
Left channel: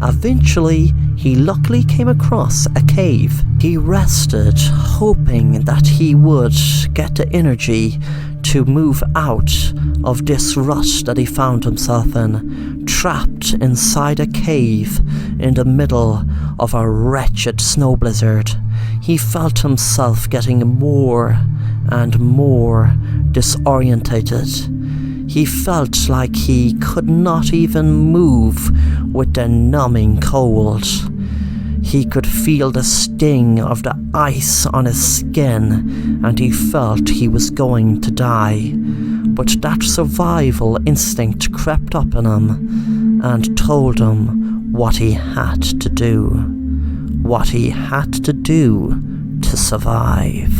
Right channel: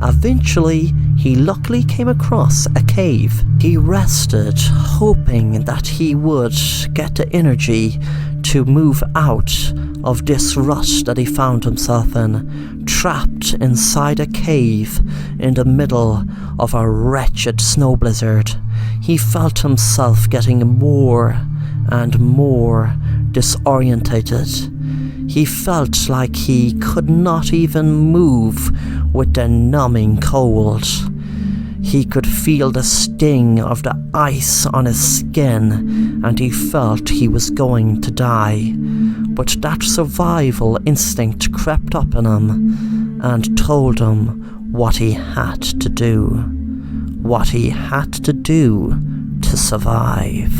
Eventually, he luckily came across a cave. He rested, hoping that he would get the energy to move out of this rut that he found himself in, trapped inside a cave in the middle of a wretched snow blizzard. He felt himself getting more and more disorientated. He felt like he could not even move with the numbing cold. He could feel the sting of the ice on his skin, and he felt he was going to die. But that survival instinct crept up in him and told him what he had to do. What he had to do to survive.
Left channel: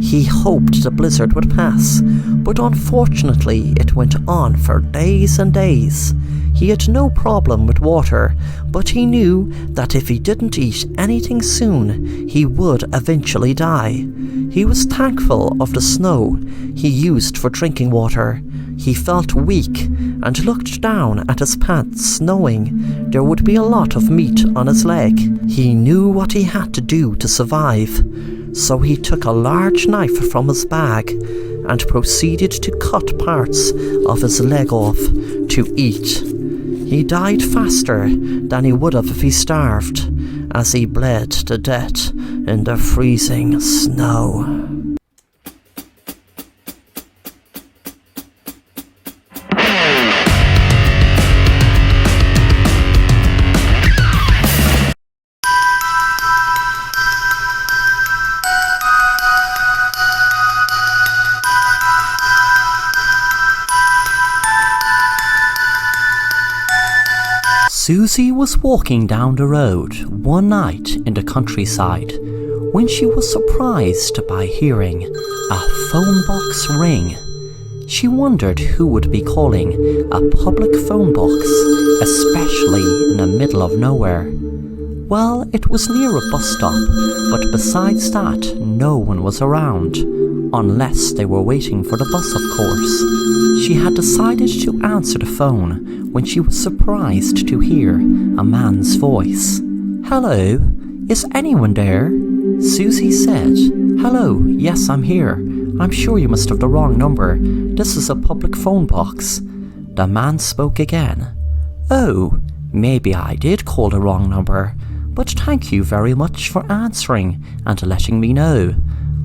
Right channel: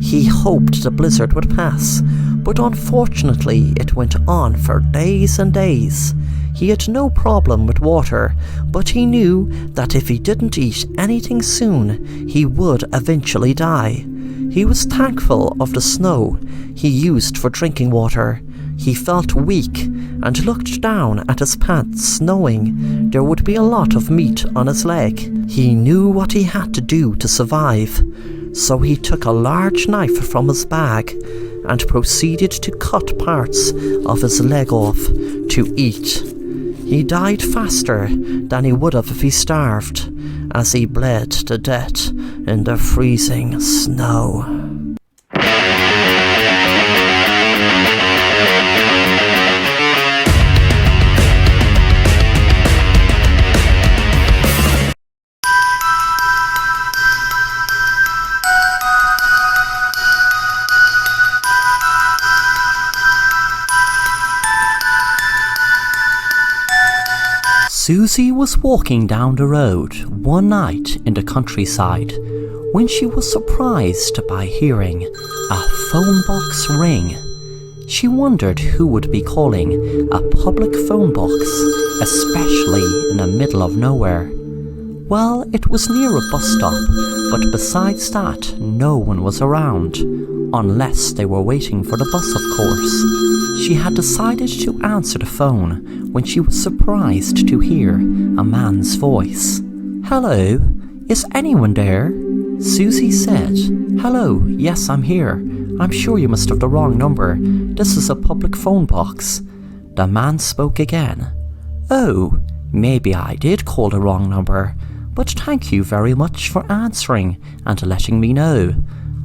He hoped the blizzard would pass, but unfortunately it went on for days and days. He had no problem with water, but he knew that if he didn't eat anything soon, he would eventually die. He was thankful of the snow he used for drinking water. He felt weak and looked down at his pants, knowing there would be a lot of meat on his leg. He knew what he had to do to survive, so he took a large knife from his bag and proceeded to cut parts of his leg off to eat. He died faster than he would have if he starved, as he bled to death in the freezing snow. Susie was walking down the road one night in the countryside when she was surprised by hearing a phone box ring. She wondered who would be calling a public phone box, especially in the middle of nowhere. Well, it was near a bus stop, but besides that, no one was around, unless they were waiting for the bus, of course. She had decided to answer the phone when she was surprised to hear a man's voice. "Hello, is anyone there?" Susie said. "Hello, yes, I'm here. I'm sure you must have the wrong number. This is a public phone box." The man spoke again. "Oh, maybe I did call the wrong number, but thank you very much for answering and letting me know.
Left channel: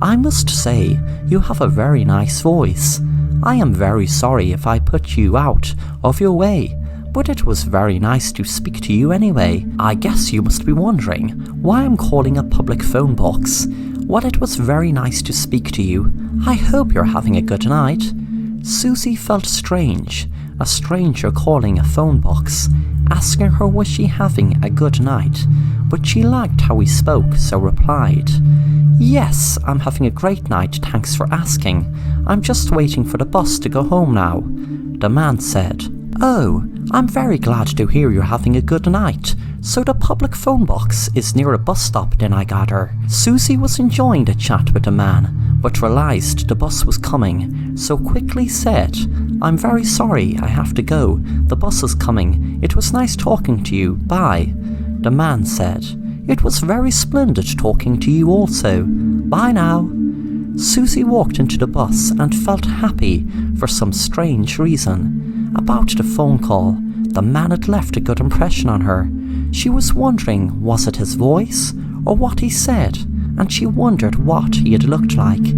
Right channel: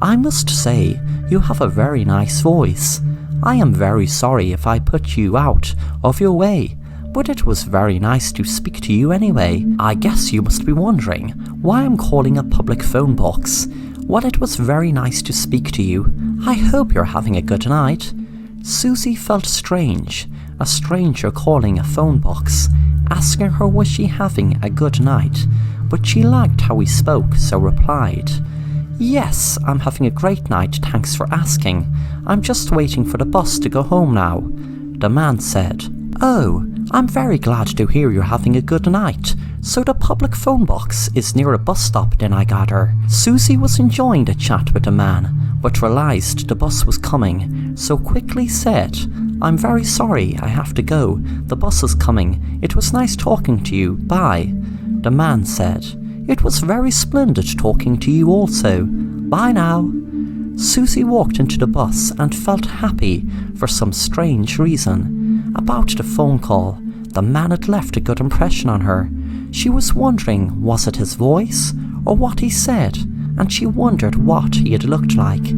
I must say, you have a very nice voice. I am very sorry if I put you out of your way, but it was very nice to speak to you anyway. I guess you must be wondering why I'm calling a public phone box. Well, it was very nice to speak to you. I hope you're having a good night." Susie felt strange, a stranger calling a phone box, asking her was she having a good night, but she liked how he spoke, so replied, "Yes, I'm having a great night, thanks for asking. I'm just waiting for the bus to go home now." The man said, "Oh, I'm very glad to hear you're having a good night. So the public phone box is near a bus stop then, I gather." Susie was enjoying the chat with the man, but realised the bus was coming, so quickly said, "I'm very sorry, I have to go. The bus is coming. It was nice talking to you. Bye." The man said, "It was very splendid talking to you also. Bye now." Susie walked into the bus and felt happy for some strange reason. About the phone call, the man had left a good impression on her. She was wondering, was it his voice or what he said, and she wondered what he had looked like.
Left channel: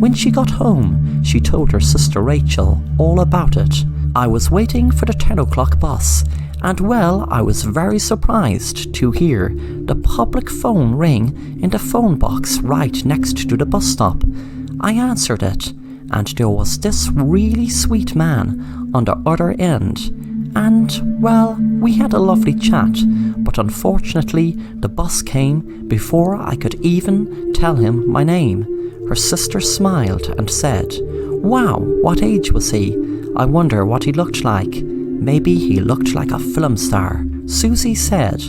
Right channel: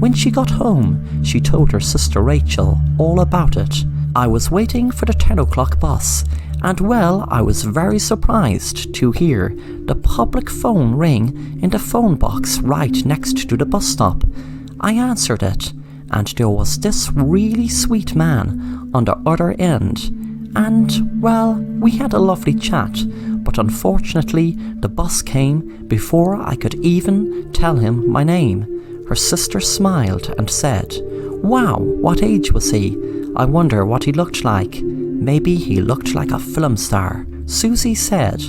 When she got home, she told her sister Rachel all about it. "I was waiting for the 10 o'clock bus, and well, I was very surprised to hear the public phone ring in the phone box right next to the bus stop. I answered it, and there was this really sweet man on the other end. And, well, we had a lovely chat, but unfortunately the bus came before I could even tell him my name." Her sister smiled and said, "Wow, what age was he? I wonder what he looked like. Maybe he looked like a film star." Susie said,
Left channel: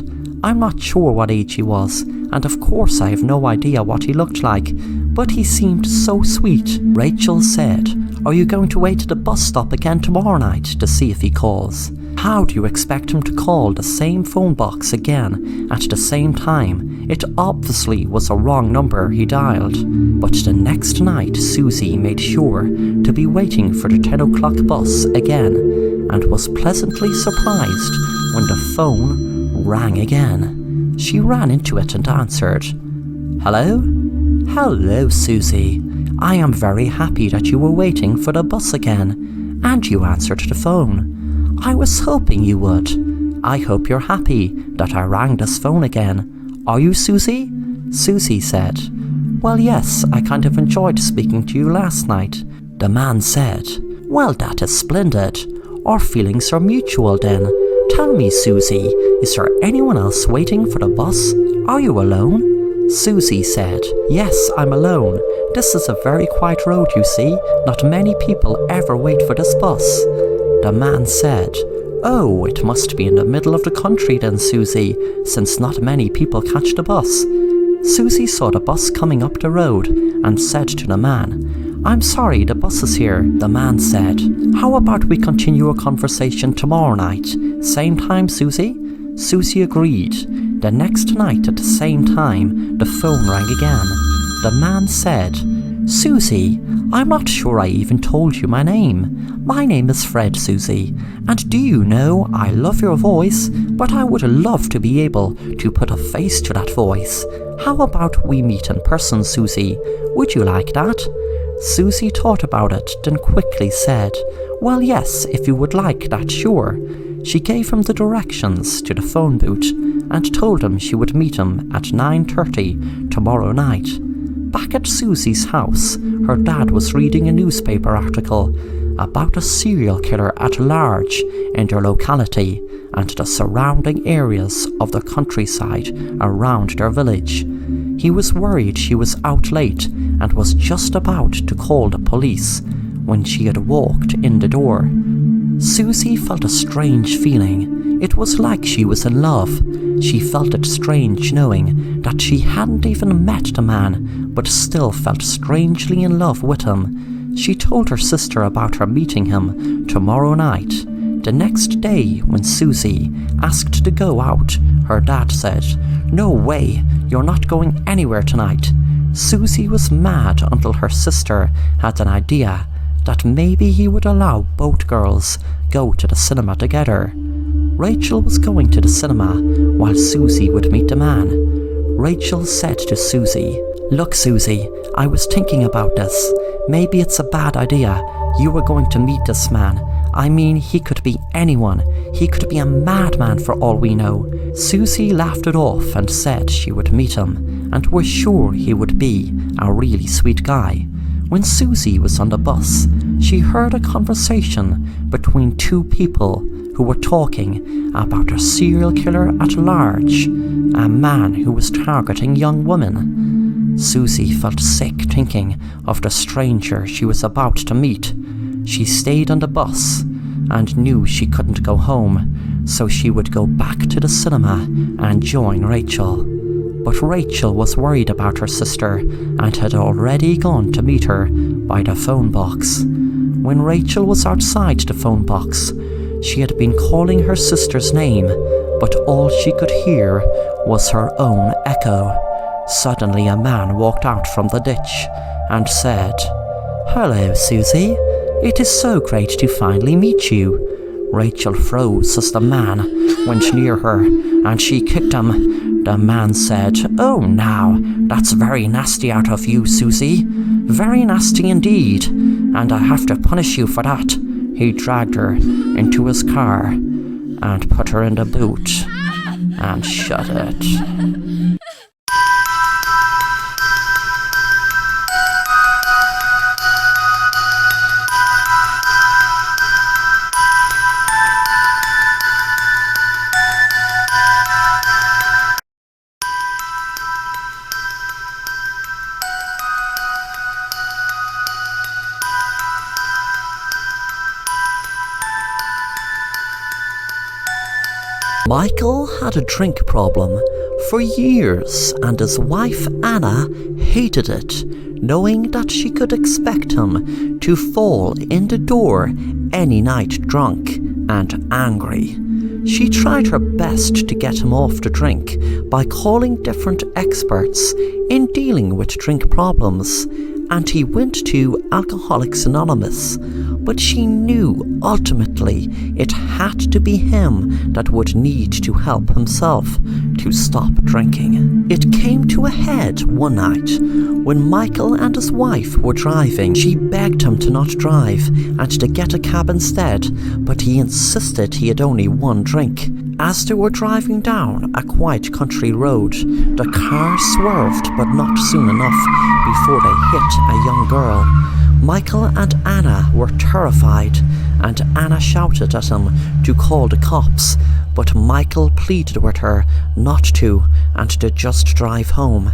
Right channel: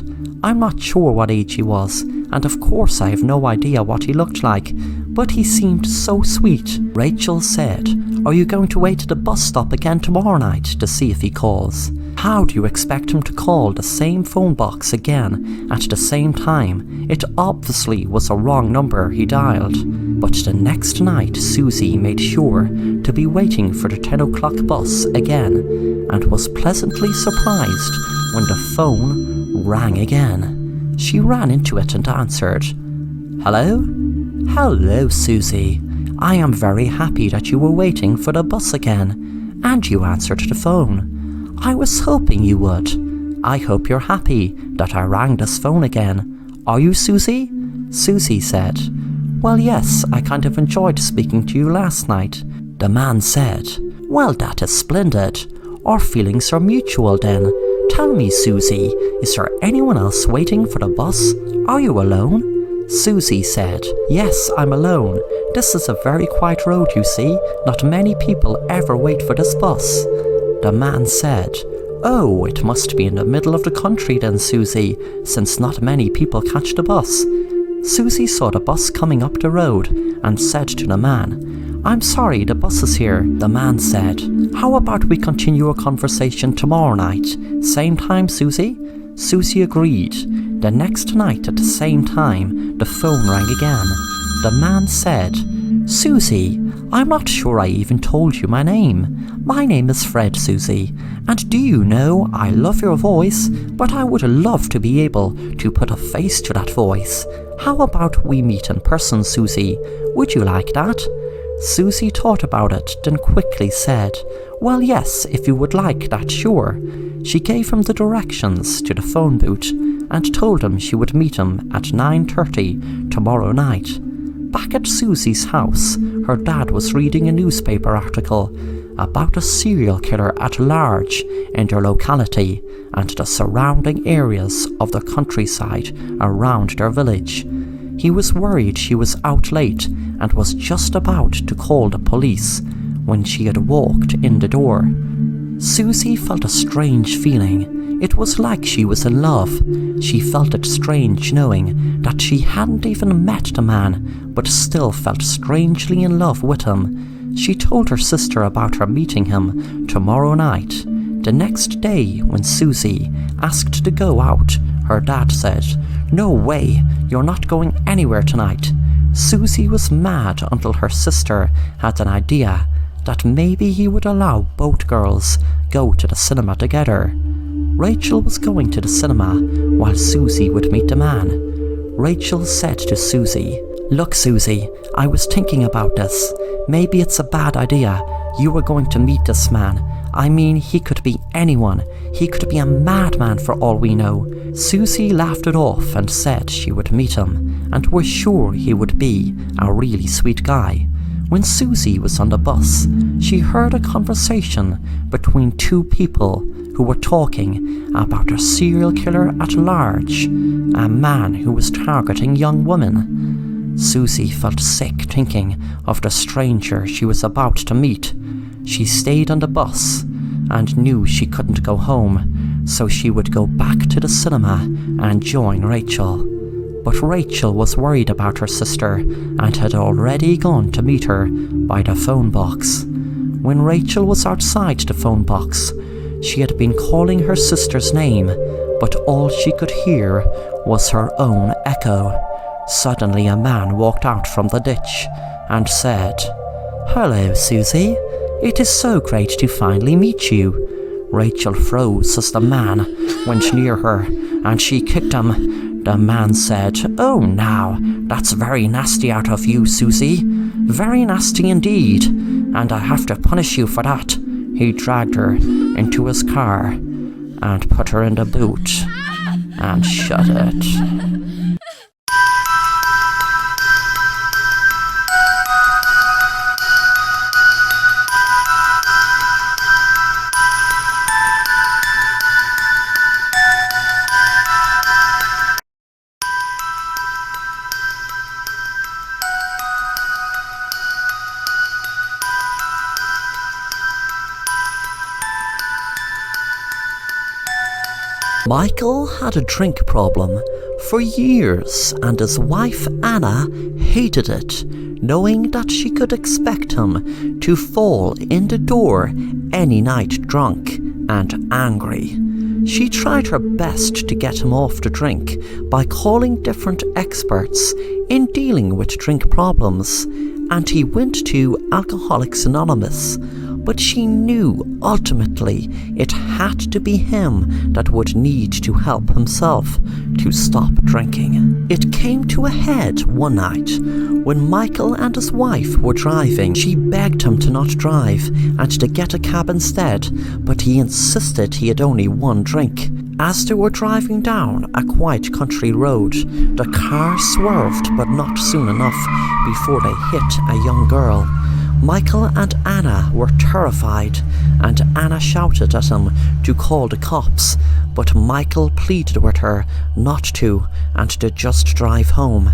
"I'm not sure what age he was, and of course I have no idea what he looked like, but he seemed so sweet." Rachel said, "Are you going to wait at the bus stop again tomorrow night to see if he calls? How do you expect him to call the same phone box again at the same time? It obviously was a wrong number he dialed." But the next night Susie made sure to be waiting for the 10 o'clock bus again, and was pleasantly surprised when the phone rang again. She ran into it and answered. "Hello? Hello, Susie. I am very happy that you were waiting for the bus again, and you answered the phone. I was hoping you would. I hope you're happy that I rang this phone again. Are you, Susie? Susie said, Well, yes, I kind of enjoyed speaking to you last night. The man said, Well, that is splendid. Our feelings are mutual then. Tell me, Susie, is there anyone else waiting for the bus? Are you alone? Susie said, Yes, I'm alone. This is a very quiet road, you see. Not many people ever wait for this bus. The man said, Oh, it must be in the middle of the country then, Susie, since not many people catch the bus. Susie saw the bus coming up the road and said to the man, I'm sorry, the bus is here. The man said, How about we continue our conversation tomorrow night? Same time, Susie? Susie agreed. The next night at the same time, the phone rang again. The man said, Susie, I'm not sure I even told you my name. My name is Fred, Susie, and do you know, I love your voice, but I would love to be able to put a face to that voice. How about we meet in person, Susie? Would you like that? Susie thought about it, then quickly said, Well, yes, if you would like that, sure. She gave him the directions to the phone booth and told him she would meet him at 9:30 tomorrow night. Back at Susie's house, her dad was reading a newspaper article about a serial killer at large in their locality and the surrounding areas of the countryside around their village. He was worried she was out late and was just about to call the police when she had walked in the door. Susie felt a strange feeling. It was like she was in love. She felt it strange knowing that she hadn't even met the man, but still felt strangely in love with him. She told her sister about her meeting him tomorrow night. The next day, when Susie asked to go out, her dad said, No way, you're not going anywhere tonight. Susie was mad until her sister had an idea that maybe he would allow both girls go to the cinema together. Rachel was going to the cinema while Susie would meet the man. Rachel said to Susie, Look, Susie, I was thinking about this. Maybe it's a bad idea. You were going to meet this man. I mean, he could be anyone. He could be a madman for all we know. Susie laughed it off and said she would meet him and was sure he would be a really sweet guy. When Susie was on the bus, she heard a conversation between two people who were talking about a serial killer at large, a man who was targeting young women. Susie felt sick thinking of the stranger she was about to meet. She stayed on the bus and knew she couldn't go home, so she would go back to the cinema and join Rachel. But Rachel was worried about her sister and had already gone to meet her by the phone box. When Rachel was outside the phone box, she had been calling her sister's name, but all she could hear was her own echo. Suddenly a man walked out from the ditch and said, Hello, Susie. It is so great to finally meet you. Rachel froze as the man went near her and she kicked him. The man said, Oh, now, that's very nasty out of you, Susie. Very nasty indeed, and I have to punish you for that. He dragged her into his car and put her in the boot and shut it. Michael had a drink problem for years, and his wife Anna hated it, knowing that she could expect him to fall in the door any night drunk and angry. She tried her best to get him off the drink by calling different experts in dealing with drink problems, and he went to Alcoholics Anonymous, but she knew ultimately it had to be him that would need to help himself to stop drinking. It came to a head one night when Michael and his wife were driving. She begged him to not drive and to get a cab instead, but he insisted he had only one drink. As they were driving down a quiet country road, the car swerved but not soon enough before they hit a young girl. Michael and Anna were terrified, and Anna shouted at him to call the cops, but Michael pleaded with her not to and to just drive home.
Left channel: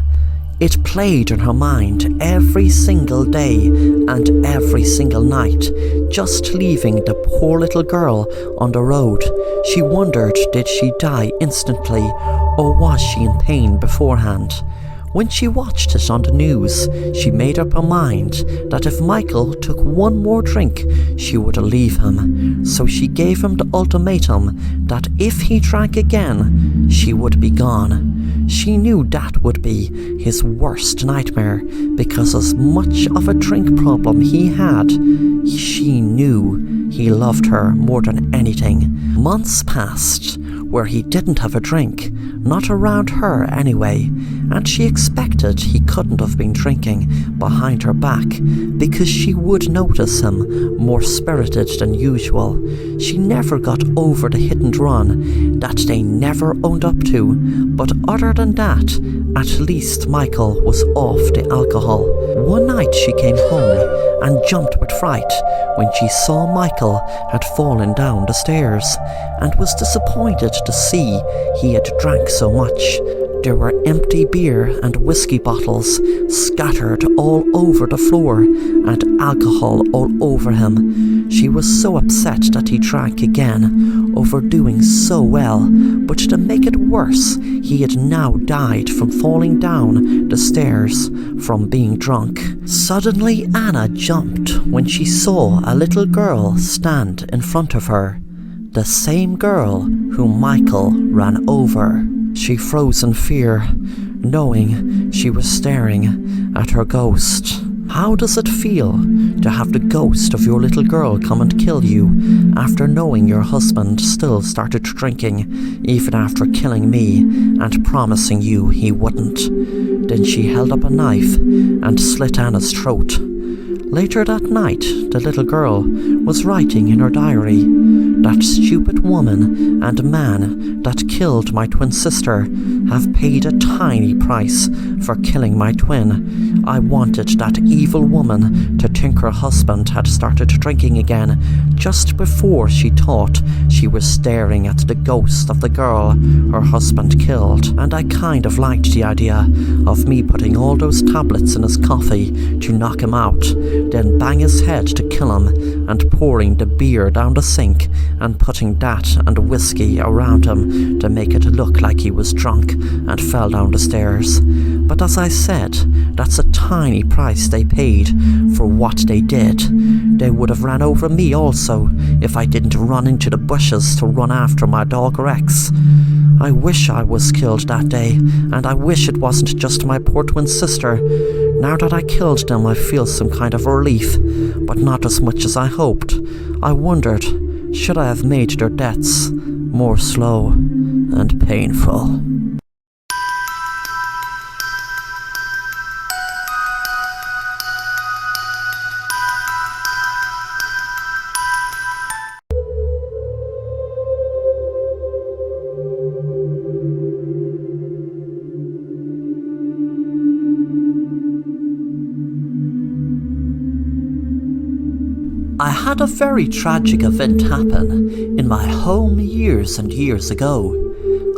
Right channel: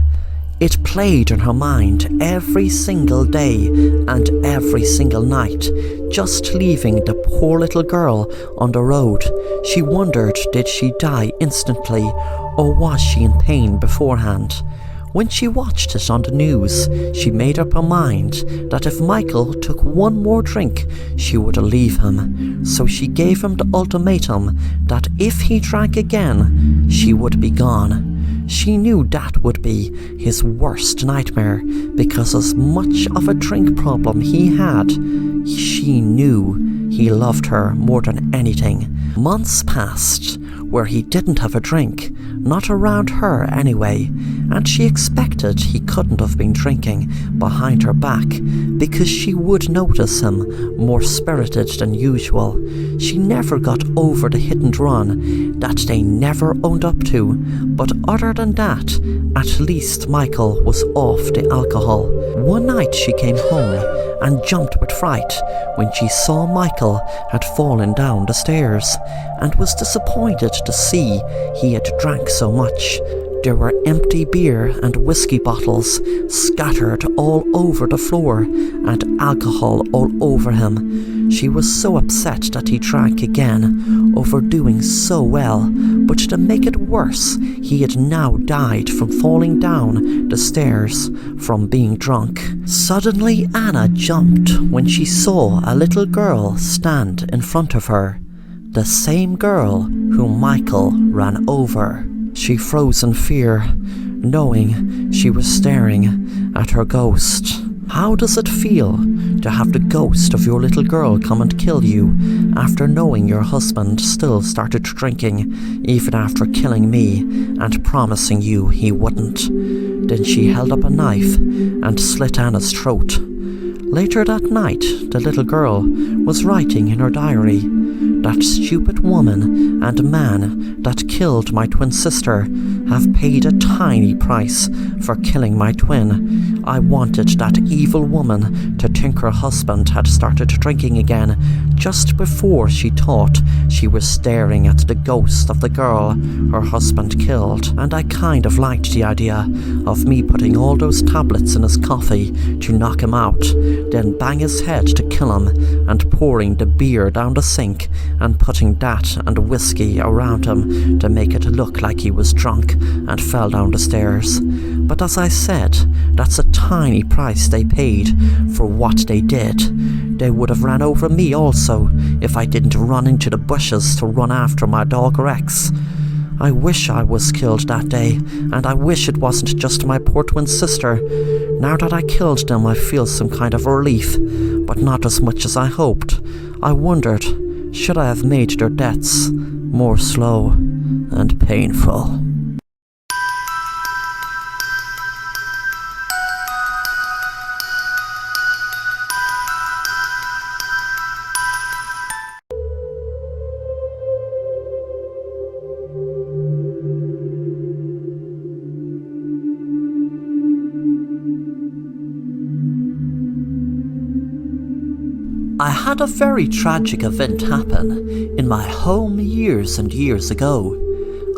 It played in her mind every single day and every single night, just leaving the poor little girl on the road. She wondered, did she die instantly, or was she in pain beforehand? When she watched it on the news, she made up her mind that if Michael took one more drink, she would leave him. So she gave him the ultimatum that if he drank again, she would be gone. She knew that would be his worst nightmare, because as much of a drink problem he had, she knew he loved her more than anything. Months passed where he didn't have a drink, not around her anyway, and she expected he couldn't have been drinking behind her back because she would notice him more spirited than usual. She never got over the hit and run that they never owned up to, but other than that, at least Michael was off the alcohol. One night she came home and jumped with fright when she saw Michael had fallen down the stairs, and was disappointed to see he had drank so much. There were empty beer and whiskey bottles scattered all over the floor and alcohol all over him. She was so upset that he drank again, overdoing so well, but to make it worse, he had now died from falling down the stairs from being drunk. Suddenly Anna jumped when she saw a little girl stand in front of her, the same girl whom Michael ran over. She froze in fear, knowing she was staring at her ghost. How does it feel to have the ghost of your little girl come and kill you after knowing your husband still started drinking, even after killing me and promising you he wouldn't? Then she held up a knife and slit Anna's throat. Later that night, the little girl was writing in her diary, "That stupid woman and man that killed my twin sister have paid a tiny price for killing my twin. I wanted that evil woman to think her husband had started drinking again just before she thought she was staring at the ghost of the girl her husband killed, and I kind of liked the idea of me putting all those tablets in his coffee to knock him out, then bang his head to kill him, and pouring the beer down the sink and putting that and whiskey around him to make it look like he was drunk and fell down the stairs. But as I said, that's a tiny price they paid for what they did. They would have ran over me also if I didn't run into the bushes to run after my dog Rex. I wish I was killed that day, and I wish it wasn't just my poor twin sister. Now that I killed them, I feel some kind of relief, but not as much as I hoped. I wondered, should I have made their deaths more slow and painful?" I had a very tragic event happen in my home years and years ago.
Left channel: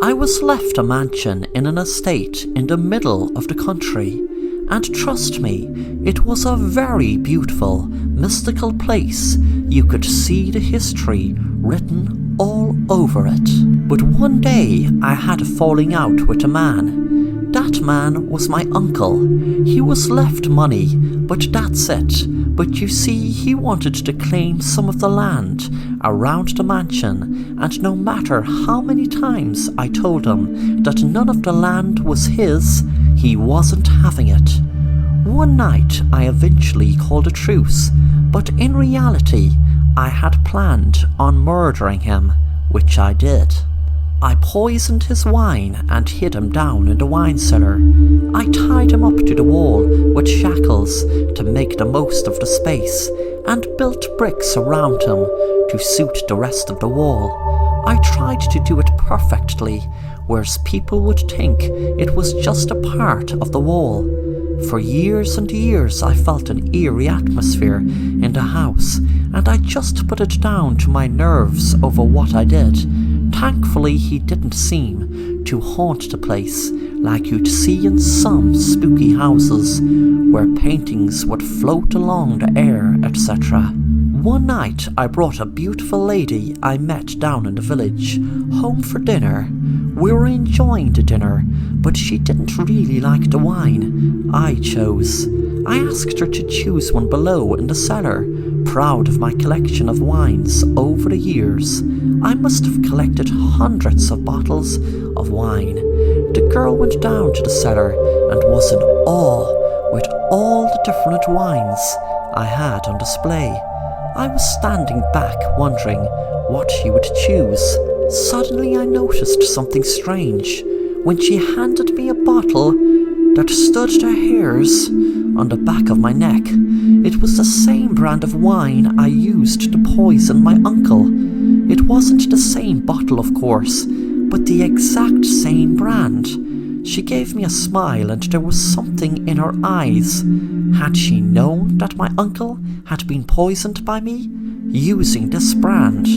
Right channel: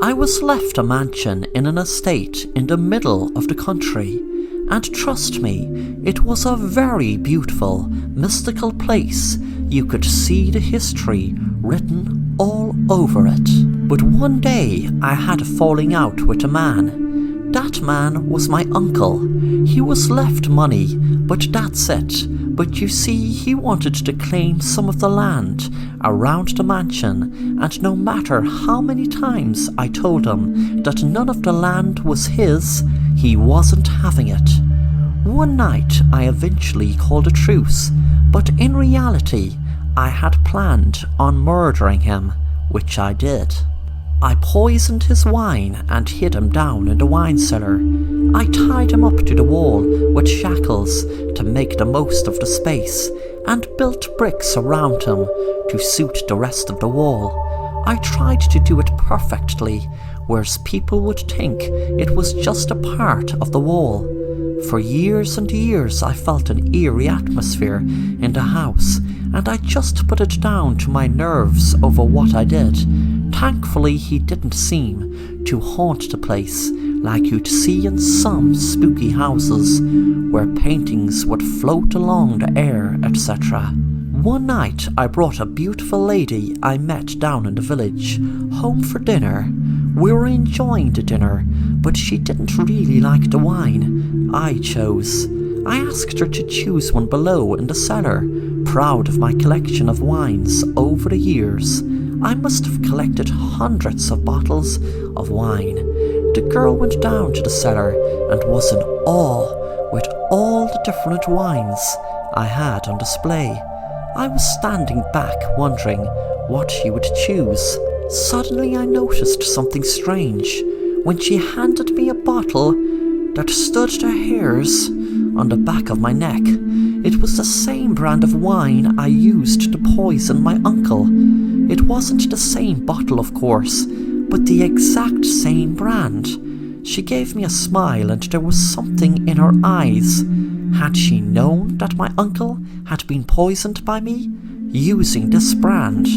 I was left a mansion in an estate in the middle of the country, and trust me, it was a very beautiful, mystical place. You could see the history written all over it. But one day I had a falling out with a man. That man was my uncle. He was left money, but that's it. But you see, he wanted to claim some of the land around the mansion, and no matter how many times I told him that none of the land was his, he wasn't having it. One night I eventually called a truce, but in reality, I had planned on murdering him, which I did. I poisoned his wine and hid him down in the wine cellar. I tied him up to the wall with shackles to make the most of the space and built bricks around him to suit the rest of the wall. I tried to do it perfectly, whereas people would think it was just a part of the wall. For years and years I felt an eerie atmosphere in the house, and I just put it down to my nerves over what I did. Thankfully, he didn't seem to haunt the place like you'd see in some spooky houses, where paintings would float along the air, etc. One night, I brought a beautiful lady I met down in the village home for dinner. We were enjoying the dinner, but she didn't really like the wine I chose. I asked her to choose one below in the cellar, proud of my collection of wines over the years. I must have collected hundreds of bottles of wine. The girl went down to the cellar and was in awe with all the different wines I had on display. I was standing back wondering what she would choose. Suddenly I noticed something strange when she handed me a bottle that stood to hairs on the back of my neck. It was the same brand of wine I used to poison my uncle. It wasn't the same bottle, of course, but the exact same brand. She gave me a smile and there was something in her eyes. Had she known that my uncle had been poisoned by me, using this brand?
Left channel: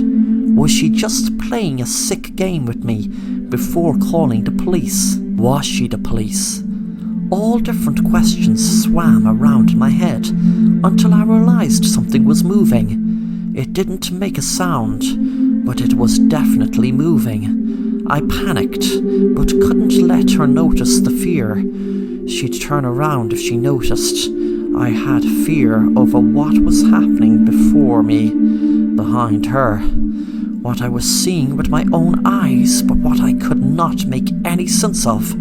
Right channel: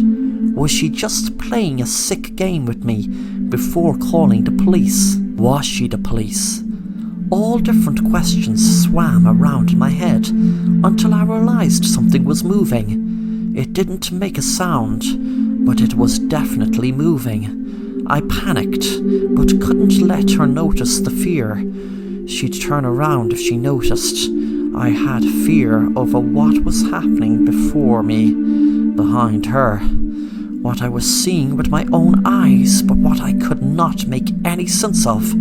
Was she just playing a sick game with me before calling the police? Was she the police? All different questions swam around in my head until I realized something was moving. It didn't make a sound, but it was definitely moving. I panicked, but couldn't let her notice the fear. She'd turn around if she noticed. I had fear over what was happening before me, behind her. What I was seeing with my own eyes, but what I could not make any sense of.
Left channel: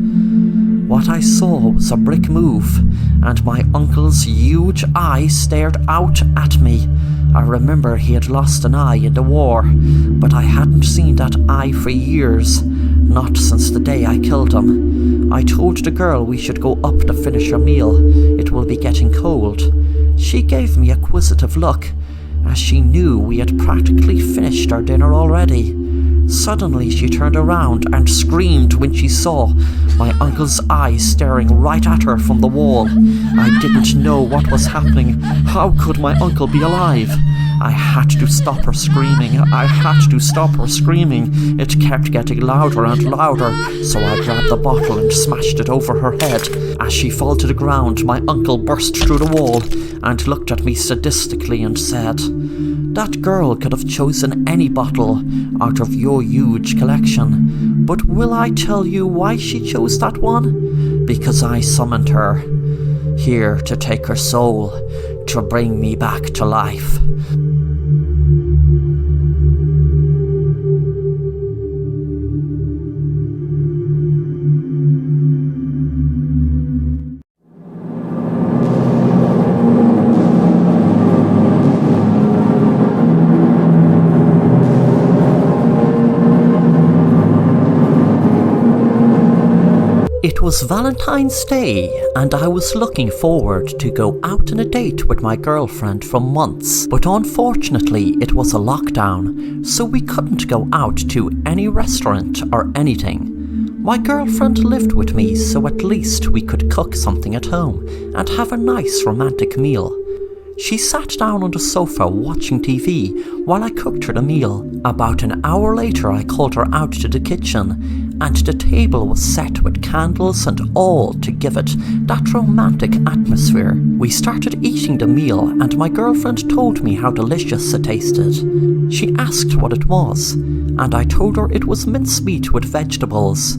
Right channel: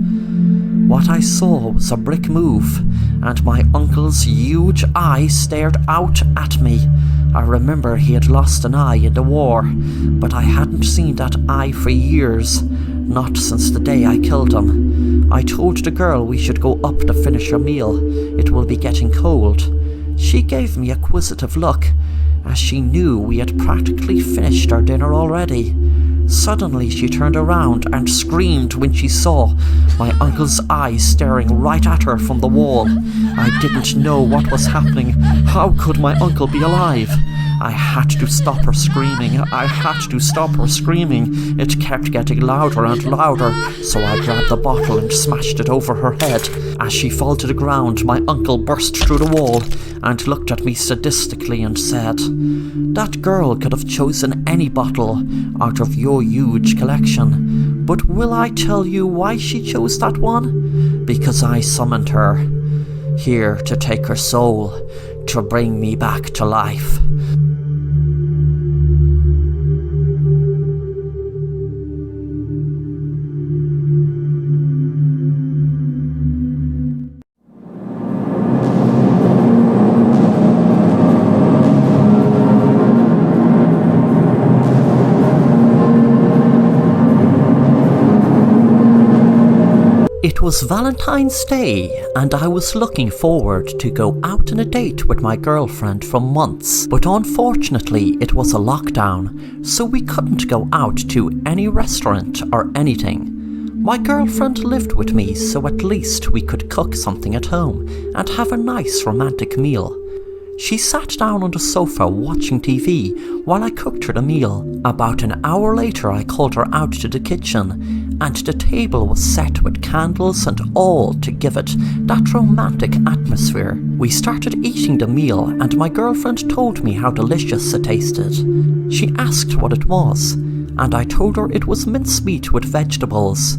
What I saw was a brick move, and my uncle's huge eye stared out at me. I remember he had lost an eye in the war, but I hadn't seen that eye for years, not since the day I killed him. I told the girl we should go up to finish our meal. It will be getting cold. She gave me a quizzitive look, as she knew we had practically finished our dinner already. Suddenly she turned around and screamed when she saw my uncle's eyes staring right at her from the wall. I didn't know what was happening. How could my uncle be alive? I had to stop her screaming. I had to stop her screaming. It kept getting louder and louder, so I grabbed the bottle and smashed it over her head. As she fell to the ground, my uncle burst through the wall and looked at me sadistically and said, "That girl could have chosen any bottle out of your huge collection, but will I tell you why she chose that one? Because I summoned her, here to take her soul, to bring me back to life." It was Valentine's Day, and I was looking forward to go out on a date with my girlfriend for months, but unfortunately it was a lockdown, so we couldn't go out to any restaurant or anything. My girlfriend lived with me, so at least we could cook something at home and have a nice romantic meal. She sat down on the sofa watching TV while I cooked her the meal. About an hour later I called her out to the kitchen, and the table was set with candles and all to give it that romantic atmosphere. We started eating the meal and my girlfriend told me how delicious it tasted. She asked what it was, and I told her it was mincemeat with vegetables.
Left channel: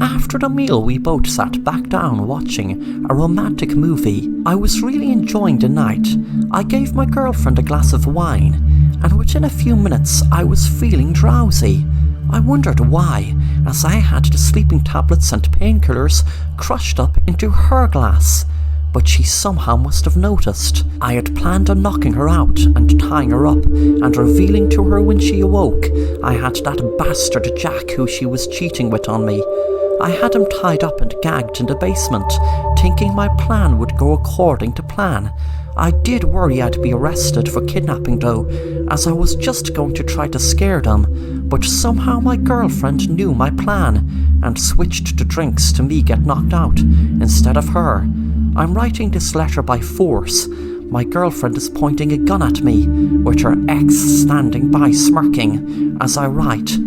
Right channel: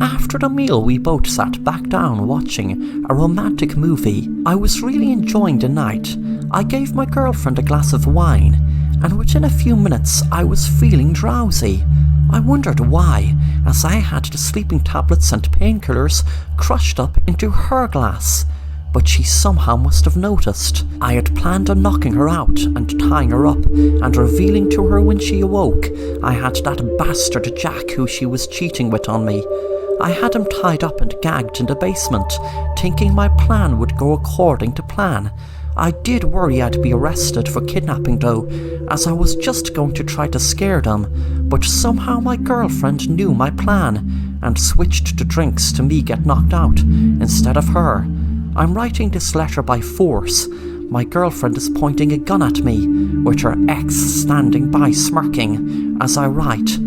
After the meal we both sat back down watching a romantic movie. I was really enjoying the night. I gave my girlfriend a glass of wine, and within a few minutes I was feeling drowsy. I wondered why, as I had the sleeping tablets and painkillers crushed up into her glass. but she somehow must have noticed. I had planned on knocking her out and tying her up and revealing to her when she awoke I had that bastard Jack who she was cheating with on me. I had him tied up and gagged in the basement, thinking my plan would go according to plan. I did worry I'd be arrested for kidnapping though, as I was just going to try to scare them, but somehow my girlfriend knew my plan and switched the drinks to me get knocked out instead of her. I'm writing this letter by force. My girlfriend is pointing a gun at me, with her ex standing by smirking as I write.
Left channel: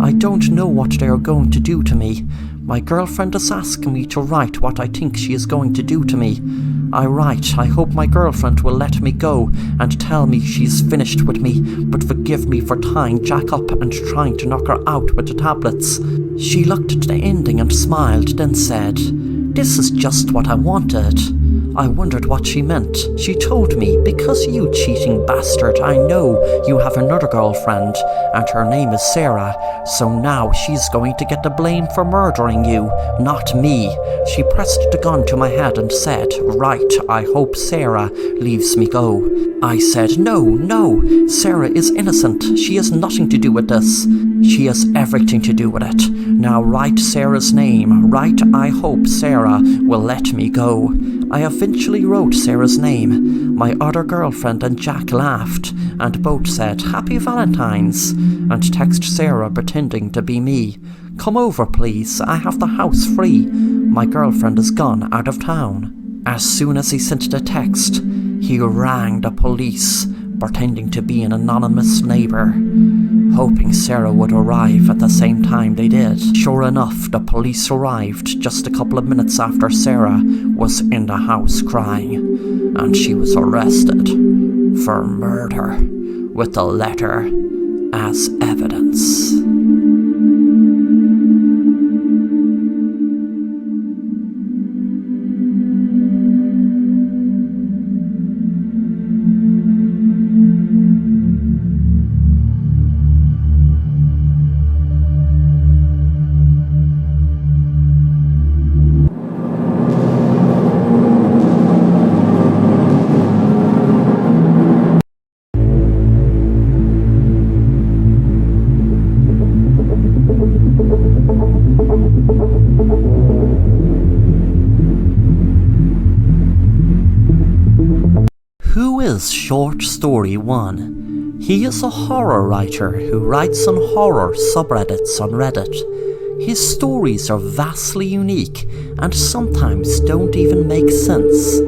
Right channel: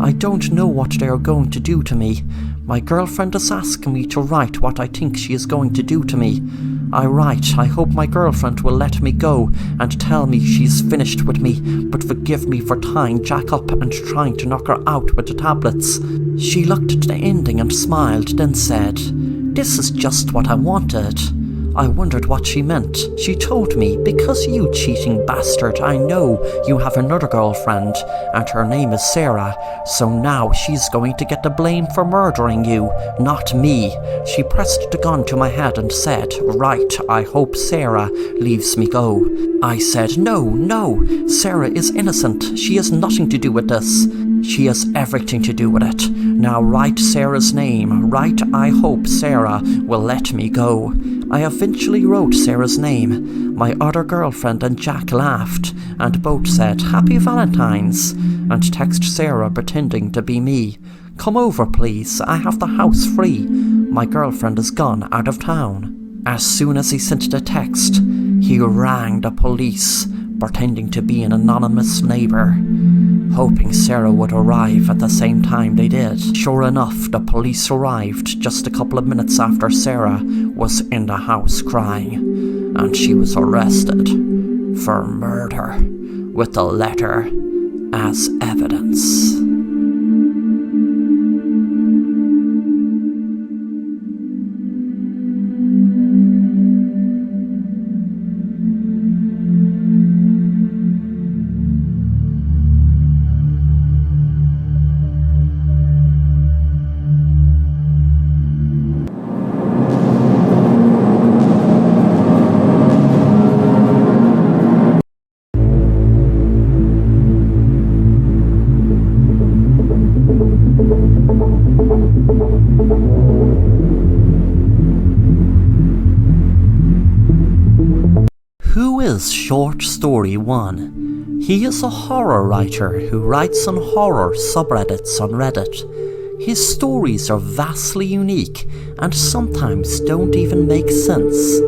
I don't know what they are going to do to me. My girlfriend is asking me to write what I think she is going to do to me. I write, I hope my girlfriend will let me go and tell me she's finished with me, but forgive me for tying Jack up and trying to knock her out with the tablets. She looked at the ending and smiled, then said, "This is just what I wanted." I wondered what she meant. She told me, "Because you cheating bastard, I know you have another girlfriend, and her name is Sarah, so now she's going to get the blame for murdering you, not me." She pressed the gun to my head and said, "Right, I hope Sarah leaves me go." I said, No, Sarah is innocent. She has nothing to do with this. She has everything to do with it. Now write Sarah's name. Write, I hope Sarah will let me go. I eventually wrote Sarah's name. My other girlfriend and Jack laughed, and both said, "Happy Valentine's," and texted Sarah pretending to be me. "Come over, please. I have the house free. My girlfriend is gone out of town." As soon as he sent the text, he rang the police, pretending to be an anonymous neighbour, hoping Sarah would arrive at the same time they did. Sure enough, the police arrived just a couple of minutes after Sarah was in the house crying, and she was arrested for murder with the letter as evidence. Who is Short Story 1? He is a horror writer who writes on horror subreddits on Reddit. His stories are vastly unique and sometimes don't even make sense.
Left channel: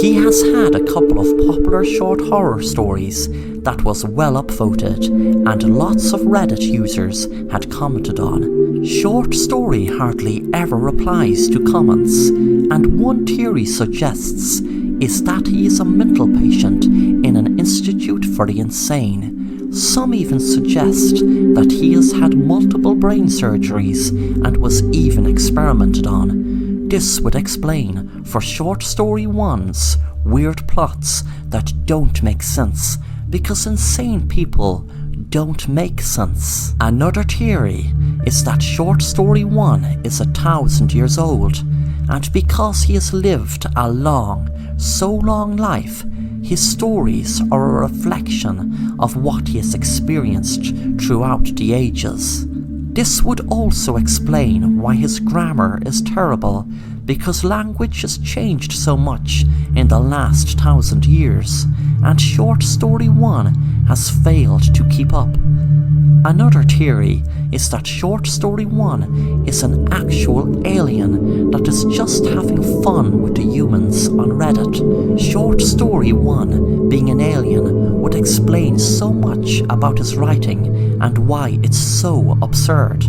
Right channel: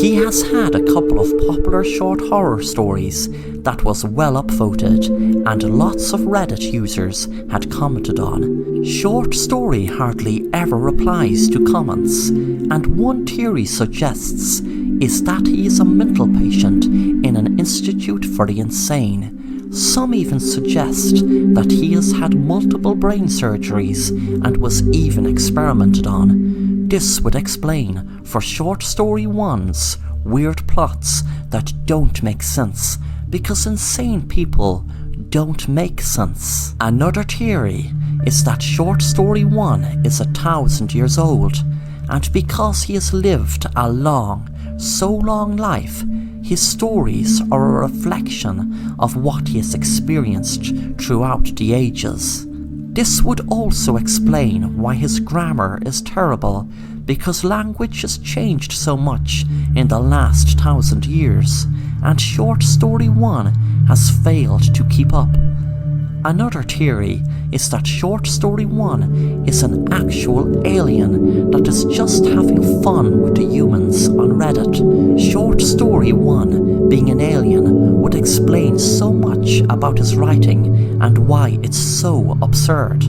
He has had a couple of popular short horror stories that was well upvoted and lots of Reddit users had commented on. Short Story hardly ever replies to comments, and one theory suggests is that he is a mental patient in an institute for the insane. Some even suggest that he has had multiple brain surgeries and was even experimented on. This would explain for Short Story 1's weird plots that don't make sense, because insane people don't make sense. Another theory is that Short Story 1 is 1,000 years old, and because he has lived a so long life, his stories are a reflection of what he has experienced throughout the ages. This would also explain why his grammar is terrible, because language has changed so much in the last 1,000 years, and Short Story 1 has failed to keep up. Another theory is that Short Story 1 is an actual alien that is just having fun with the humans on Reddit. Short Story 1 being an alien would explain so much about his writing and why it's so absurd.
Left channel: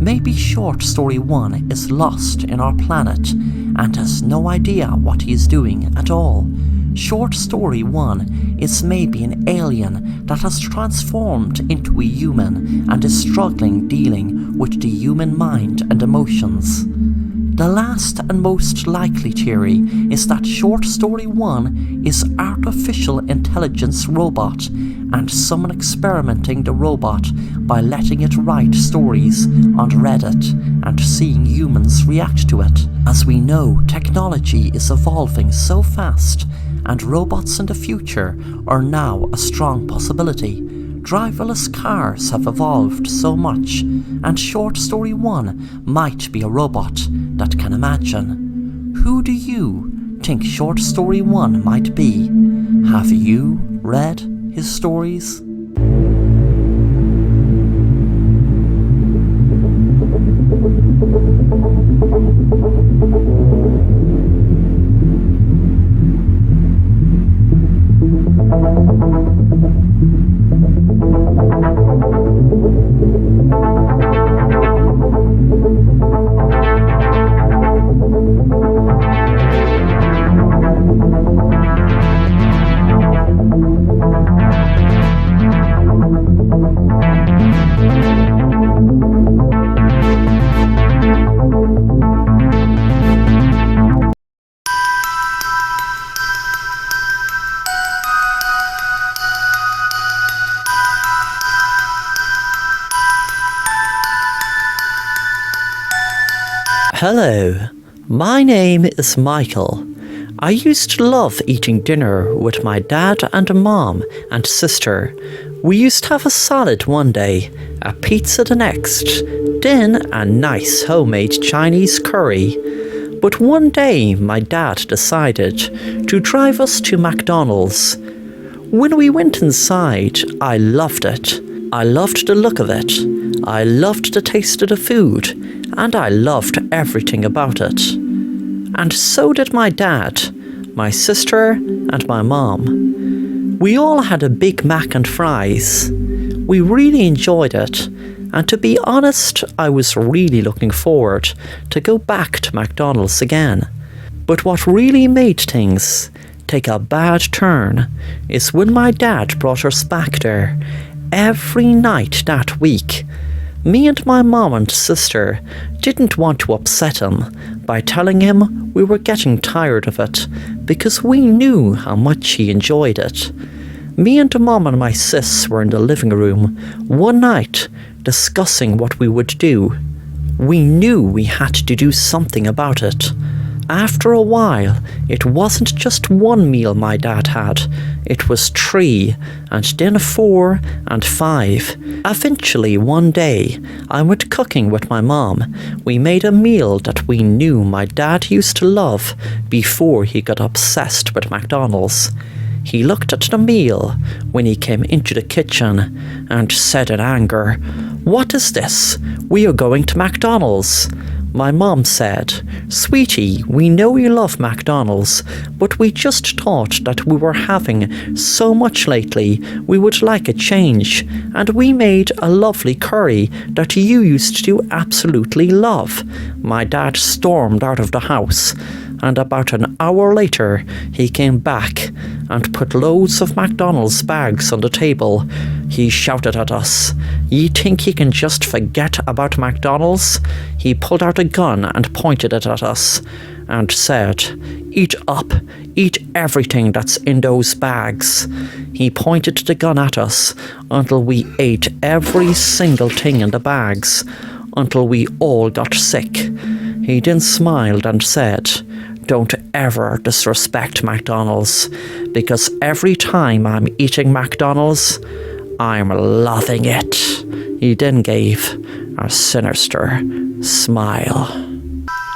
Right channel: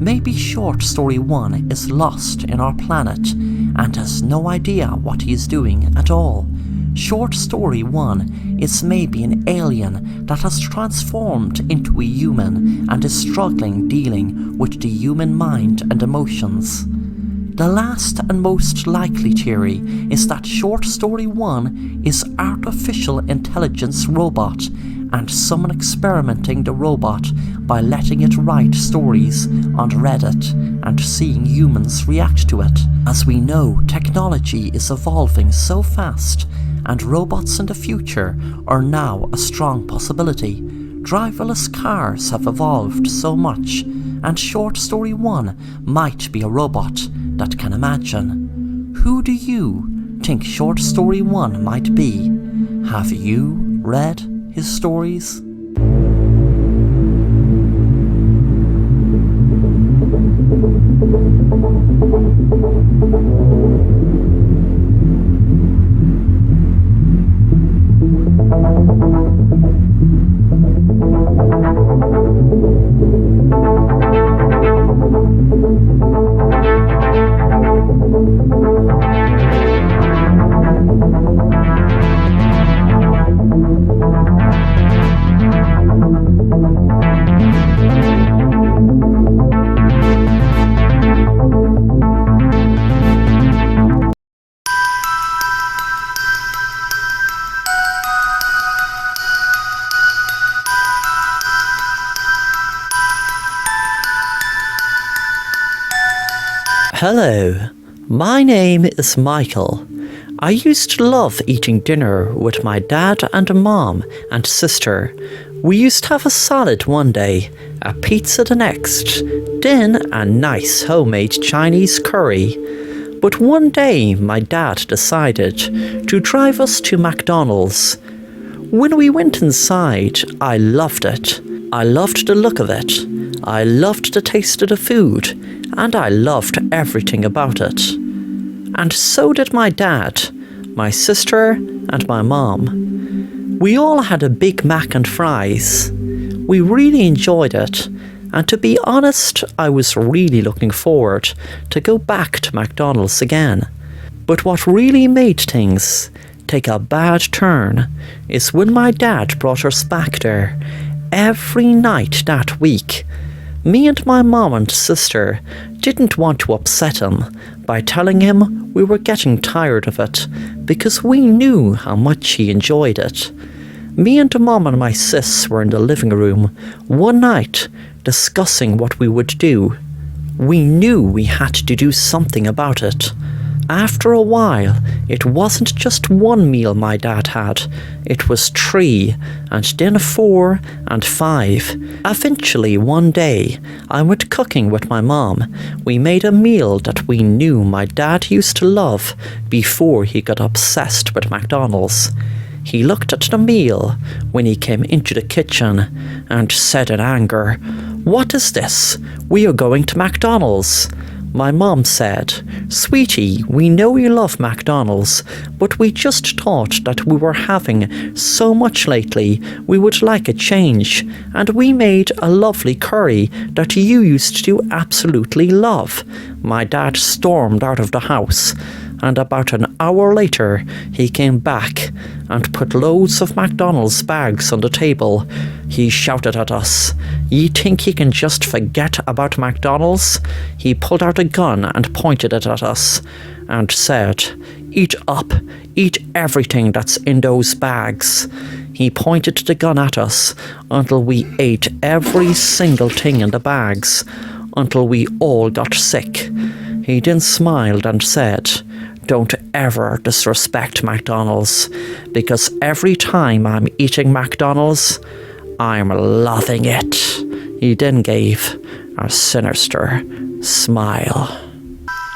Maybe Short Story 1 is lost in our planet and has no idea what he is doing at all. Short Story 1 is maybe an alien that has transformed into a human and is struggling dealing with the human mind and emotions. The last and most likely theory is that Short Story 1 is artificial intelligence robot and someone experimenting the robot by letting it write stories on Reddit and seeing humans react to it. As we know, technology is evolving so fast and robots in the future are now a strong possibility. Driverless cars have evolved so much, and Short Story 1 might be a robot that can imagine. Who do you think Short Story 1 might be? Have you read his stories? Hello, my name is Michael. I used to love eating dinner with my dad and mom and sister. We used to have a salad one day, a pizza the next, then a nice homemade Chinese curry. But one day my dad decided to drive us to McDonald's. When we went inside, I loved it. I loved the look of it. I loved the taste of the food, and I loved everything about it. And so did my dad, my sister, and my mom. We all had a Big Mac and fries. We really enjoyed it, and to be honest, I was really looking forward to go back to McDonald's again. But what really made things take a bad turn is when my dad brought us back there every night that week. Me and my mom and sister didn't want to upset him by telling him we were getting tired of it because we knew how much he enjoyed it. Me and mom and my sis were in the living room one night discussing what we would do. We knew we had to do something about it. After a while, it wasn't just one meal my dad had, it was 3, and then 4 and 5. Eventually, one day, I went cooking with my mom. We made a meal that we knew my dad used to love before he got obsessed with McDonald's. He looked at the meal when he came into the kitchen and said in anger, "What is this? We are going to McDonald's." My mom said, "Sweetie, we know you love McDonald's, but we just thought that we were having so much lately, we would like a change, and we made a lovely curry that you used to absolutely love." My dad stormed out of the house, and about an hour later, he came back and put loads of McDonald's bags on the table. He shouted at us, "You think you can just forget about McDonald's?" He pulled out a gun and pointed it at us and said, "Eat up, eat everything that's in those bags." He pointed the gun at us until we ate every single thing in the bags, until we all got sick. He then smiled and said, "Don't ever disrespect McDonald's, because every time I'm eating McDonald's, I'm loving it." He then gave a sinister smile.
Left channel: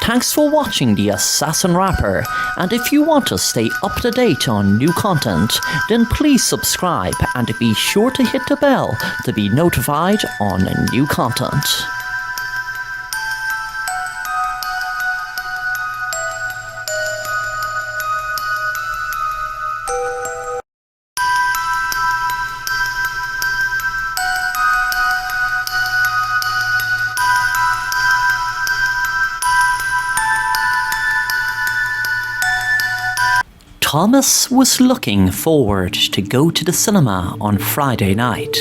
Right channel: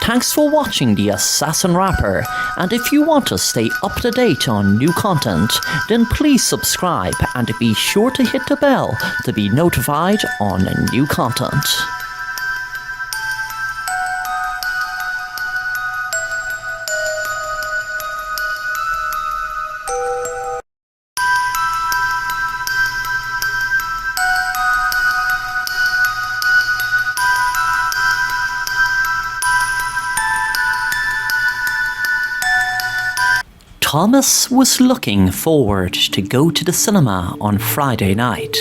Thanks for watching The Assassin Rapper, and if you want to stay up to date on new content, then please subscribe and be sure to hit the bell to be notified on new content. Thomas was looking forward to go to the cinema on Friday night.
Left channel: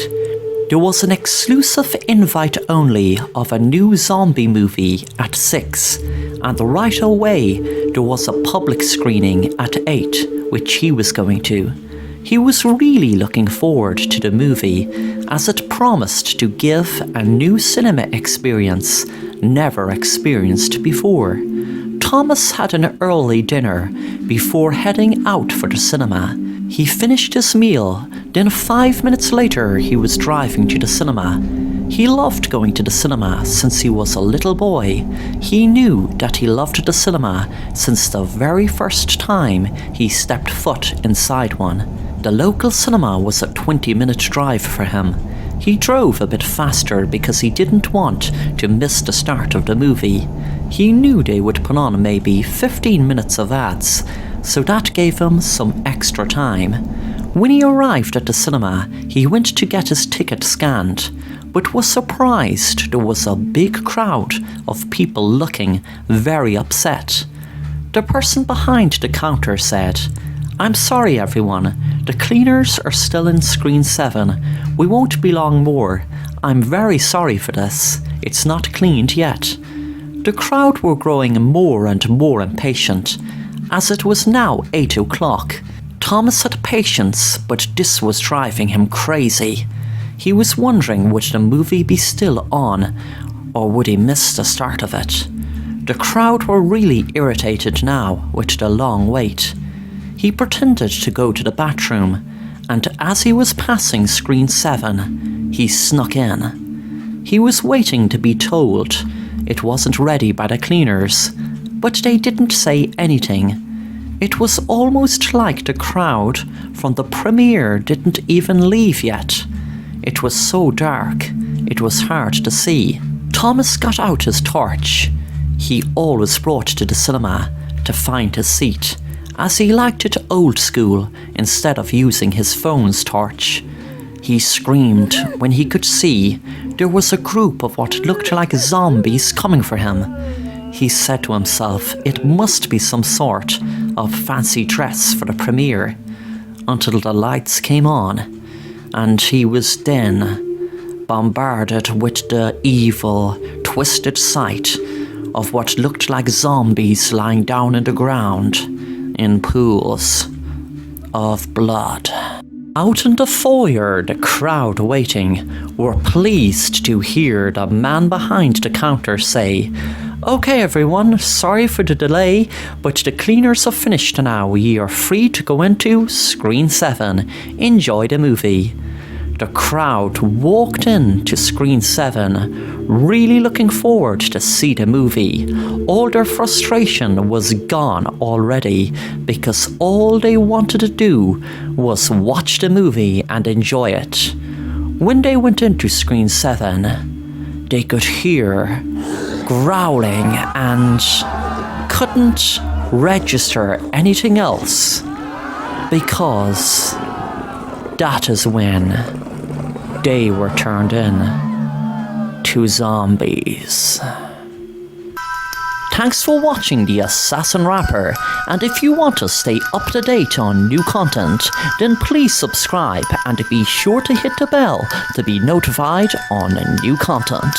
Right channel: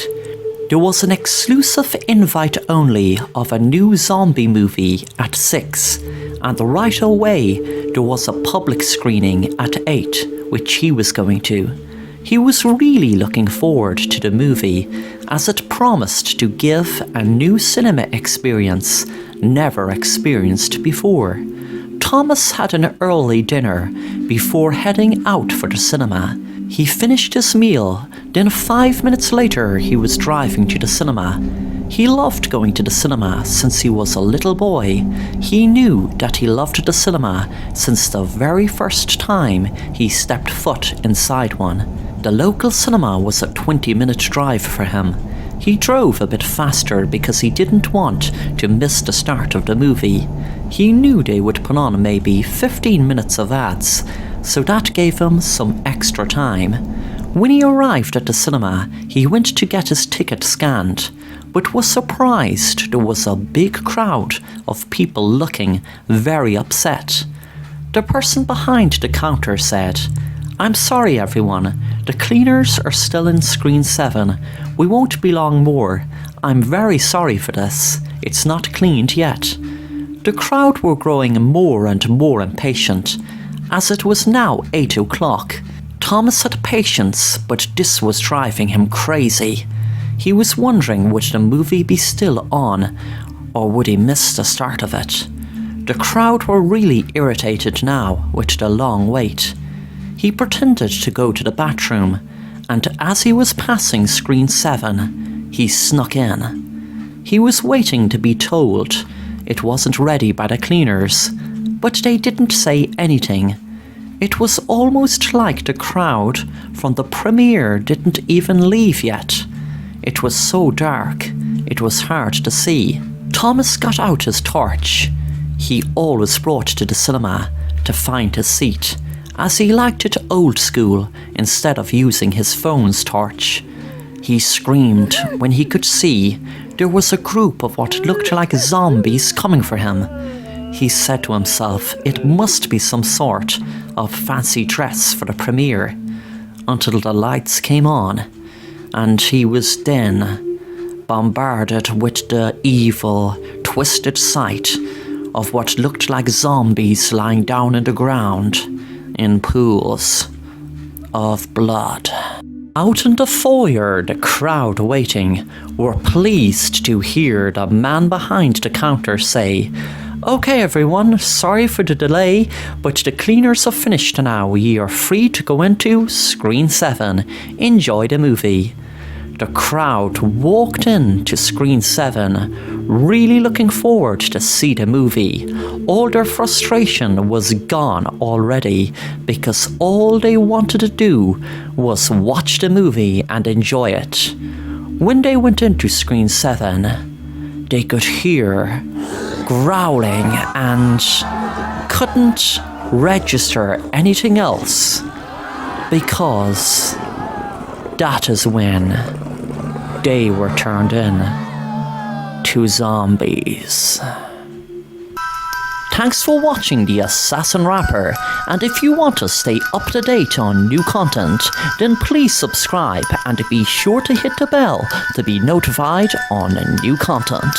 There was an exclusive invite only of a new zombie movie at 6, and right away there was a public screening at 8, which he was going to. He was really looking forward to the movie, as it promised to give a new cinema experience never experienced before. Thomas had an early dinner before heading out for the cinema. He finished his meal, then 5 minutes later he was driving to the cinema. He loved going to the cinema since he was a little boy. He knew that he loved the cinema since the very first time he stepped foot inside one. The local cinema was a 20-minute drive for him. He drove a bit faster because he didn't want to miss the start of the movie. He knew they would put on maybe 15 minutes of ads, so that gave him some extra time. When he arrived at the cinema, he went to get his ticket scanned, but was surprised there was a big crowd of people looking very upset. The person behind the counter said, "I'm sorry everyone, the cleaners are still in screen 7. We won't be long more. I'm very sorry for this. It's not cleaned yet." The crowd were growing more and more impatient, as it was now 8 o'clock. Thomas had patience, but this was driving him crazy. He was wondering would the movie be still on, or would he miss the start of it. The crowd were really irritated now with the long wait. He pretended to go to the bathroom, and as he was passing screen 7, he snuck in. He was waiting to be told it wasn't ready by the cleaners, but they didn't say anything. It was almost like the crowd from the premiere didn't even leave yet. It was so dark, it was hard to see. Thomas got out his torch. He always brought to the cinema to find his seat, as he liked it old school instead of using his phone's torch. He screamed when he could see there was a group of what looked like zombies coming for him. He said to himself it must be some sort of fancy dress for the premiere, until the lights came on, and he was then bombarded with the evil, twisted sight of what looked like zombies lying down in the ground in pools of blood. Out in the foyer, the crowd waiting were pleased to hear the man behind the counter say, "Okay everyone, sorry for the delay, but the cleaners have finished now. Ye are free to go into screen 7. Enjoy the movie." The crowd walked in to screen 7, really looking forward to see the movie. All their frustration was gone already, because all they wanted to do was watch the movie and enjoy it. When they went into screen 7, they could hear growling and couldn't register anything else, because that is when they were turned in to zombies. Thanks for watching The Assassin Rapper, and if you want to stay up to date on new content, then please subscribe and be sure to hit the bell to be notified on new content.